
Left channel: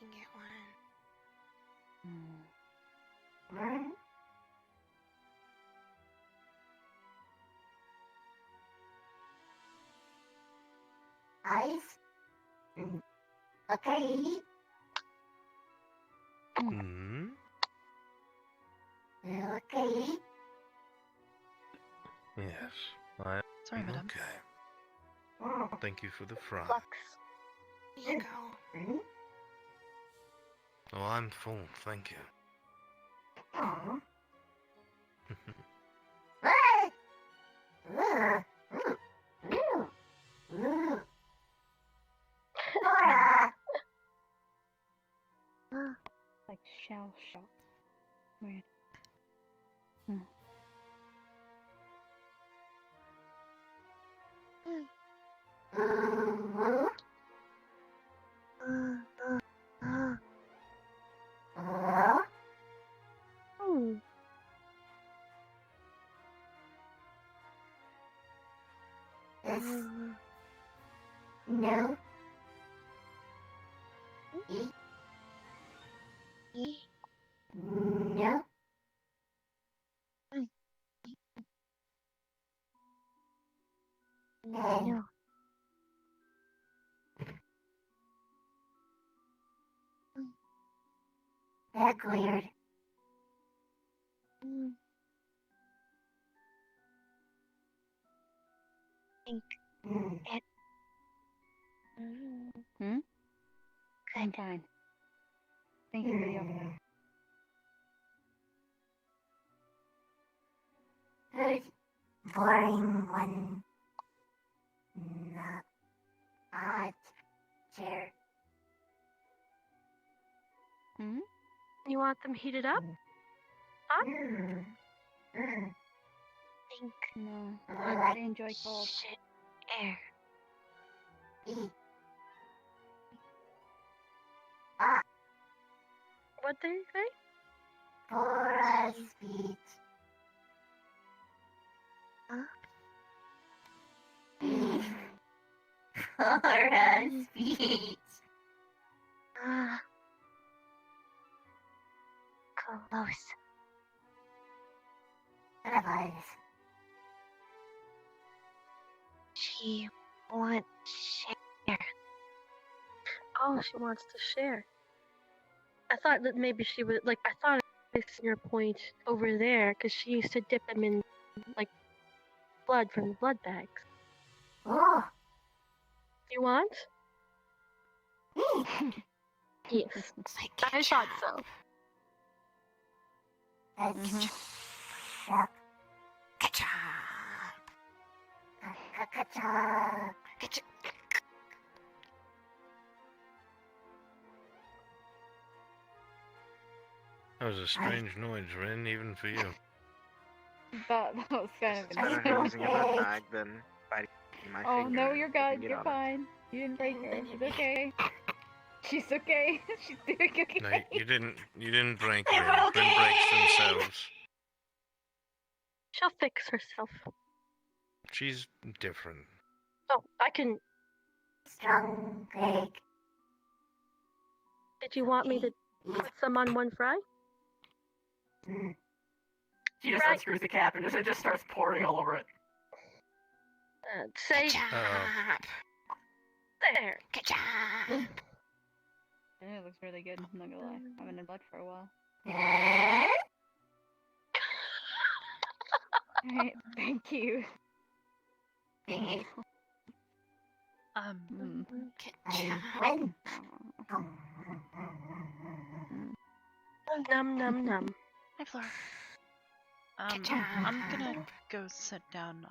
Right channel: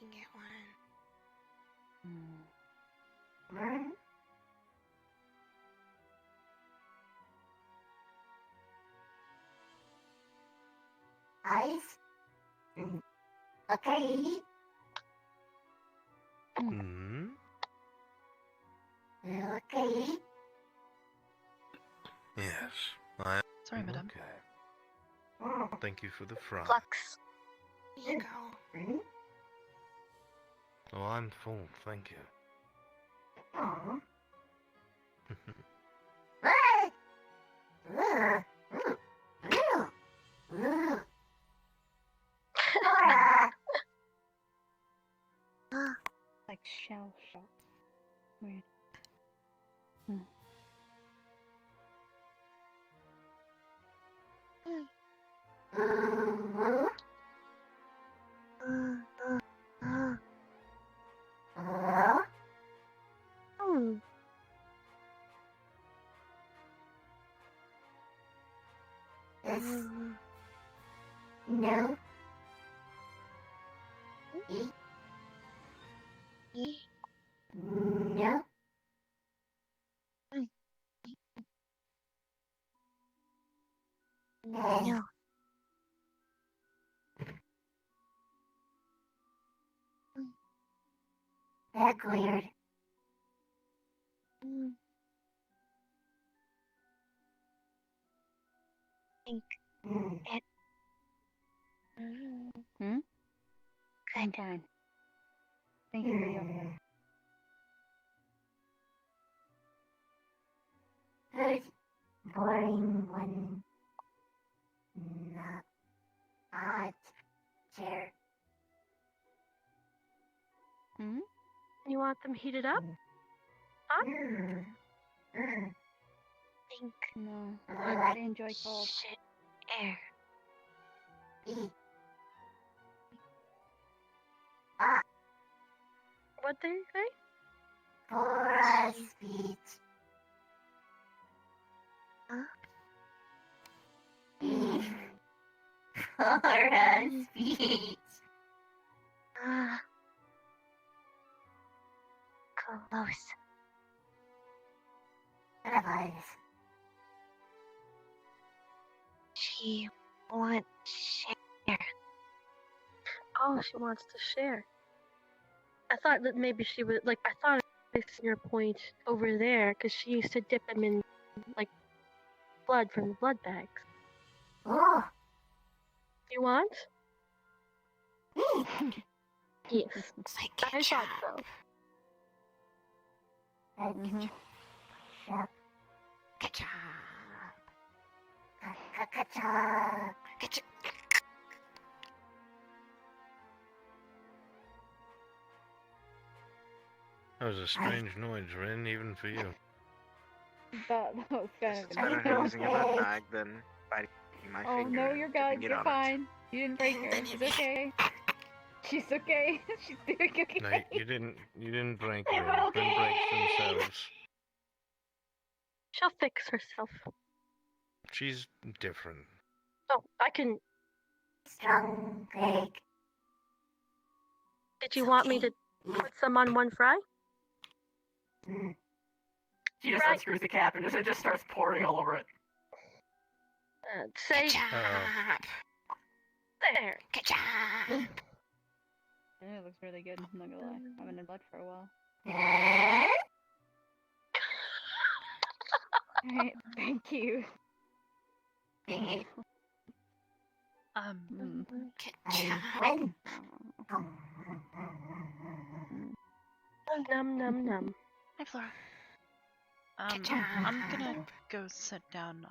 You can get one. Eyes? Okay. Okay. Yes, I am. Sorry, madam. Okay. Thank you for the fry. Flux. Here you go. Oh, I'm full, thank you. Oh. Like shell shock. Weird. No. No. No. That's weird. Think it. I'm fine. Thank you for the update. Good. Boring one. Not hot chair. You want them heated up? Huh? Think. No. I I enjoy cold. Shit. Air. What did you say? For a speech. For a speech. Close. Otherwise. She wants share. Oh, she wants to share. I thought that maybe she would, like, I thought I seen your point over there, because she used to dip them in, like, blood from the blood bags. Oh. You want? Yes. It's like I thought so. Yep. That was a strange noise, Rin, even for you. That was kind of It's better insane. using a mud bag than biting my Oh finger no, and you're dipping good. it You're on it. fine. You didn't break her. She's okay. She's okay. She's doing okay. No, you didn't break Rin. Rin breaks themselves. She'll fix herself. She's different. Oh, I can. Strong break. Did you want me to put some on one fry? She just unscrews the cap and it just starts pouring all over it. Say. There. It looks really good. I'm not gonna lie. I haven't had luck for a while. Alright, thank you. Num num num. Hi, Flora. I'm gonna go sit down,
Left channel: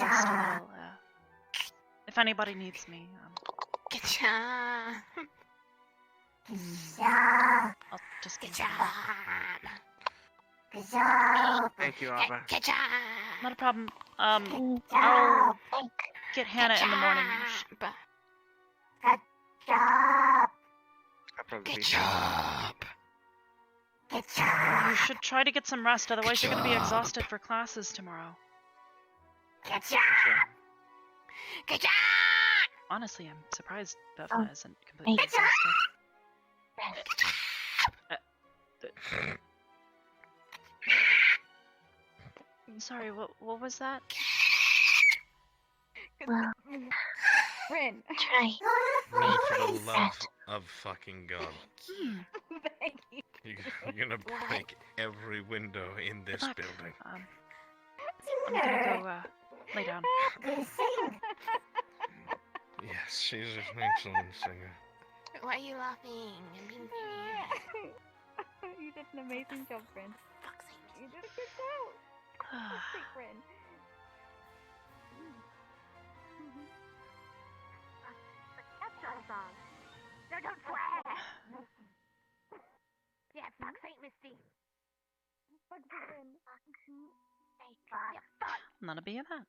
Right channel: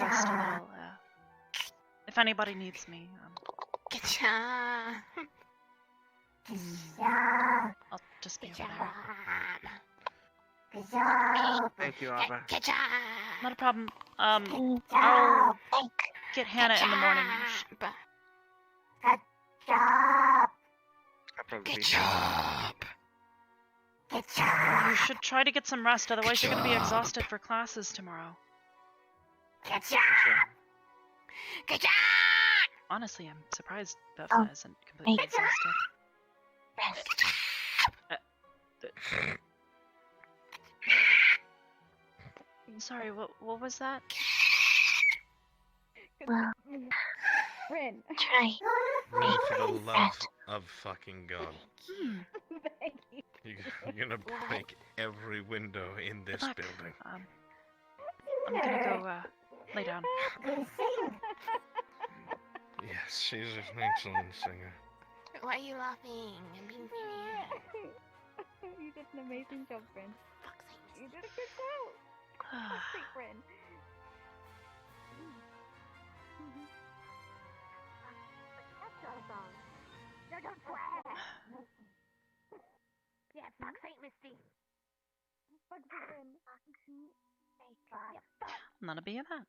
rest a little, if anybody needs me, I'll just be around. Thank you, Arbor. Not a problem. I'll get Hannah in the morning. Good job. You should try to get some rest, otherwise you're gonna be exhausted for classes tomorrow. Good job. Good job. Honestly, I'm surprised Bevna isn't completely exhausted. Sorry, what was that? Well, Rin. Try. Rin, for the love of fucking God. Thank you. You're gonna break every window in this building. I'm gonna go, lay down. Yes, she's an excellent singer. Why are you laughing? I'm being serious. You did an amazing job, Rin. You did a good job. Good Rin. No, don't swear! Yeah, fuck Saint Misty. Fuck Rin. None of that.